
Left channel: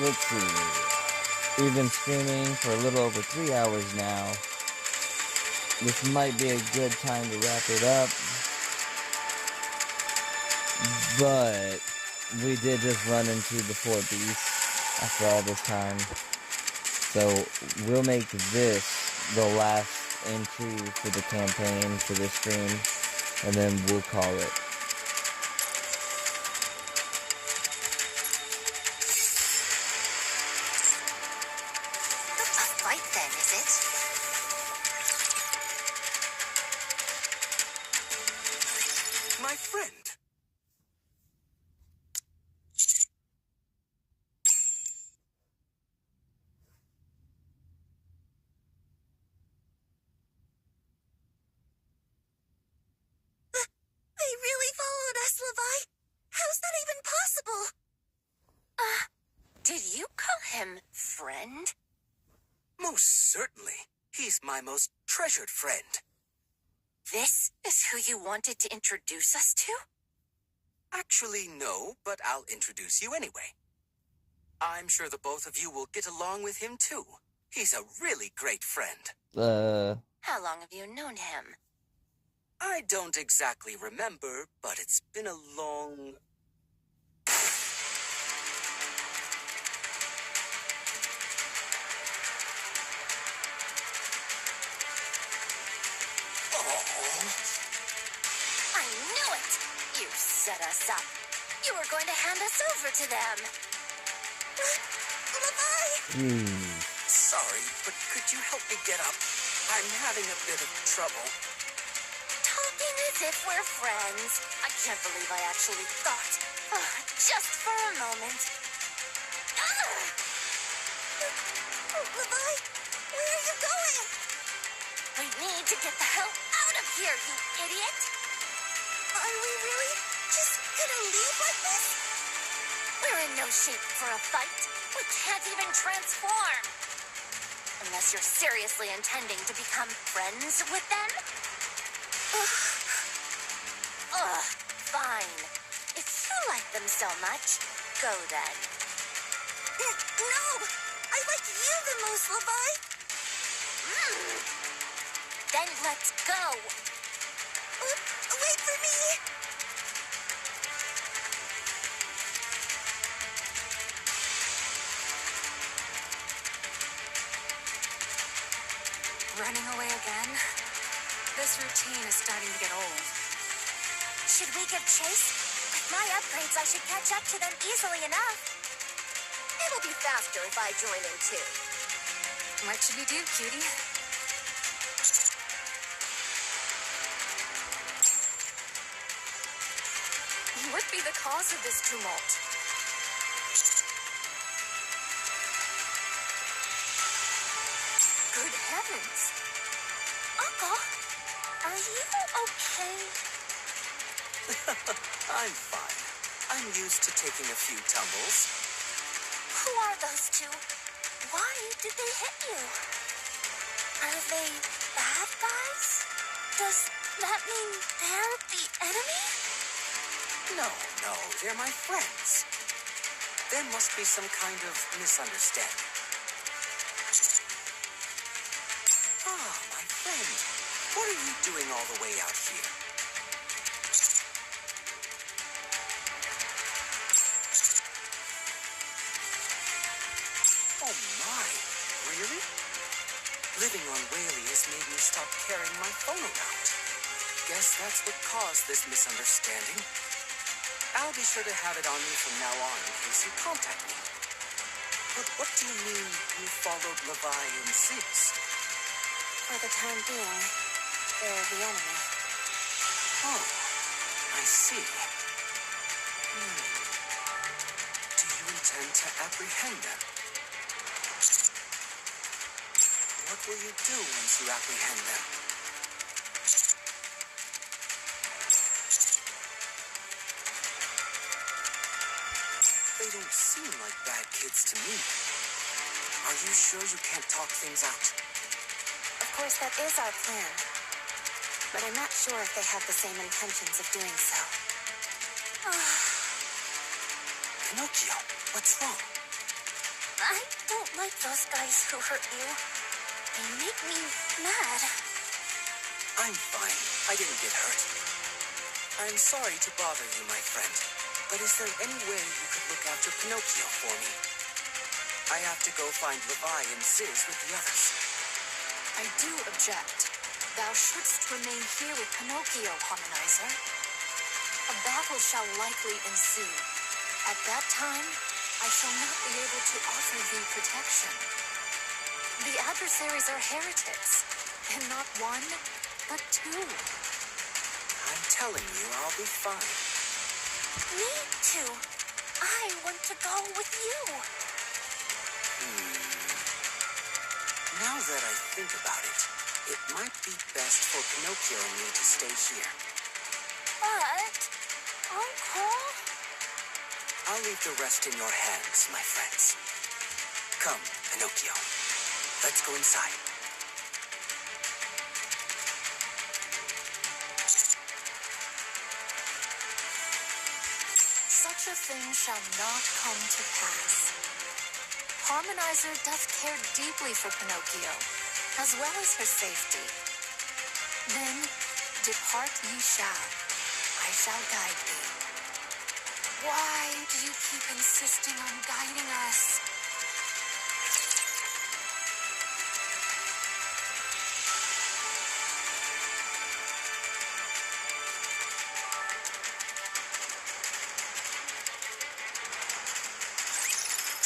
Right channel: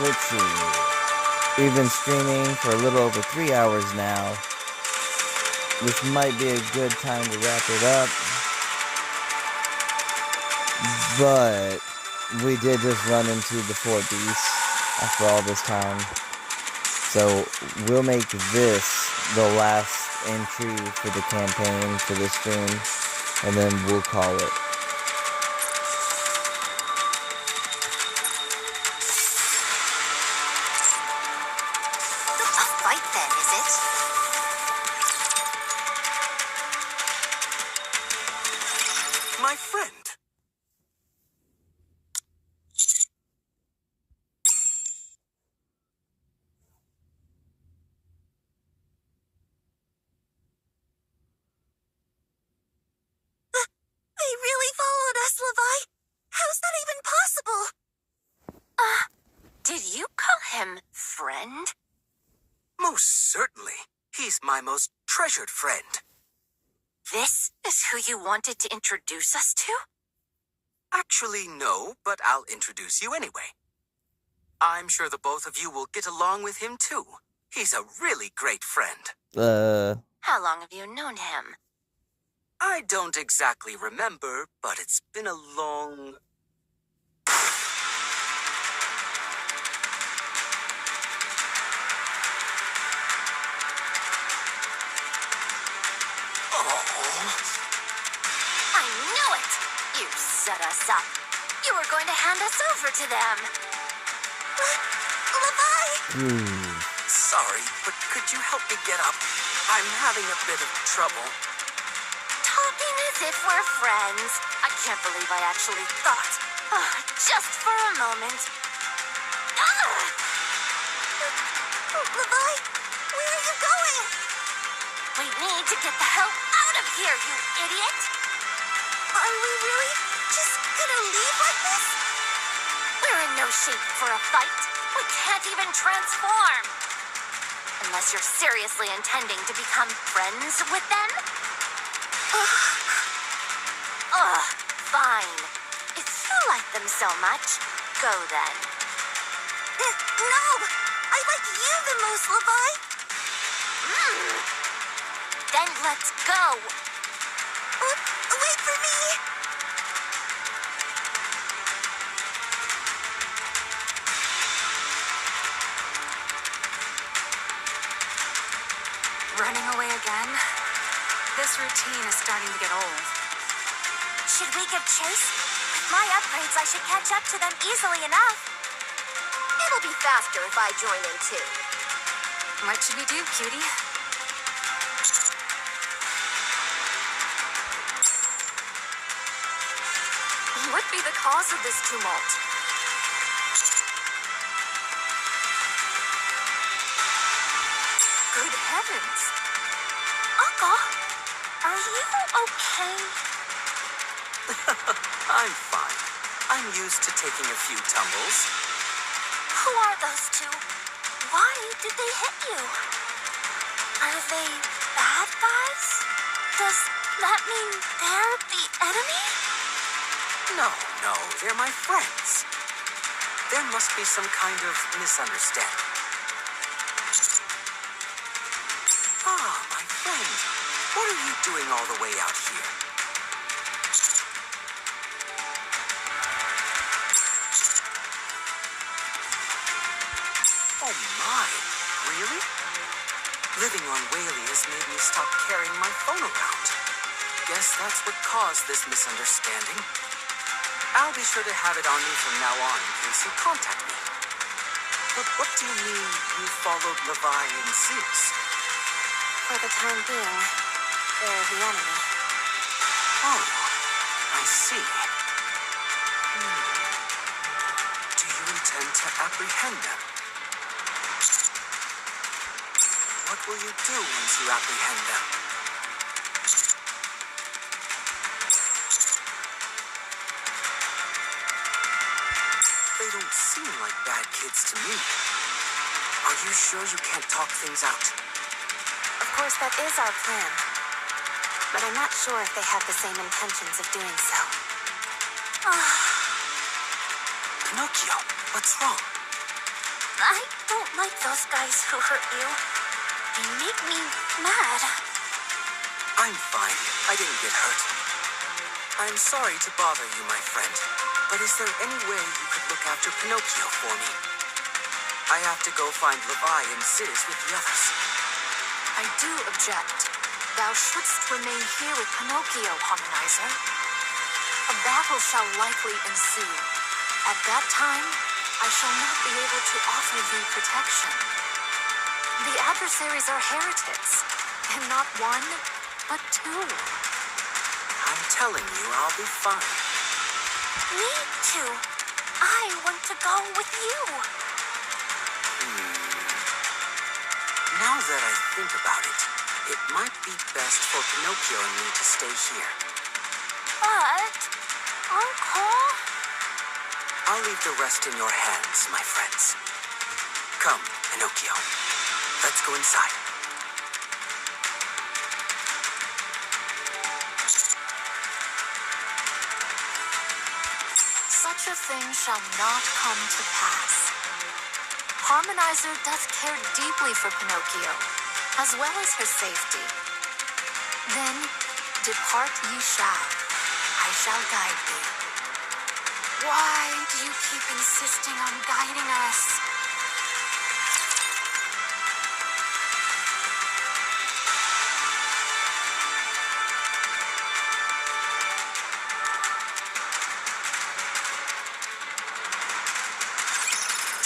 Let's see. We've been streaming for a little over 3 hours now. This might be a good time to wrap it up. But we did just run into the 4 beasts after all this time. So we'll make this the last entry for the campaign for this stream. And then we'll call it. A fight then, is it? My friend. They really followed us, Levi. How's that even possible? Did you call him friend? Most certainly. He's my most treasured friend. This is who you wanted to introduce us to? Actually, no, but I'll introduce you anyway. I'm sure the both of you will get along with him too. He's a really great friend. How long have you known him? I don't exactly remember, but it's been a long... I knew it! You set us up. You were going to hand us over to them. Levi! Sorry, but could you help me get up? I'm having a bit of trouble. Talking as if we're friends. I can't believe I actually thought. Just for a moment. Levi, where are you going? We need to get the hell out of here, you idiot! Are we really just gonna leave like this? We're in no shape for a fight. We can't even transform. Unless you're seriously intending to become friends with them? Fine. If you like them so much, go then. No! I like you the most, Levi! Then let's go. Wait for me! Running away again? This routine is starting to get old. Should we give chase? With my upgrades, I should catch up to them easily enough. It'll be faster if I join in too. What should we do, cutie? What be the cause of this tumult? Good heavens! Uncle, are you okay? I'm fine. I'm used to taking a few tumbles. Who are those two? Why did they hit you? Are they bad guys? Does that mean they're the enemy? No, they're my friends. There must be some kind of misunderstanding. Ah, my friend. What are you doing all the way out here? Oh my, really? Living on Whaley has made me stop carrying my phone around. Guess that's what caused this misunderstanding. I'll be sure to have it on me from now on in case you contact me. But what do you mean you followed Levi and Sis? For the time being, they're the enemy. Oh, I see. Do you intend to apprehend them? What will you do once you apprehend them? They don't seem like bad kids to me. Are you sure you can't talk things out? Of course, that is our plan. But I'm not sure if they have the same intentions of doing so. Pinocchio, what's wrong? I don't like those guys who hurt you. They make me mad. I'm fine. I didn't get hurt. I'm sorry to bother you, my friend. But is there any way you could look after Pinocchio for me? I have to go find Levi and Sis with the others. I do object. Thou shouldst remain here with Pinocchio, Harmonizer. A battle shall likely ensue. At that time, I shall not be able to offer thee protection. The adversaries are heretics, and not one, but two. I'm telling you, I'll be fine. Me too. I want to go with you. Now that I think about it, it might be best for Pinocchio and me to stay here. But, Uncle... I'll leave the rest in your hands, my friends. Come, Pinocchio. Let's go inside. Such a thing shall not come to pass. Harmonizer doth care deeply for Pinocchio, as well as her safety. Then, depart ye shall. I shall guide thee. Why do you keep insisting on guiding us?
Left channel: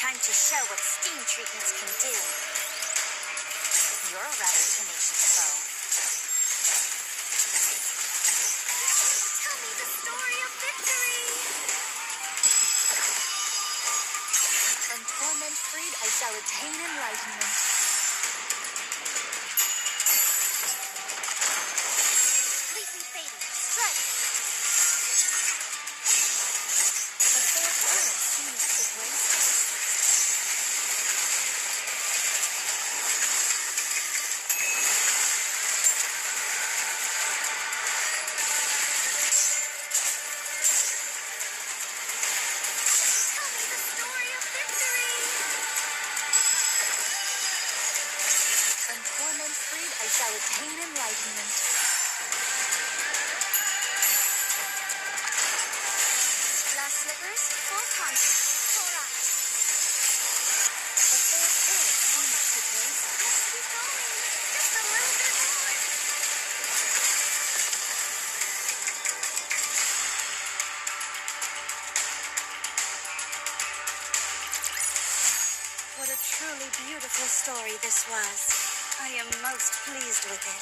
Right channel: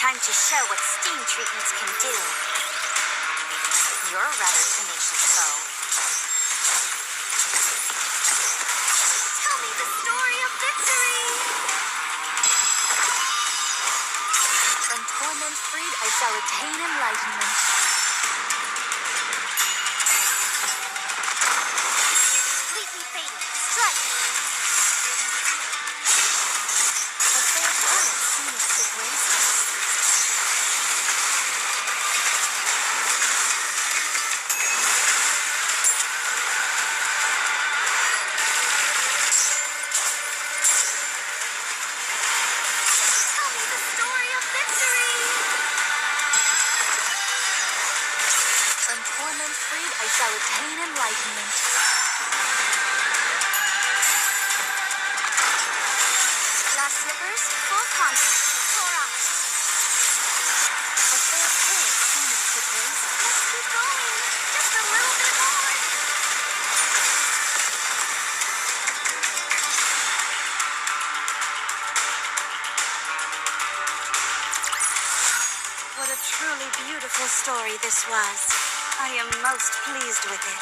Time to show what steam treatments can do. You're a rather tenacious foe. Tell me the story of victory! From torment freed, I shall attain enlightenment. Completely fading. Strike! A fair planet seemeth to grace us. Tell me the story of victory! From torment freed, I shall attain enlightenment. Glass slippers, full contact. Pour out. A fair planet seemeth to grace us. Let's keep going. Just a little bit more. What a truly beautiful story this was. I am most pleased with it.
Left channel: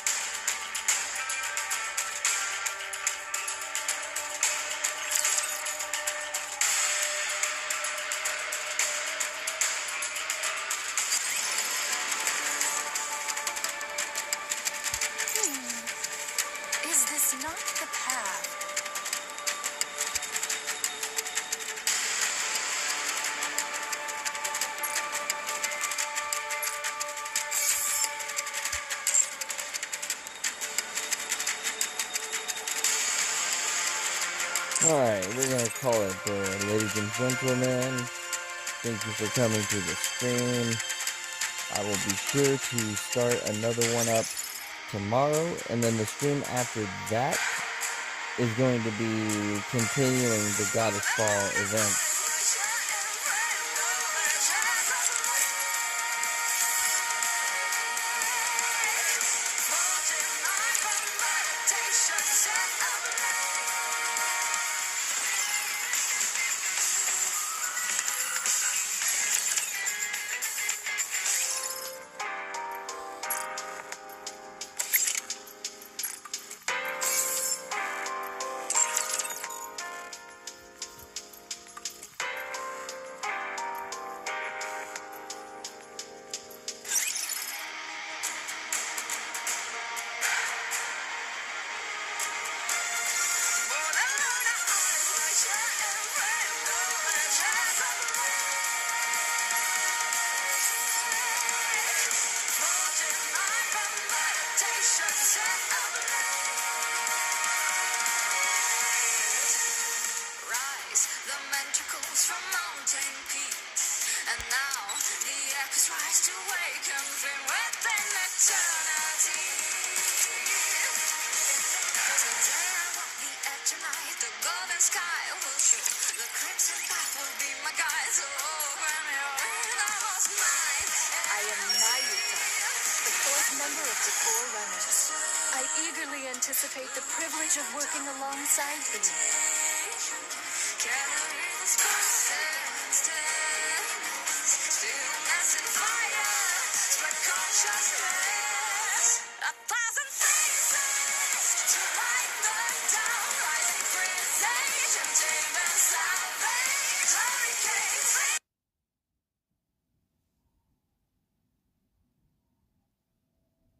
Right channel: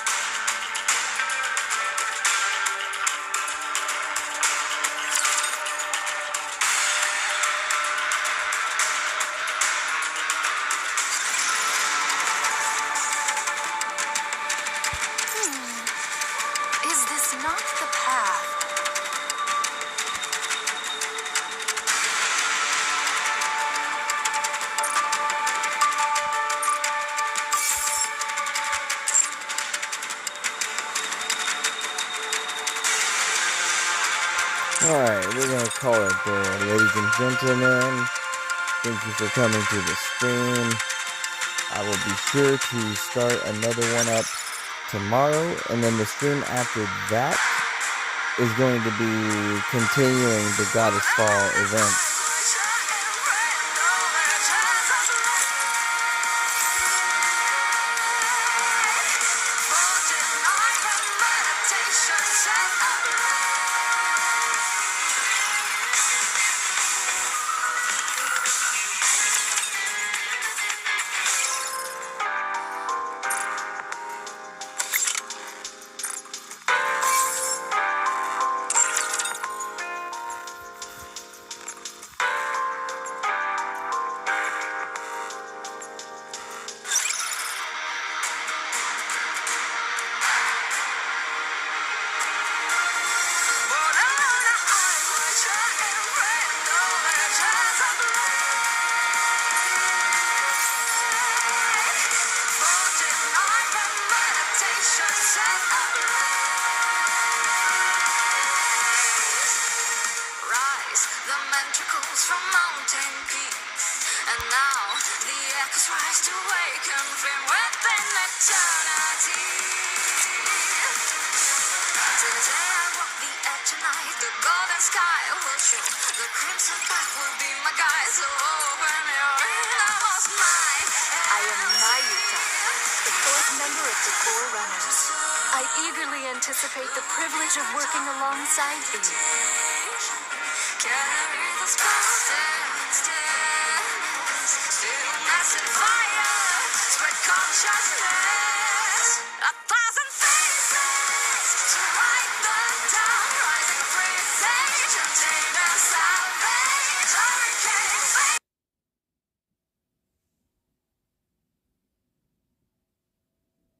Is this not the path? Alright, we're gonna call it there, ladies and gentlemen. Thank you for coming to the stream. I will be sure to start another one up tomorrow, and then the stream after that is going to be continuing the Goddess Fall event. The ventricles from mountain peaks, and now the echoes rise to awaken flame within eternity. Today I walk the edge of night, the golden sky will show, the crimson path will be my guide, so open your innermost mind. I am Nayuta, the fourth member of the Four Runners. I eagerly anticipate the privilege of working alongside thee. Carry the stillness, stillness and fire, spread consciousness.